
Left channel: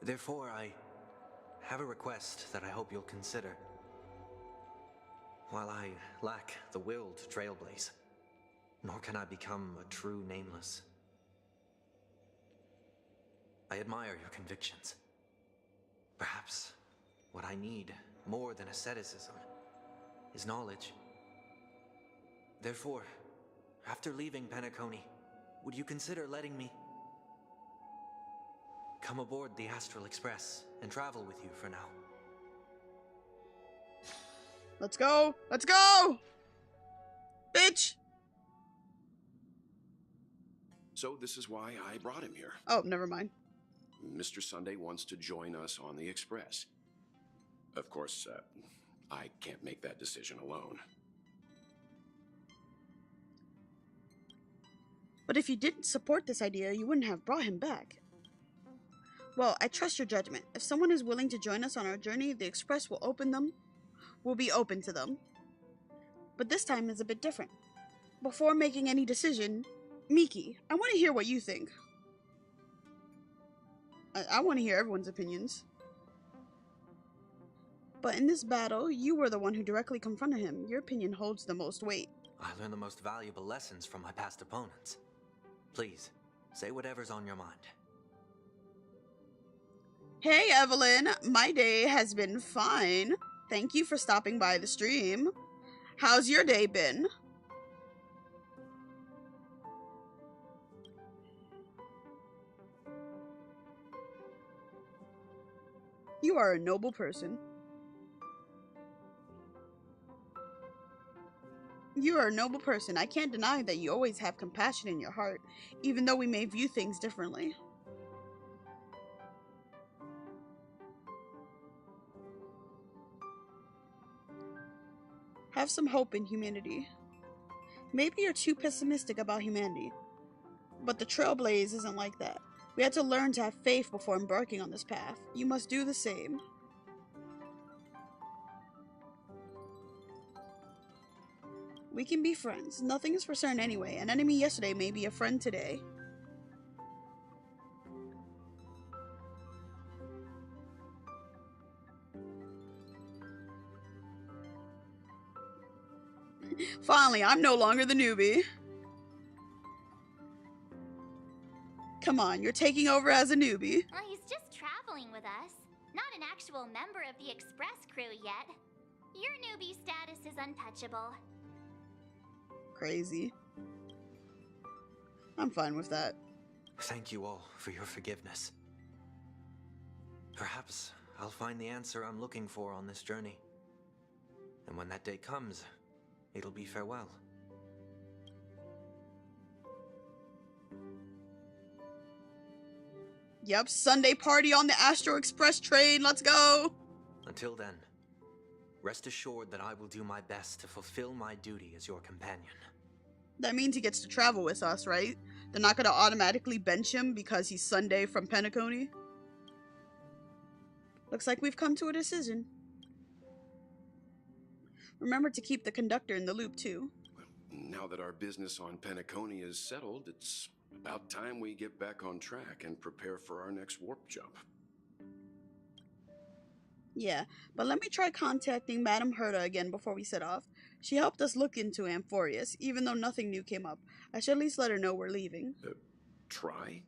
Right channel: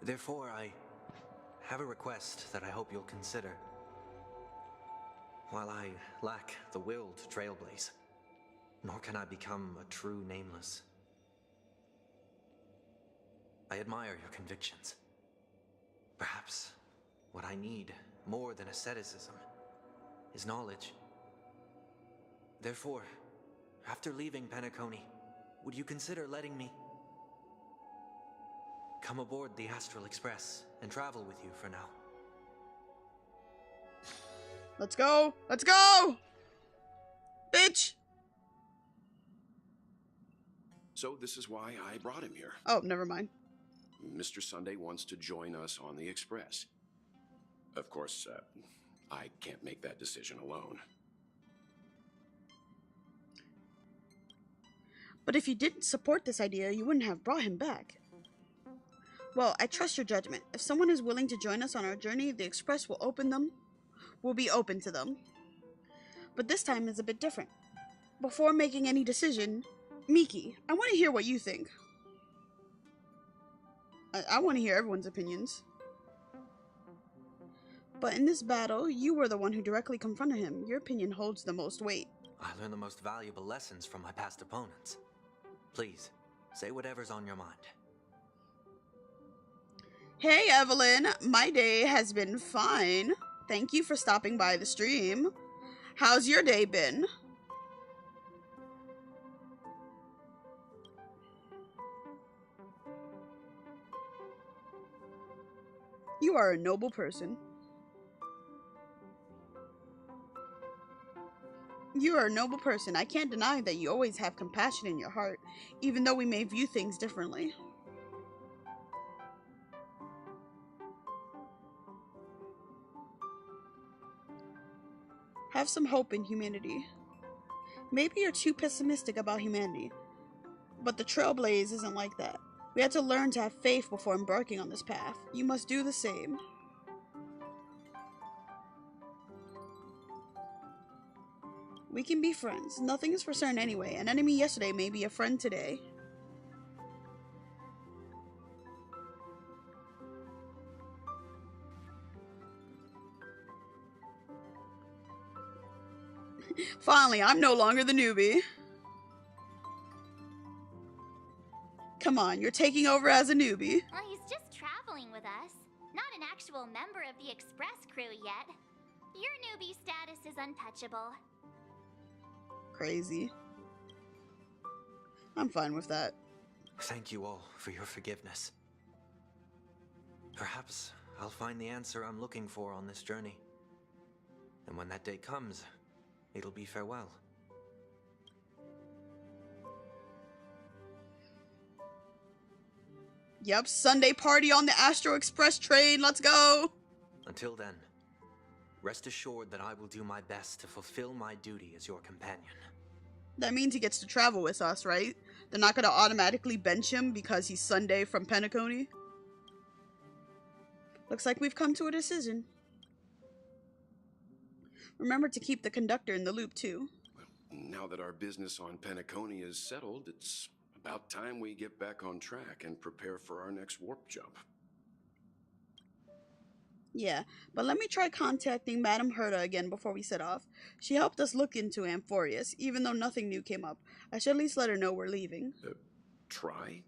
Therefore, I have a request that I hope you'll consider. While I lack the will to trailblaze, nor can I become a true Nameless, I admire your convictions. Perhaps what I need, more than asceticism, is knowledge. Therefore, after leaving Penacony, would you consider letting me come aboard the Astral Express and travel with you for now? Let's go! Let's go! Bitch! So this is why I brought him here. Oh, never mind. Mr. Sunday wants to join us on the Express. Of course, I can't make that decision alone. But if you didn't support this idea, you wouldn't have brought him back. Well, I trust your judgment. If someone is willing to join us on our journey, the Express will be open to them. But this time is a bit different. Before making any decision, Miki, I want to hear what you think. I want to hear everyone's opinions. But in this battle, you were the one who directly confronted him. Your opinion holds the most weight. I learned the most valuable lessons from my past opponents. Please, say whatever's on your mind. Hey Evelyn, my day has been fine. Thank you for stopping by the stream. How's your day been? You are a noble person. You are a noble person. I can't deny that you always have compassion in your heart, even though we may view things differently. Have some hope in humanity. Maybe you're too pessimistic about humanity, but the Trailblaze isn't like that. We had to learn to have faith before embarking on this path. You must do the same. We can be friends. Nothing is for certain anyway. An enemy yesterday may be a friend today. Finally, I'm no longer the newbie. Come on, you're taking over as a newbie. Well, he's just traveling with us. Not an actual member of the Express crew yet. Your newbie status is untouchable. Crazy. I'm fine with that. Thank you all for your forgiveness. Perhaps I'll find the answer I'm looking for on this journey. And when that day comes, it'll be farewell. Yep, Sunday party on the Astro Express train. Let's go. Until then, rest assured that I will do my best to fulfill my duty as your companion. That means he gets to travel with us, right? They're not going to automatically bench him because he's Sunday from Penacony. Looks like we've come to a decision. Remember to keep the conductor in the loop, too. Well, now that our business on Penacony is settled, it's about time we get back on track and prepare for our next warp jump. Yeah, but let me try contacting Madame Herta again before we set off. She helped us look into Amphorius, even though nothing new came up. I should at least let her know we're leaving. Try?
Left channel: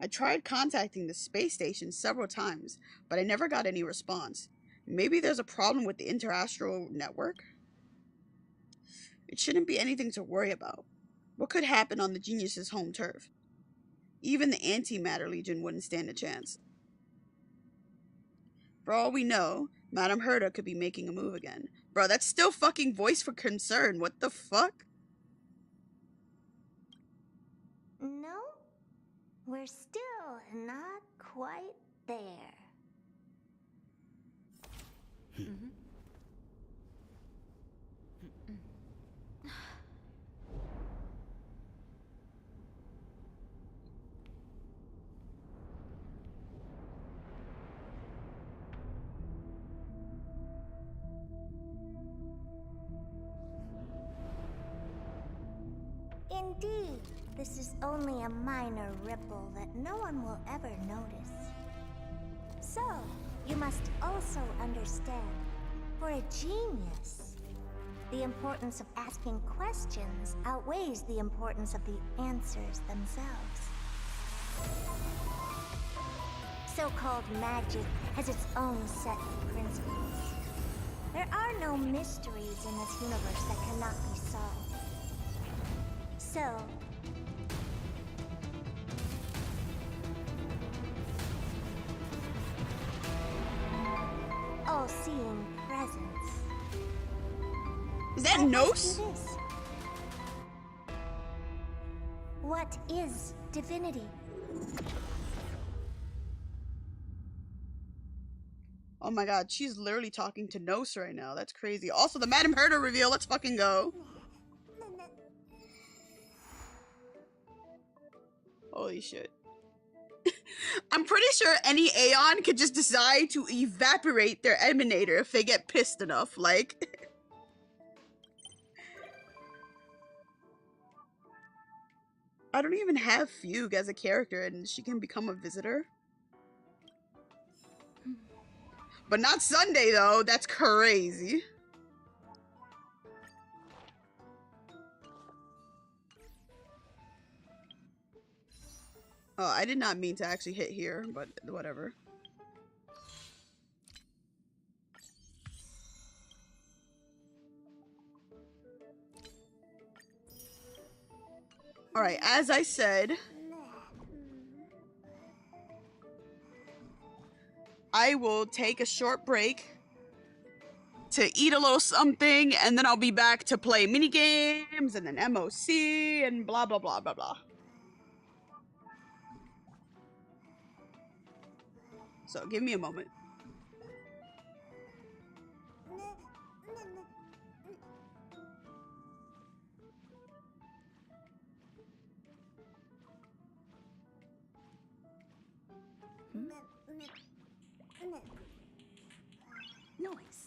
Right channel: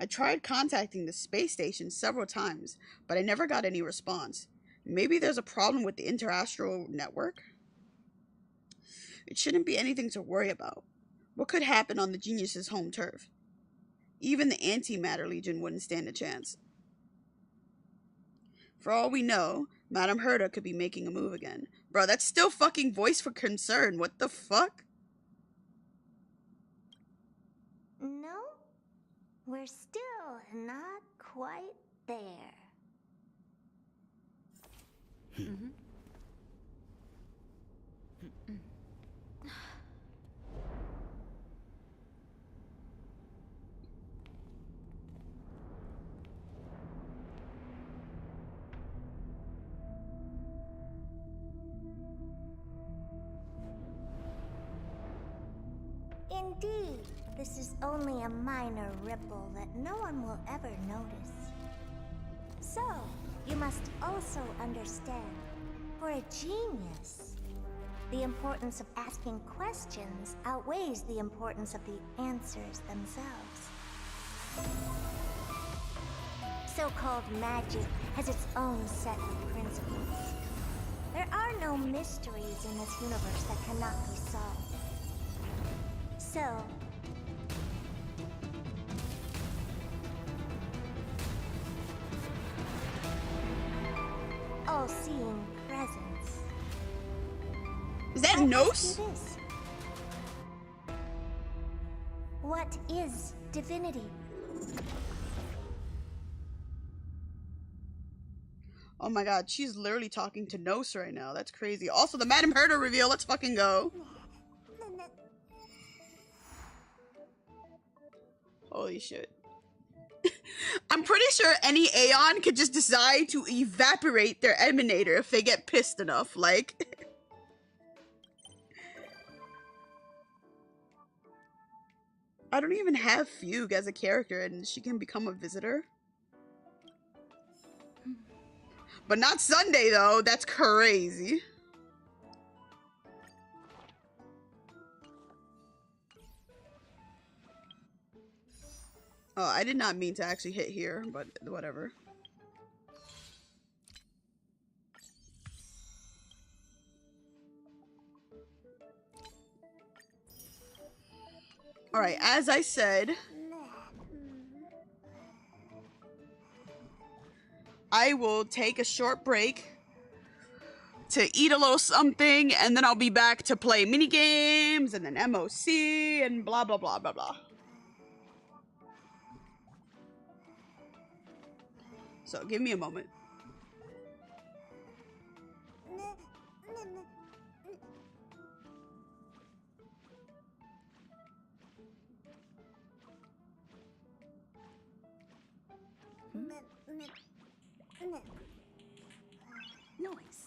I tried contacting the space station several times, but I never got any response. Maybe there's a problem with the interastral network? It shouldn't be anything to worry about. What could happen on the Genius's home turf? Even the Antimatter Legion wouldn't stand a chance. For all we know, Madame Herta could be making a move again. Bro, that's still fucking voice for concern. What the fuck? No, we're still not quite there. Mm-hmm. Indeed, this is only a minor ripple that no one will ever notice. So, you must also understand, for a genius, the importance of asking questions outweighs the importance of the answers themselves. So-called magic has its own set of principles. There are no mysteries in this universe that cannot be solved. So, all-seeing presence. Is that Nos? What is divinity? Oh my god, she's literally talking to Nos right now. That's crazy. Also, the Madame Herta reveal. Let's fucking go. Holy shit. I'm pretty sure any Aeon could just decide to evaporate their emanator if they get pissed enough. Like... I don't even have Fugue as a character and she can become a visitor. But not Sunday though, that's crazy. Oh, I did not mean to actually hit here, but whatever. Alright, as I said, I will take a short break to eat a little something, and then I'll be back to play mini games and then MOC and blah blah blah blah blah. So give me a moment. Noise. Noise. Noise.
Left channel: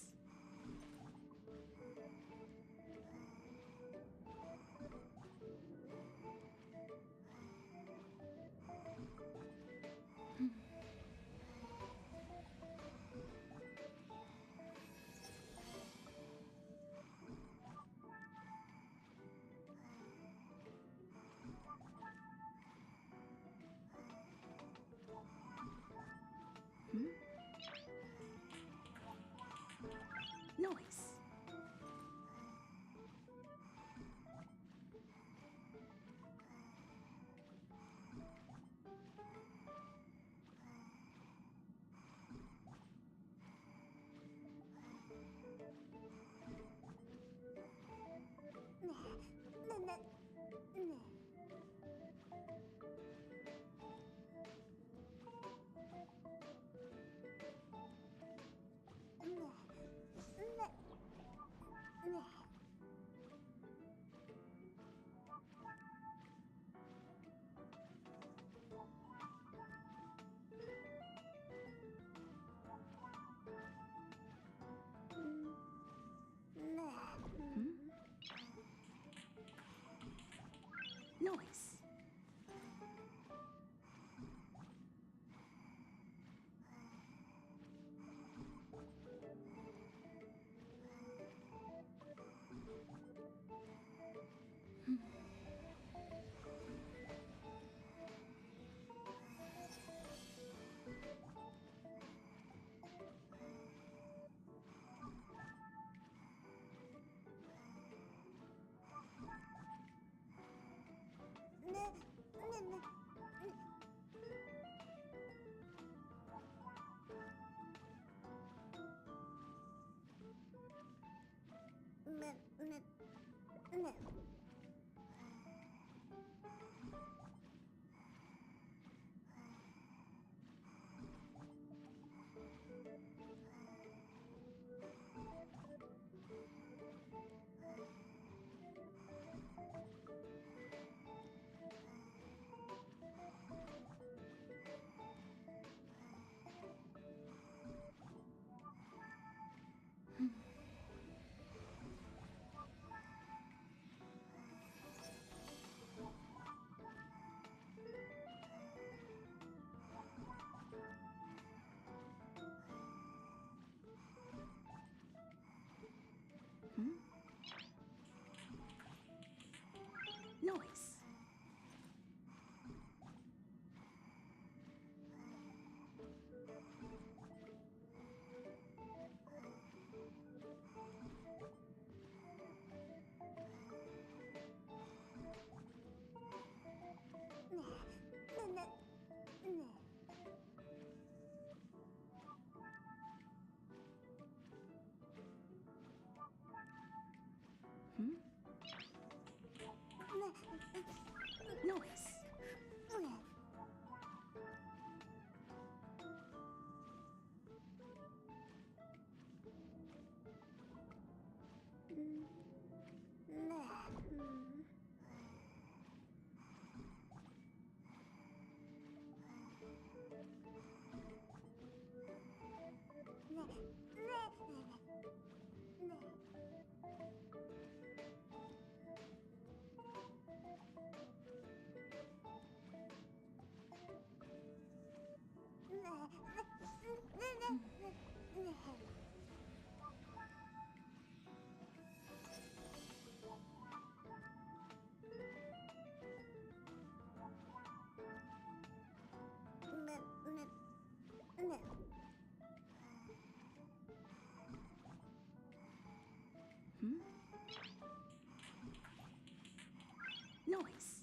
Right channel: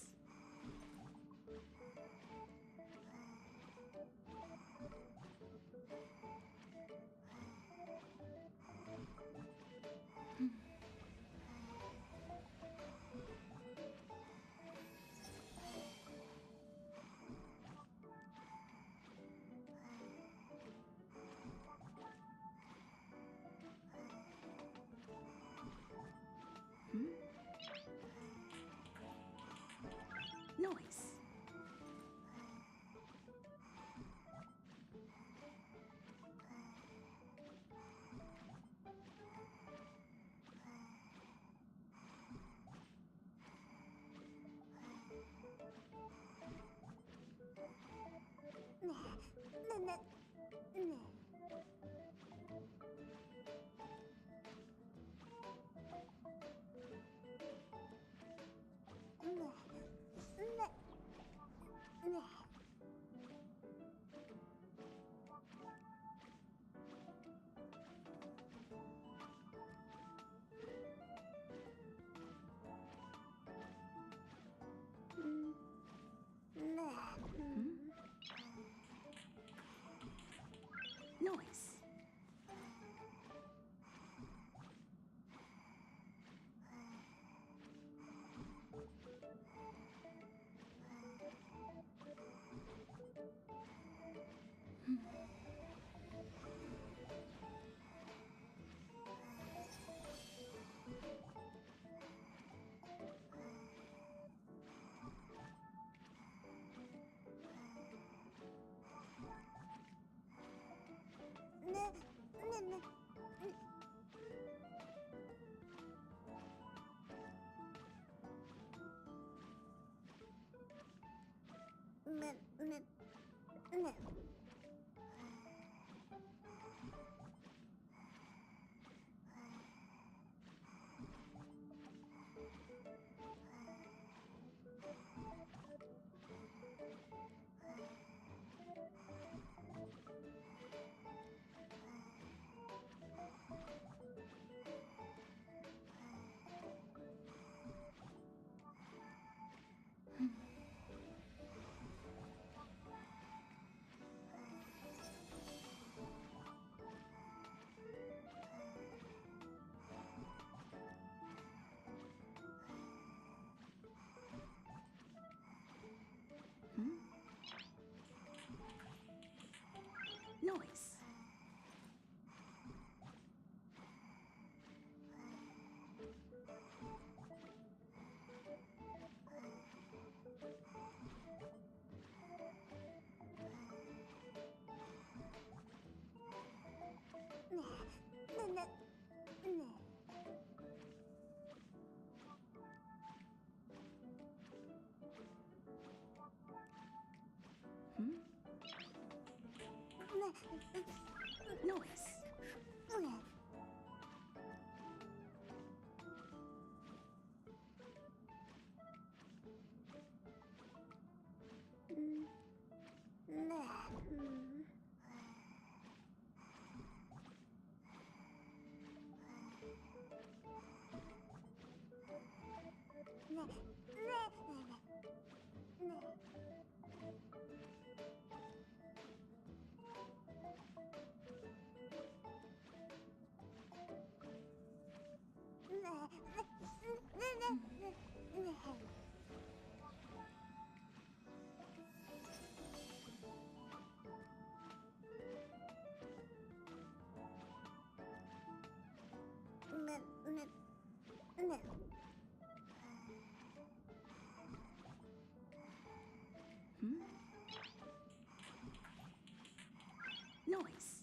Noise. Noise. Noise.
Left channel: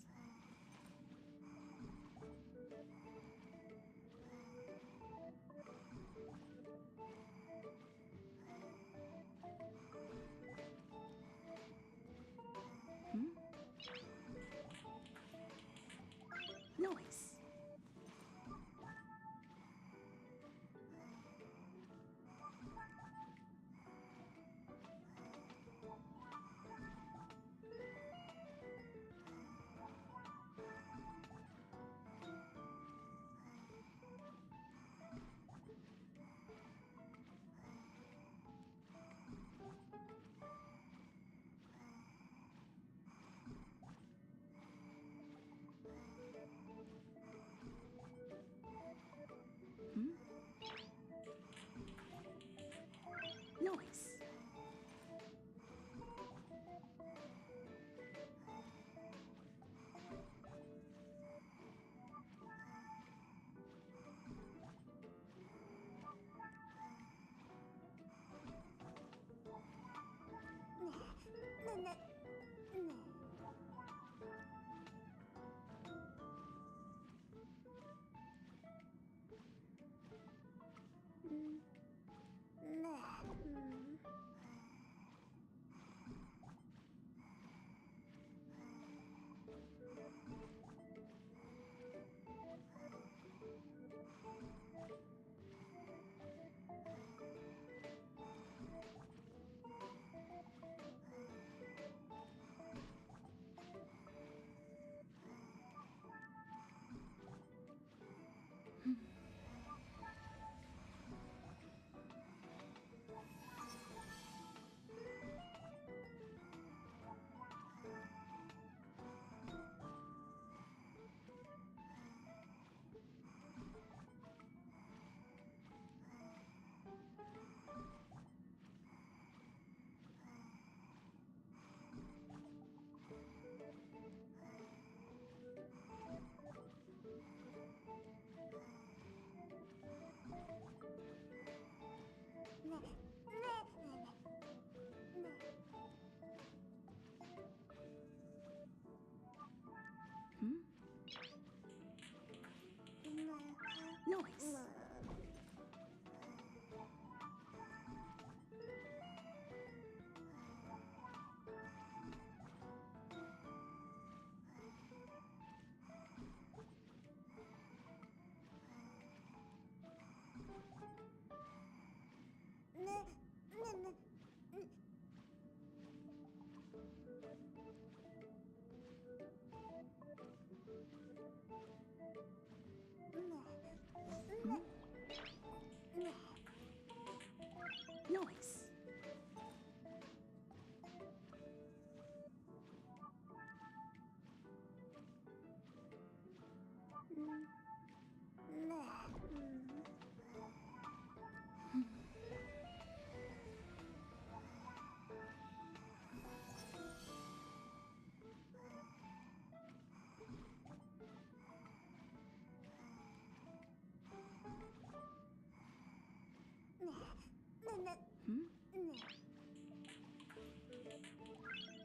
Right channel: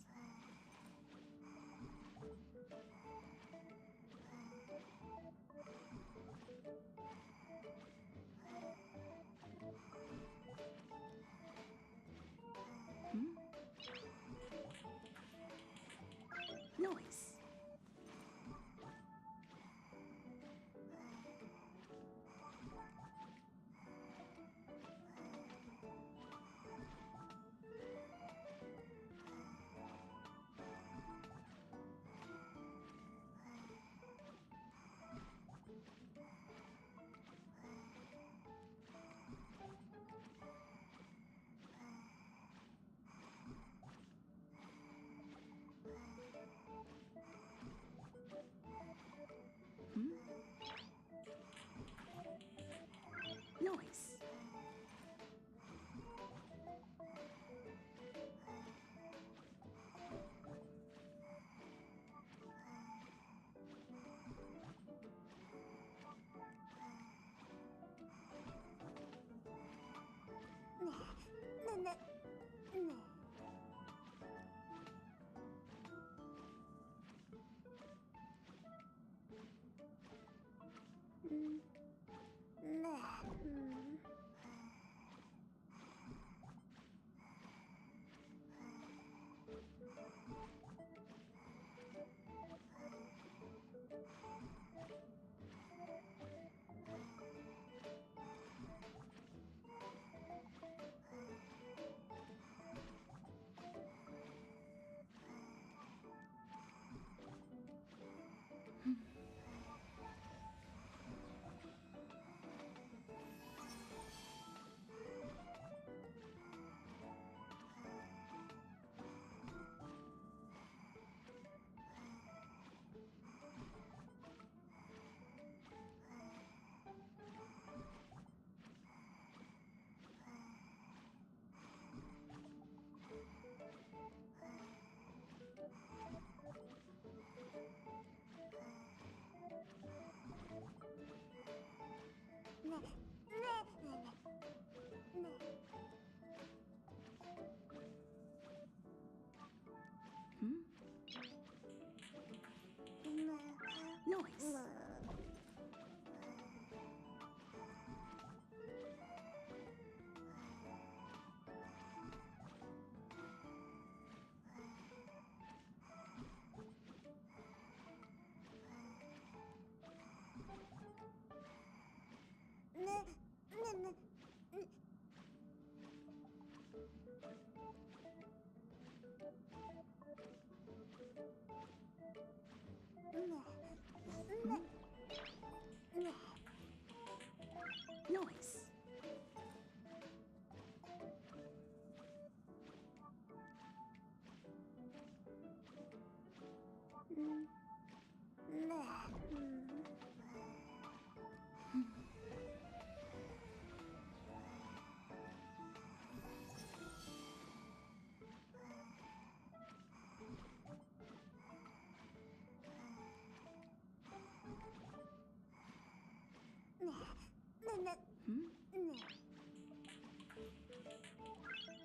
Noise.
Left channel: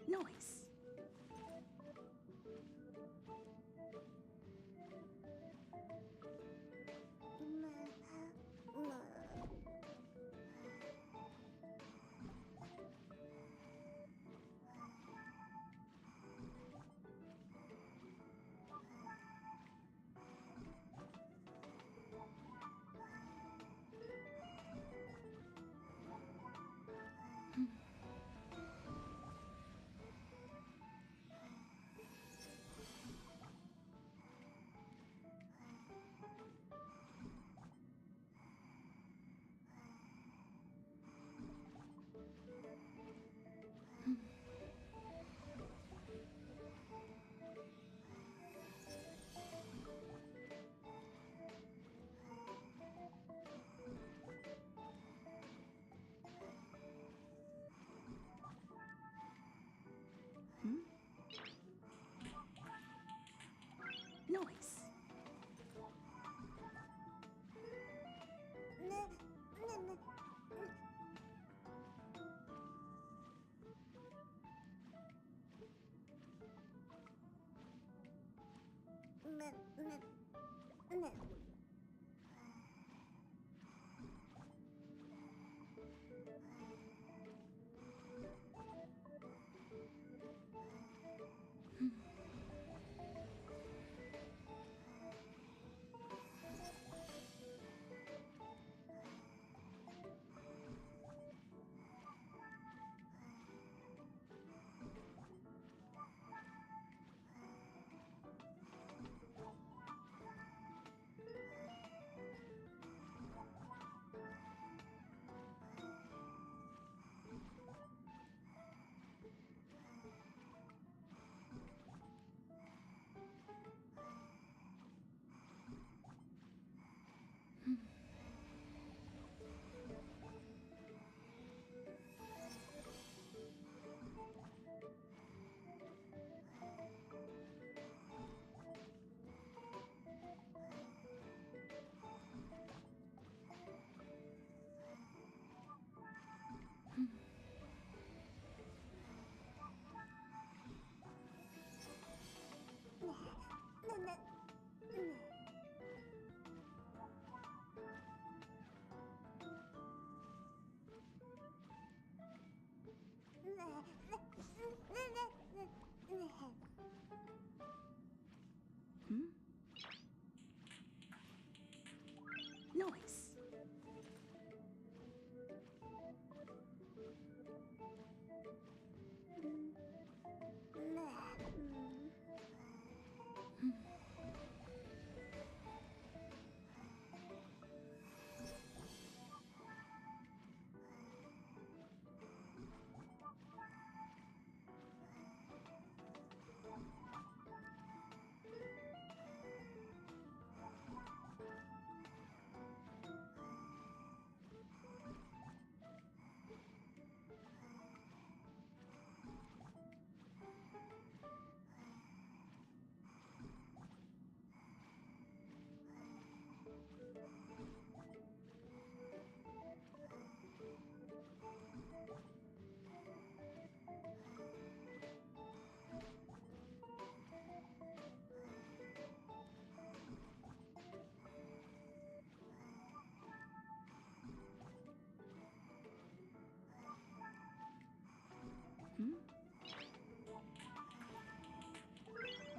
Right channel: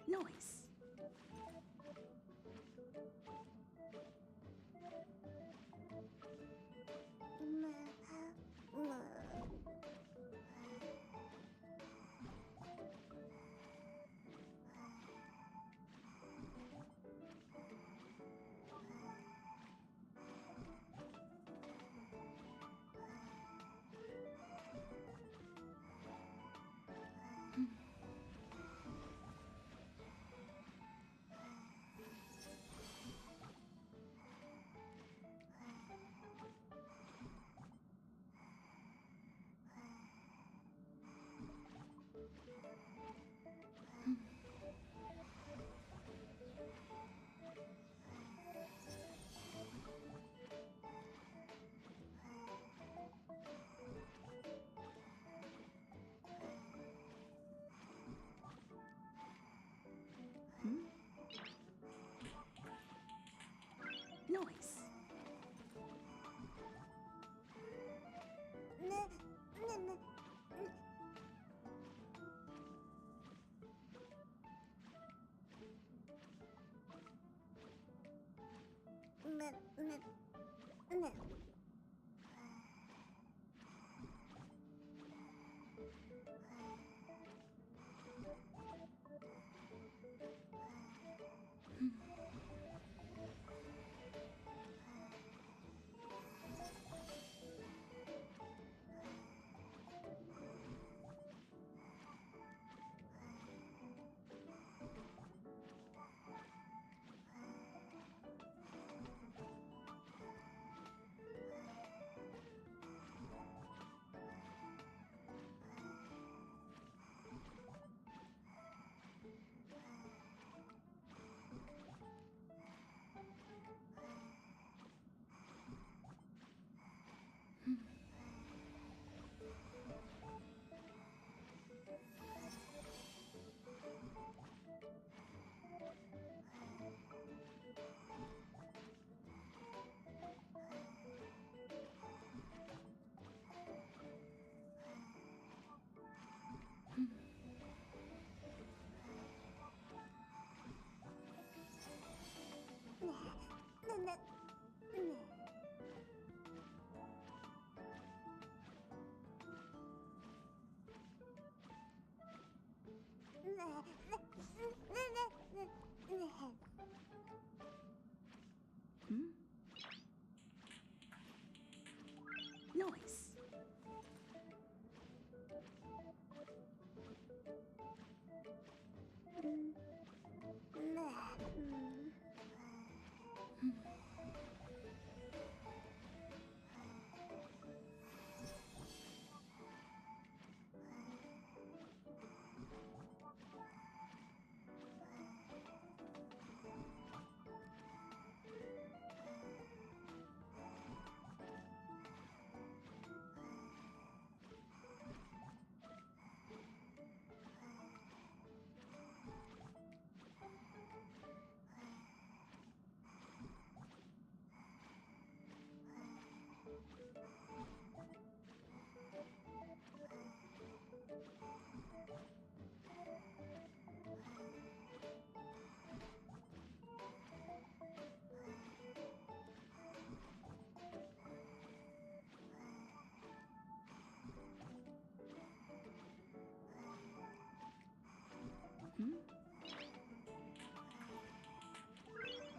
Noise. Noise.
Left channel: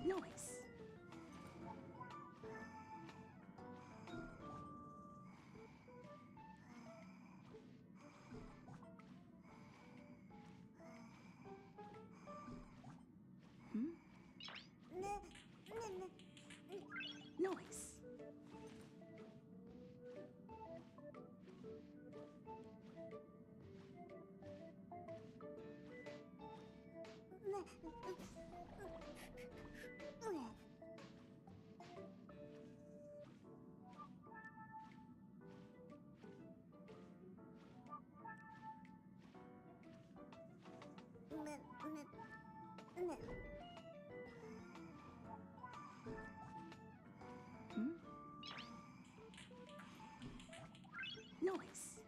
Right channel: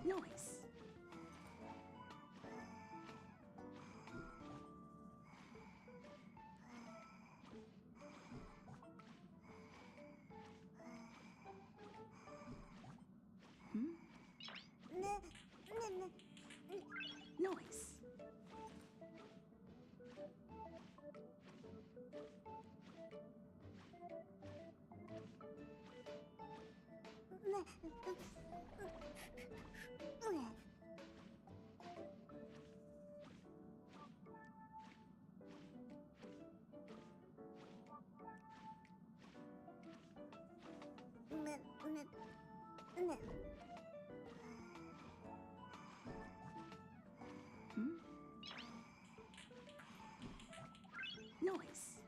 Noise. Noise. Noise.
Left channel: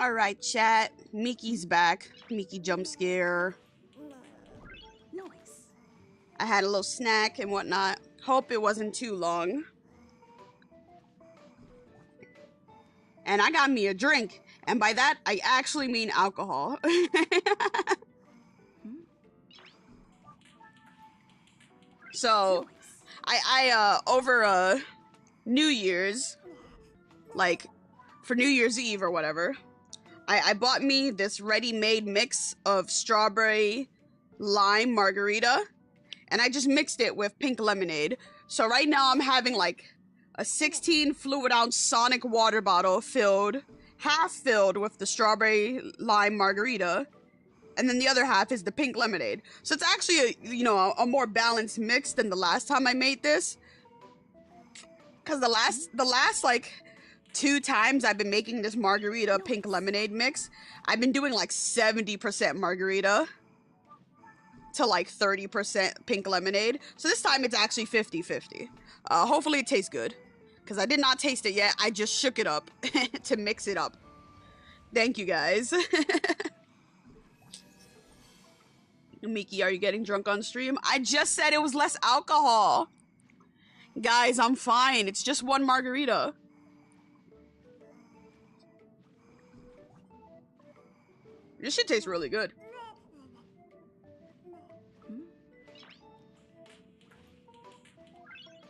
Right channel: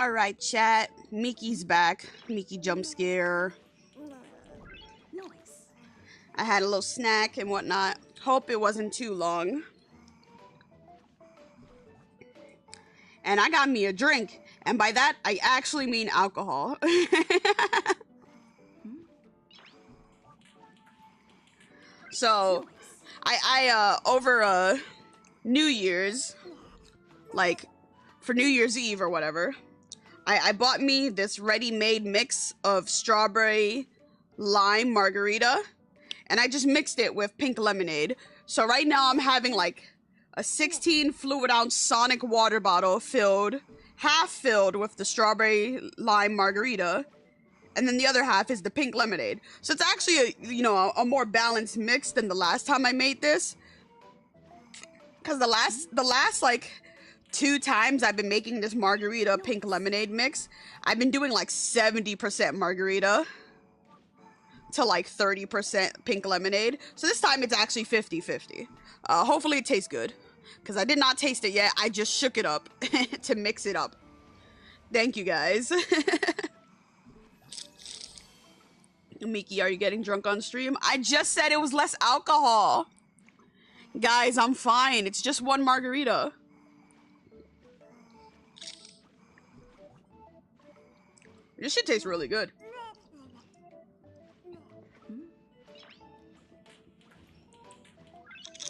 Alright, chat. Miki's back. Miki jump scare. Nice. I had a little snack and whatnot. Hope it wasn't too long. And I got me a drink. And by that, I actually mean alcohol. So, I over New Year's, like, for New Year's Eve or whatever, I bought me this ready-made mix of strawberry lime margarita, and I just mixed it with pink lemonade. So right now I'm having like a 16 fluid ounce Sonic water bottle filled, half filled with the strawberry lime margarita, and then the other half is the pink lemonade. So it's actually a more balanced mix than the last time I made this. Cause the last like 2 times I've been making this margarita pink lemonade mix, I've been doing like 70% margarita to like 30% pink lemonade. So this time it's actually 50-50. Hopefully it tastes good. Because I did not taste it yet. I just shook it up to mix it up. Thank you guys. Miki, are you getting drunk on stream? I just said it was less alcohol. Guys, I'm fine. It's just one margarita. This shit tastes really good.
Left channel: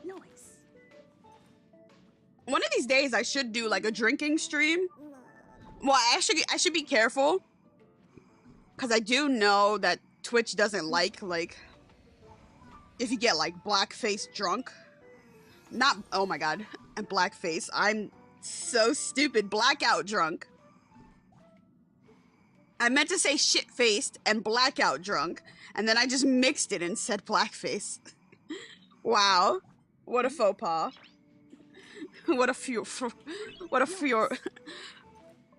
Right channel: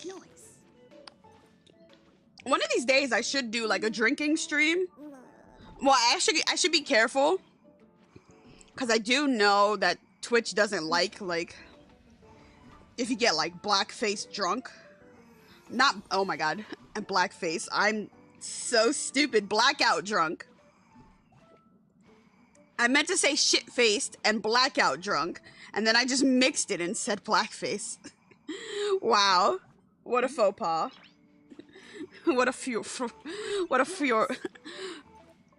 Nice. One of these days I should do like a drinking stream. Well, I should be careful. Cause I do know that Twitch doesn't like if you get like black-faced drunk. Not, oh my god, and blackface. I'm so stupid. Blackout drunk. I meant to say shit-faced and blackout drunk, and then I just mixed it and said blackface. Wow. What a faux pas. What a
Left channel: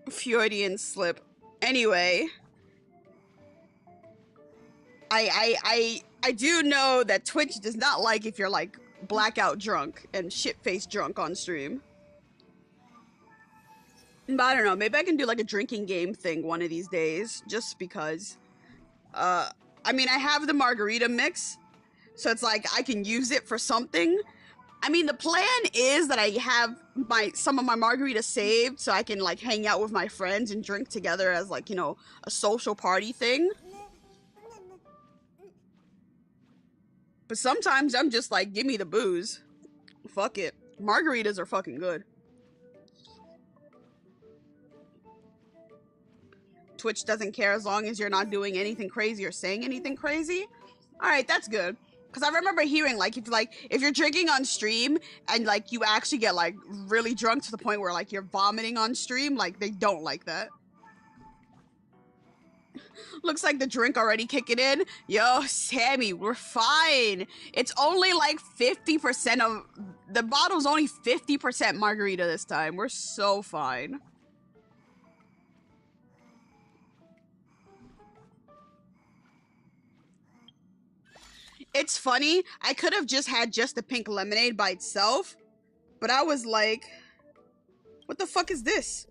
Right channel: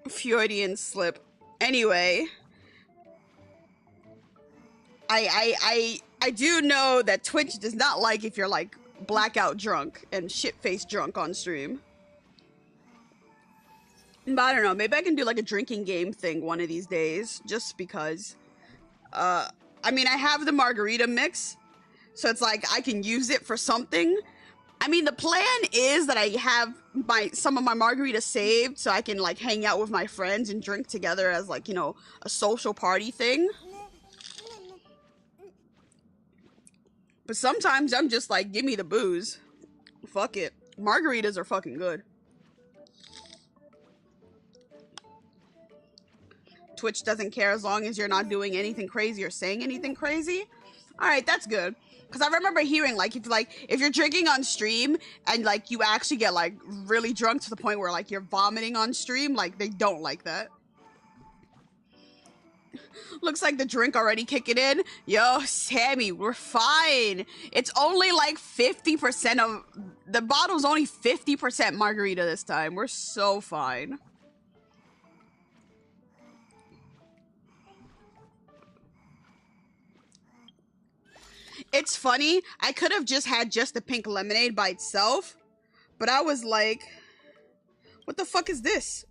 Freudian slip. Anyway, I do know that Twitch does not like if you're like blackout drunk and shit-faced drunk on stream. But I don't know, maybe I can do like a drinking game thing one of these days, just because. I mean, I have the margarita mix, so it's like I can use it for something. I mean, the plan is that I have some of my margaritas saved so I can like hang out with my friends and drink together as like, a social party thing. But sometimes I'm just like, give me the booze. Fuck it. Margaritas are fucking good. Twitch doesn't care as long as you're not doing anything crazy or saying anything crazy. Alright, that's good. Because I remember hearing, if you're drinking on stream and, you actually get, really drunk to the point where, you're vomiting on stream, they don't like that. Looks like the drink already kicking in. Yo, Sammy, we're fine. It's only, 50% of... The bottle's only 50% margarita this time. We're so fine. It's funny, I could have just had just the pink lemonade by itself, but I was like, what the fuck is this?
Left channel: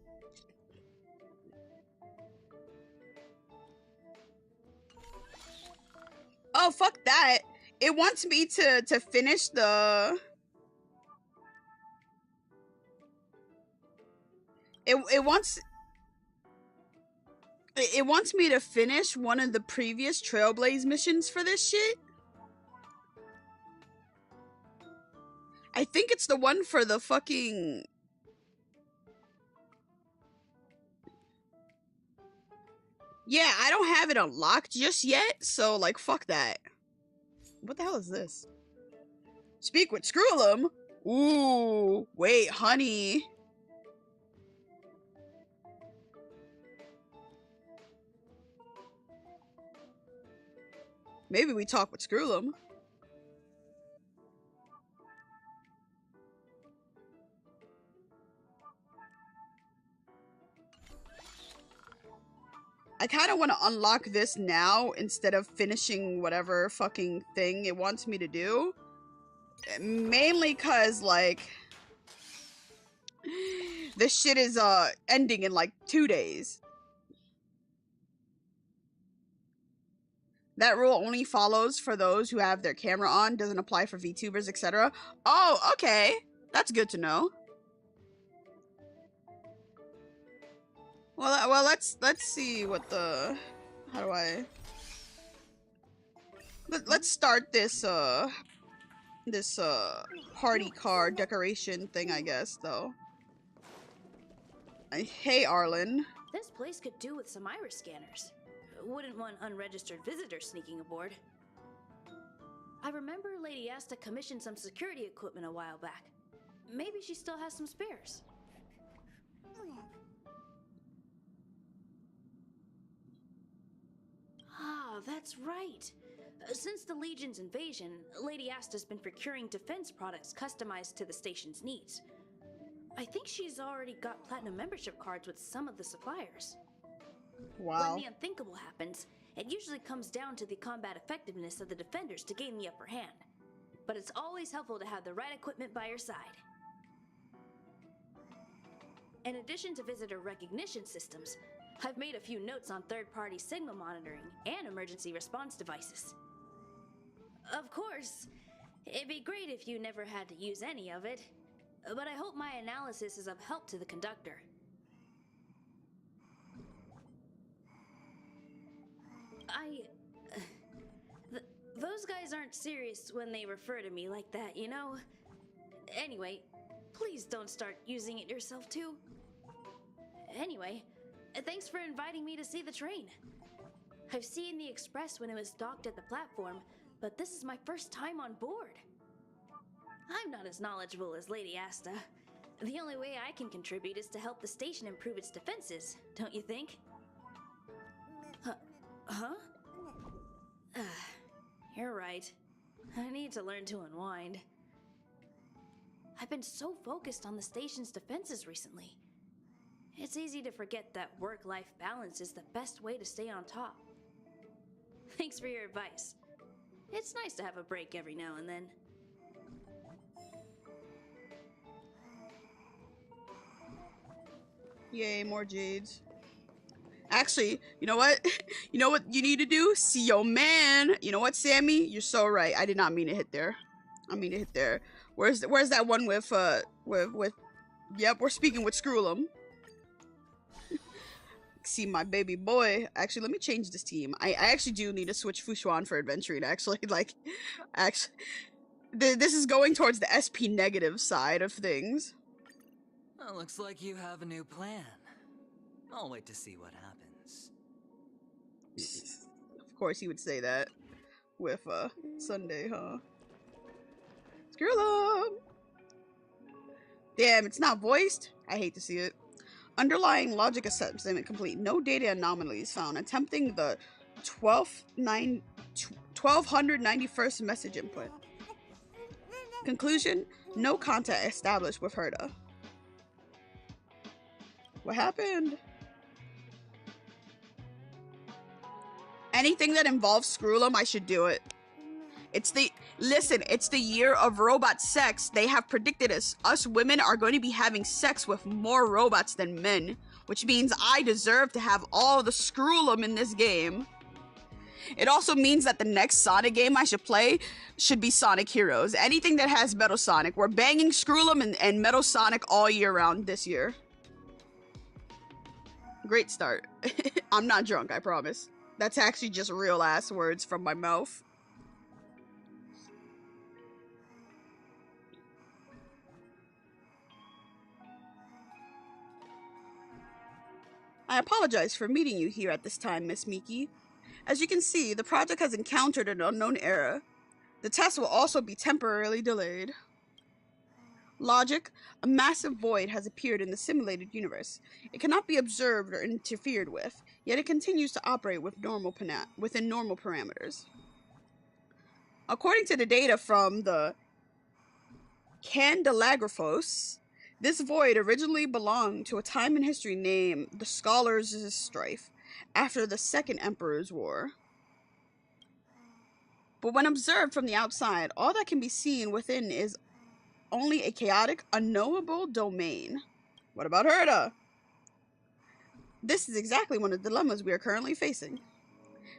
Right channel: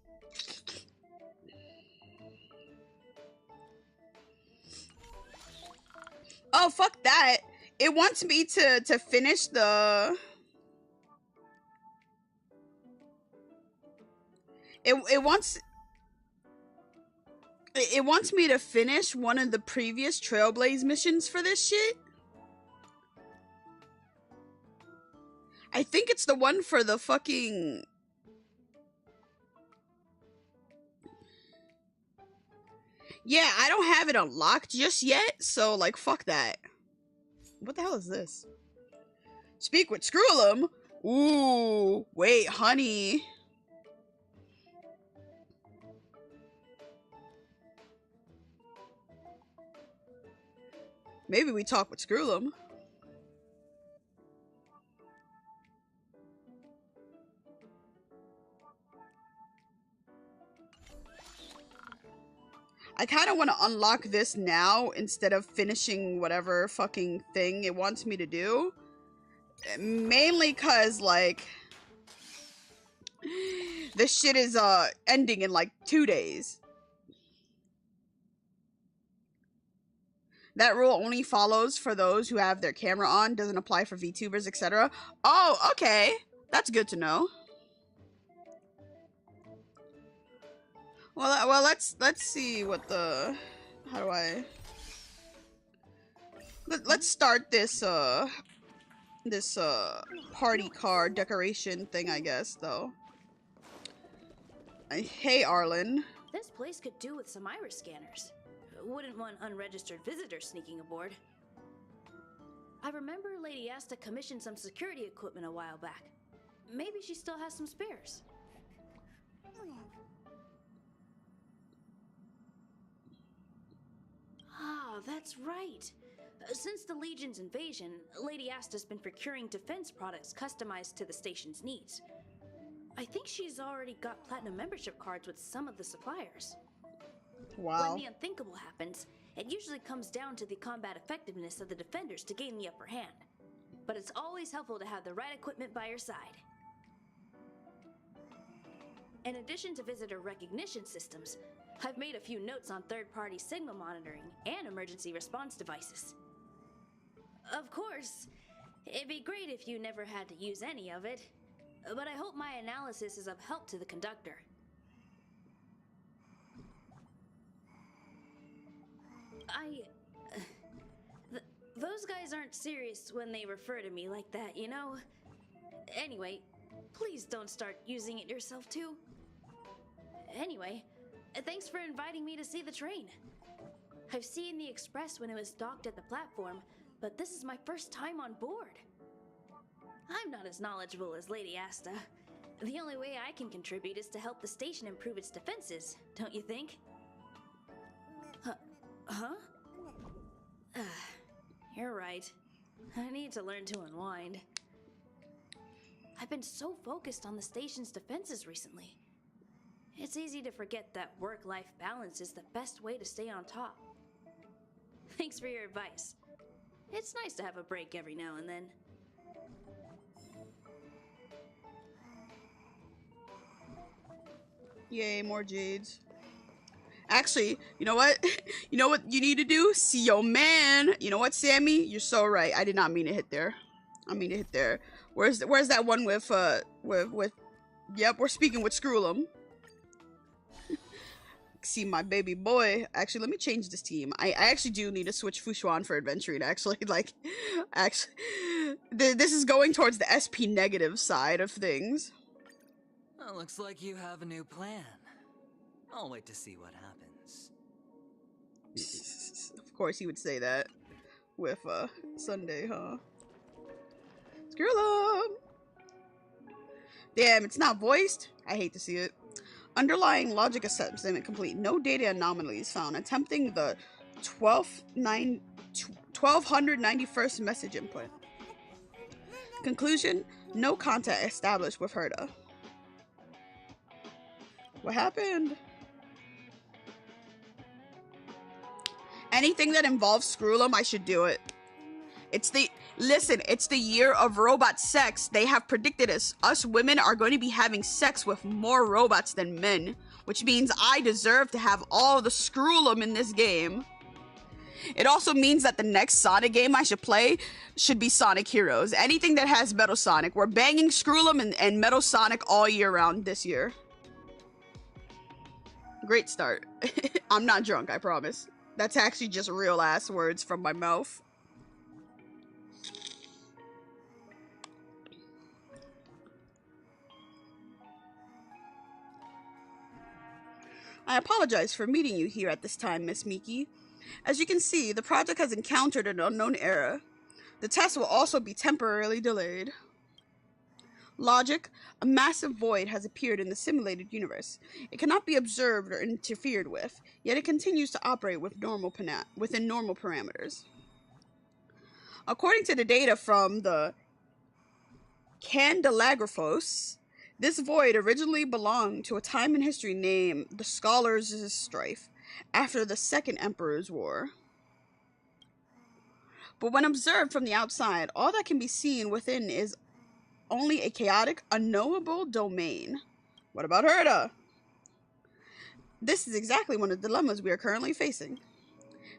Oh, fuck that. It wants me to finish the... It wants me to finish one of the previous Trailblaze missions for this shit. I think it's the one for the fucking... Yeah, I don't have it unlocked just yet, so, fuck that. What the hell is this? Speak with Screw'em? Ooh, wait, honey. Maybe we talk with Screw'em. I kind of want to unlock this now instead of finishing whatever fucking thing it wants me to do. Mainly because, This shit is ending in like 2 days. That rule only follows for those who have their camera on, doesn't apply for VTubers, etc. Oh, okay. That's good to know. Well, let's see what the... How do I... Let's start this, party car decoration thing, I guess, though. Hey, Arlen. This place could do with some iris scanners. Wouldn't want unregistered visitors sneaking aboard. I remember Lady Asta commissioned some security equipment a while back. Maybe she still has some spares. Ah, that's right. Since the Legion's invasion, Lady Asta's been procuring defense products customized to the station's needs. I think she's already got platinum membership cards with some of the suppliers. Wow. When the unthinkable happens, it usually comes down to the combat effectiveness of the defenders to gain the upper hand. But it's always helpful to have the right equipment by your side. In addition to visitor recognition systems, I've made a few notes on third-party signal monitoring and emergency response devices. Of course, it'd be great if you never had to use any of it, but I hope my analysis is of help to the conductor. Those guys aren't serious when they refer to me like that, you know? Anyway, please don't start using it yourself too. Anyway, thanks for inviting me to see the train. I've seen the express when it was docked at the platform, but this is my first time on board. I'm not as knowledgeable as Lady Asta. The only way I can contribute is to help the station improve its defenses, don't you think? Huh? You're right. I need to learn to unwind. I've been so focused on the station's defenses recently. It's easy to forget that work-life balance is the best way to stay on top. Thanks for your advice. It's nice to have a break every now and then. Yay, more jades. Actually, you know what? You know what you need to do? See your man. You know what, Sammy? You're so right. I did not mean to hit there. I mean to hit there. Where's that one with yep, we're speaking with Screwlum. See my baby boy. Actually, let me change this team. I actually do need to switch Fushuan for adventuring, actually. Like, actually, this is going towards the SP negative side of things. Well, looks like you have a new plan. I'll wait to see what happens. Of course he would say that with Sunday, huh? Screwlum! Damn, it's not voiced? I hate to see it. Underlying logic assessment complete. No data anomalies found. Attempting the 1291st message input. Conclusion, no contact established with Herta. What happened? Anything that involves Screwlum, I should do it. Listen, it's the year of robot sex. They have predicted us women are going to be having sex with more robots than men, which means I deserve to have all the Screwlum in this game. It also means that the next Sonic game I should play should be Sonic Heroes. Anything that has Metal Sonic. We're banging Screwlum and Metal Sonic all year round this year. Great start. I'm not drunk, I promise. That's actually just real ass words from my mouth. I apologize for meeting you here at this time, Miss Miki. As you can see, the project has encountered an unknown error. The test will also be temporarily delayed. Logic, a massive void has appeared in the simulated universe. It cannot be observed or interfered with, yet it continues to operate with within normal parameters. According to the data from the Candelagraphos, this void originally belonged to a time in history named the Scholars' Strife, after the Second Emperor's War. But when observed from the outside, all that can be seen within is only a chaotic, unknowable domain. What about Herta? This is exactly one of the dilemmas we are currently facing.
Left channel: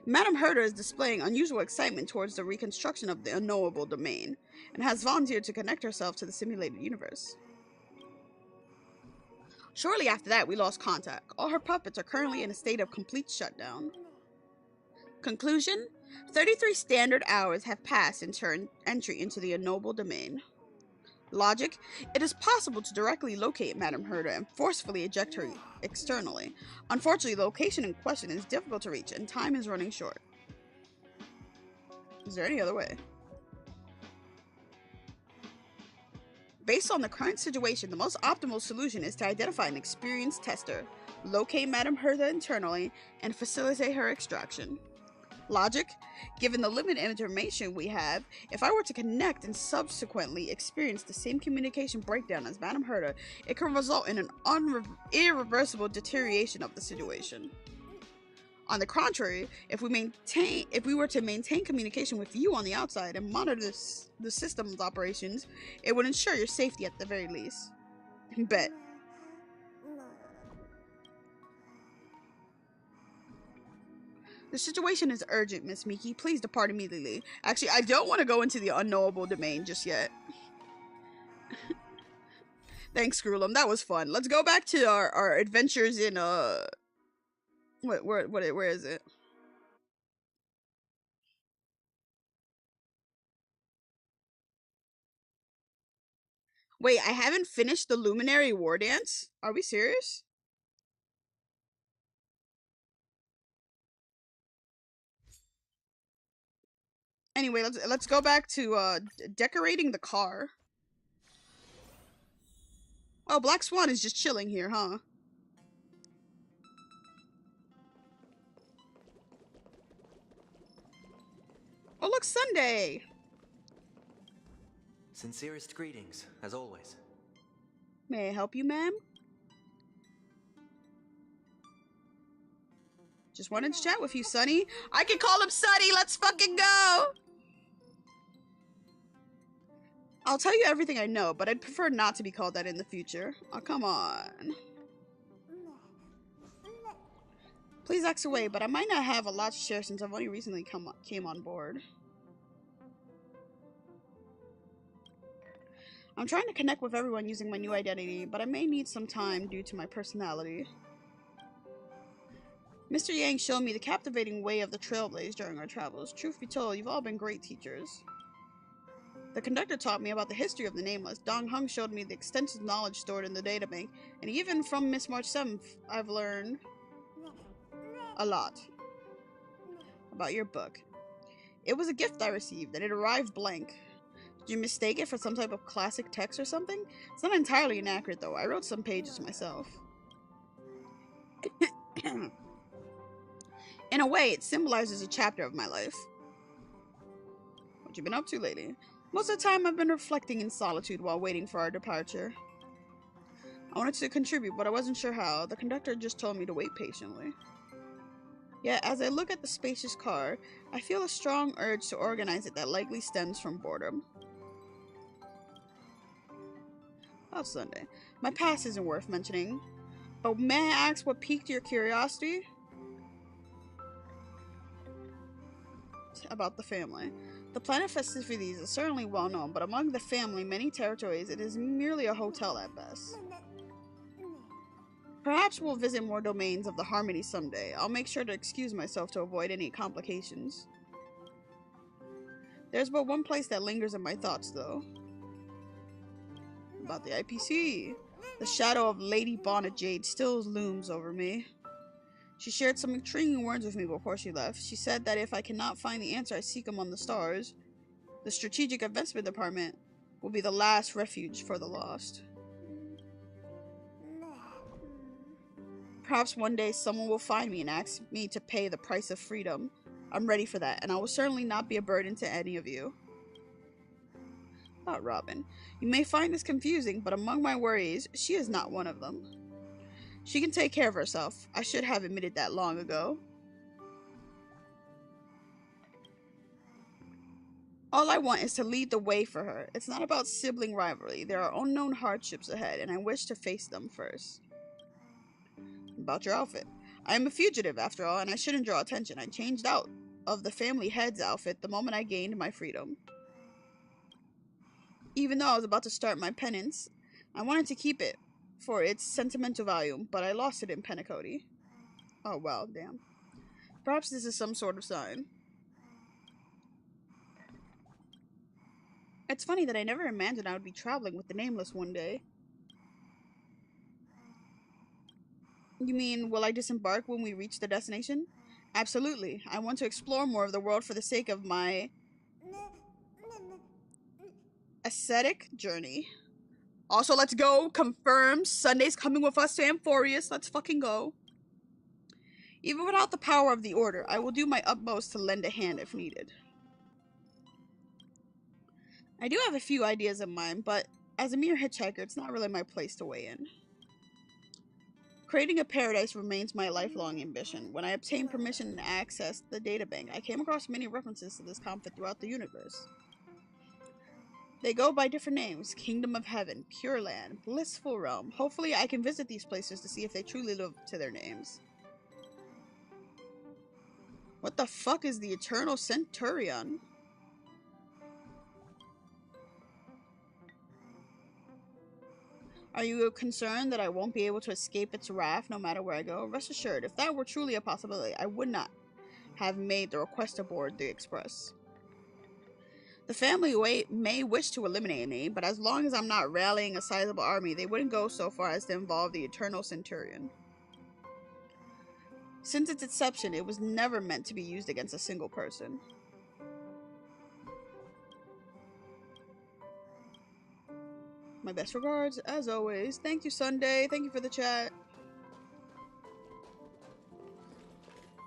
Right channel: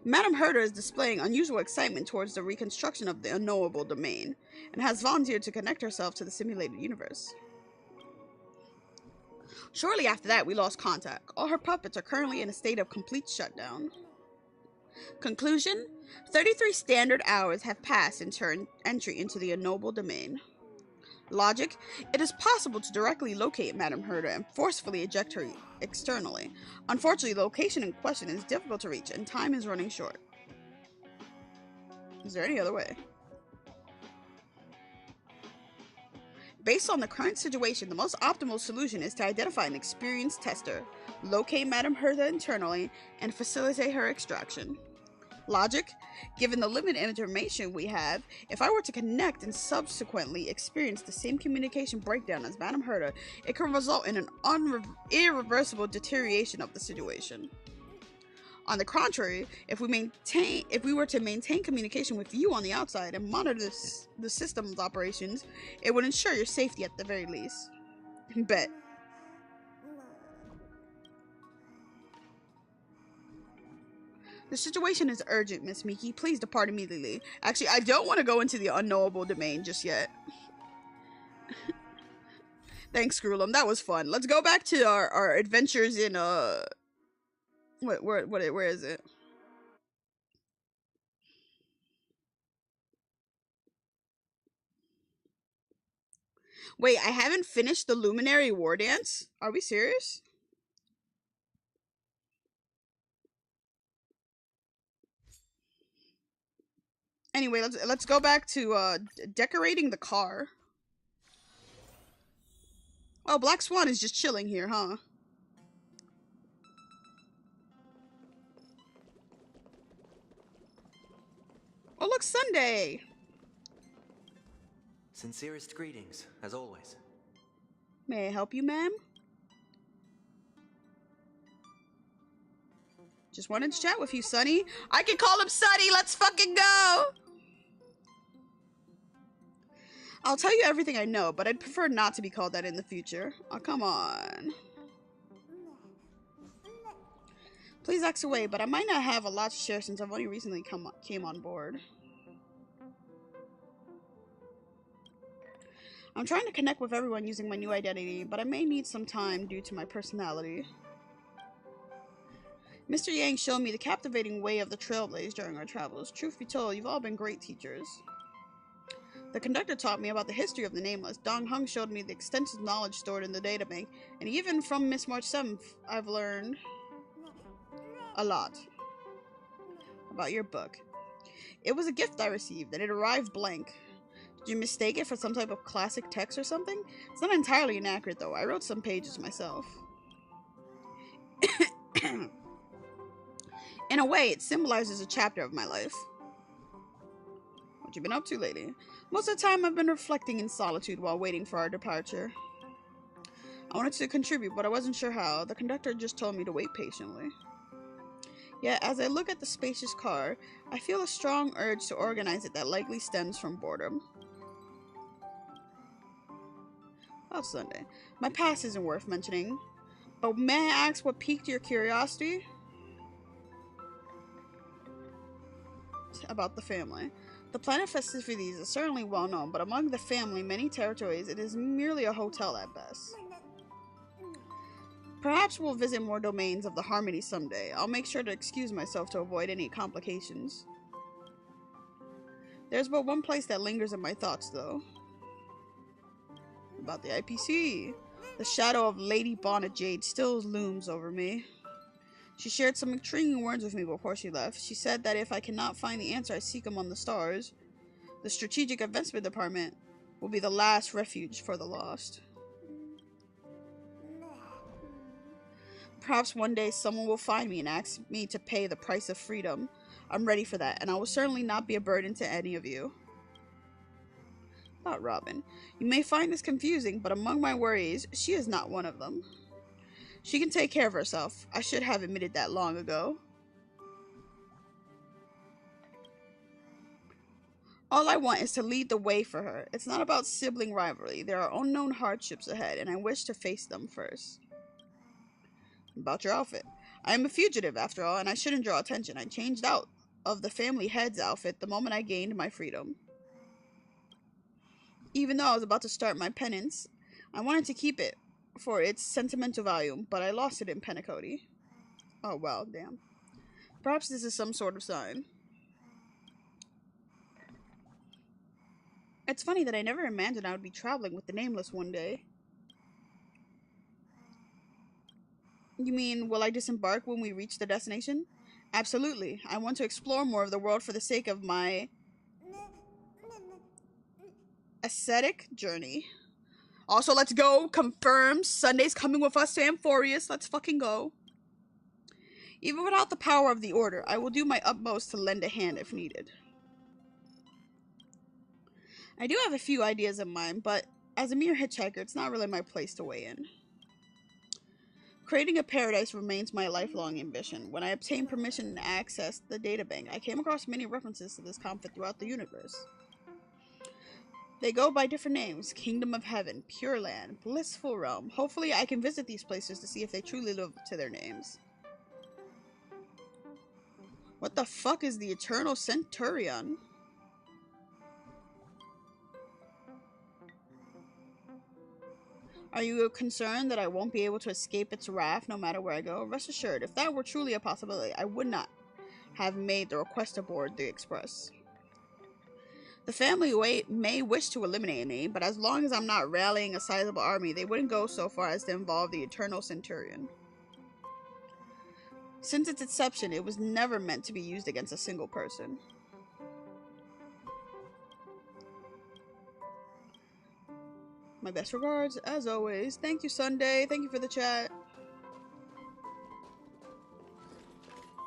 Madame Herta is displaying unusual excitement towards the reconstruction of the unknowable domain, and has volunteered to connect herself to the simulated universe. Shortly after that, we lost contact. All her puppets are currently in a state of complete shutdown. Conclusion: 33 standard hours have passed since her entry into the unknowable domain. Logic: it is possible to directly locate Madame Herta and forcefully eject her externally. Unfortunately, the location in question is difficult to reach and time is running short. Is there any other way? Based on the current situation, the most optimal solution is to identify an experienced tester, locate Madame Herta internally, and facilitate her extraction. Logic: given the limited information we have, if I were to connect and subsequently experience the same communication breakdown as Madame Herta, it could result in an irreversible deterioration of the situation. On the contrary, if we were to maintain communication with you on the outside and monitor the system's operations, it would ensure your safety at the very least. Bet. The situation is urgent, Miss Miki. Please depart immediately. Actually, I don't want to go into the unknowable domain just yet. Thanks, Screwlum. That was fun. Let's go back to our adventures in, where is it? Wait, I haven't finished the Luminary War Dance? Are we serious? Anyway, let's go back to decorating the car. Oh, Black Swan is just chilling here, huh? Oh, look, Sunday! Sincerest greetings, as always. May I help you, ma'am? Just wanted to chat with you, Sonny. I can call him Sonny! Let's fucking go! I'll tell you everything I know, but I'd prefer not to be called that in the future. Oh, come on. Please ask away, but I might not have a lot to share since I've only recently came on board. I'm trying to connect with everyone using my new identity, but I may need some time due to my personality. Mr. Yang showed me the captivating way of the Trailblaze during our travels. Truth be told, you've all been great teachers. The conductor taught me about the history of the Nameless. Dong Hung showed me the extensive knowledge stored in the databank, and even from Miss March 7th, I've learned a lot about your book. It was a gift I received, and it arrived blank. Did you mistake it for some type of classic text or something? It's not entirely inaccurate, though. I wrote some pages myself. In a way, it symbolizes a chapter of my life. What you been up to, lady? Most of the time, I've been reflecting in solitude while waiting for our departure. I wanted to contribute, but I wasn't sure how. The conductor just told me to wait patiently. Yet, as I look at the spacious car, I feel a strong urge to organize it that likely stems from boredom. Oh, Sunday. My past isn't worth mentioning, but may I ask what piqued your curiosity? About the family. The planet festivities is certainly well known, but among the family, many territories, it is merely a hotel at best. Perhaps we'll visit more domains of the Harmony someday. I'll make sure to excuse myself to avoid any complications. There's but one place that lingers in my thoughts, though. About the IPC. The shadow of Lady Bonnet Jade still looms over me. She shared some intriguing words with me before she left. She said that if I cannot find the answer I seek among the stars, the Strategic Investment Department will be the last refuge for the lost. Perhaps one day someone will find me and ask me to pay the price of freedom. I'm ready for that, and I will certainly not be a burden to any of you. Not Robin. You may find this confusing, but among my worries, she is not one of them. She can take care of herself. I should have admitted that long ago. All I want is to lead the way for her. It's not about sibling rivalry. There are unknown hardships ahead, and I wish to face them first. About your outfit. I am a fugitive, after all, and I shouldn't draw attention. I changed out of the family head's outfit the moment I gained my freedom. Even though I was about to start my penance, I wanted to keep it for its sentimental value, but I lost it in Penacody. Oh, well, damn. Perhaps this is some sort of sign. It's funny that I never imagined I would be traveling with the Nameless one day. You mean, will I disembark when we reach the destination? Absolutely. I want to explore more of the world for the sake of my ascetic journey. Also, let's go. Confirmed. Sunday's coming with us to Amphorius. Let's fucking go. Even without the power of the Order, I will do my utmost to lend a hand if needed. I do have a few ideas in mind, but as a mere hitchhiker, it's not really my place to weigh in. Creating a paradise remains my lifelong ambition. When I obtained permission to access the databank, I came across many references to this conflict throughout the universe. They go by different names: Kingdom of Heaven, Pure Land, Blissful Realm. Hopefully I can visit these places to see if they truly live up to their names. What the fuck is the Eternal Centurion? Are you concerned that I won't be able to escape its wrath no matter where I go? Rest assured, if that were truly a possibility, I would not have made the request to board the Express. The family may wish to eliminate me, but as long as I'm not rallying a sizable army, they wouldn't go so far as to involve the Eternal Centurion. Since its inception, it was never meant to be used against a single person. My best regards, as always. Thank you, Sunday. Thank you for the chat.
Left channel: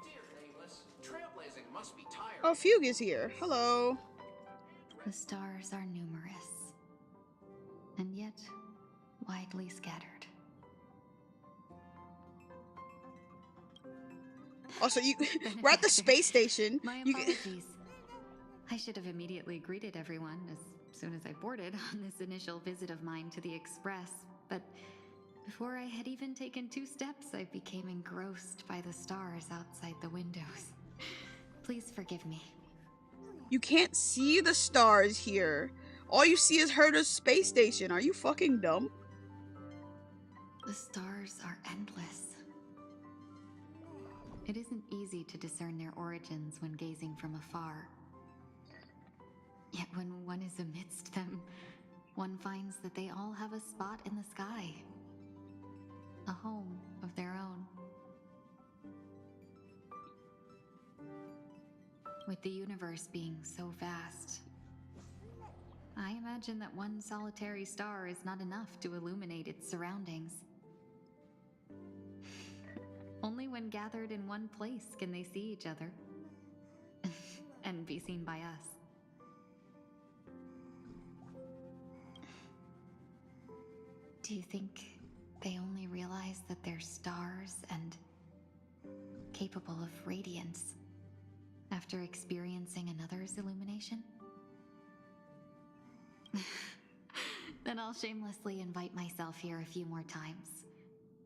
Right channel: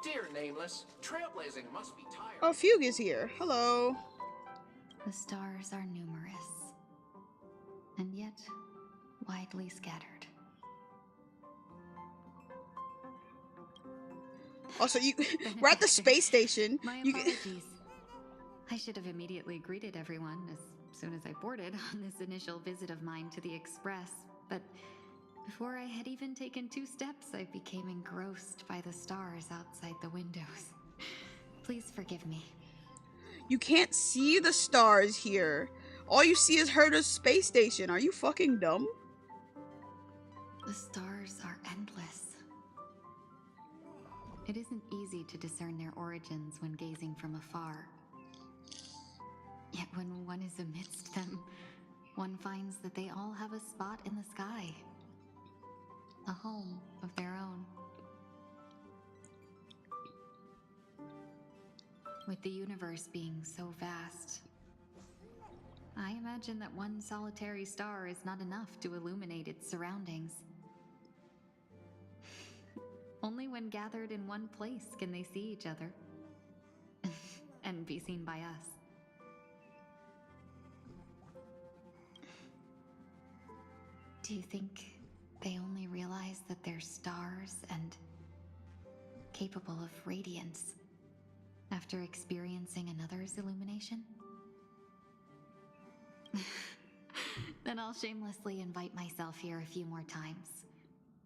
Dear Nameless, trailblazing must be tired. Oh, Fugue is here. Hello. The stars are numerous, and yet widely scattered. Also, we're at the space station. My apologies. I should have immediately greeted everyone as soon as I boarded on this initial visit of mine to the Express, but before I had even taken 2 steps, I became engrossed by the stars outside the windows. Please forgive me. You can't see the stars here. All you see is Herta's space station. Are you fucking dumb? The stars are endless. It isn't easy to discern their origins when gazing from afar. Yet when one is amidst them, one finds that they all have a spot in the sky. A home of their own. With the universe being so vast, I imagine that one solitary star is not enough to illuminate its surroundings. Only when gathered in one place can they see each other and be seen by us. Do you think they only realize that they're stars and capable of radiance after experiencing another's illumination? Then I'll shamelessly invite myself here a few more times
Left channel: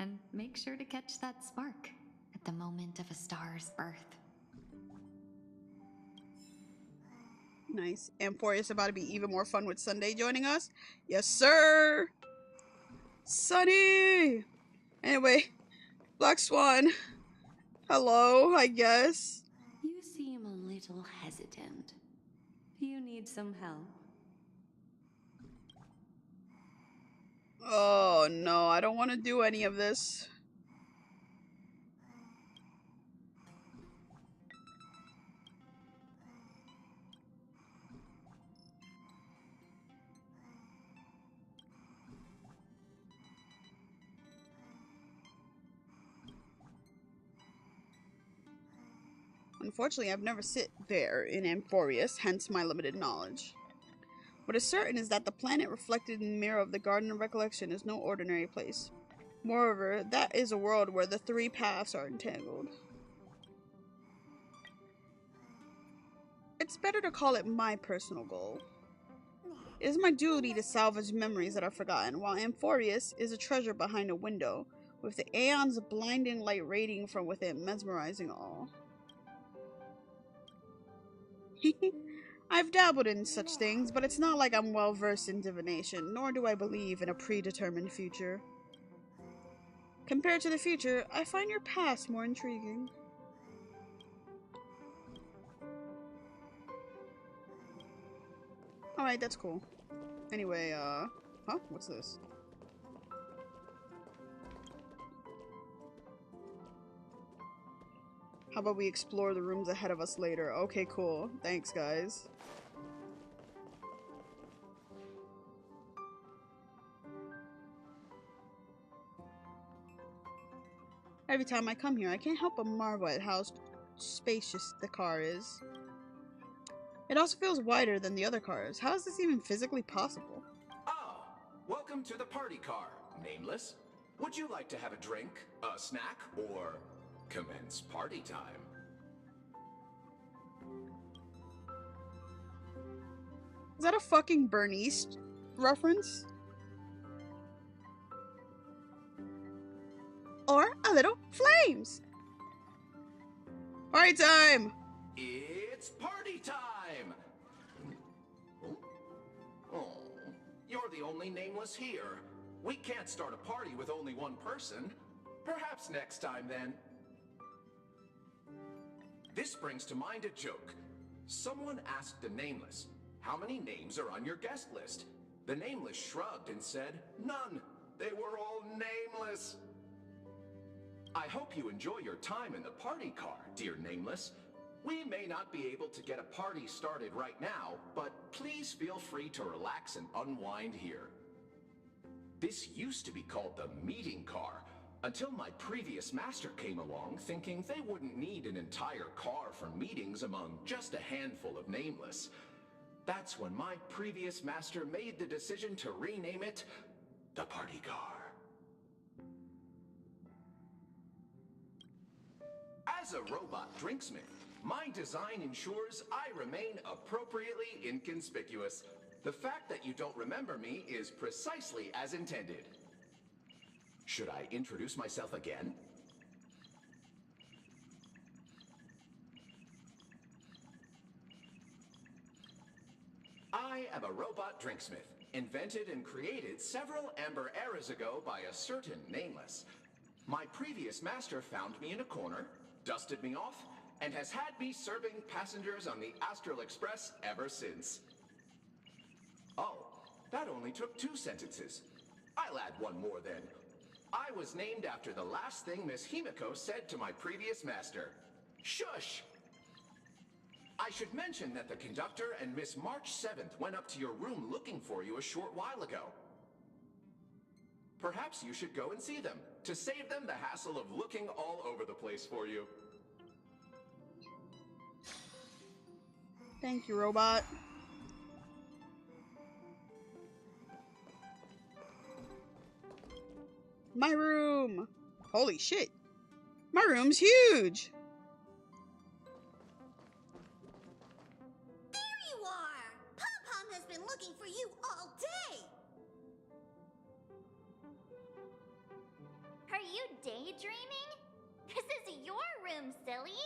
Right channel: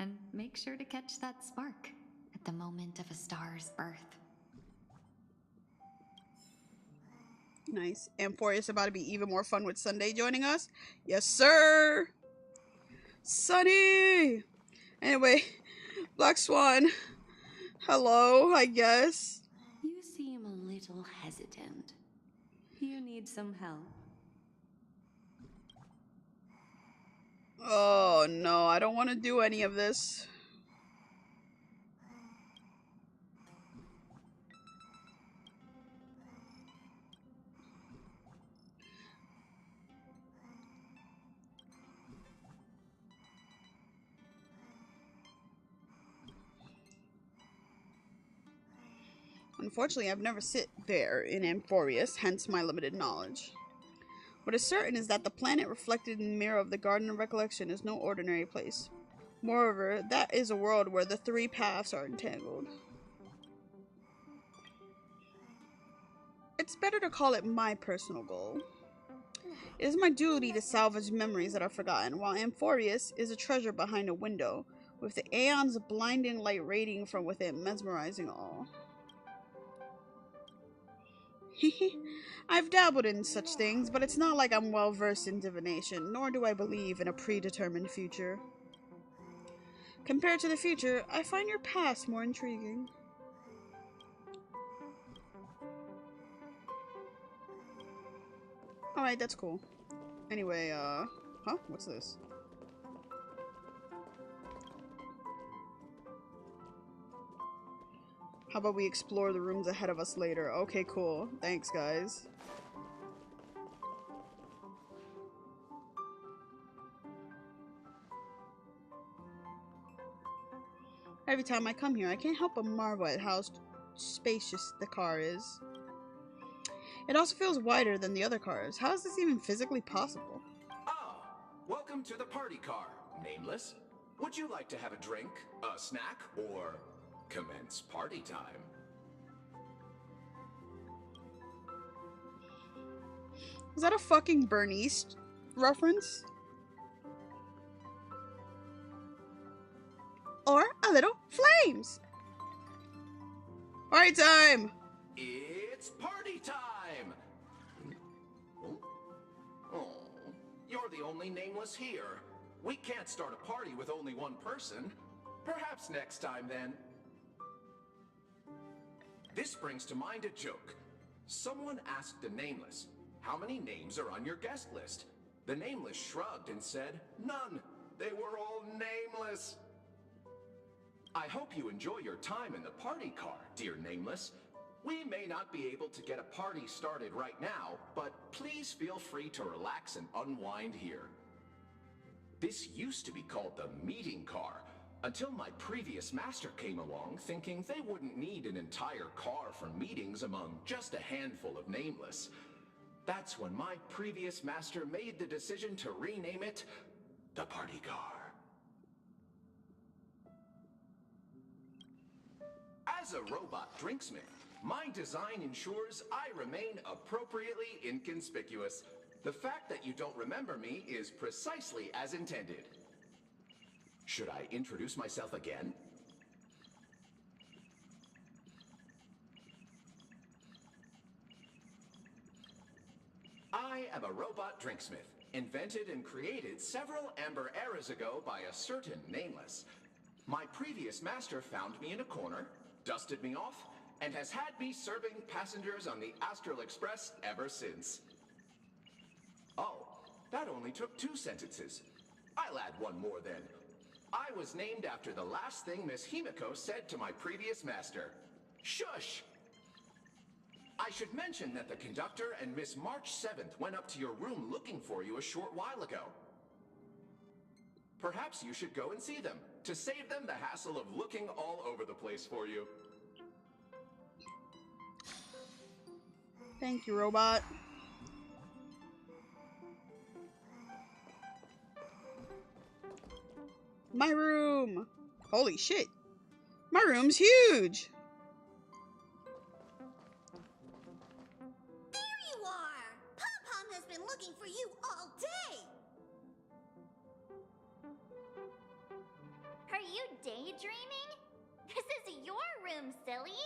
and make sure to catch that spark at the moment of a star's birth. Nice. Amphorius about to be even more fun with Sunday joining us. Yes, sir! Sunny! Anyway, Black Swan. Hello, I guess. You seem a little hesitant. You need some help? Oh no, I don't want to do any of this. Unfortunately, I've never sit there in Amphorius, hence my limited knowledge. What is certain is that the planet reflected in the mirror of the Garden of Recollection is no ordinary place. Moreover, that is a world where the 3 paths are entangled. It's better to call it my personal goal. It is my duty to salvage memories that are forgotten, while Amphorius is a treasure behind a window, with the aeons of blinding light radiating from within, mesmerizing all. I've dabbled in such things, but it's not like I'm well versed in divination, nor do I believe in a predetermined future. Compared to the future, I find your past more intriguing. Alright, that's cool. Anyway, huh? What's this? How about we explore the rooms ahead of us later? Okay, cool. Thanks, guys. Every time I come here, I can't help but marvel at how spacious the car is. It also feels wider than the other cars. How is this even physically possible? Ah, welcome to the party car, Nameless. Would you like to have a drink, a snack, or commence party time? Is that a fucking Bernice reference? Or a little flames? Party time! It's party time! Oh, you're the only Nameless here. We can't start a party with only one person. Perhaps next time, then. This brings to mind a joke. Someone asked the Nameless, "How many names are on your guest list?" The Nameless shrugged and said, "None. They were all nameless." I hope you enjoy your time in the party car, dear Nameless. We may not be able to get a party started right now, but please feel free to relax and unwind here. This used to be called the meeting car, until my previous master came along thinking they wouldn't need an entire car for meetings among just a handful of Nameless. That's when my previous master made the decision to rename it the party car. As a robot drinksmith, my design ensures I remain appropriately inconspicuous. The fact that you don't remember me is precisely as intended. Should I introduce myself again? I am a robot drinksmith, invented and created several amber eras ago by a certain Nameless. My previous master found me in a corner, dusted me off, and has had me serving passengers on the Astral Express ever since. Oh, that only took 2 sentences. I'll add one more then. I was named after the last thing Miss Himiko said to my previous master. Shush! I should mention that the conductor and Miss March 7th went up to your room looking for you a short while ago. Perhaps you should go and see them, to save them the hassle of looking all over the place for you. Thank you, robot. My room! Holy shit! My room's huge! There you are! Pom-Pom has been looking for you all day! Are you daydreaming? This is your room, silly!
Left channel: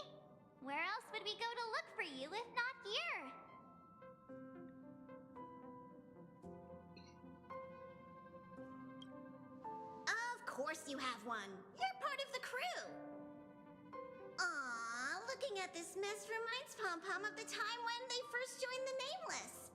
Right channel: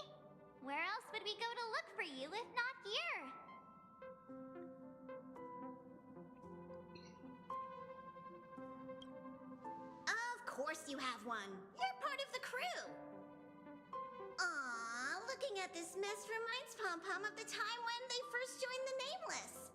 Where else would we go to look for you if not here? Of course you have one. You're part of the crew. Aw, looking at this mess reminds Pom-Pom of the time when they first joined the Nameless.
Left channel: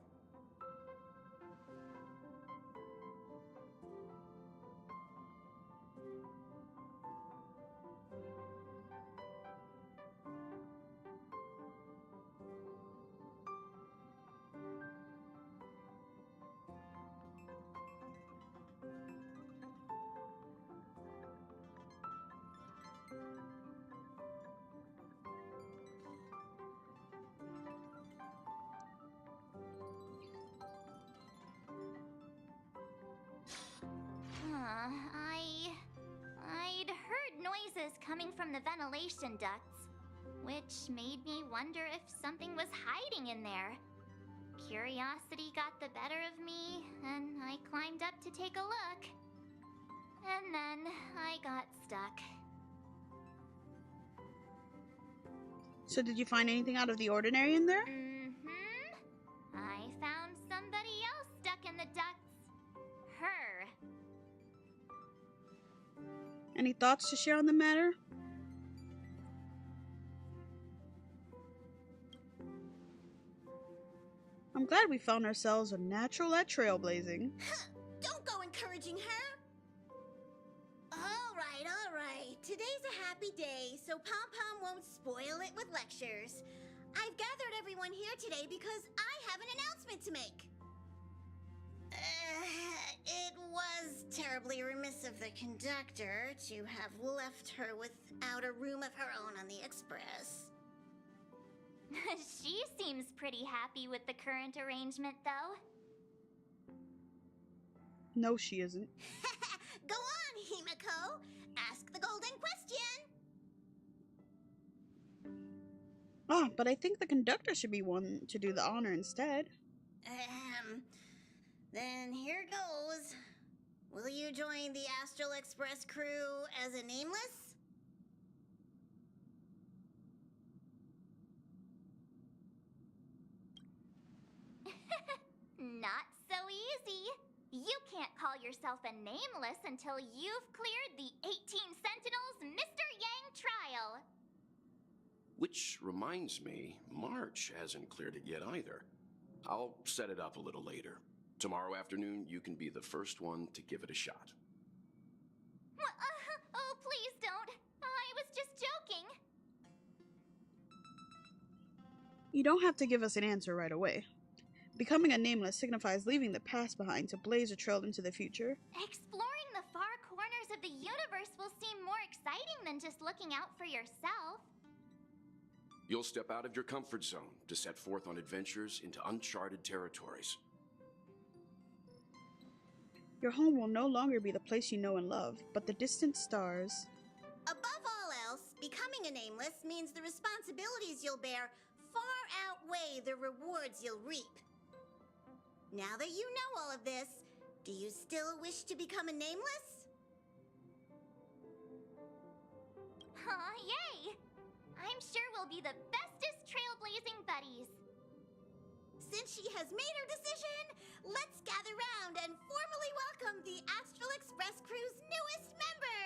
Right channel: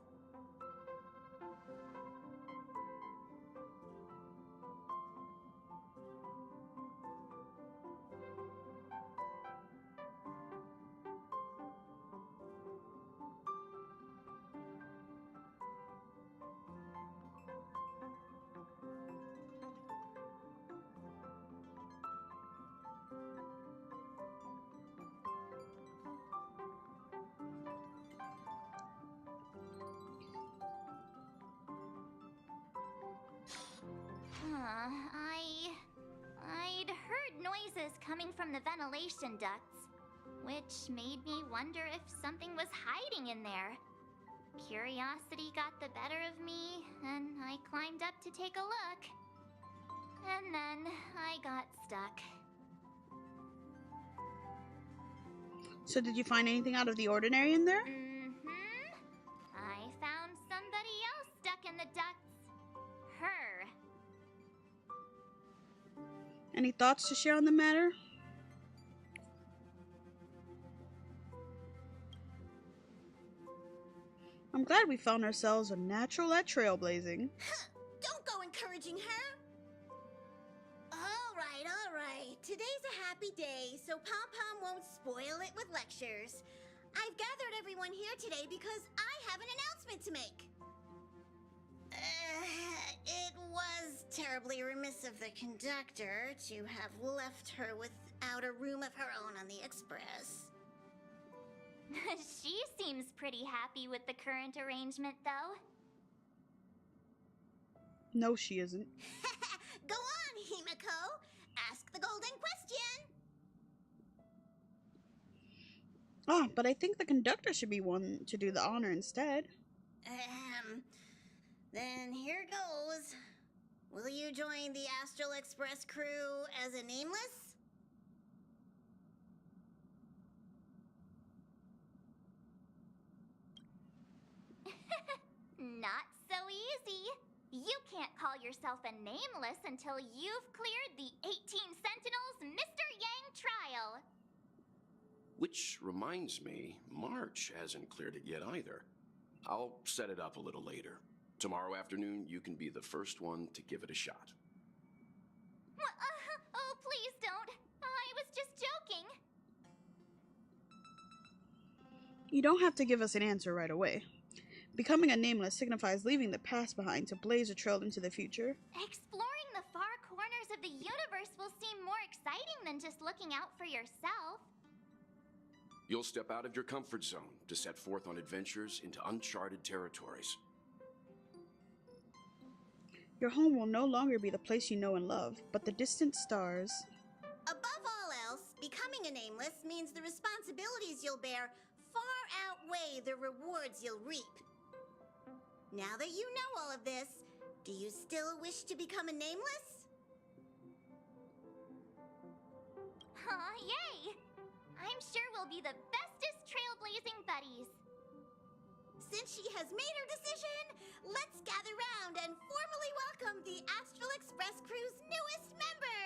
I'd heard noises coming from the ventilation ducts. which made me wonder if something was hiding in there. Curiosity got the better of me, and I climbed up to take a look. And then I got stuck. So did you find anything out of the ordinary in there? Mm-hmm. I found somebody else stuck in the ducts. Her. Any thoughts to share on the matter? I'm glad we found ourselves a natural at trailblazing. Don't go encouraging her! All right. Today's a happy day, so Pom-Pom won't spoil it with lectures. I've gathered everyone here today because I have an announcement to make. It was terribly remiss of the conductor to have left her without a room of her own on the express. She seems pretty happy with the current arrangement, though. No, she isn't. Go on, Himiko. Ask the golden question. Oh, but I think the conductor should be one to do the honor instead. Then here goes. Will you join the Astral Express crew as a nameless? Not so easy. You can't call yourself a nameless until you've cleared the 18 Sentinels Mr. Yang trial. Which reminds me, March hasn't cleared it yet either. I'll set it up a little later. Tomorrow afternoon, you can be the first one to give it a shot. Oh, please don't. I was just joking. You don't have to give us an answer right away. Becoming a nameless signifies leaving the past behind to blaze a trail into the future. Exploring the far corners of the universe will seem more exciting than just looking out for yourself. You'll step out of your comfort zone to set forth on adventures into uncharted territories. Your home will no longer be the place you know and love, but the distant stars. Above all else, becoming a nameless means the responsibilities you'll bear far outweigh the rewards you'll reap. Now that you know all of this, do you still wish to become a nameless? Yay! I'm sure we'll be the bestest trailblazing buddies. Since she has made her decision, let's gather round and formally welcome the Astral Express crew's newest member!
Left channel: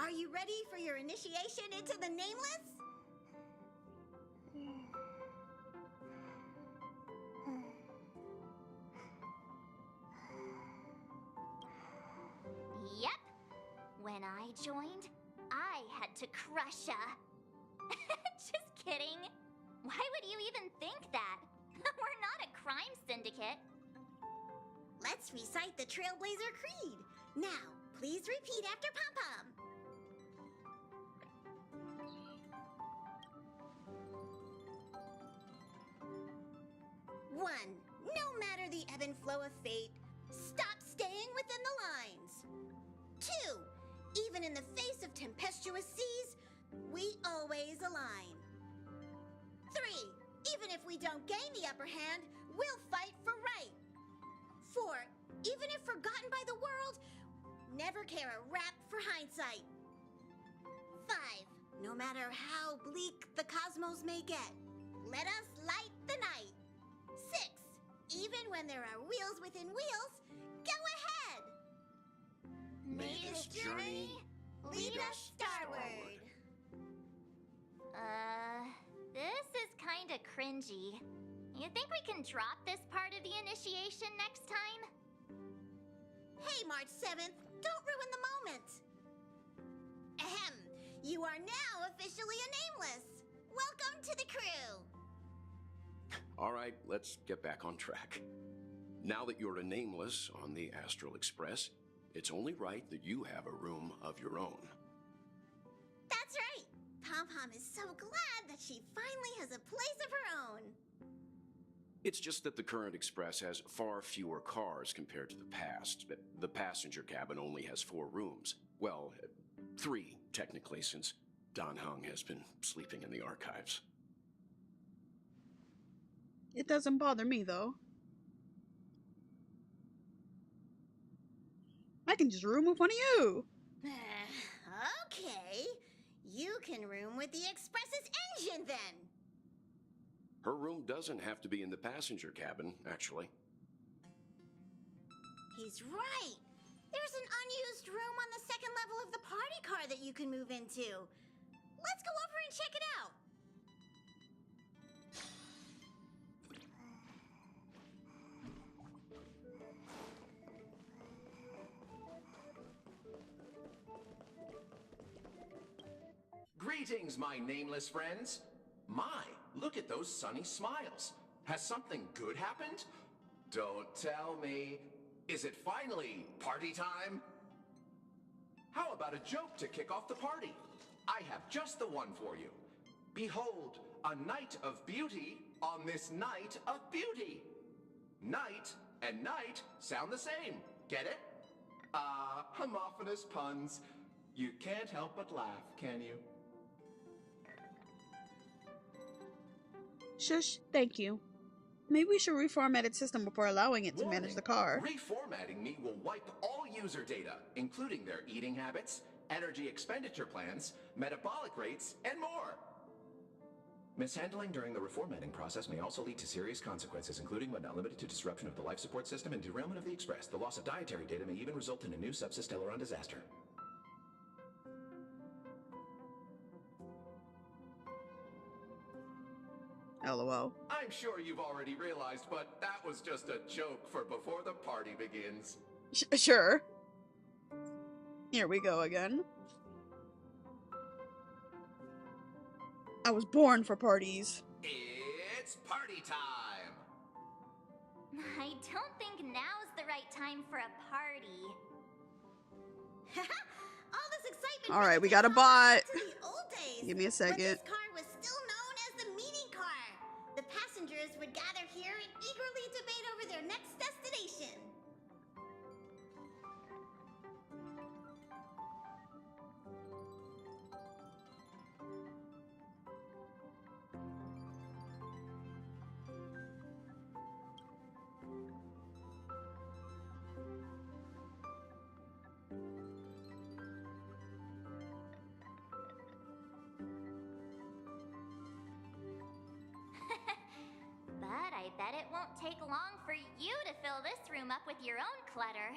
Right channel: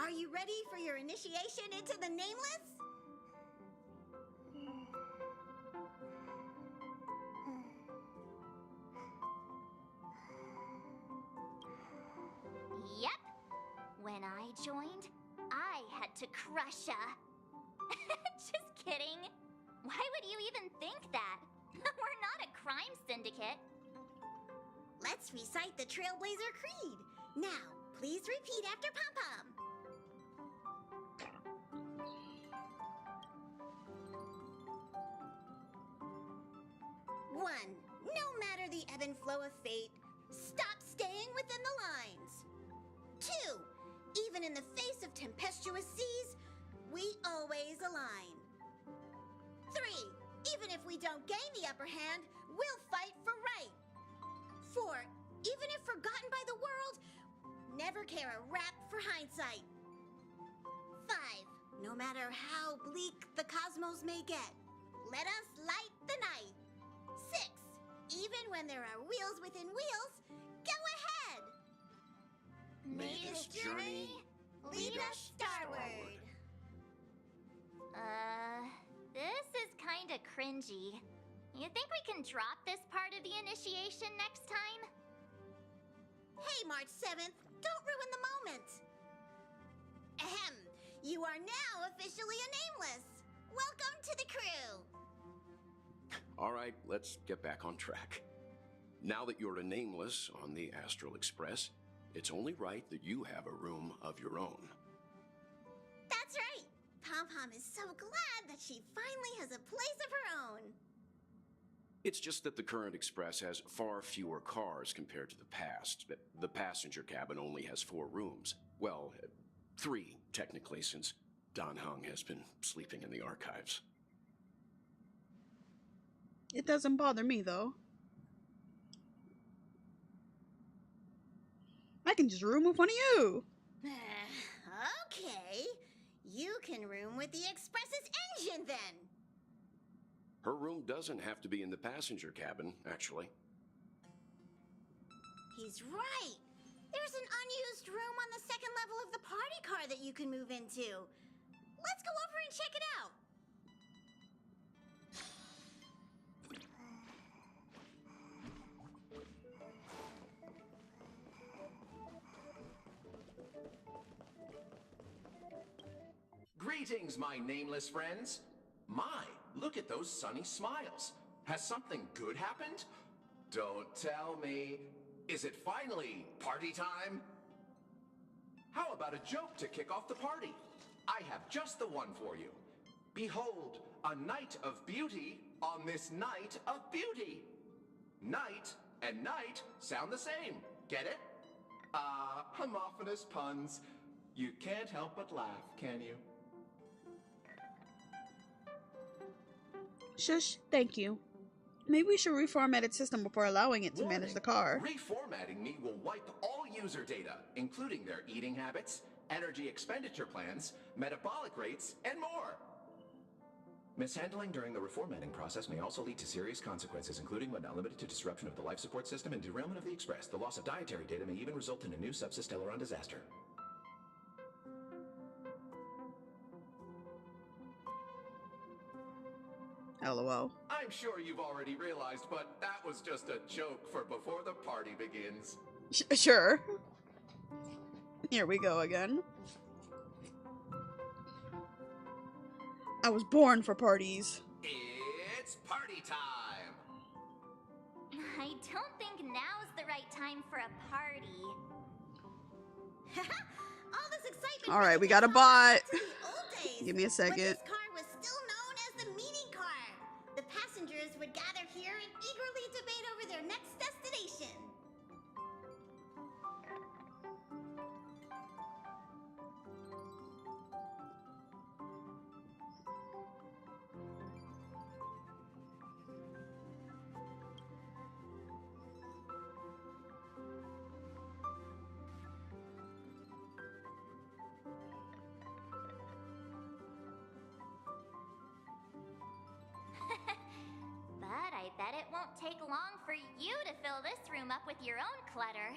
Are you ready for your initiation into the Nameless? Yep. When I joined, I had to crush ya. Just kidding. Why would you even think that? We're not a crime syndicate. Let's recite the Trailblazer Creed. Now, please repeat after Pom-Pom. One, no matter the ebb and flow of fate, stop staying within the lines. Two, even in the face of tempestuous seas, we always align. Three, even if we don't gain the upper hand, we'll fight for right. Four, even if forgotten by the world, never care a rap for hindsight. Five, no matter how bleak the cosmos may get, let us light the night. Six, even when there are wheels within wheels, go ahead. May this journey lead us starward. This is kinda cringy. You think we can drop this part of the initiation next time? Hey, March 7th, don't ruin the moment. Ahem, you are now officially a nameless. Welcome to the crew. All right, let's get back on track. Now that you're a nameless on the Astral Express, it's only right that you have a room of your own. That's right. Pom-Pom is so glad that she finally has a place of her own. It's just that the current Express has far fewer cars compared to the past. The passenger cabin only has 4 rooms. Well, 3, technically, since Don Hung has been sleeping in the archives. It doesn't bother me, though. I can just room with one of you. Okay. You can room with the Express's engine, then. Her room doesn't have to be in the passenger cabin, actually. He's right. There's an unused room on the second level of the party car that you can move into. Let's go over and check it out. Greetings, my nameless friends. My, look at those sunny smiles. Has something good happened? Don't tell me. Is it finally party time? How about a joke to kick off the party? I have just the one for you. Behold, a night of beauty on this night of beauty. Night and night sound the same. Get it? Ah, homophonous puns. You can't help but laugh, can you? Shush, thank you. Maybe we should reformat its system before allowing it to manage the car. Reformatting me will wipe all user data, including their eating habits, energy expenditure plans, metabolic rates, and more. Mishandling during the reformatting process may also lead to serious consequences, including but not limited to disruption of the life support system and derailment of the Express. The loss of dietary data may even result in a new subsystellaron disaster. LOL. I'm sure you've already realized, but that was just a joke for before the party begins. Sure. Here we go again. I was born for parties. It's party time! I don't think now's the right time for a party. All this excitement. All right, we got a To bot. the old days, Give me a second. when this car was still known as the mini car. The passengers would gather here and eagerly debate over their next destination. But I bet it won't take long for you to fill this room up with your own clutter.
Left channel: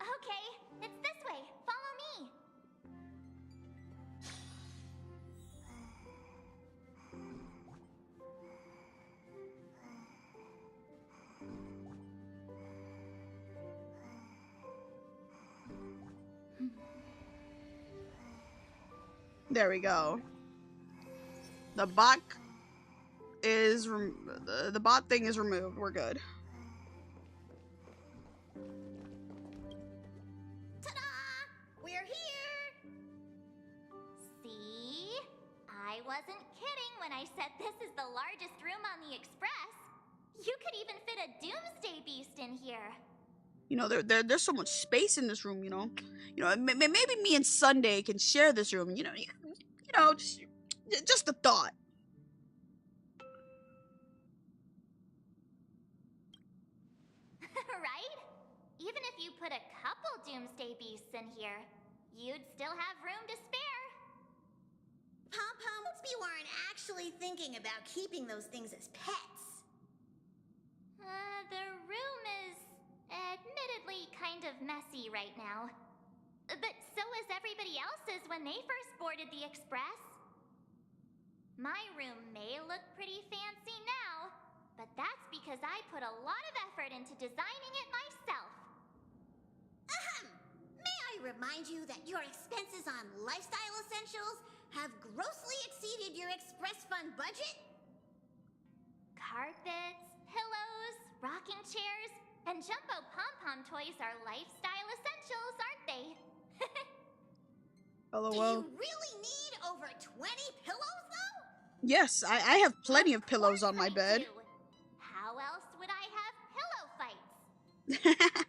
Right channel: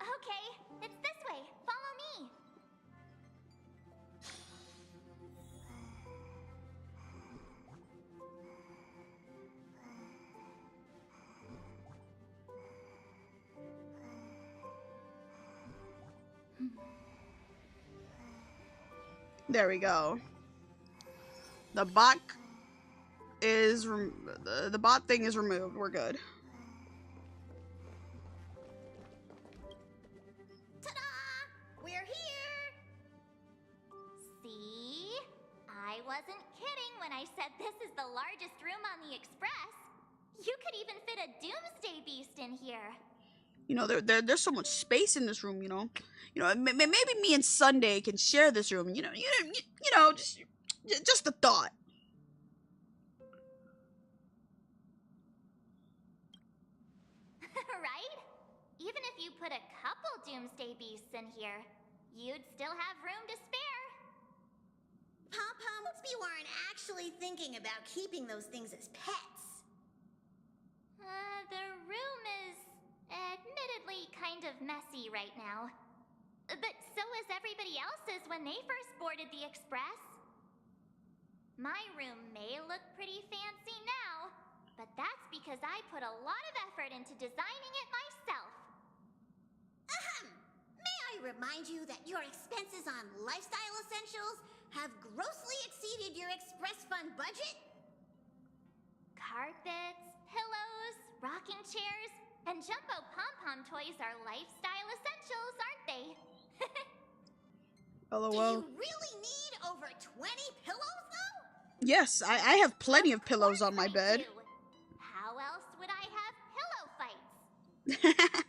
Okay, it's this way. Follow me. There we go. The bot is the bot thing is removed. We're good. Ta-da! We're here! See? I wasn't kidding when I said this is the largest room on the Express. You could even fit a Doomsday Beast in here. You know, there's so much space in this room. You know, maybe me and Sunday can share this room. You know, just a thought. Right? Even if you put a couple Doomsday Beasts in here, you'd still have room to spare. Pom-Pom, you aren't actually thinking about keeping those things as pets. The room is admittedly kind of messy right now. But so is everybody else's when they first boarded the Express. My room may look pretty fancy now, but that's because I put a lot of effort into designing it myself. Ahem! May I remind you that your expenses on lifestyle essentials have grossly exceeded your Express Fund budget? Carpets, pillows, rocking chairs, and jumbo pom-pom toys are lifestyle essentials, aren't they? LOL. Do you really need over 20 pillows, though? Yes, I have plenty of pillows on my bed. How else would I have pillow fights?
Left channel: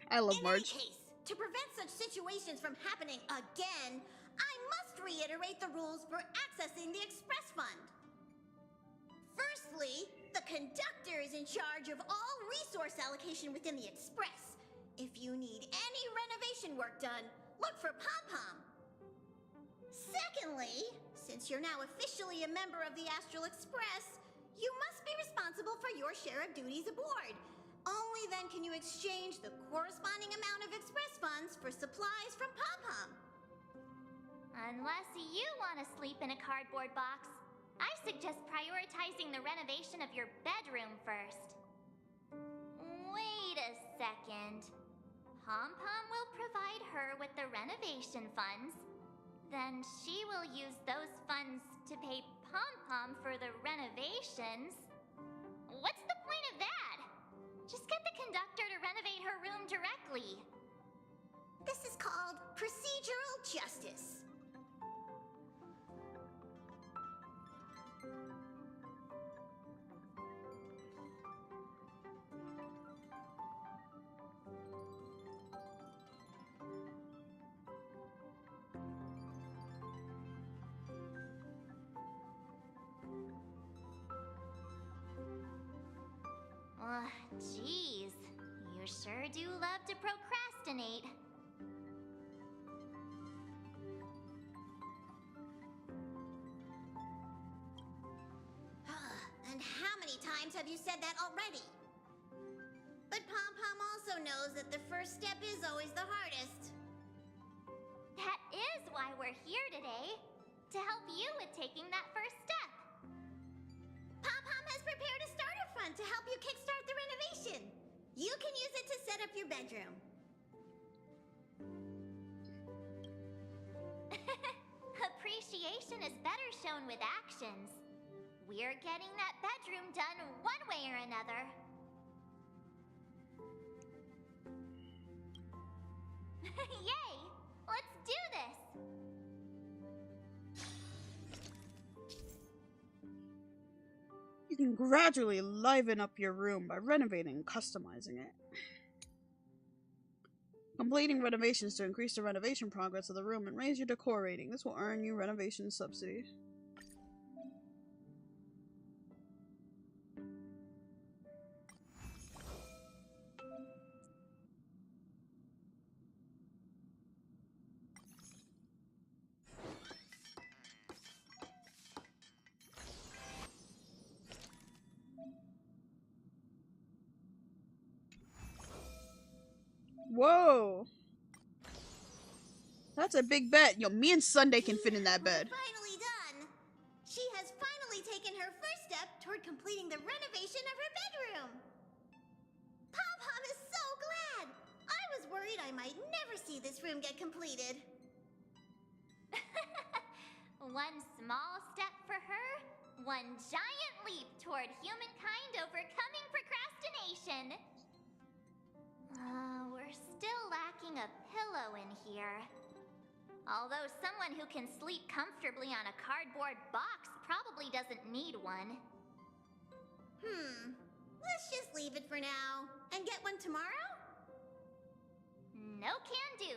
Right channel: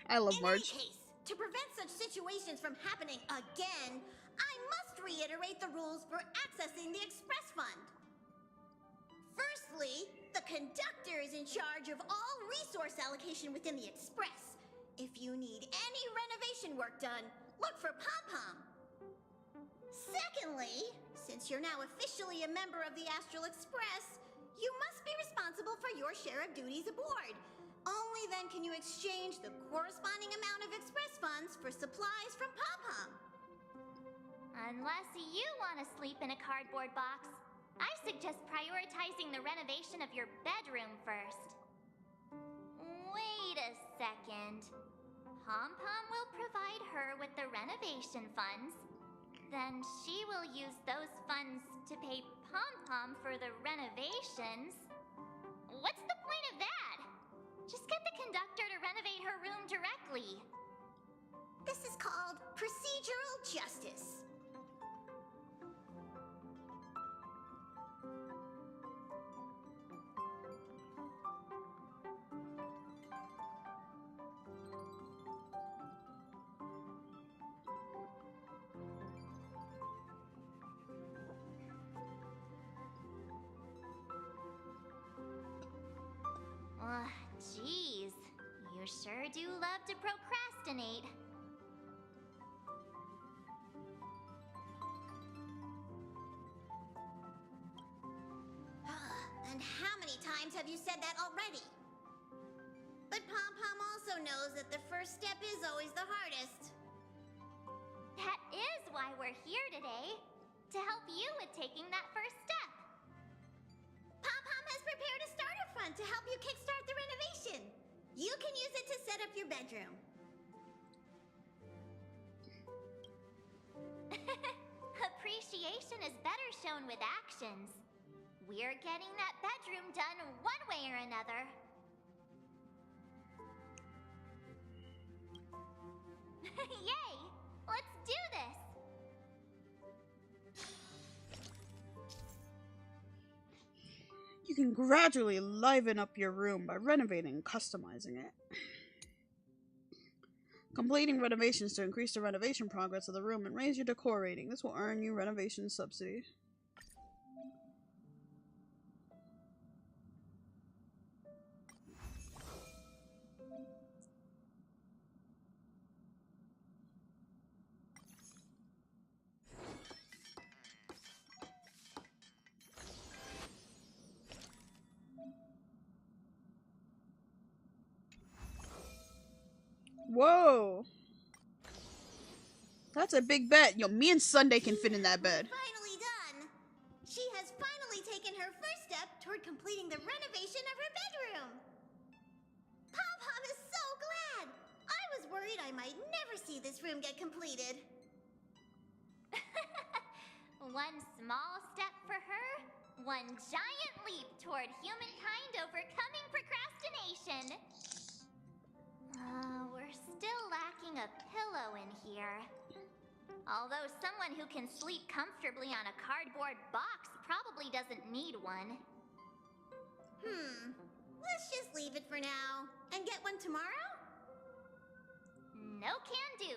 I love In any Marge. case, to prevent such situations from happening again, I must reiterate the rules for accessing the Express Fund. Firstly, the conductor is in charge of all resource allocation within the Express. If you need any renovation work done, look for Pom Pom. Secondly, since you're now officially a member of the Astral Express, you must be responsible for your share of duties aboard. Only then can you exchange the corresponding amount of Express funds for supplies from Pom Pom. Unless you want to sleep in a cardboard box, I suggest prioritizing the renovation of your bedroom first. Wait a second. Pom Pom will provide her with the renovation funds. Then she will use those funds to pay Pom Pom for the renovations. What's the point of that? Just get the conductor to renovate her room directly. This is called procedural justice. Geez. You sure do love to procrastinate. And how many times have you said that already? But Pom Pom also knows that the first step is always the hardest. That is why we're here today. To help you with taking that first step. Pom Pom has prepared a starter fund to help you kickstart the renovation. You can use it to set up your bedroom. Appreciation is better shown with actions. We're getting that bedroom done one way or another. Yay! Let's do this! You can gradually liven up your room by renovating and customizing it. Completing renovations to increase the renovation progress of the room and raise your decor rating. This will earn you renovation subsidy. Whoa! That's a big bet. Yo, me and Sunday can fit in that bed. Finally done. She has finally taken her first step toward completing the renovation of her bedroom. Pom Pom is so glad. I was worried I might never see this room get completed. One small step for her, one giant leap toward humankind overcoming procrastination. We're still lacking a pillow in here. Although someone who can sleep comfortably on a cardboard box probably doesn't need one. Let's just leave it for now and get one tomorrow? No can do.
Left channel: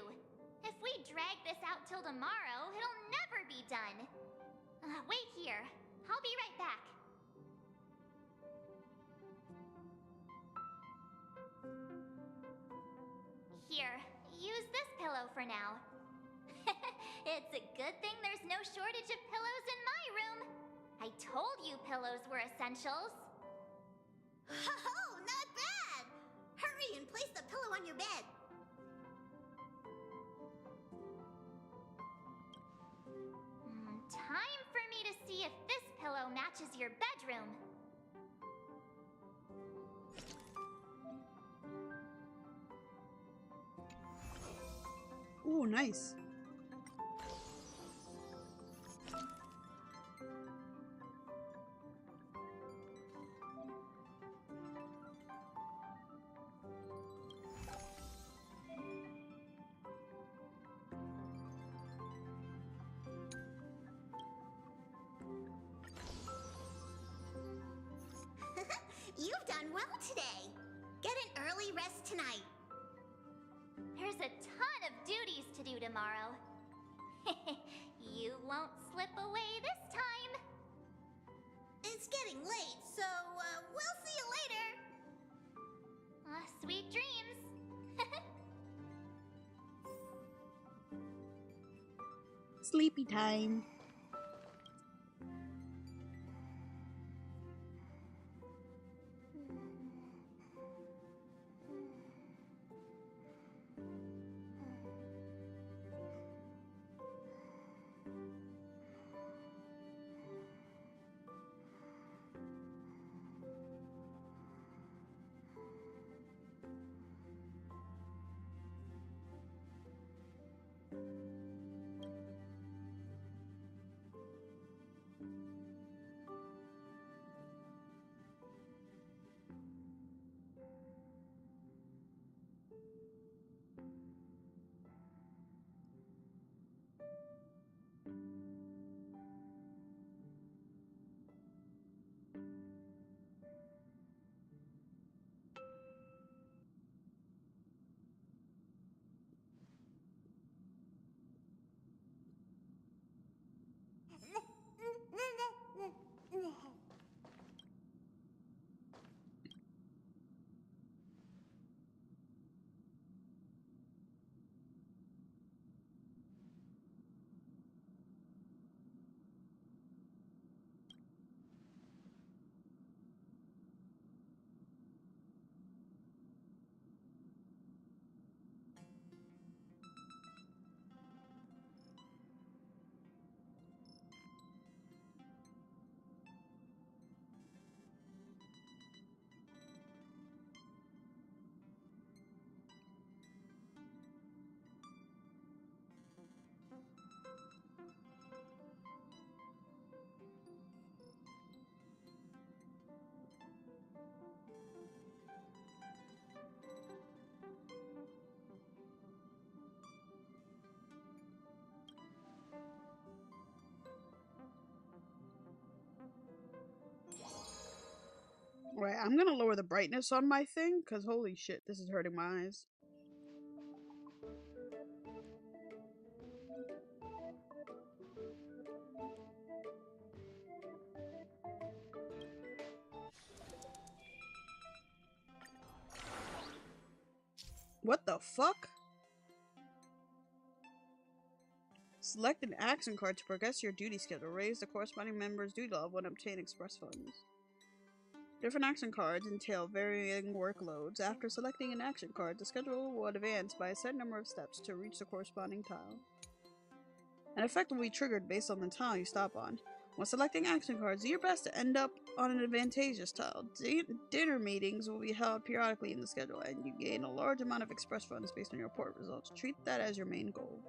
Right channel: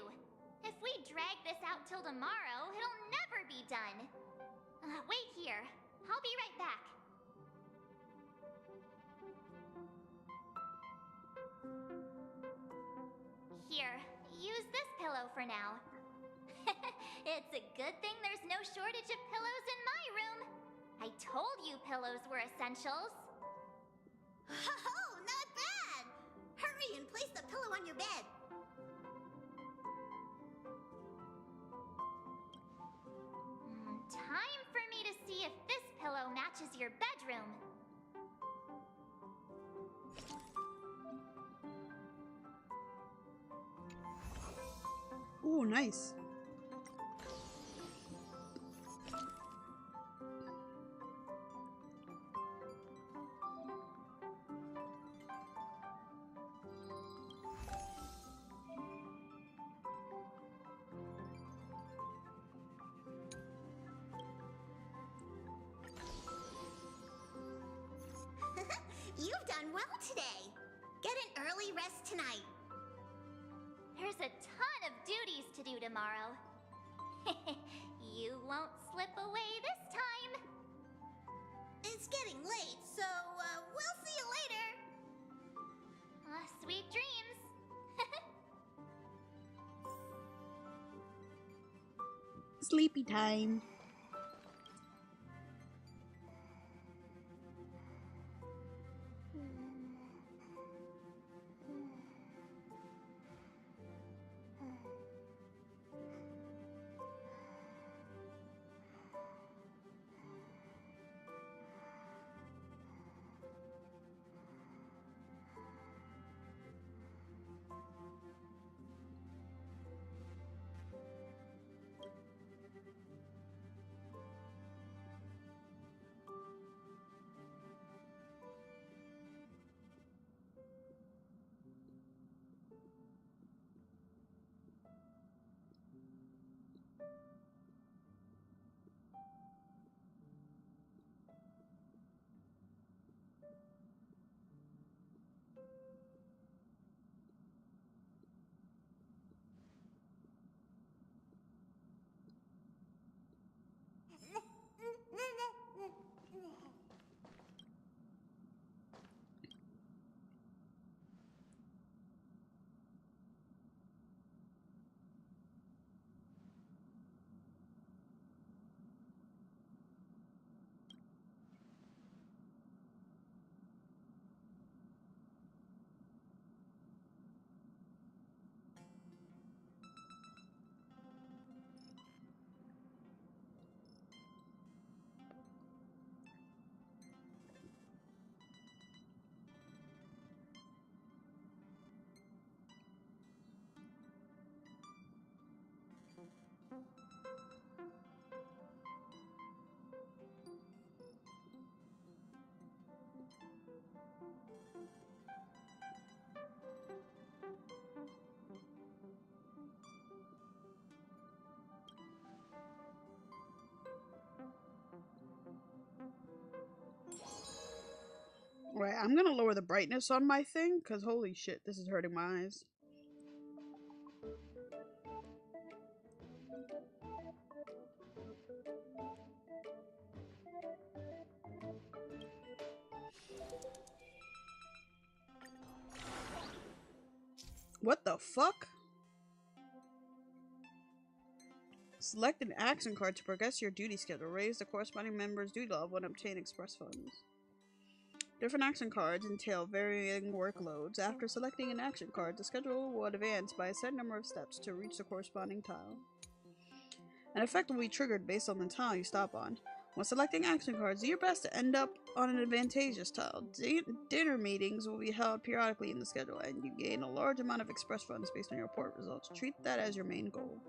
If we drag this out till tomorrow, it'll never be done. Wait here. I'll be right back. Here, use this pillow for now. It's a good thing there's no shortage of pillows in my room. I told you pillows were essentials. Oh, not bad! Hurry and place the pillow on your bed. Time for me to see if this pillow matches your bedroom. Ooh, nice. well today. Get an early rest tonight. There's a ton of duties to do tomorrow. You won't slip away this time. It's getting late, so we'll see you later. Sweet dreams. Sleepy time. Wait, I'm gonna lower the brightness on my thing, because holy shit, this is hurting my eyes. What the fuck? Select an action card to progress your duty schedule. Raise the corresponding member's duty level and obtain express funds. Different action cards entail varying workloads. After selecting an action card, the schedule will advance by a set number of steps to reach the corresponding tile. An effect will be triggered based on the tile you stop on. When selecting action cards, do your best to end up on an advantageous tile. Dinner meetings will be held periodically in the schedule, and you gain a large amount of express funds based on your report results. Treat that as your main goal.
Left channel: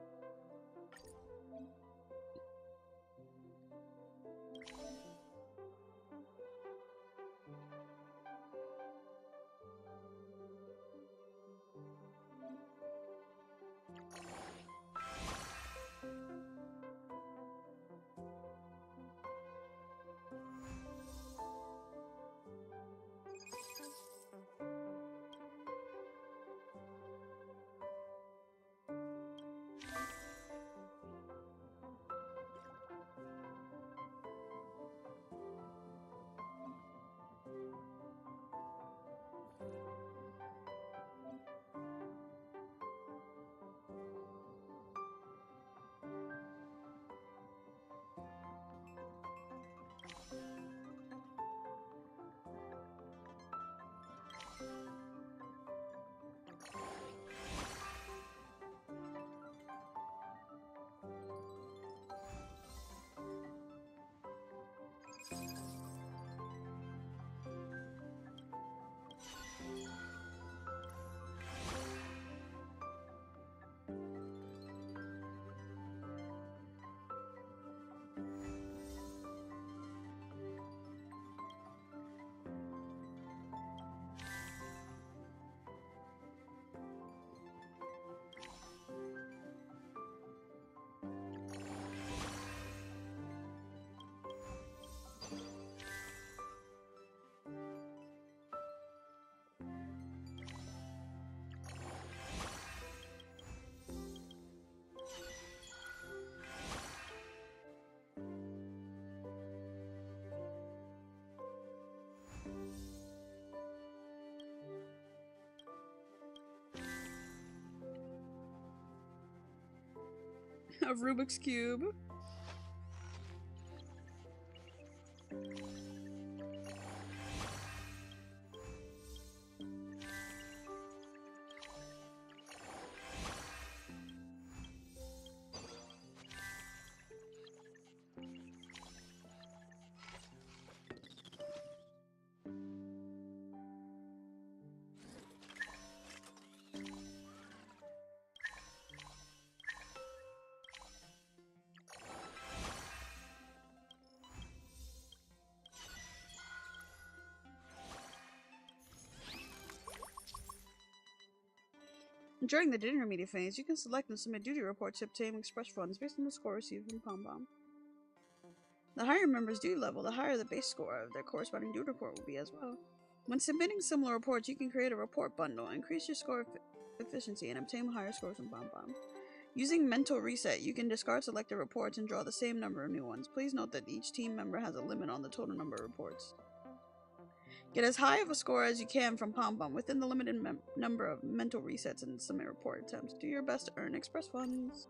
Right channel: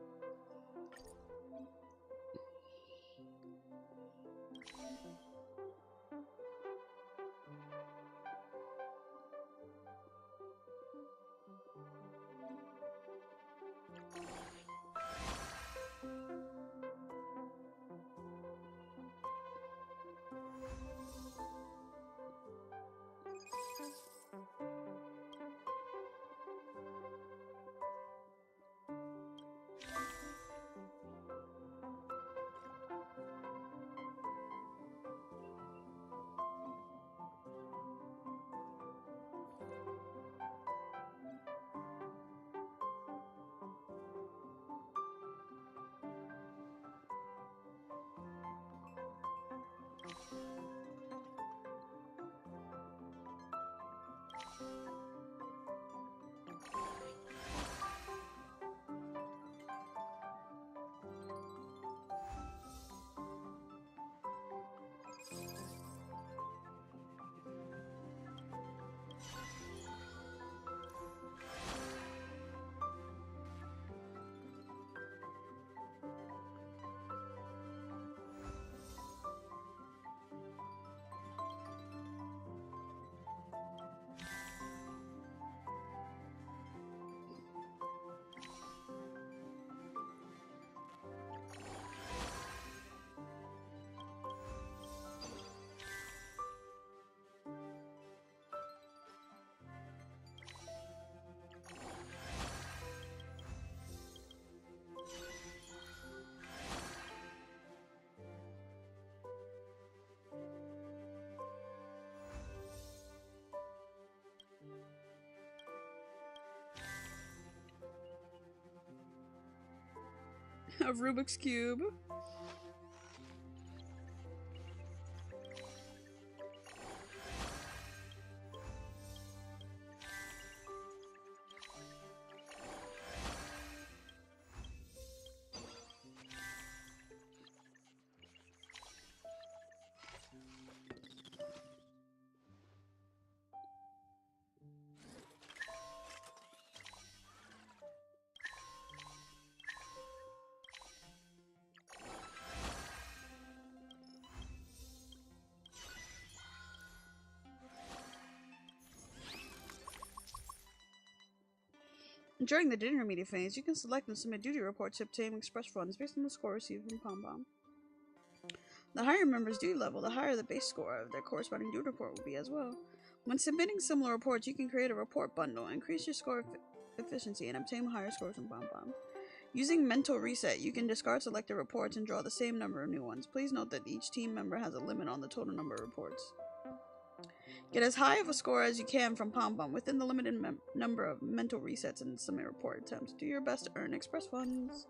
of Rubik's Cube. During the intermediate phase, you can select and submit duty reports to obtain express funds based on the score received from Pom Pom. The higher a member's duty level, the higher the base score of their corresponding duty report will be as well. When submitting similar reports, you can create a report bundle, increase your score efficiency, and obtain higher scores from Pom Pom. Using Mental Reset, you can discard selected reports and draw the same number of new ones. Please note that each team member has a limit on the total number of reports. Get as high of a score as you can from Pom Pom within the limited number of mental resets and submit report attempts. Do your best to earn express funds.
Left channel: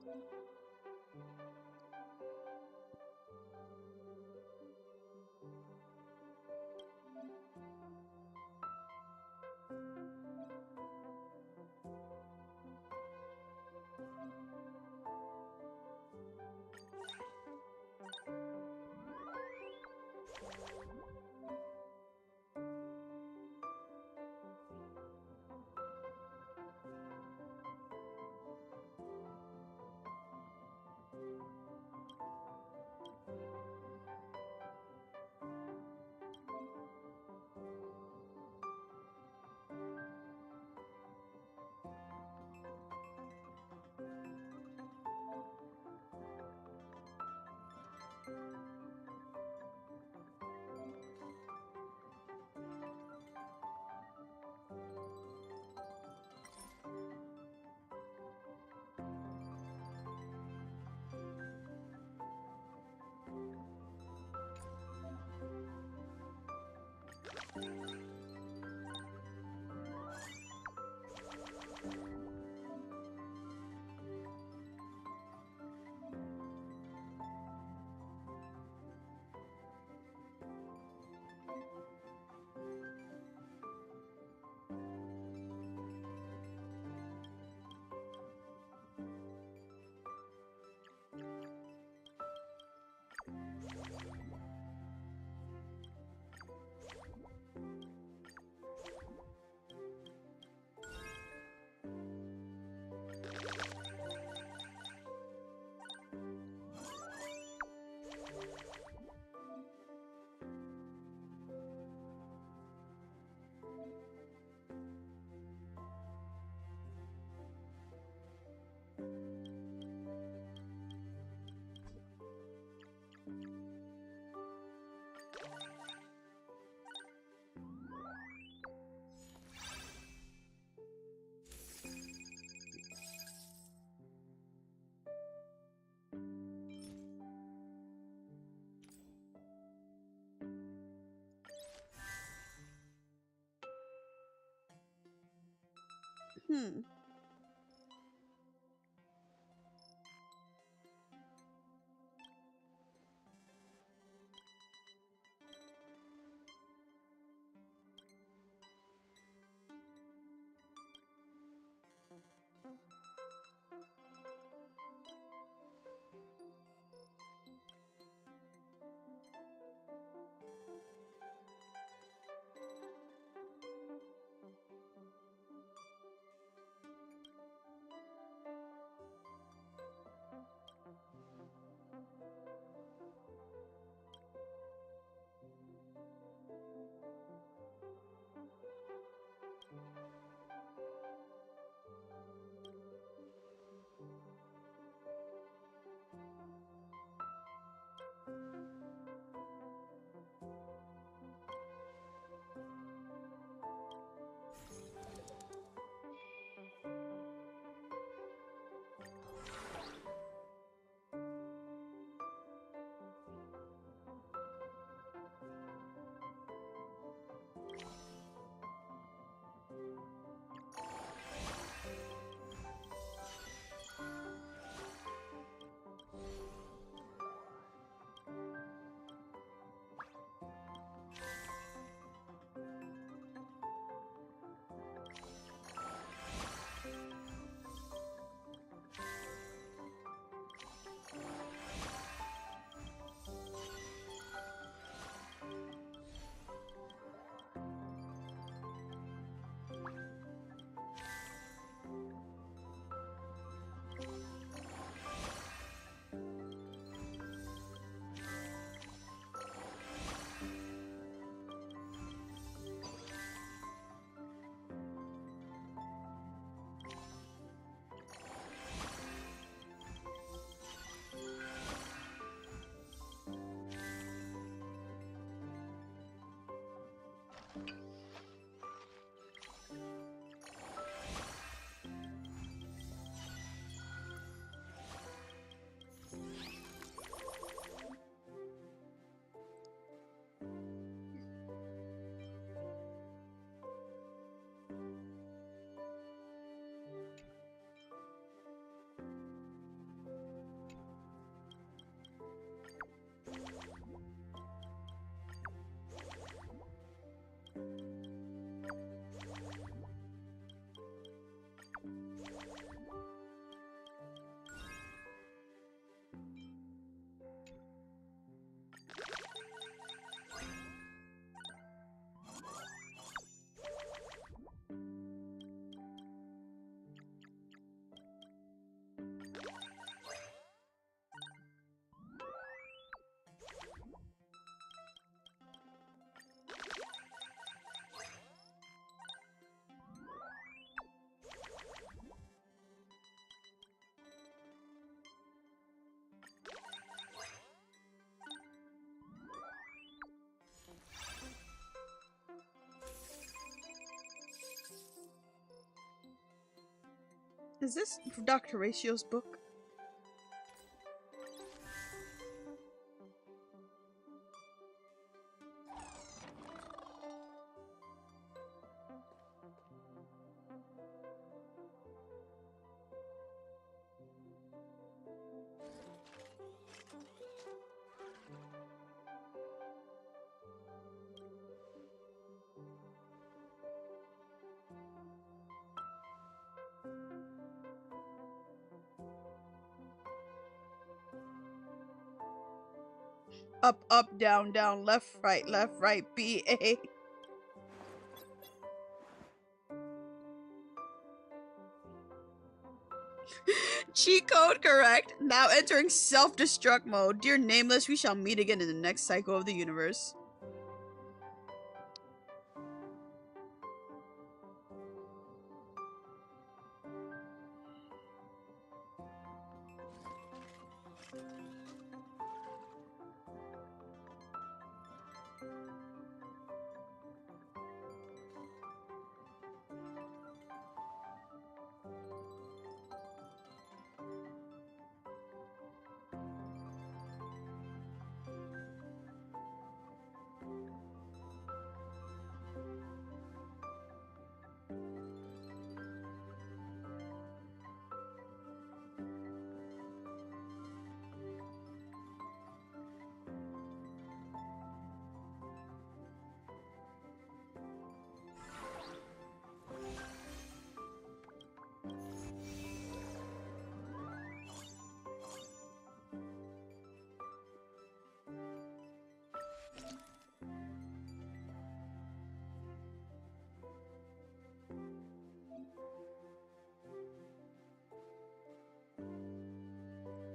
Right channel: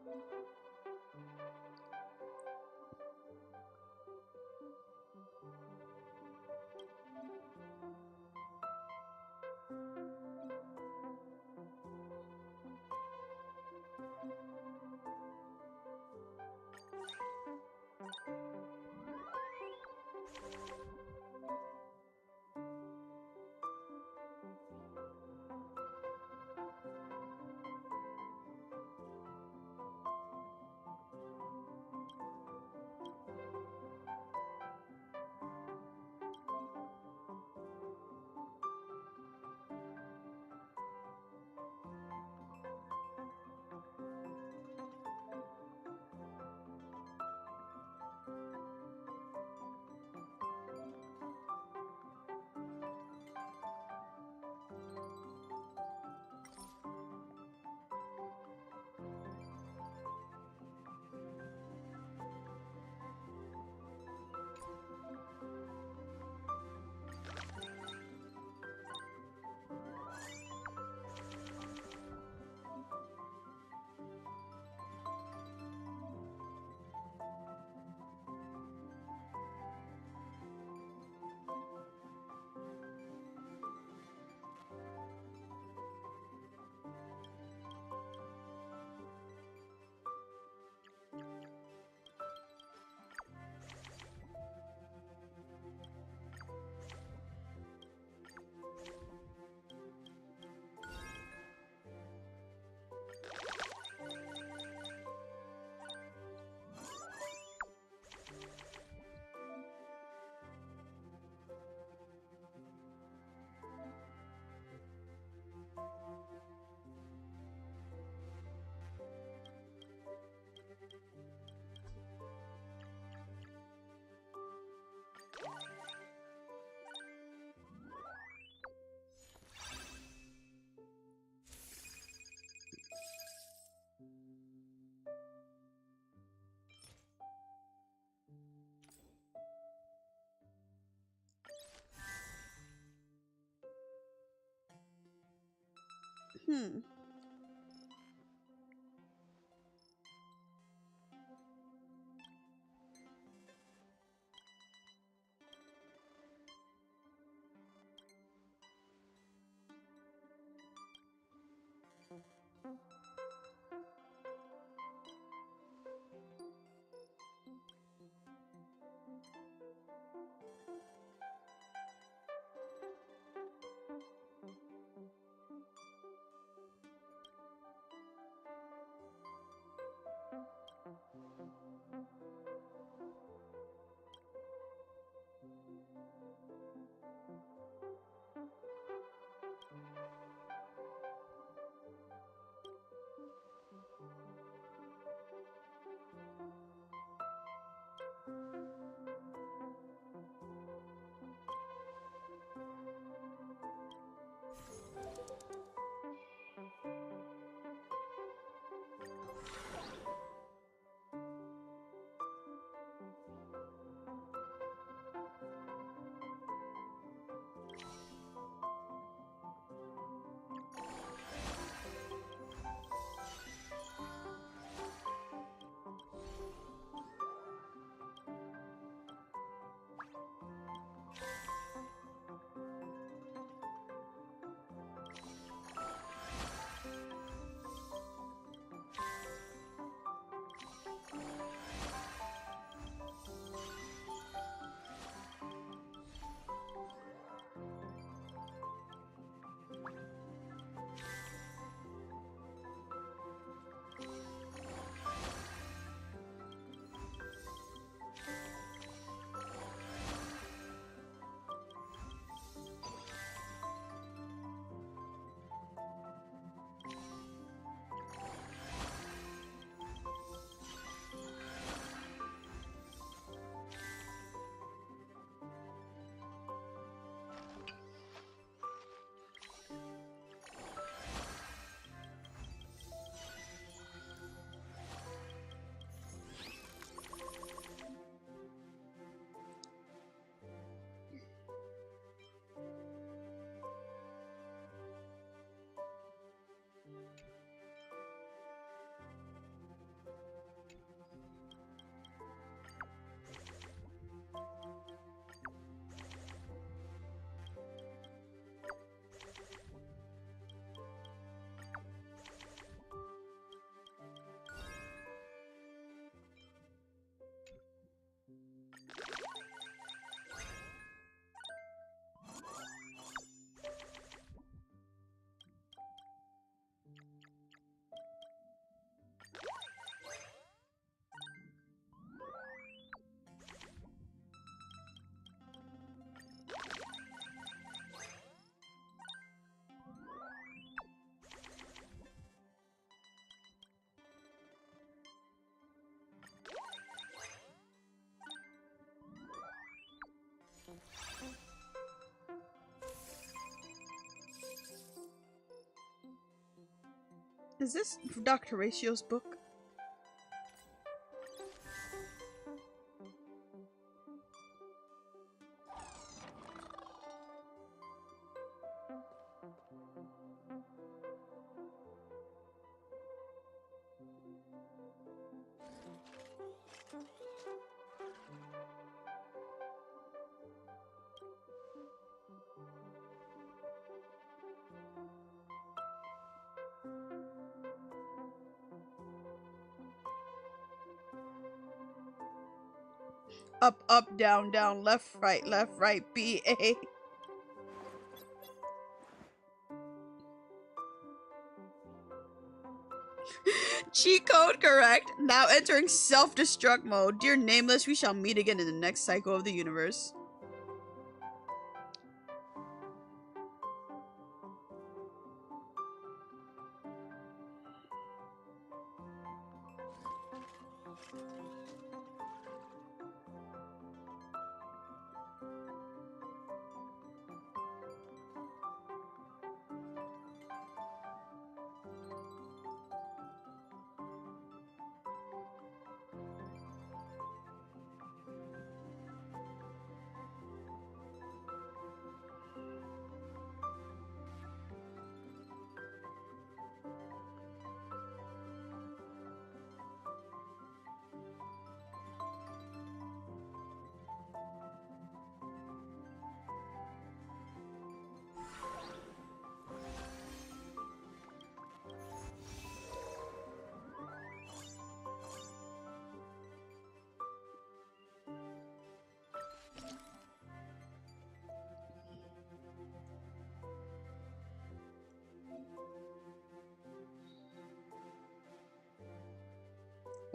Hmm. Is this Dr. Ratio's book? Up, up, down, down, left, right, B, A. Cheat code correct. Now entering self-destruct mode. Dear Nameless, we shall meet again in the next cycle of the universe.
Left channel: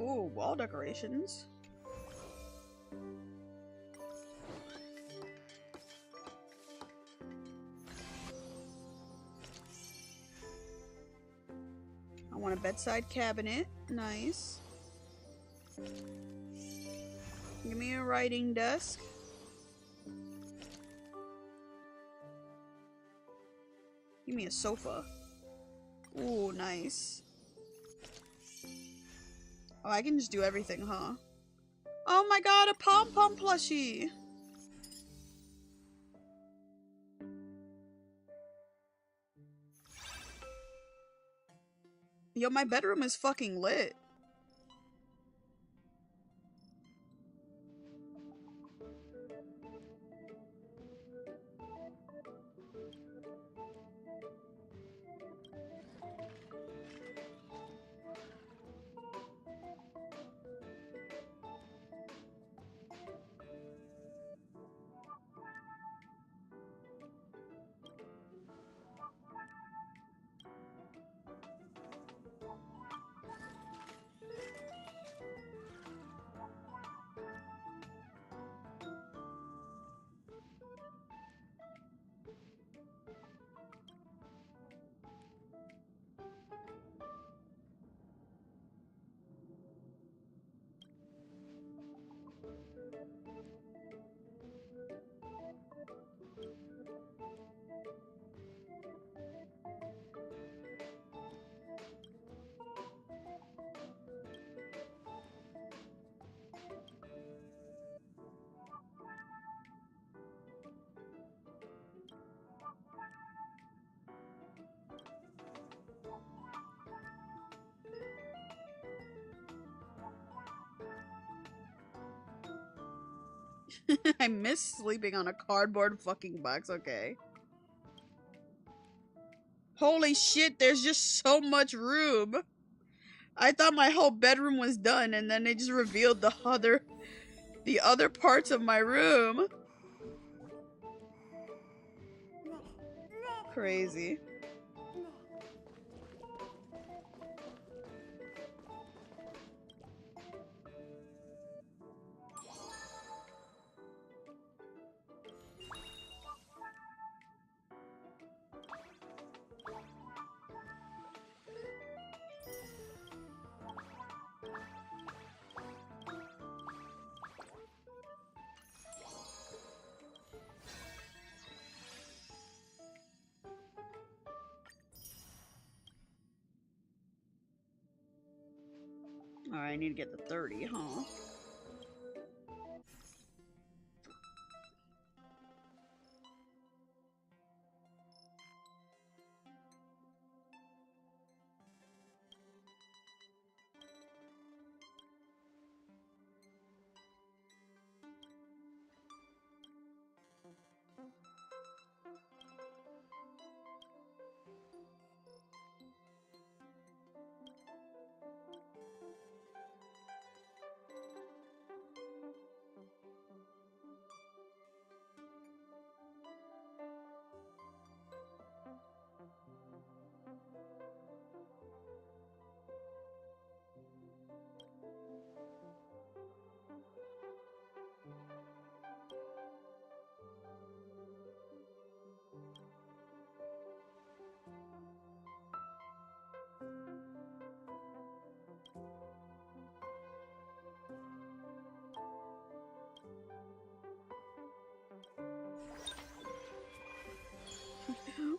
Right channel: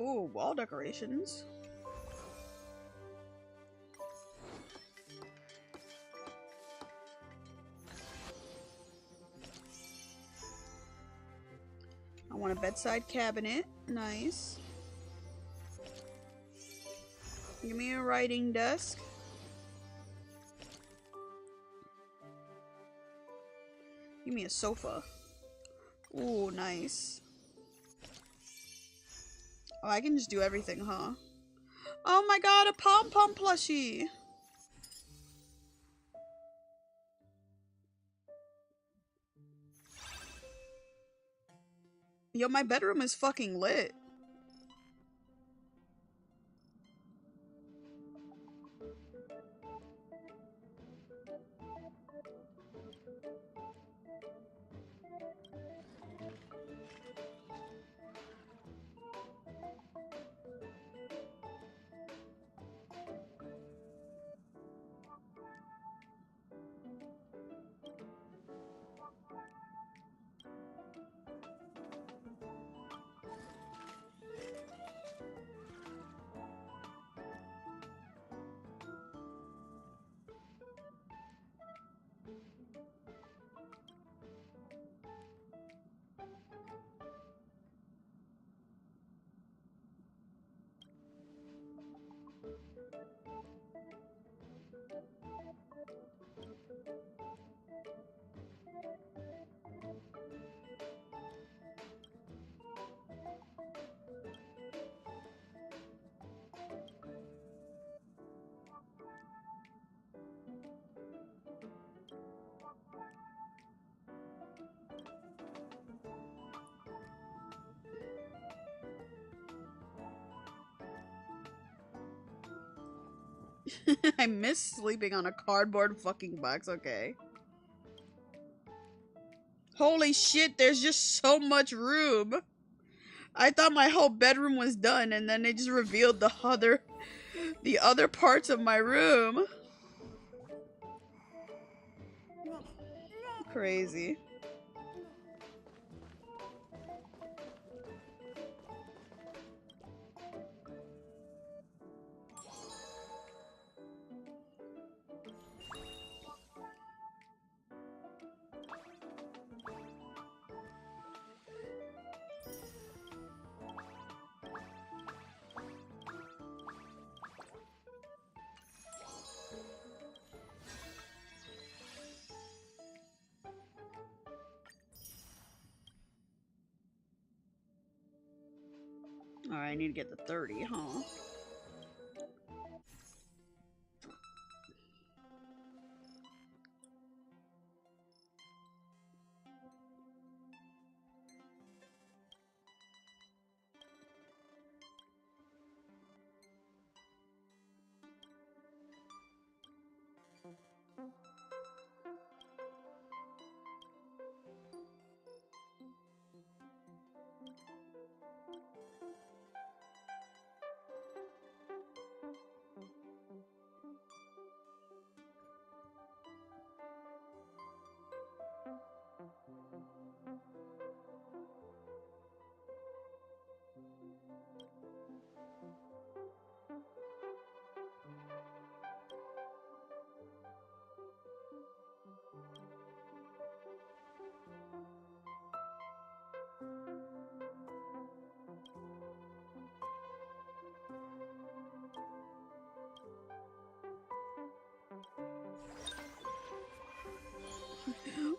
Ooh, wall decorations. I want a bedside cabinet. Nice. Give me a writing desk. Give me a sofa. Ooh, nice. Oh, I can just do everything, huh? Oh my god, a pom-pom plushie! Yo, my bedroom is fucking lit. I miss sleeping on a cardboard fucking box, okay. Holy shit, there's just so much room. I thought my whole bedroom was done, and then they just revealed the other parts of my room. Crazy. I need to get the 30, huh?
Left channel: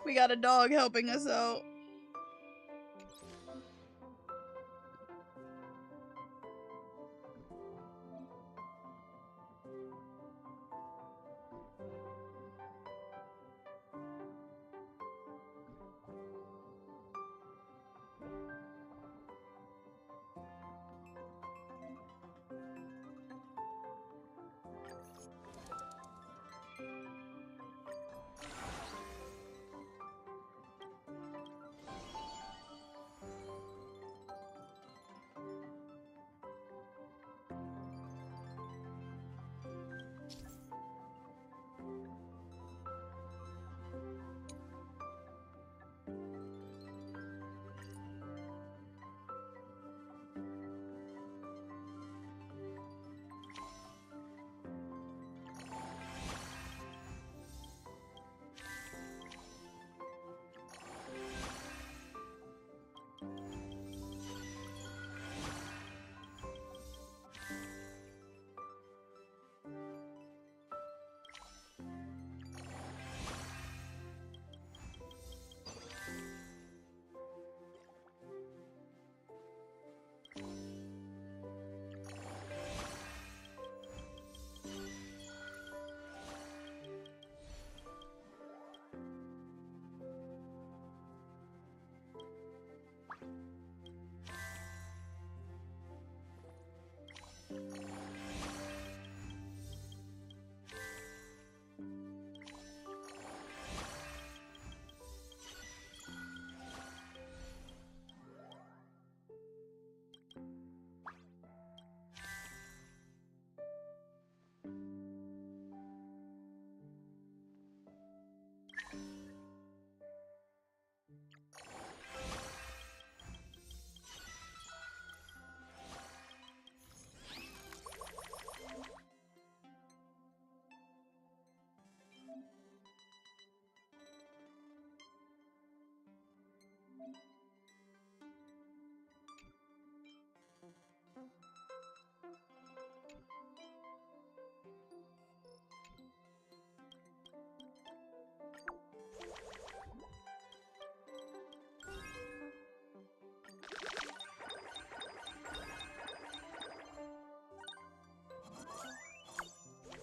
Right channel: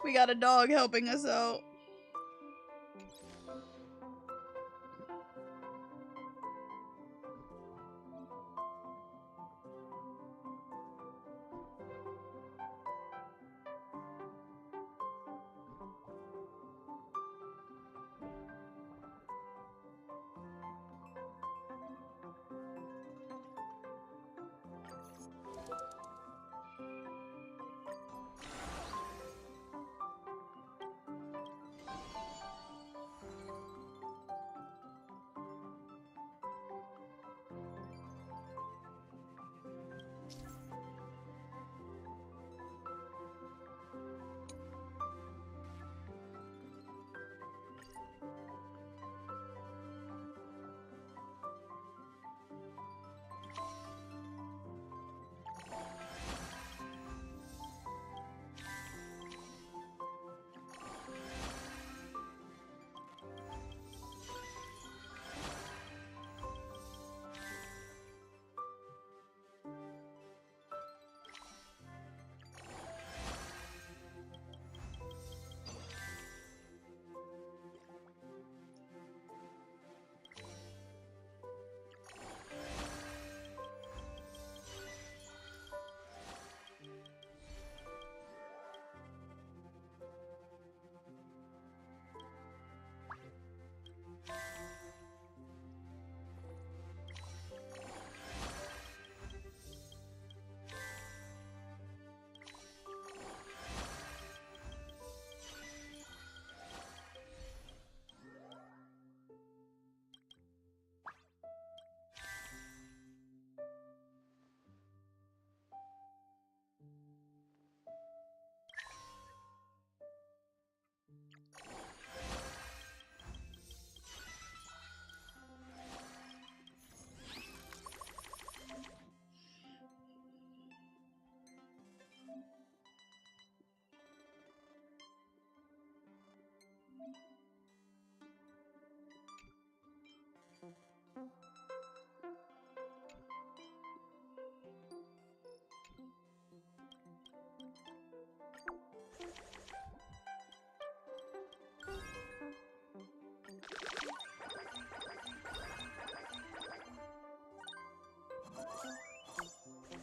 We got a dog helping us out.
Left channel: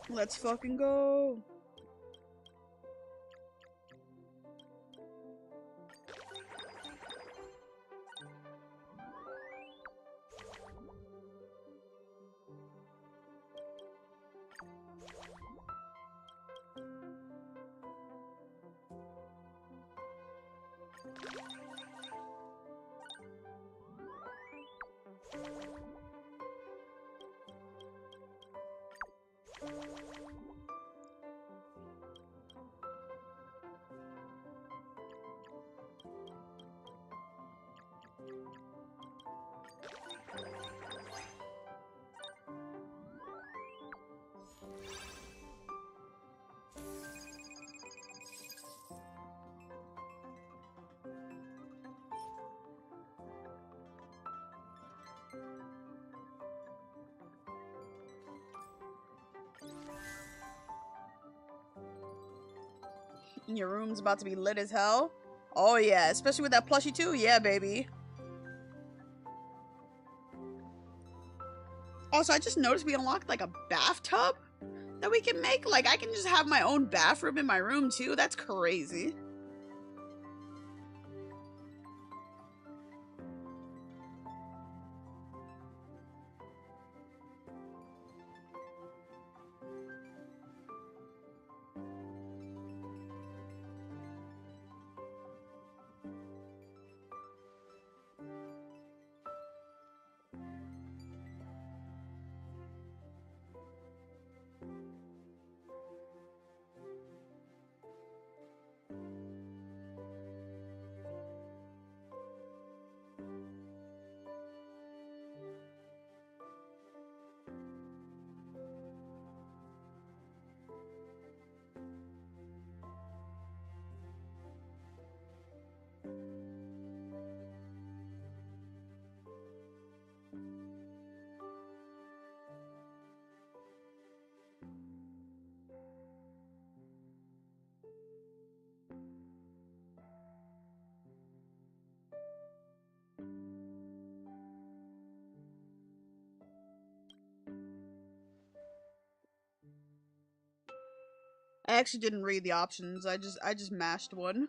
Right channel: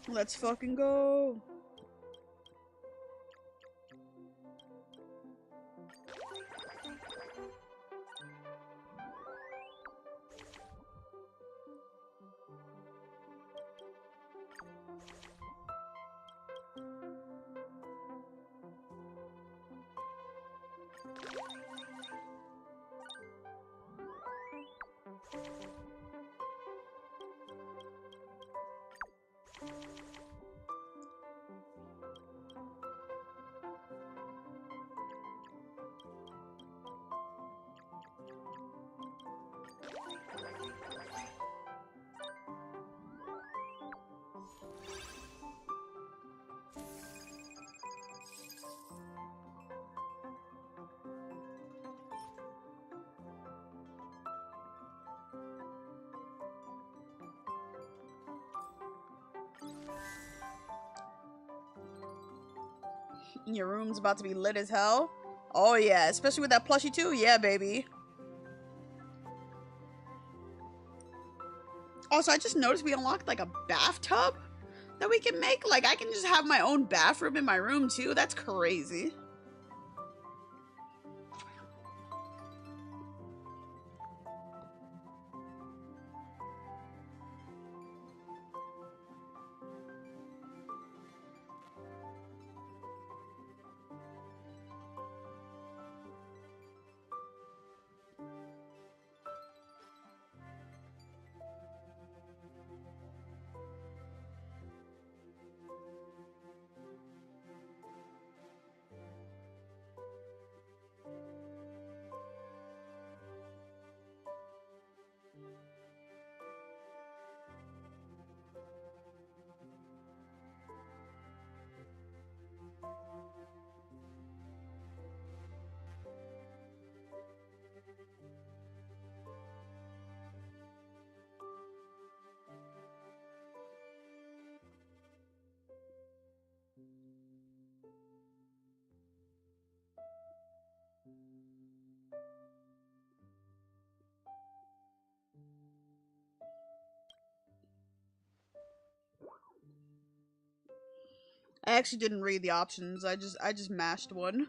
Let's fucking go. Your room's about to be lit as hell. Oh yeah, especially with that plushie too. Yeah, baby. Also, I just noticed we unlocked like a bathtub that we can make. Like, I can just have my own bathroom in my room too. That's crazy. I actually didn't read the options. I just mashed one.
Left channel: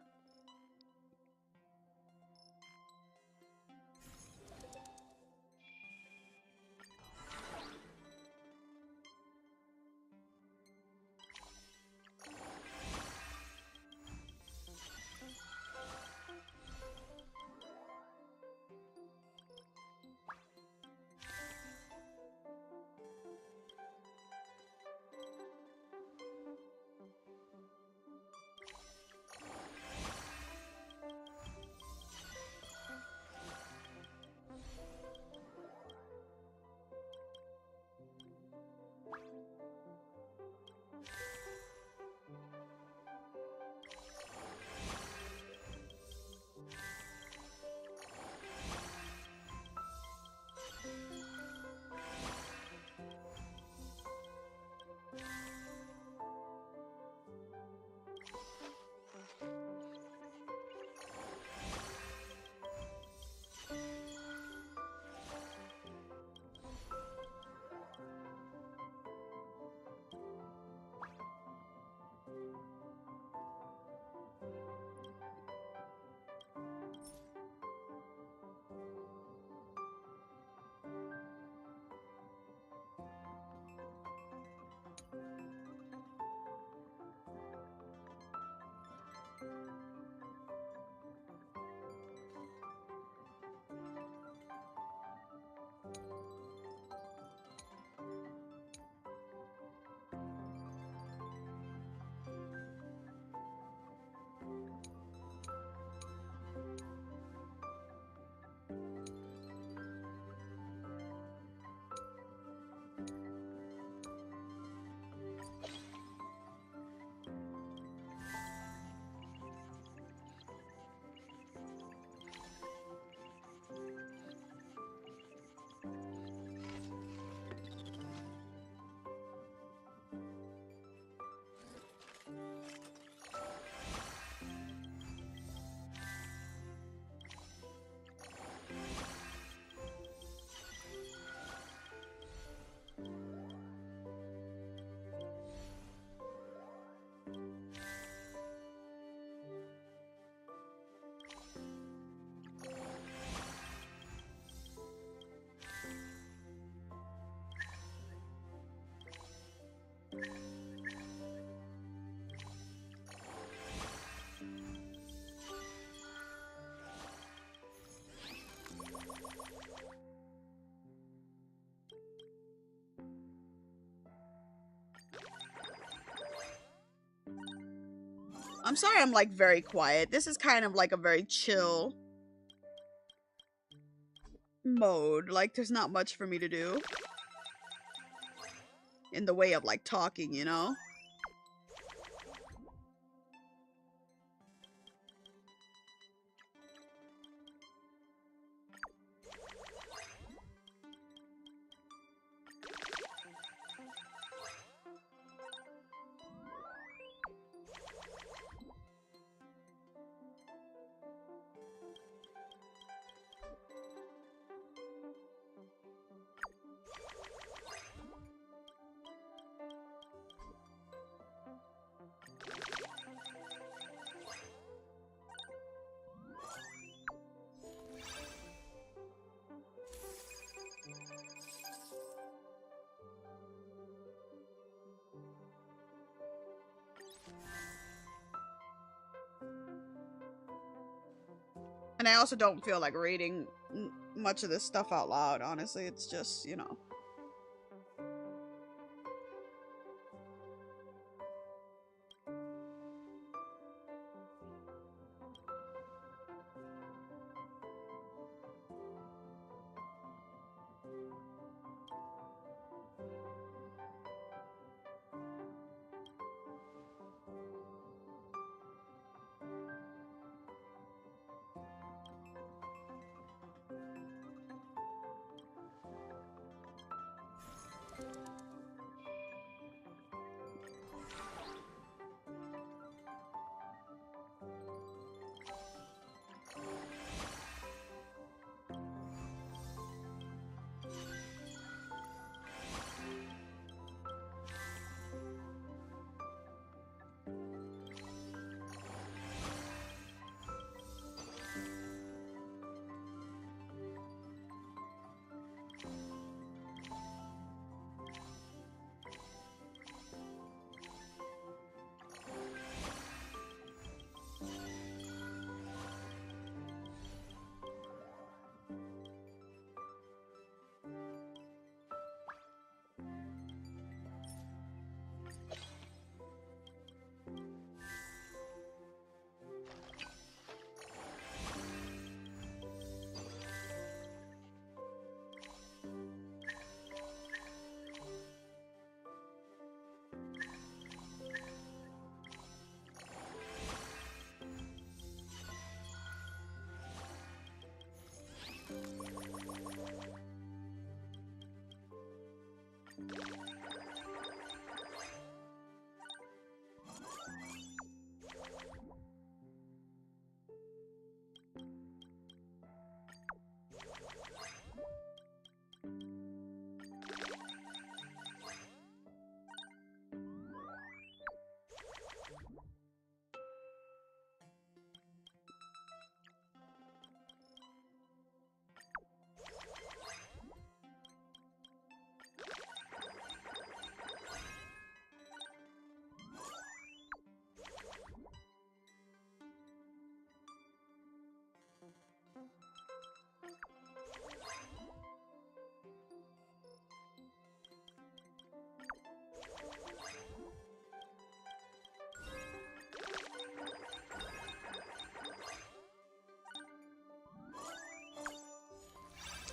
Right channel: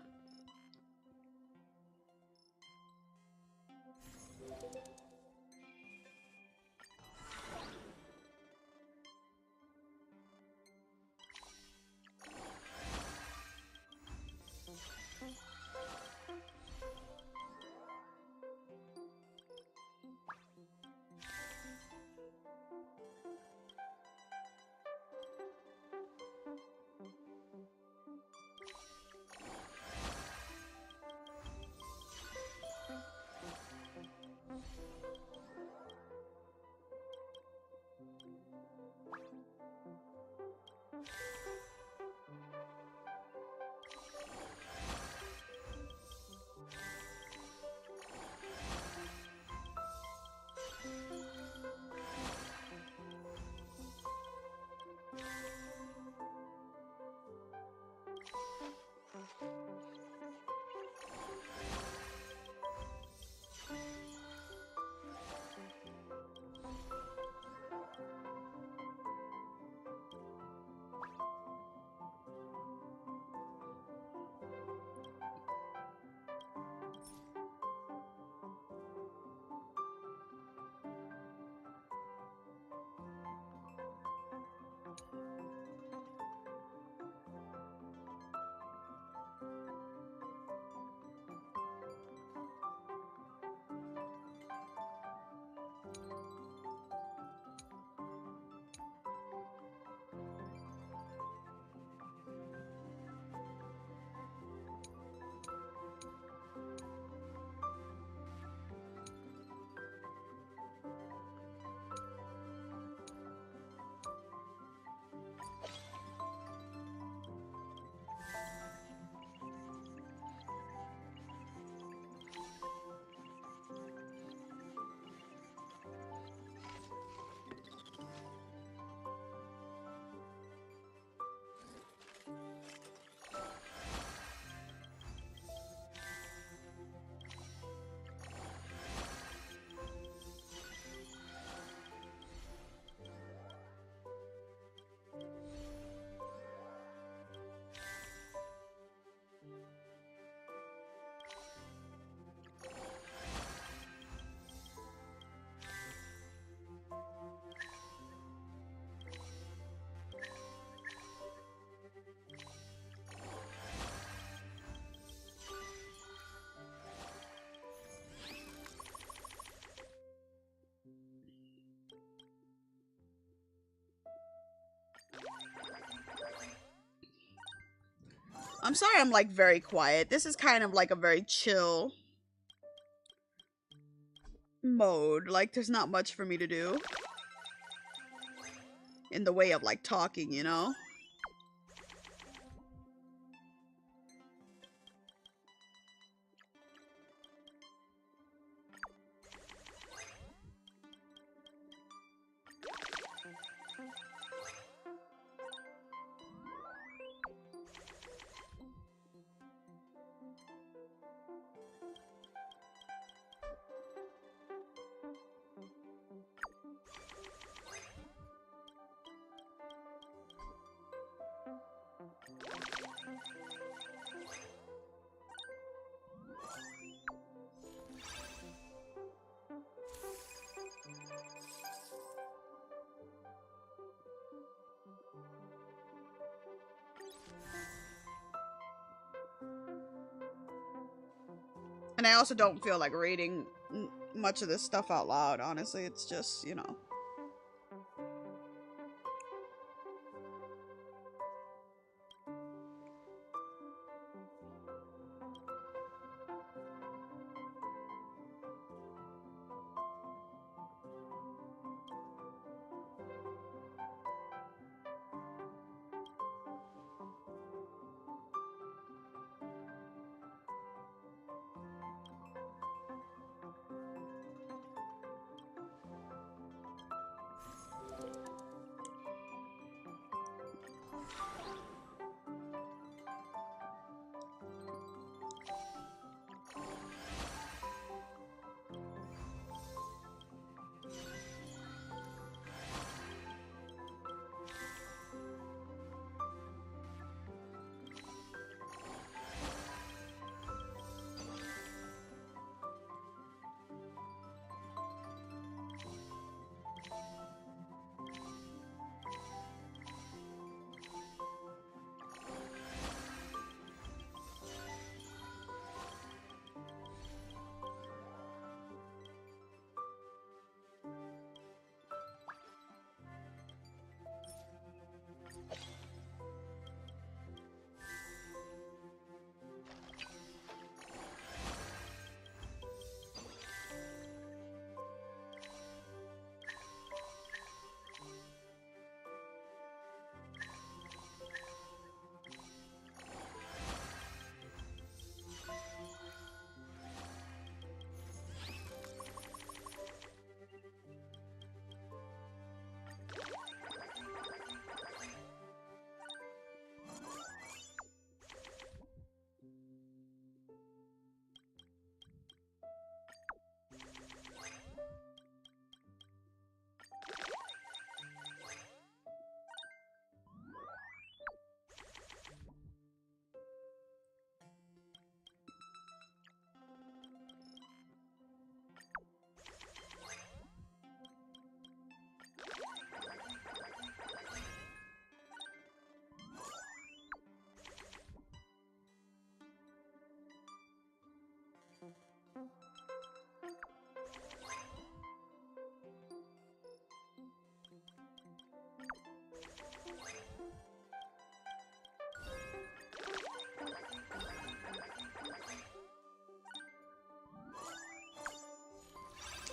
I'm sorry I'm like very quiet. This is kind of like a very chill mode. Like there's not much for me to do in the way of like talking, you know? And I also don't feel like reading much of this stuff out loud, honestly. It's just, you know.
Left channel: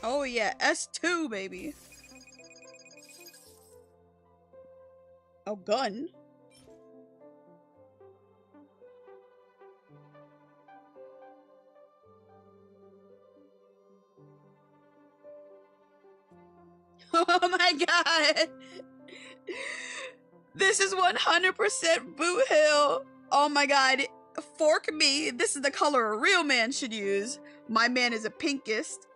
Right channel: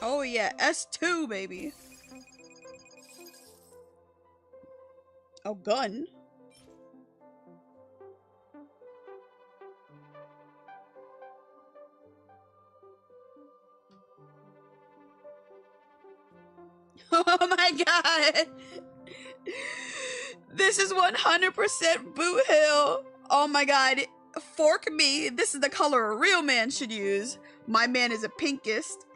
Oh yeah, S2, baby. Oh, gun. Oh my god. This is 100% Boot Hill. Oh my god. Fork me. This is the color a real man should use. My man is a pinkist.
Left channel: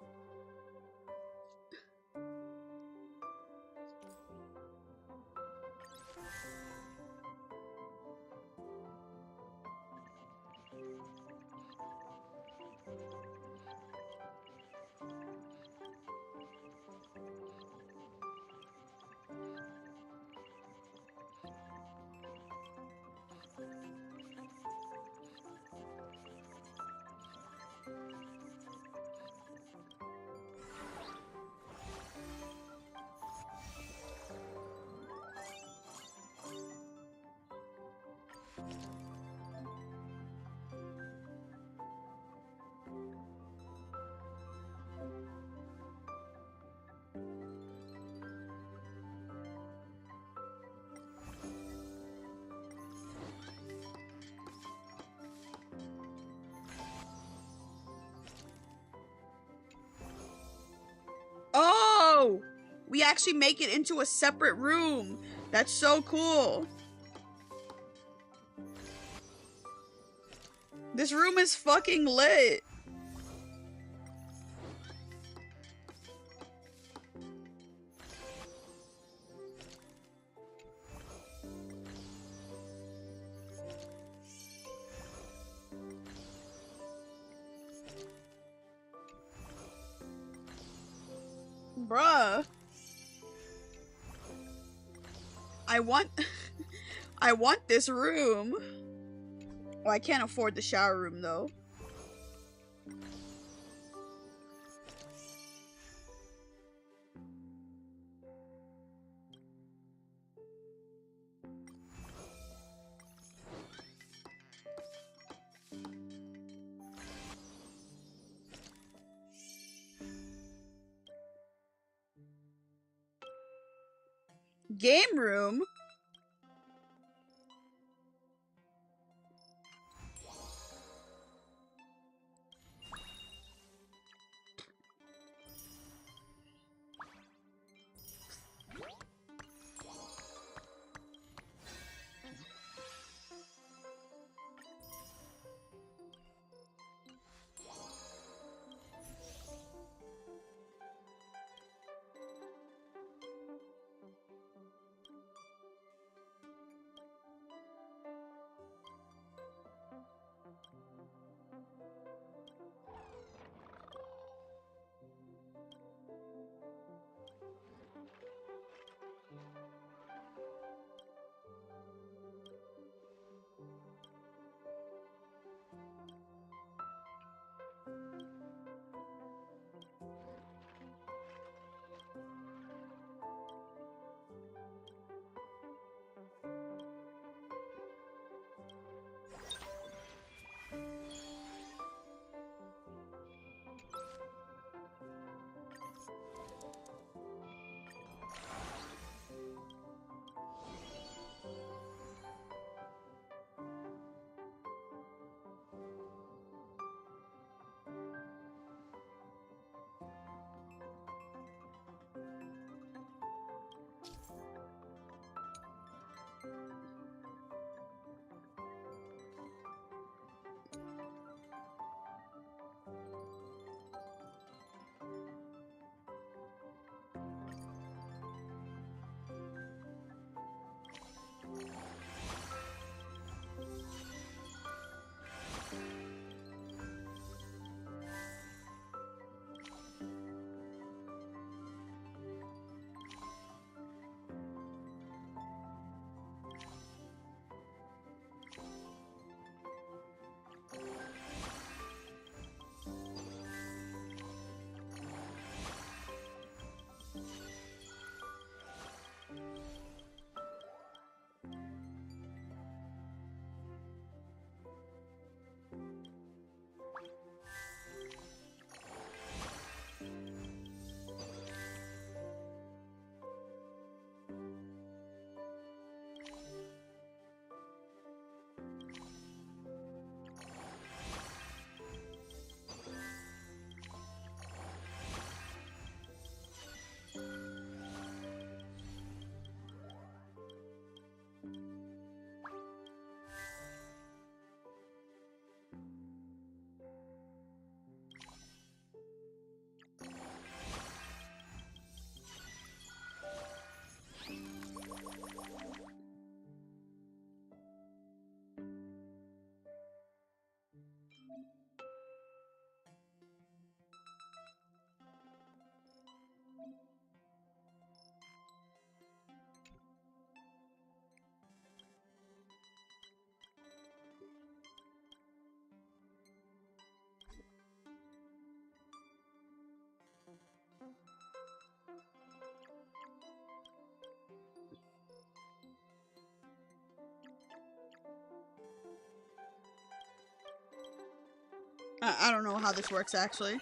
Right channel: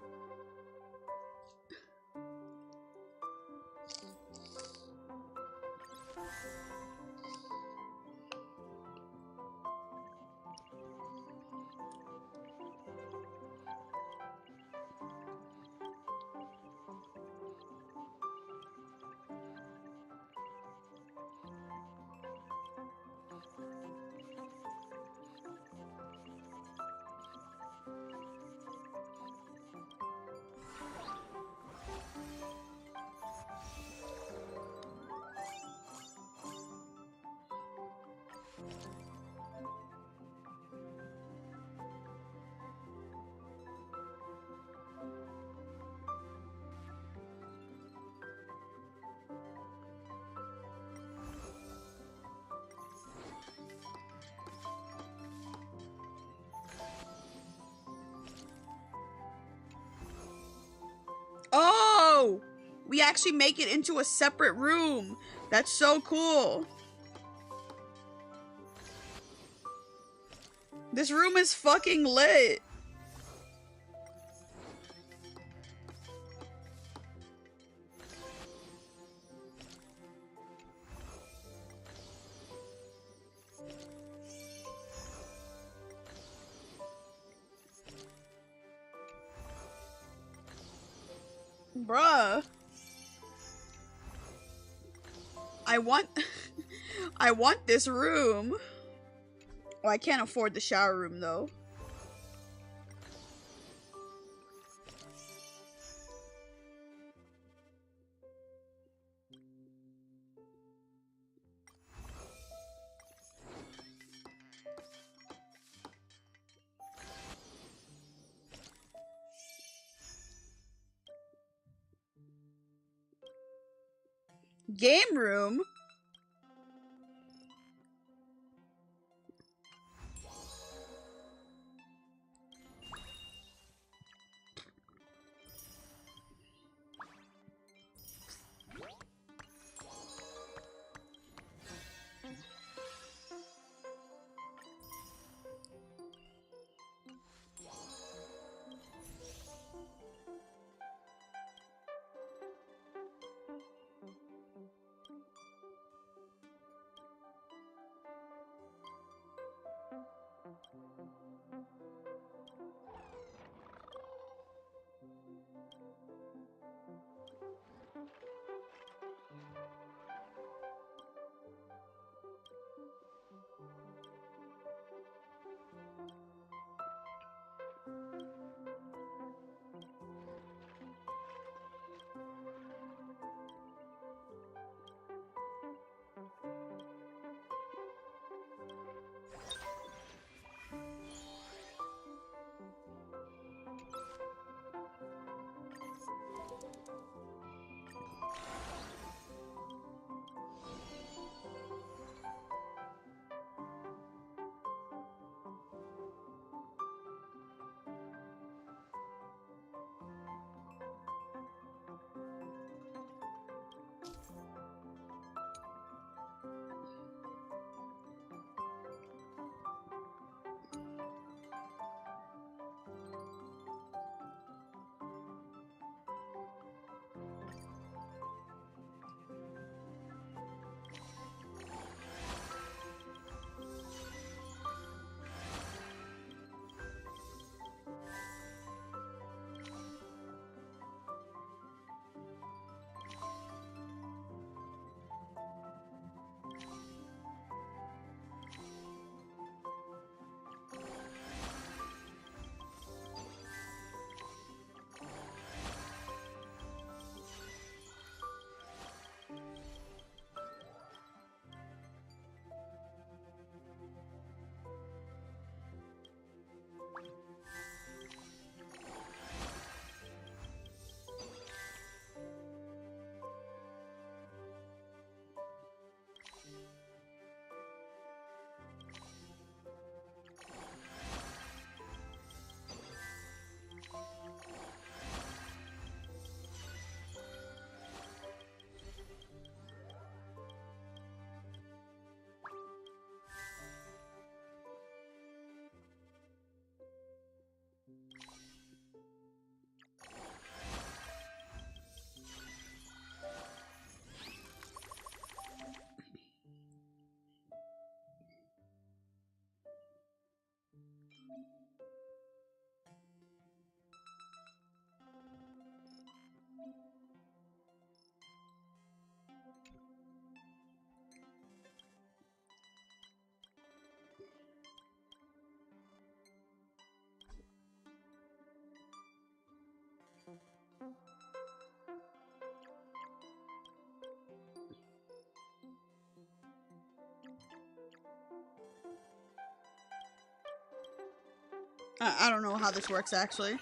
Oh! We actually make it into a separate room. That's so cool. This room is fucking lit. Bruh. I want this room. Oh, I can't afford the shower room though. Game room? I don't know how this works, actually.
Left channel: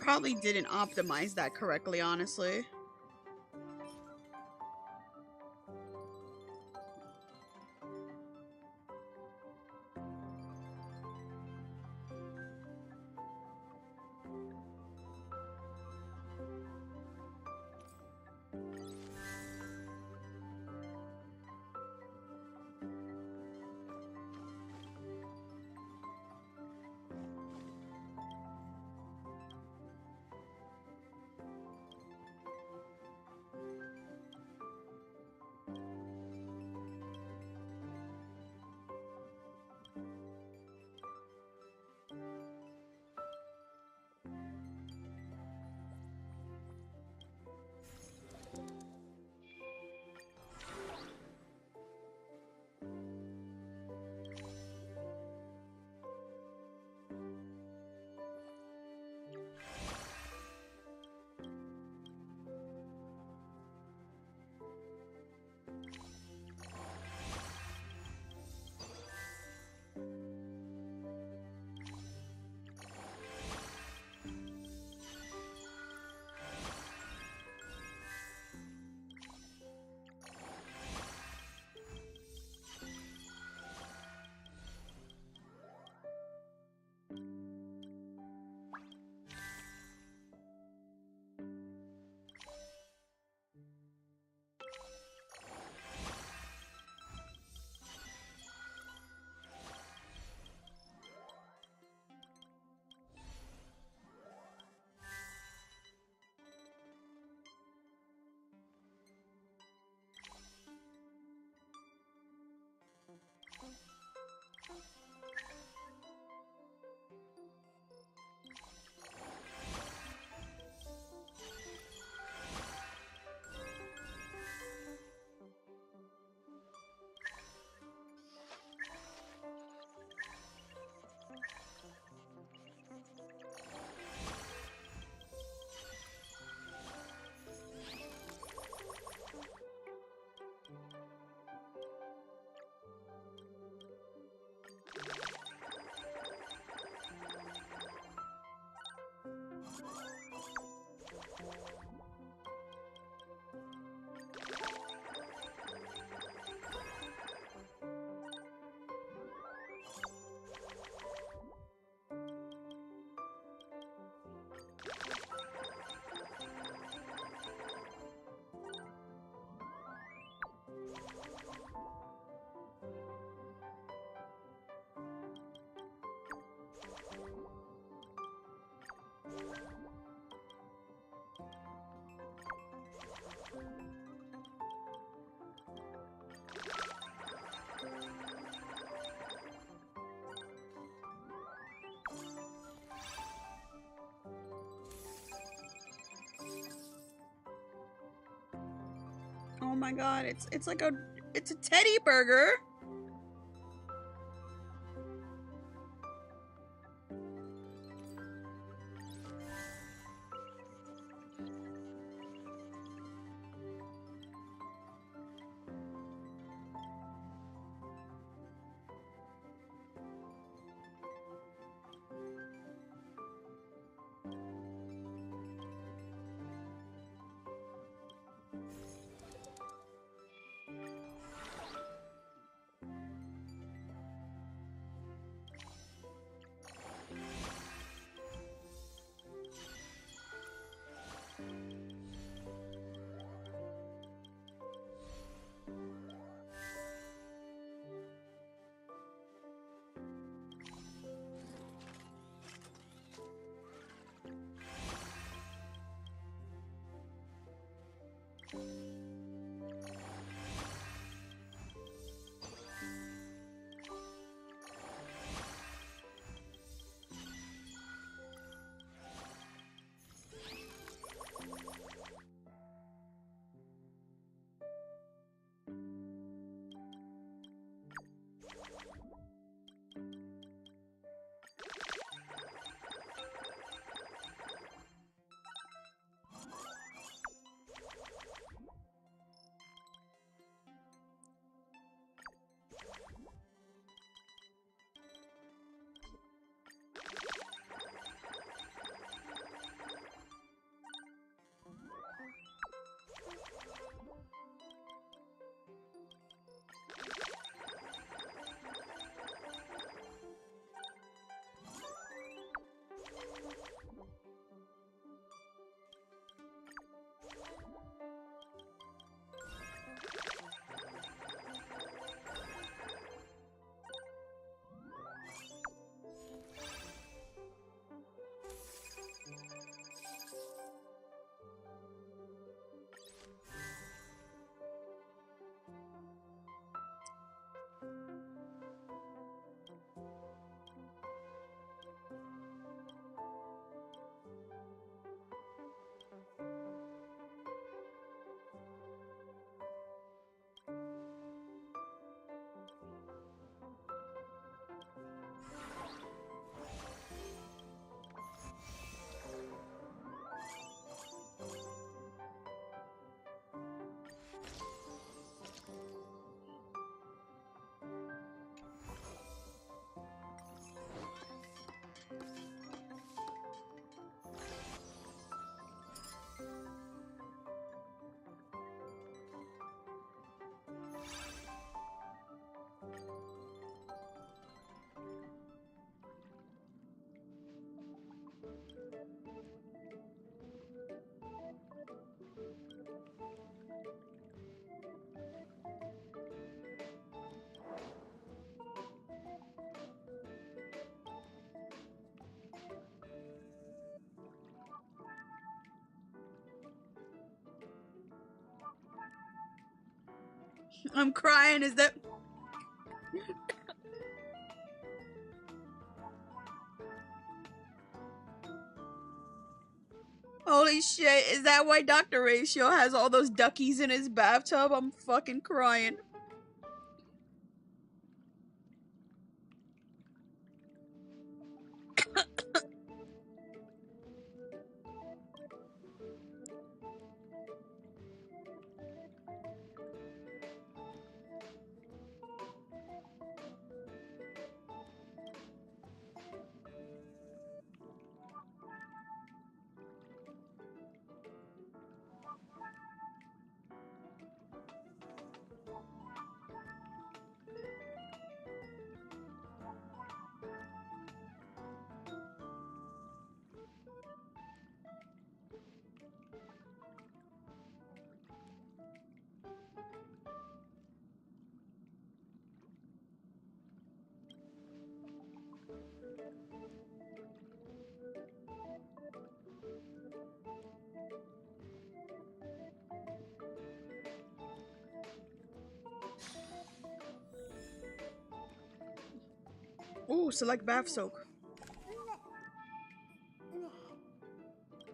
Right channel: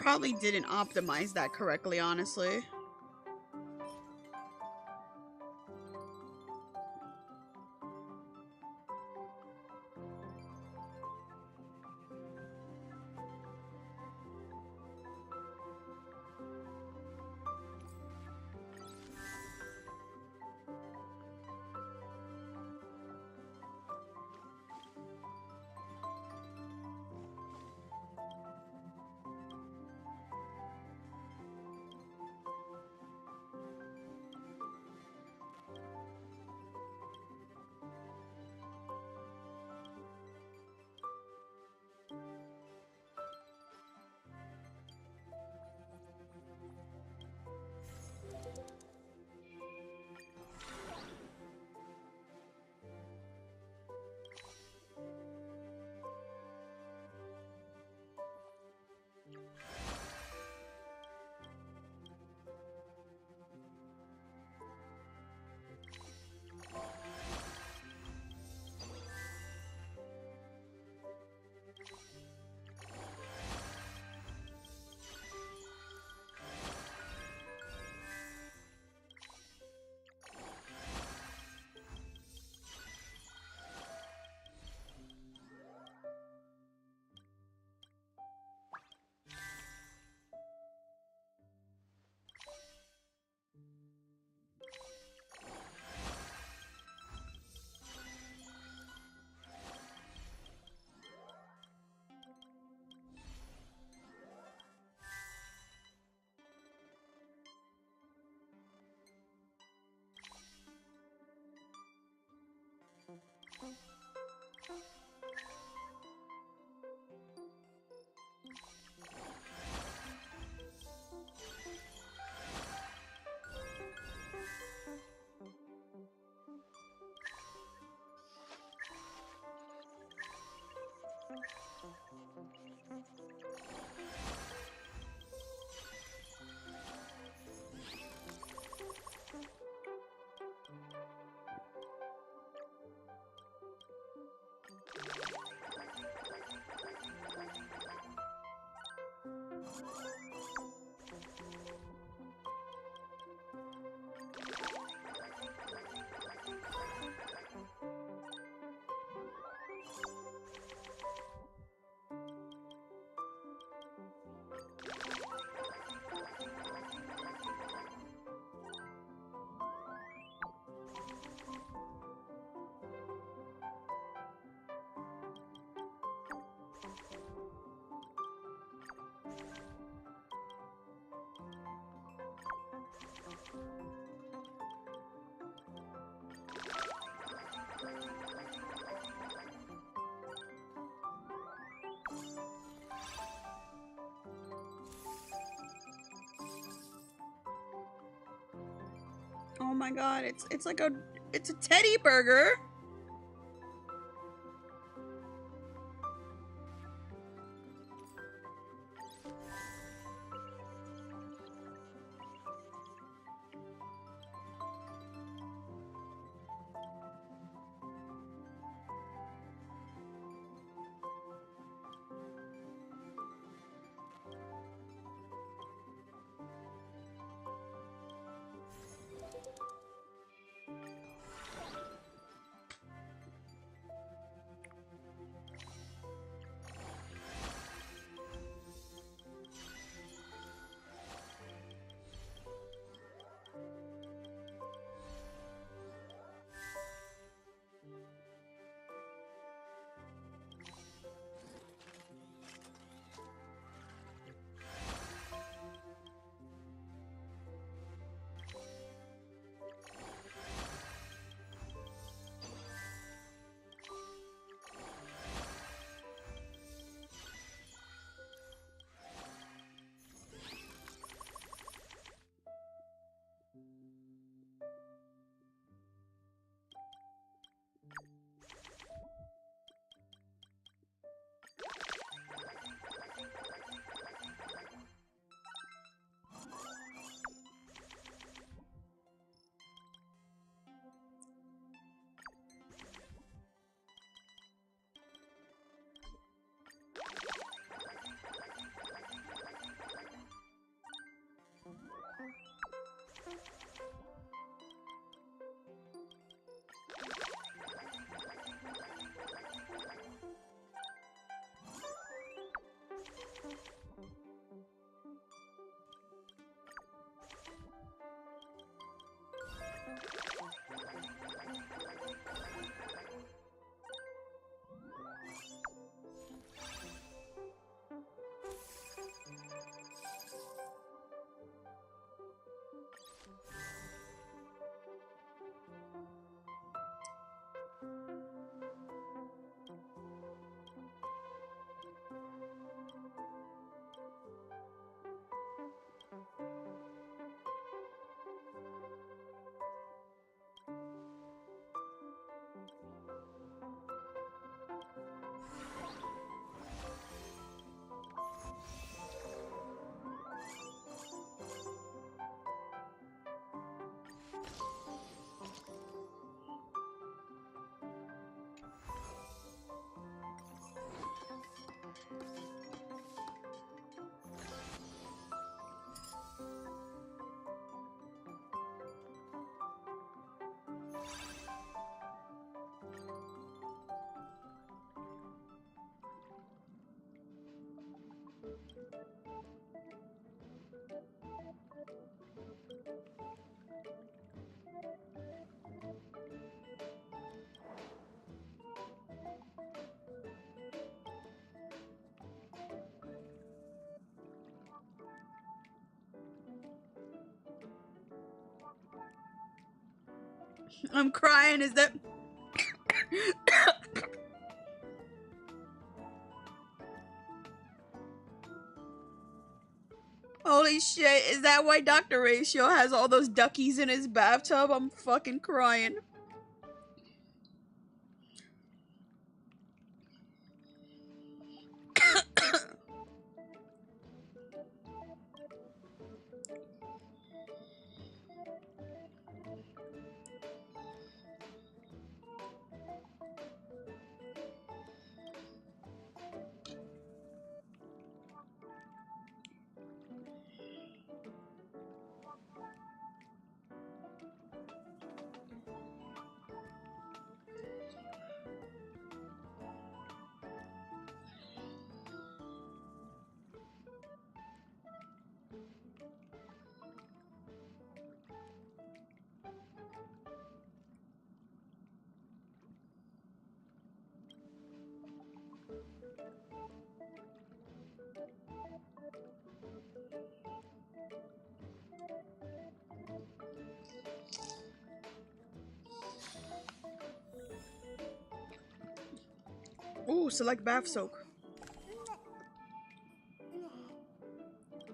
Probably didn't optimize that correctly, honestly. Oh my god, it's like it's a teddy burger. I'm crying. Is that... Holy shit, is that why Dr. Ratio has all those duckies in his bathtub? I'm fucking crying. Ooh, select bath soak.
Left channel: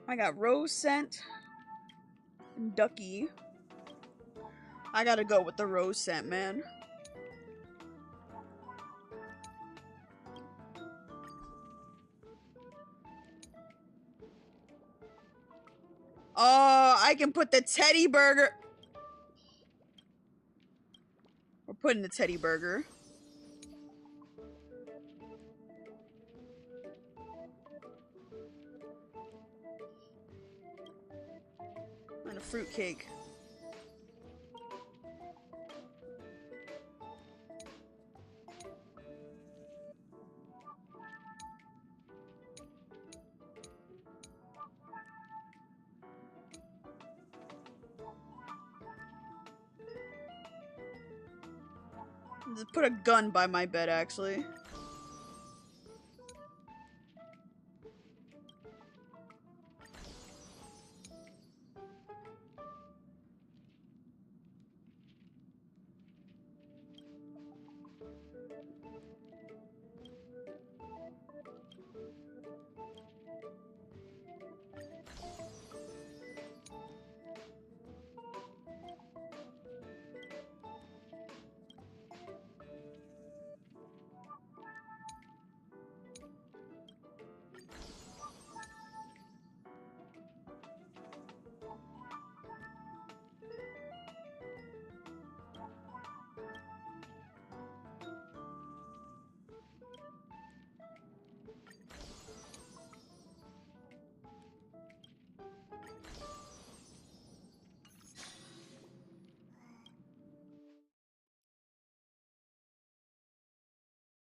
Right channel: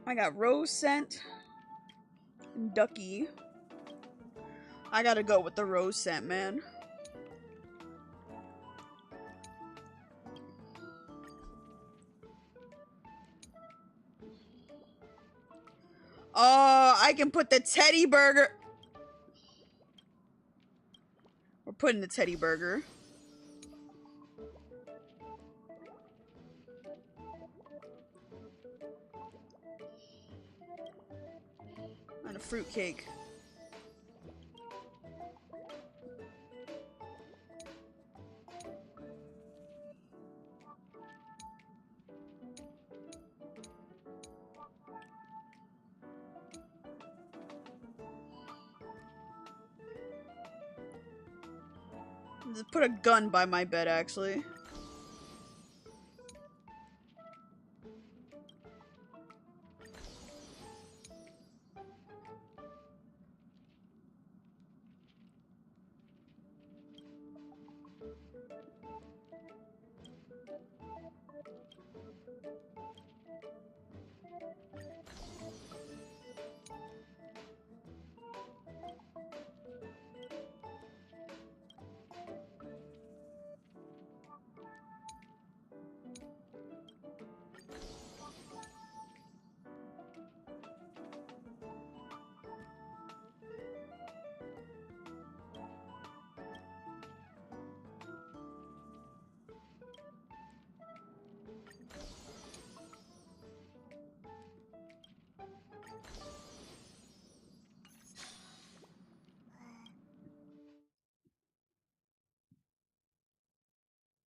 I got rose scent and ducky. I gotta go with the rose scent, man. Oh, I can put the teddy burger. We're putting the teddy burger. And a fruitcake. Just put a gun by my bed, actually.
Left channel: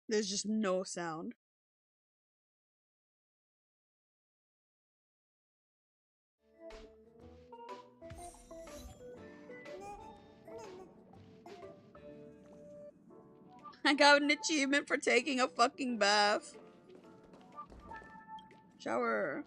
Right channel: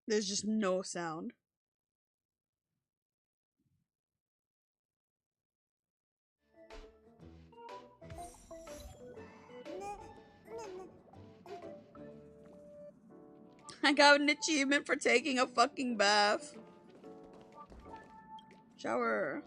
There's just no sound. I got an achievement for taking a fucking bath. Shower.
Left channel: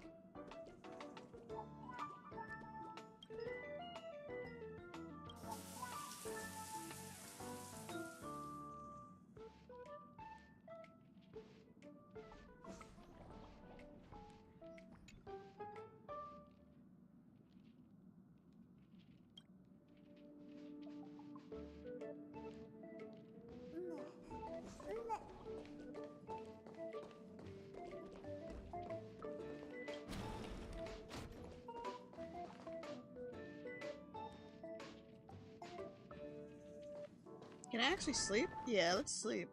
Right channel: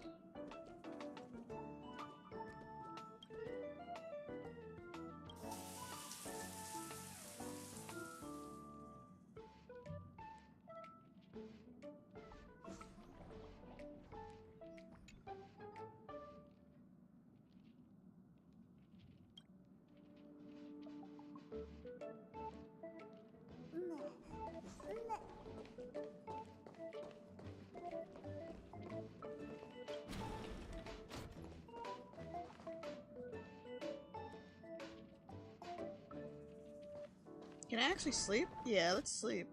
Can I actually sleep? Yeah, let's sleep.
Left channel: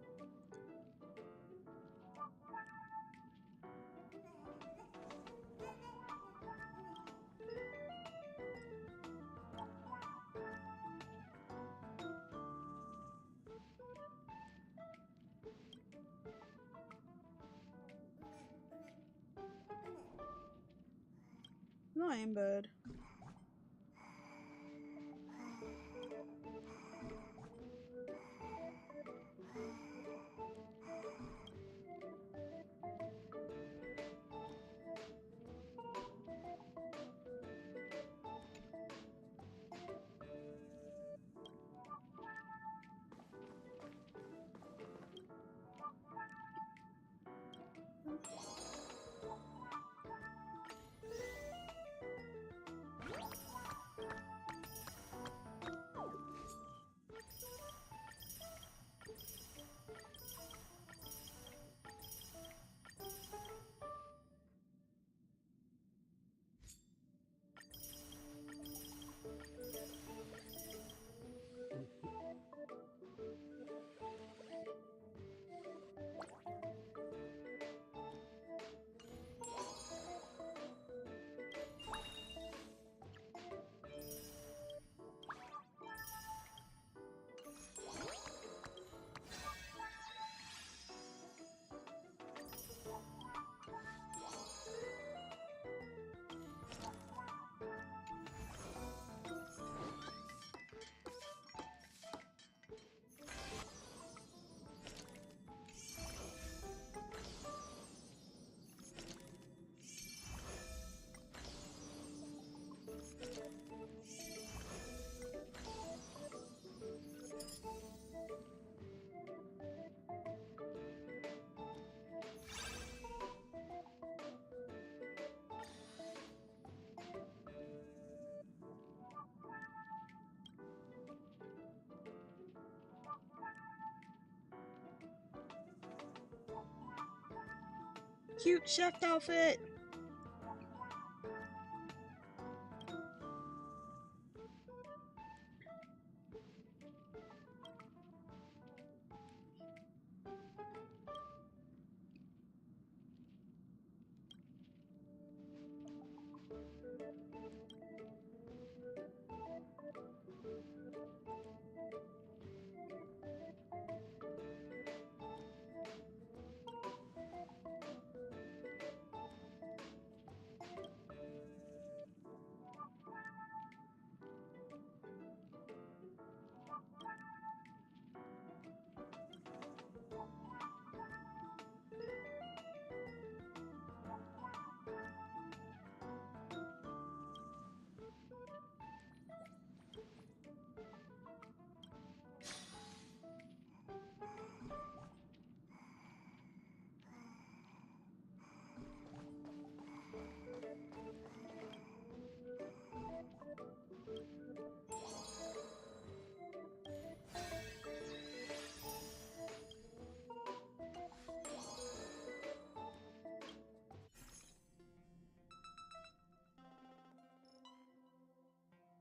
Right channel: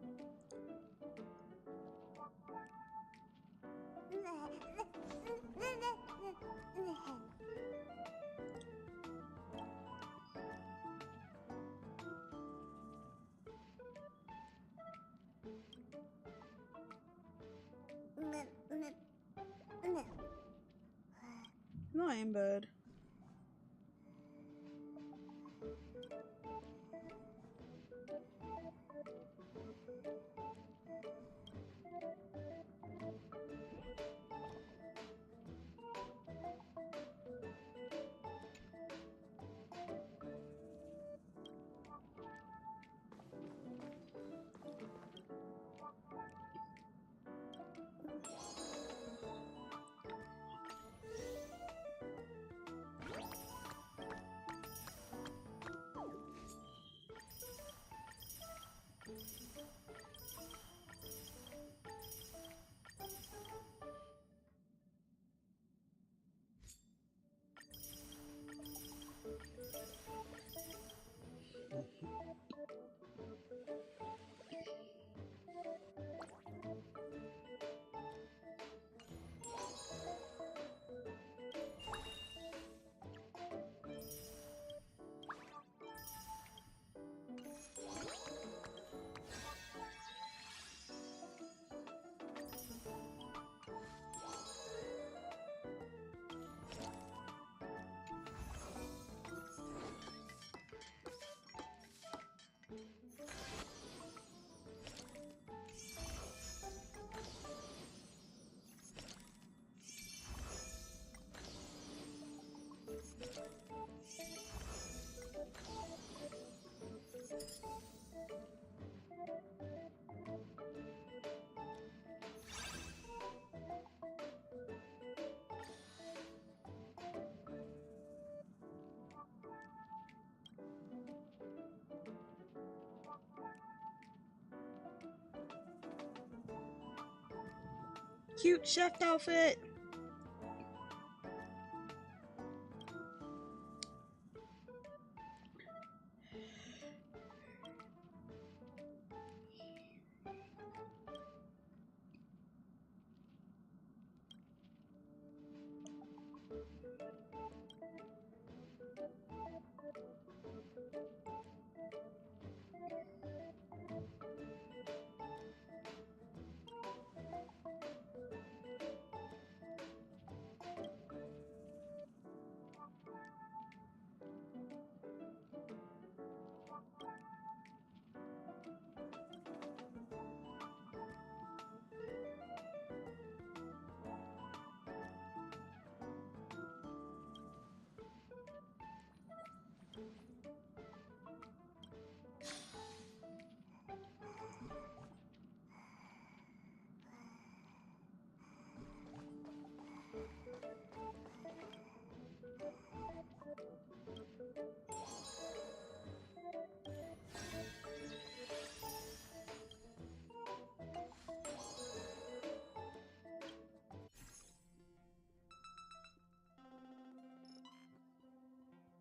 No, I am bad. Cute chef outfit.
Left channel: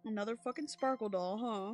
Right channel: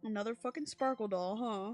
Another fucking sparkle doll, huh?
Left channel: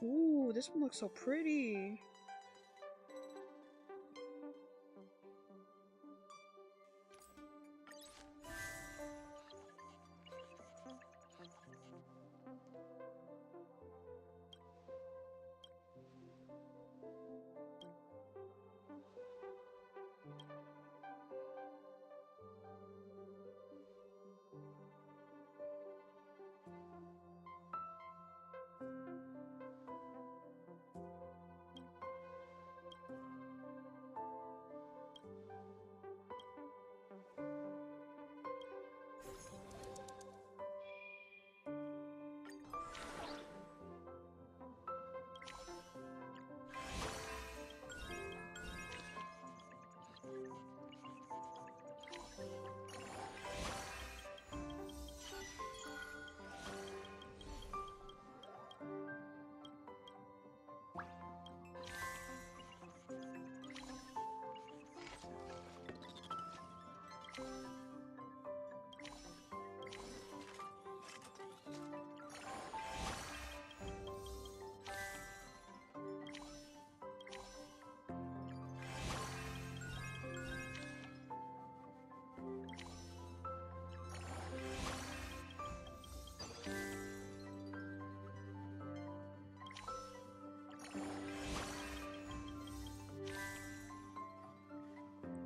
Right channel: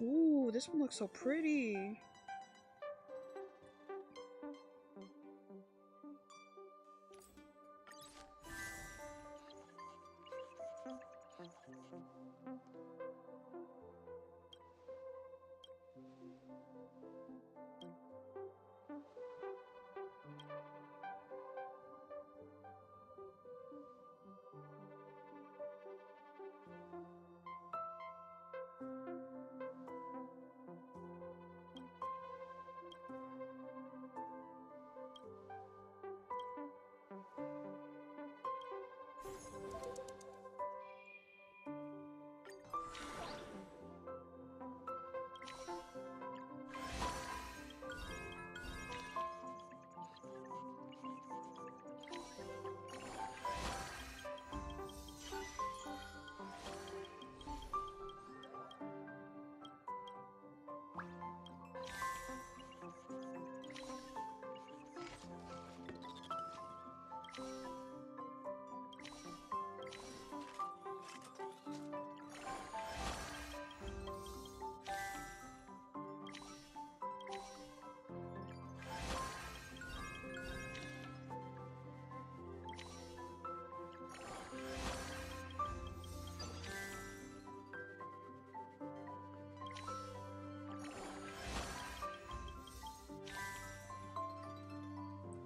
Ooh, this one looks so pretty.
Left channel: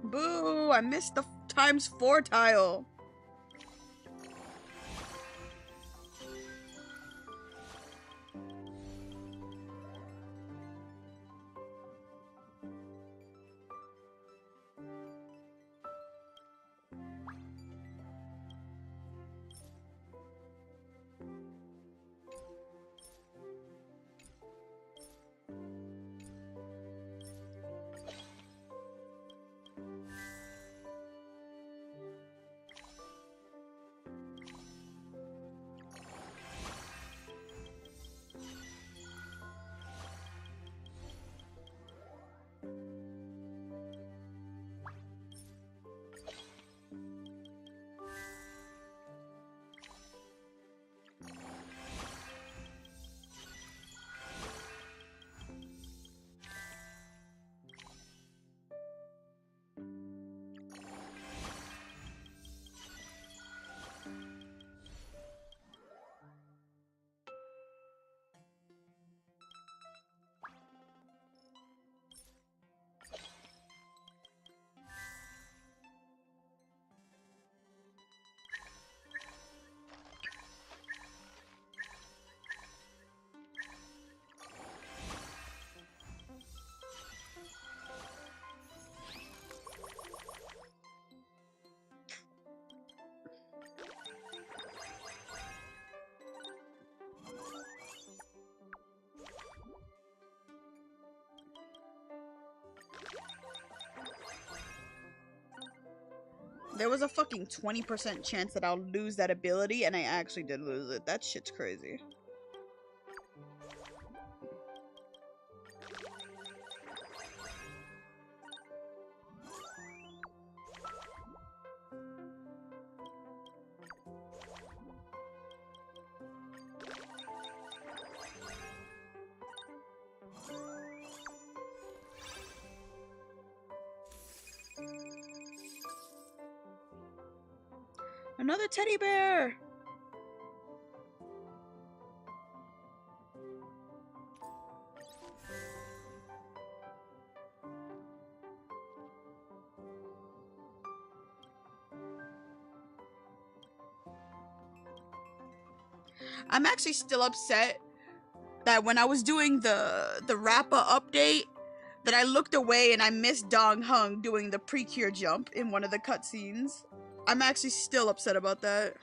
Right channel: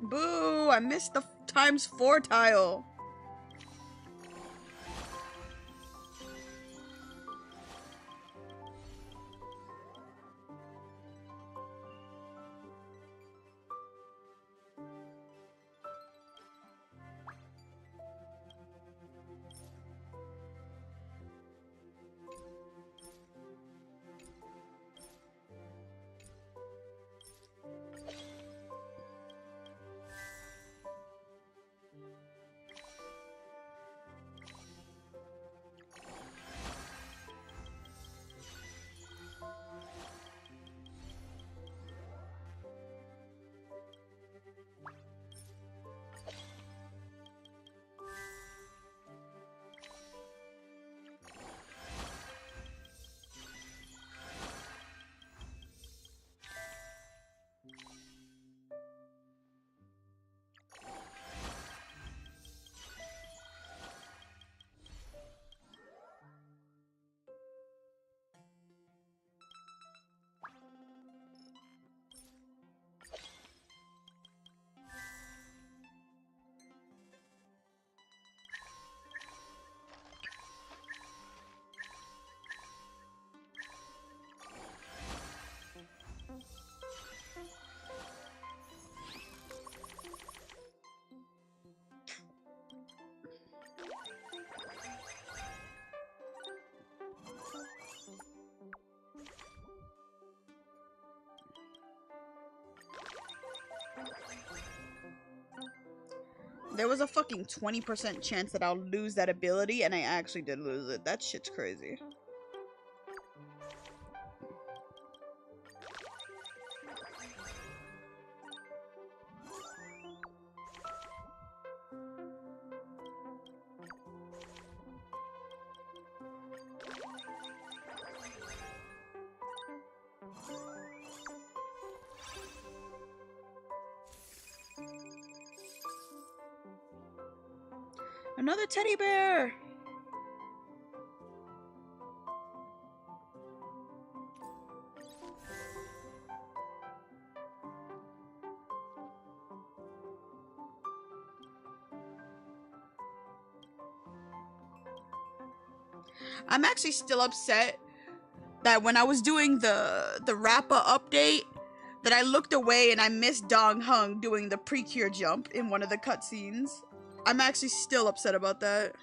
Boo! I missed the ×4 tile. There was a fucking 20% chance that I'll lose that ability, and I actually did lose it. That shit's crazy. Another teddy bear! I'm actually still upset that when I was doing the Rappa update, that I looked away and I missed Dong Hung doing the Precure jump in one of the cutscenes. I'm actually still upset about that.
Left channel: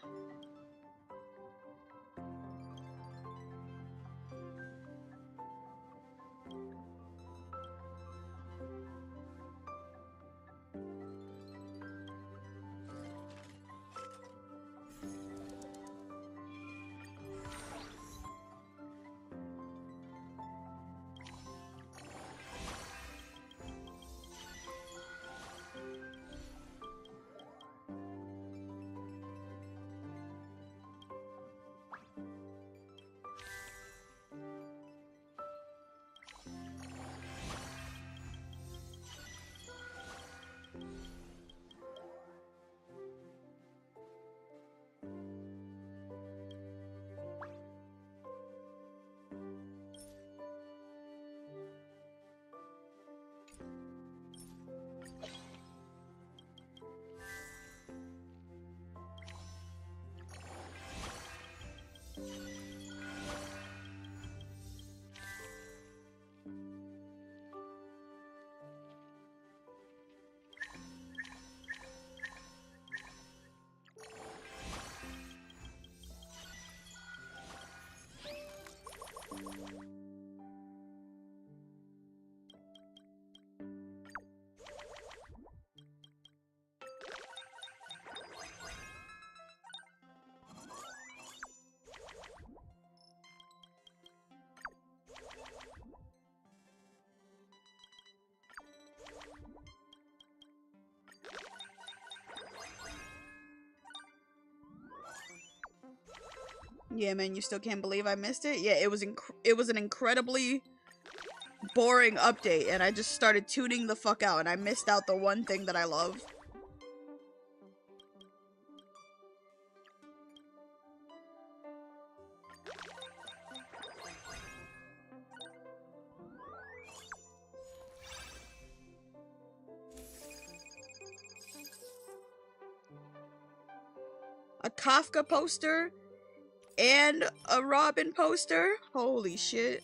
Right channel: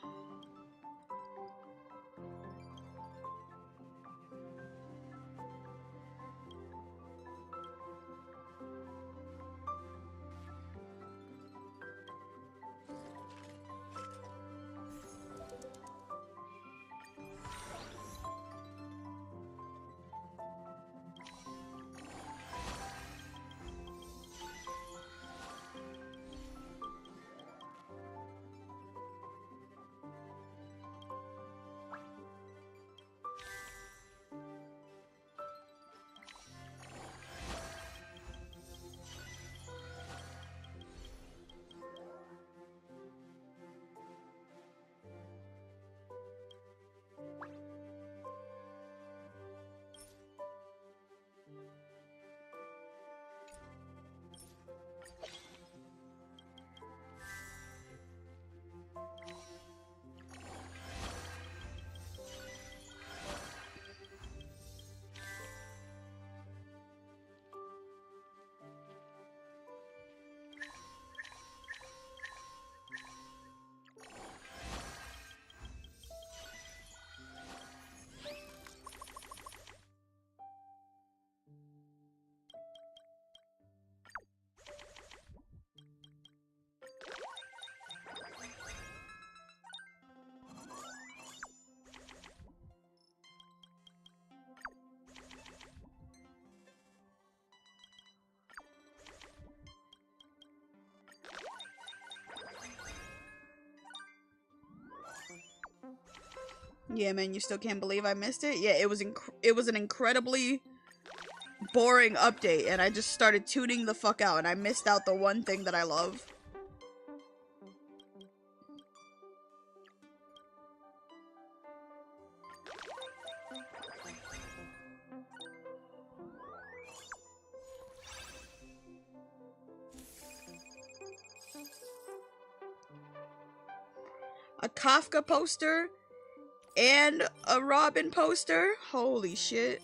Yeah, man, you still can't believe I missed it? Yeah, it was an incredibly boring update, and I just started tuning the fuck out, and I missed out the one thing that I love. A Kafka poster and a Robin poster? Holy shit.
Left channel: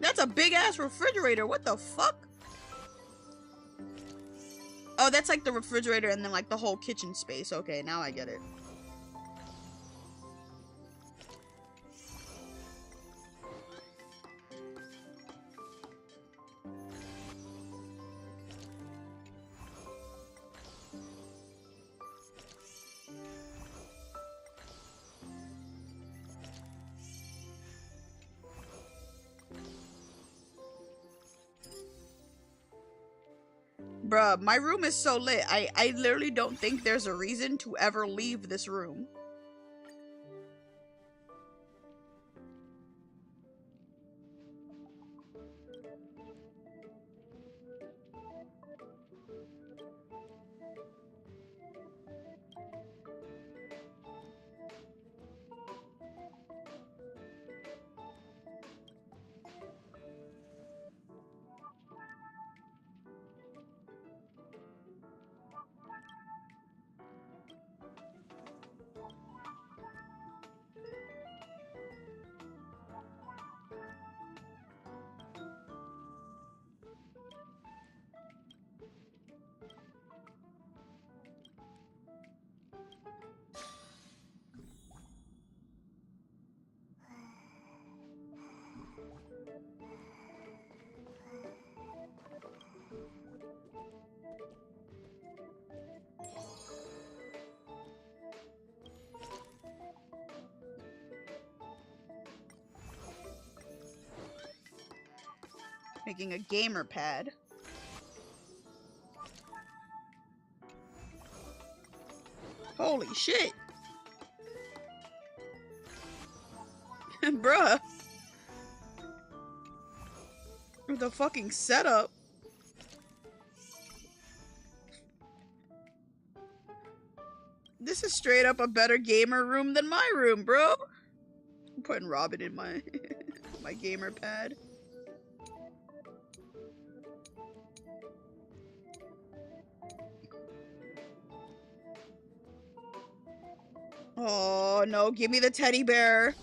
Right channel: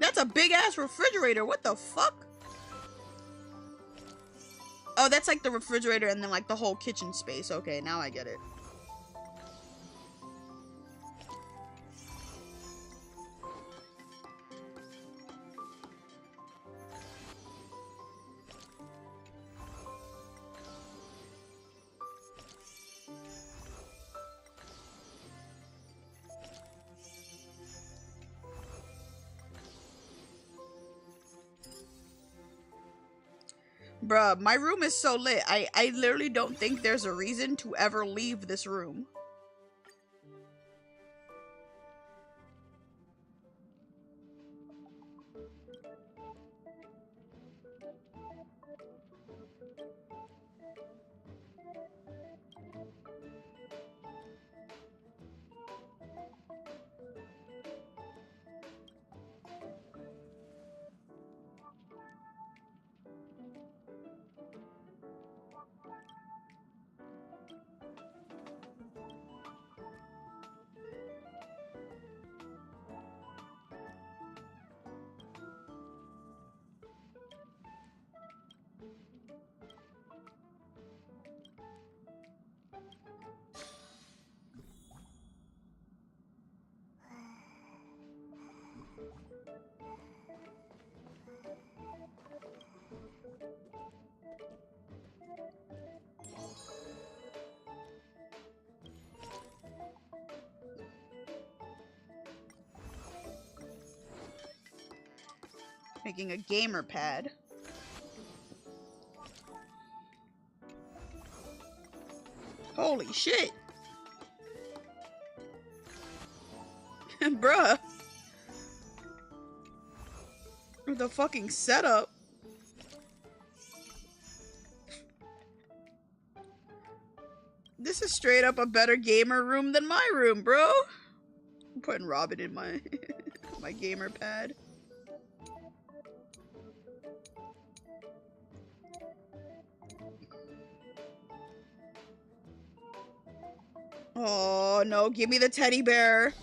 That's a big ass refrigerator. What the fuck? Oh, that's like the refrigerator and then like the whole kitchen space. Okay, now I get it. Bruh, my room is so lit. I literally don't think there's a reason to ever leave this room. Making a gamer pad. Holy shit. Bruh. The fucking setup. This is straight up a better gamer room than my room, bro. I'm putting Robin in my my gamer pad. Oh no, give me the teddy bear.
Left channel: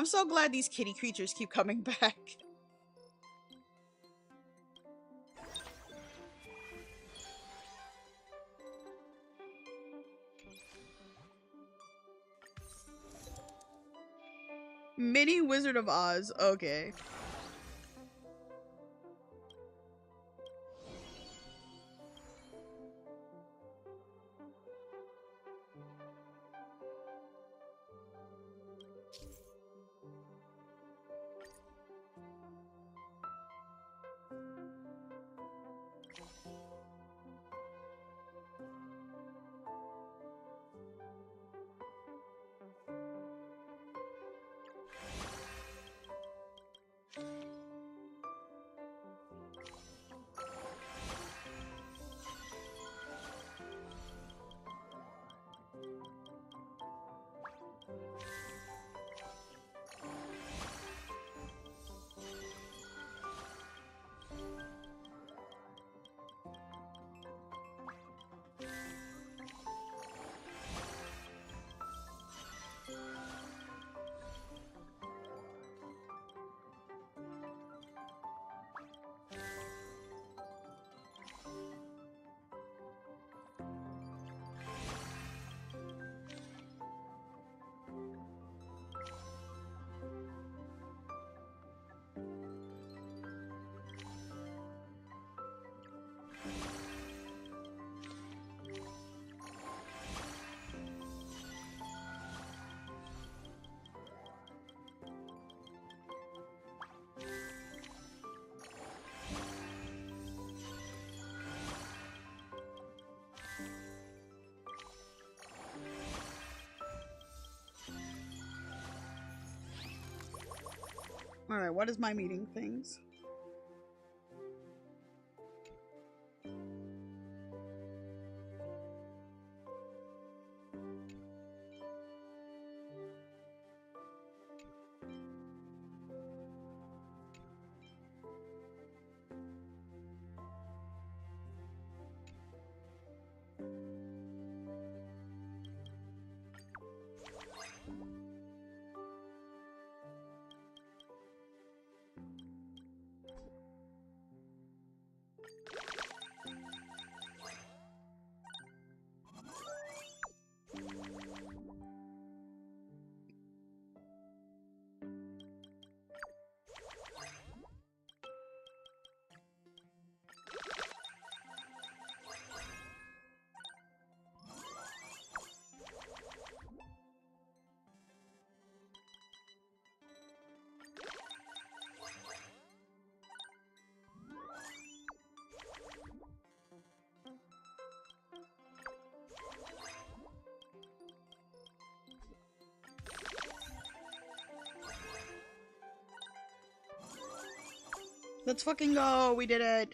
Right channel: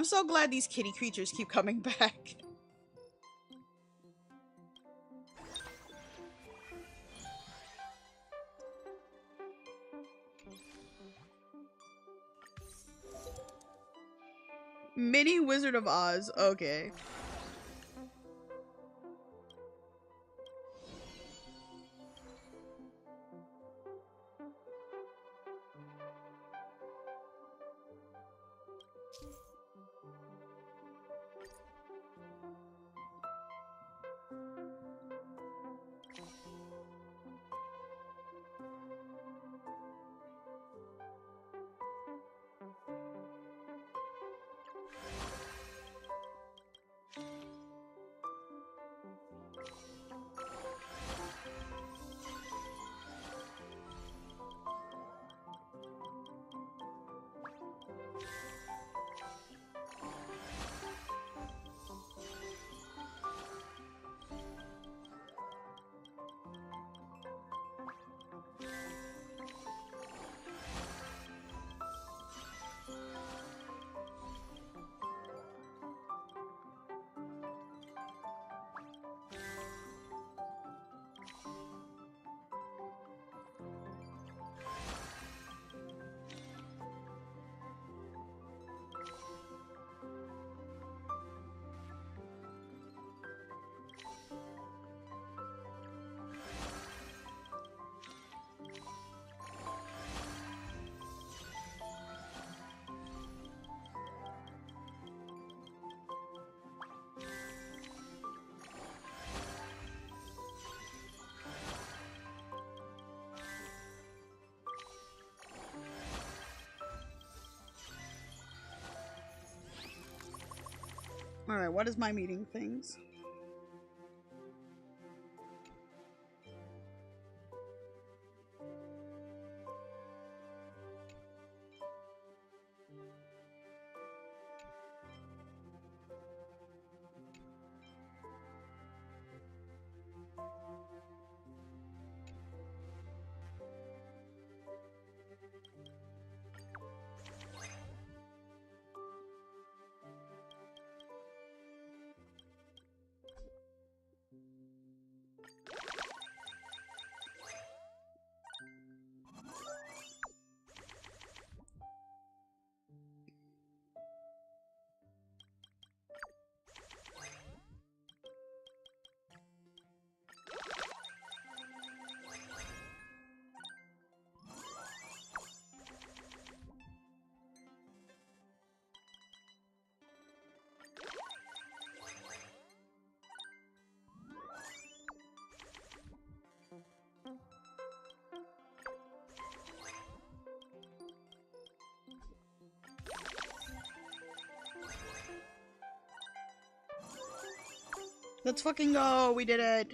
I'm so glad these kitty creatures keep coming back. Mini Wizard of Oz, okay. Alright, what is my meeting things? Let's fucking go! We did it!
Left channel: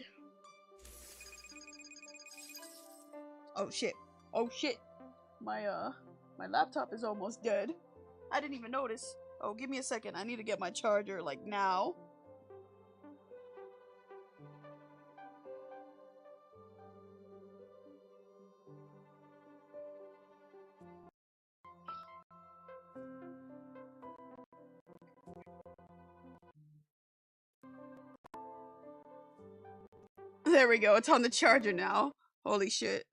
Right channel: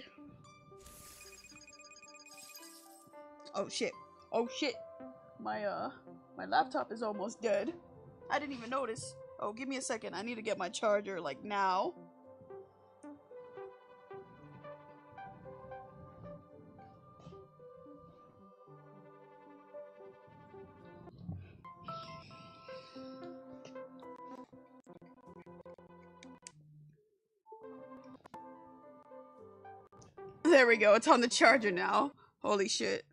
Oh shit. Oh shit! My laptop is almost dead. I didn't even notice. Oh, give me a second. I need to get my charger, like, now. There we go. It's on the charger now. Holy shit.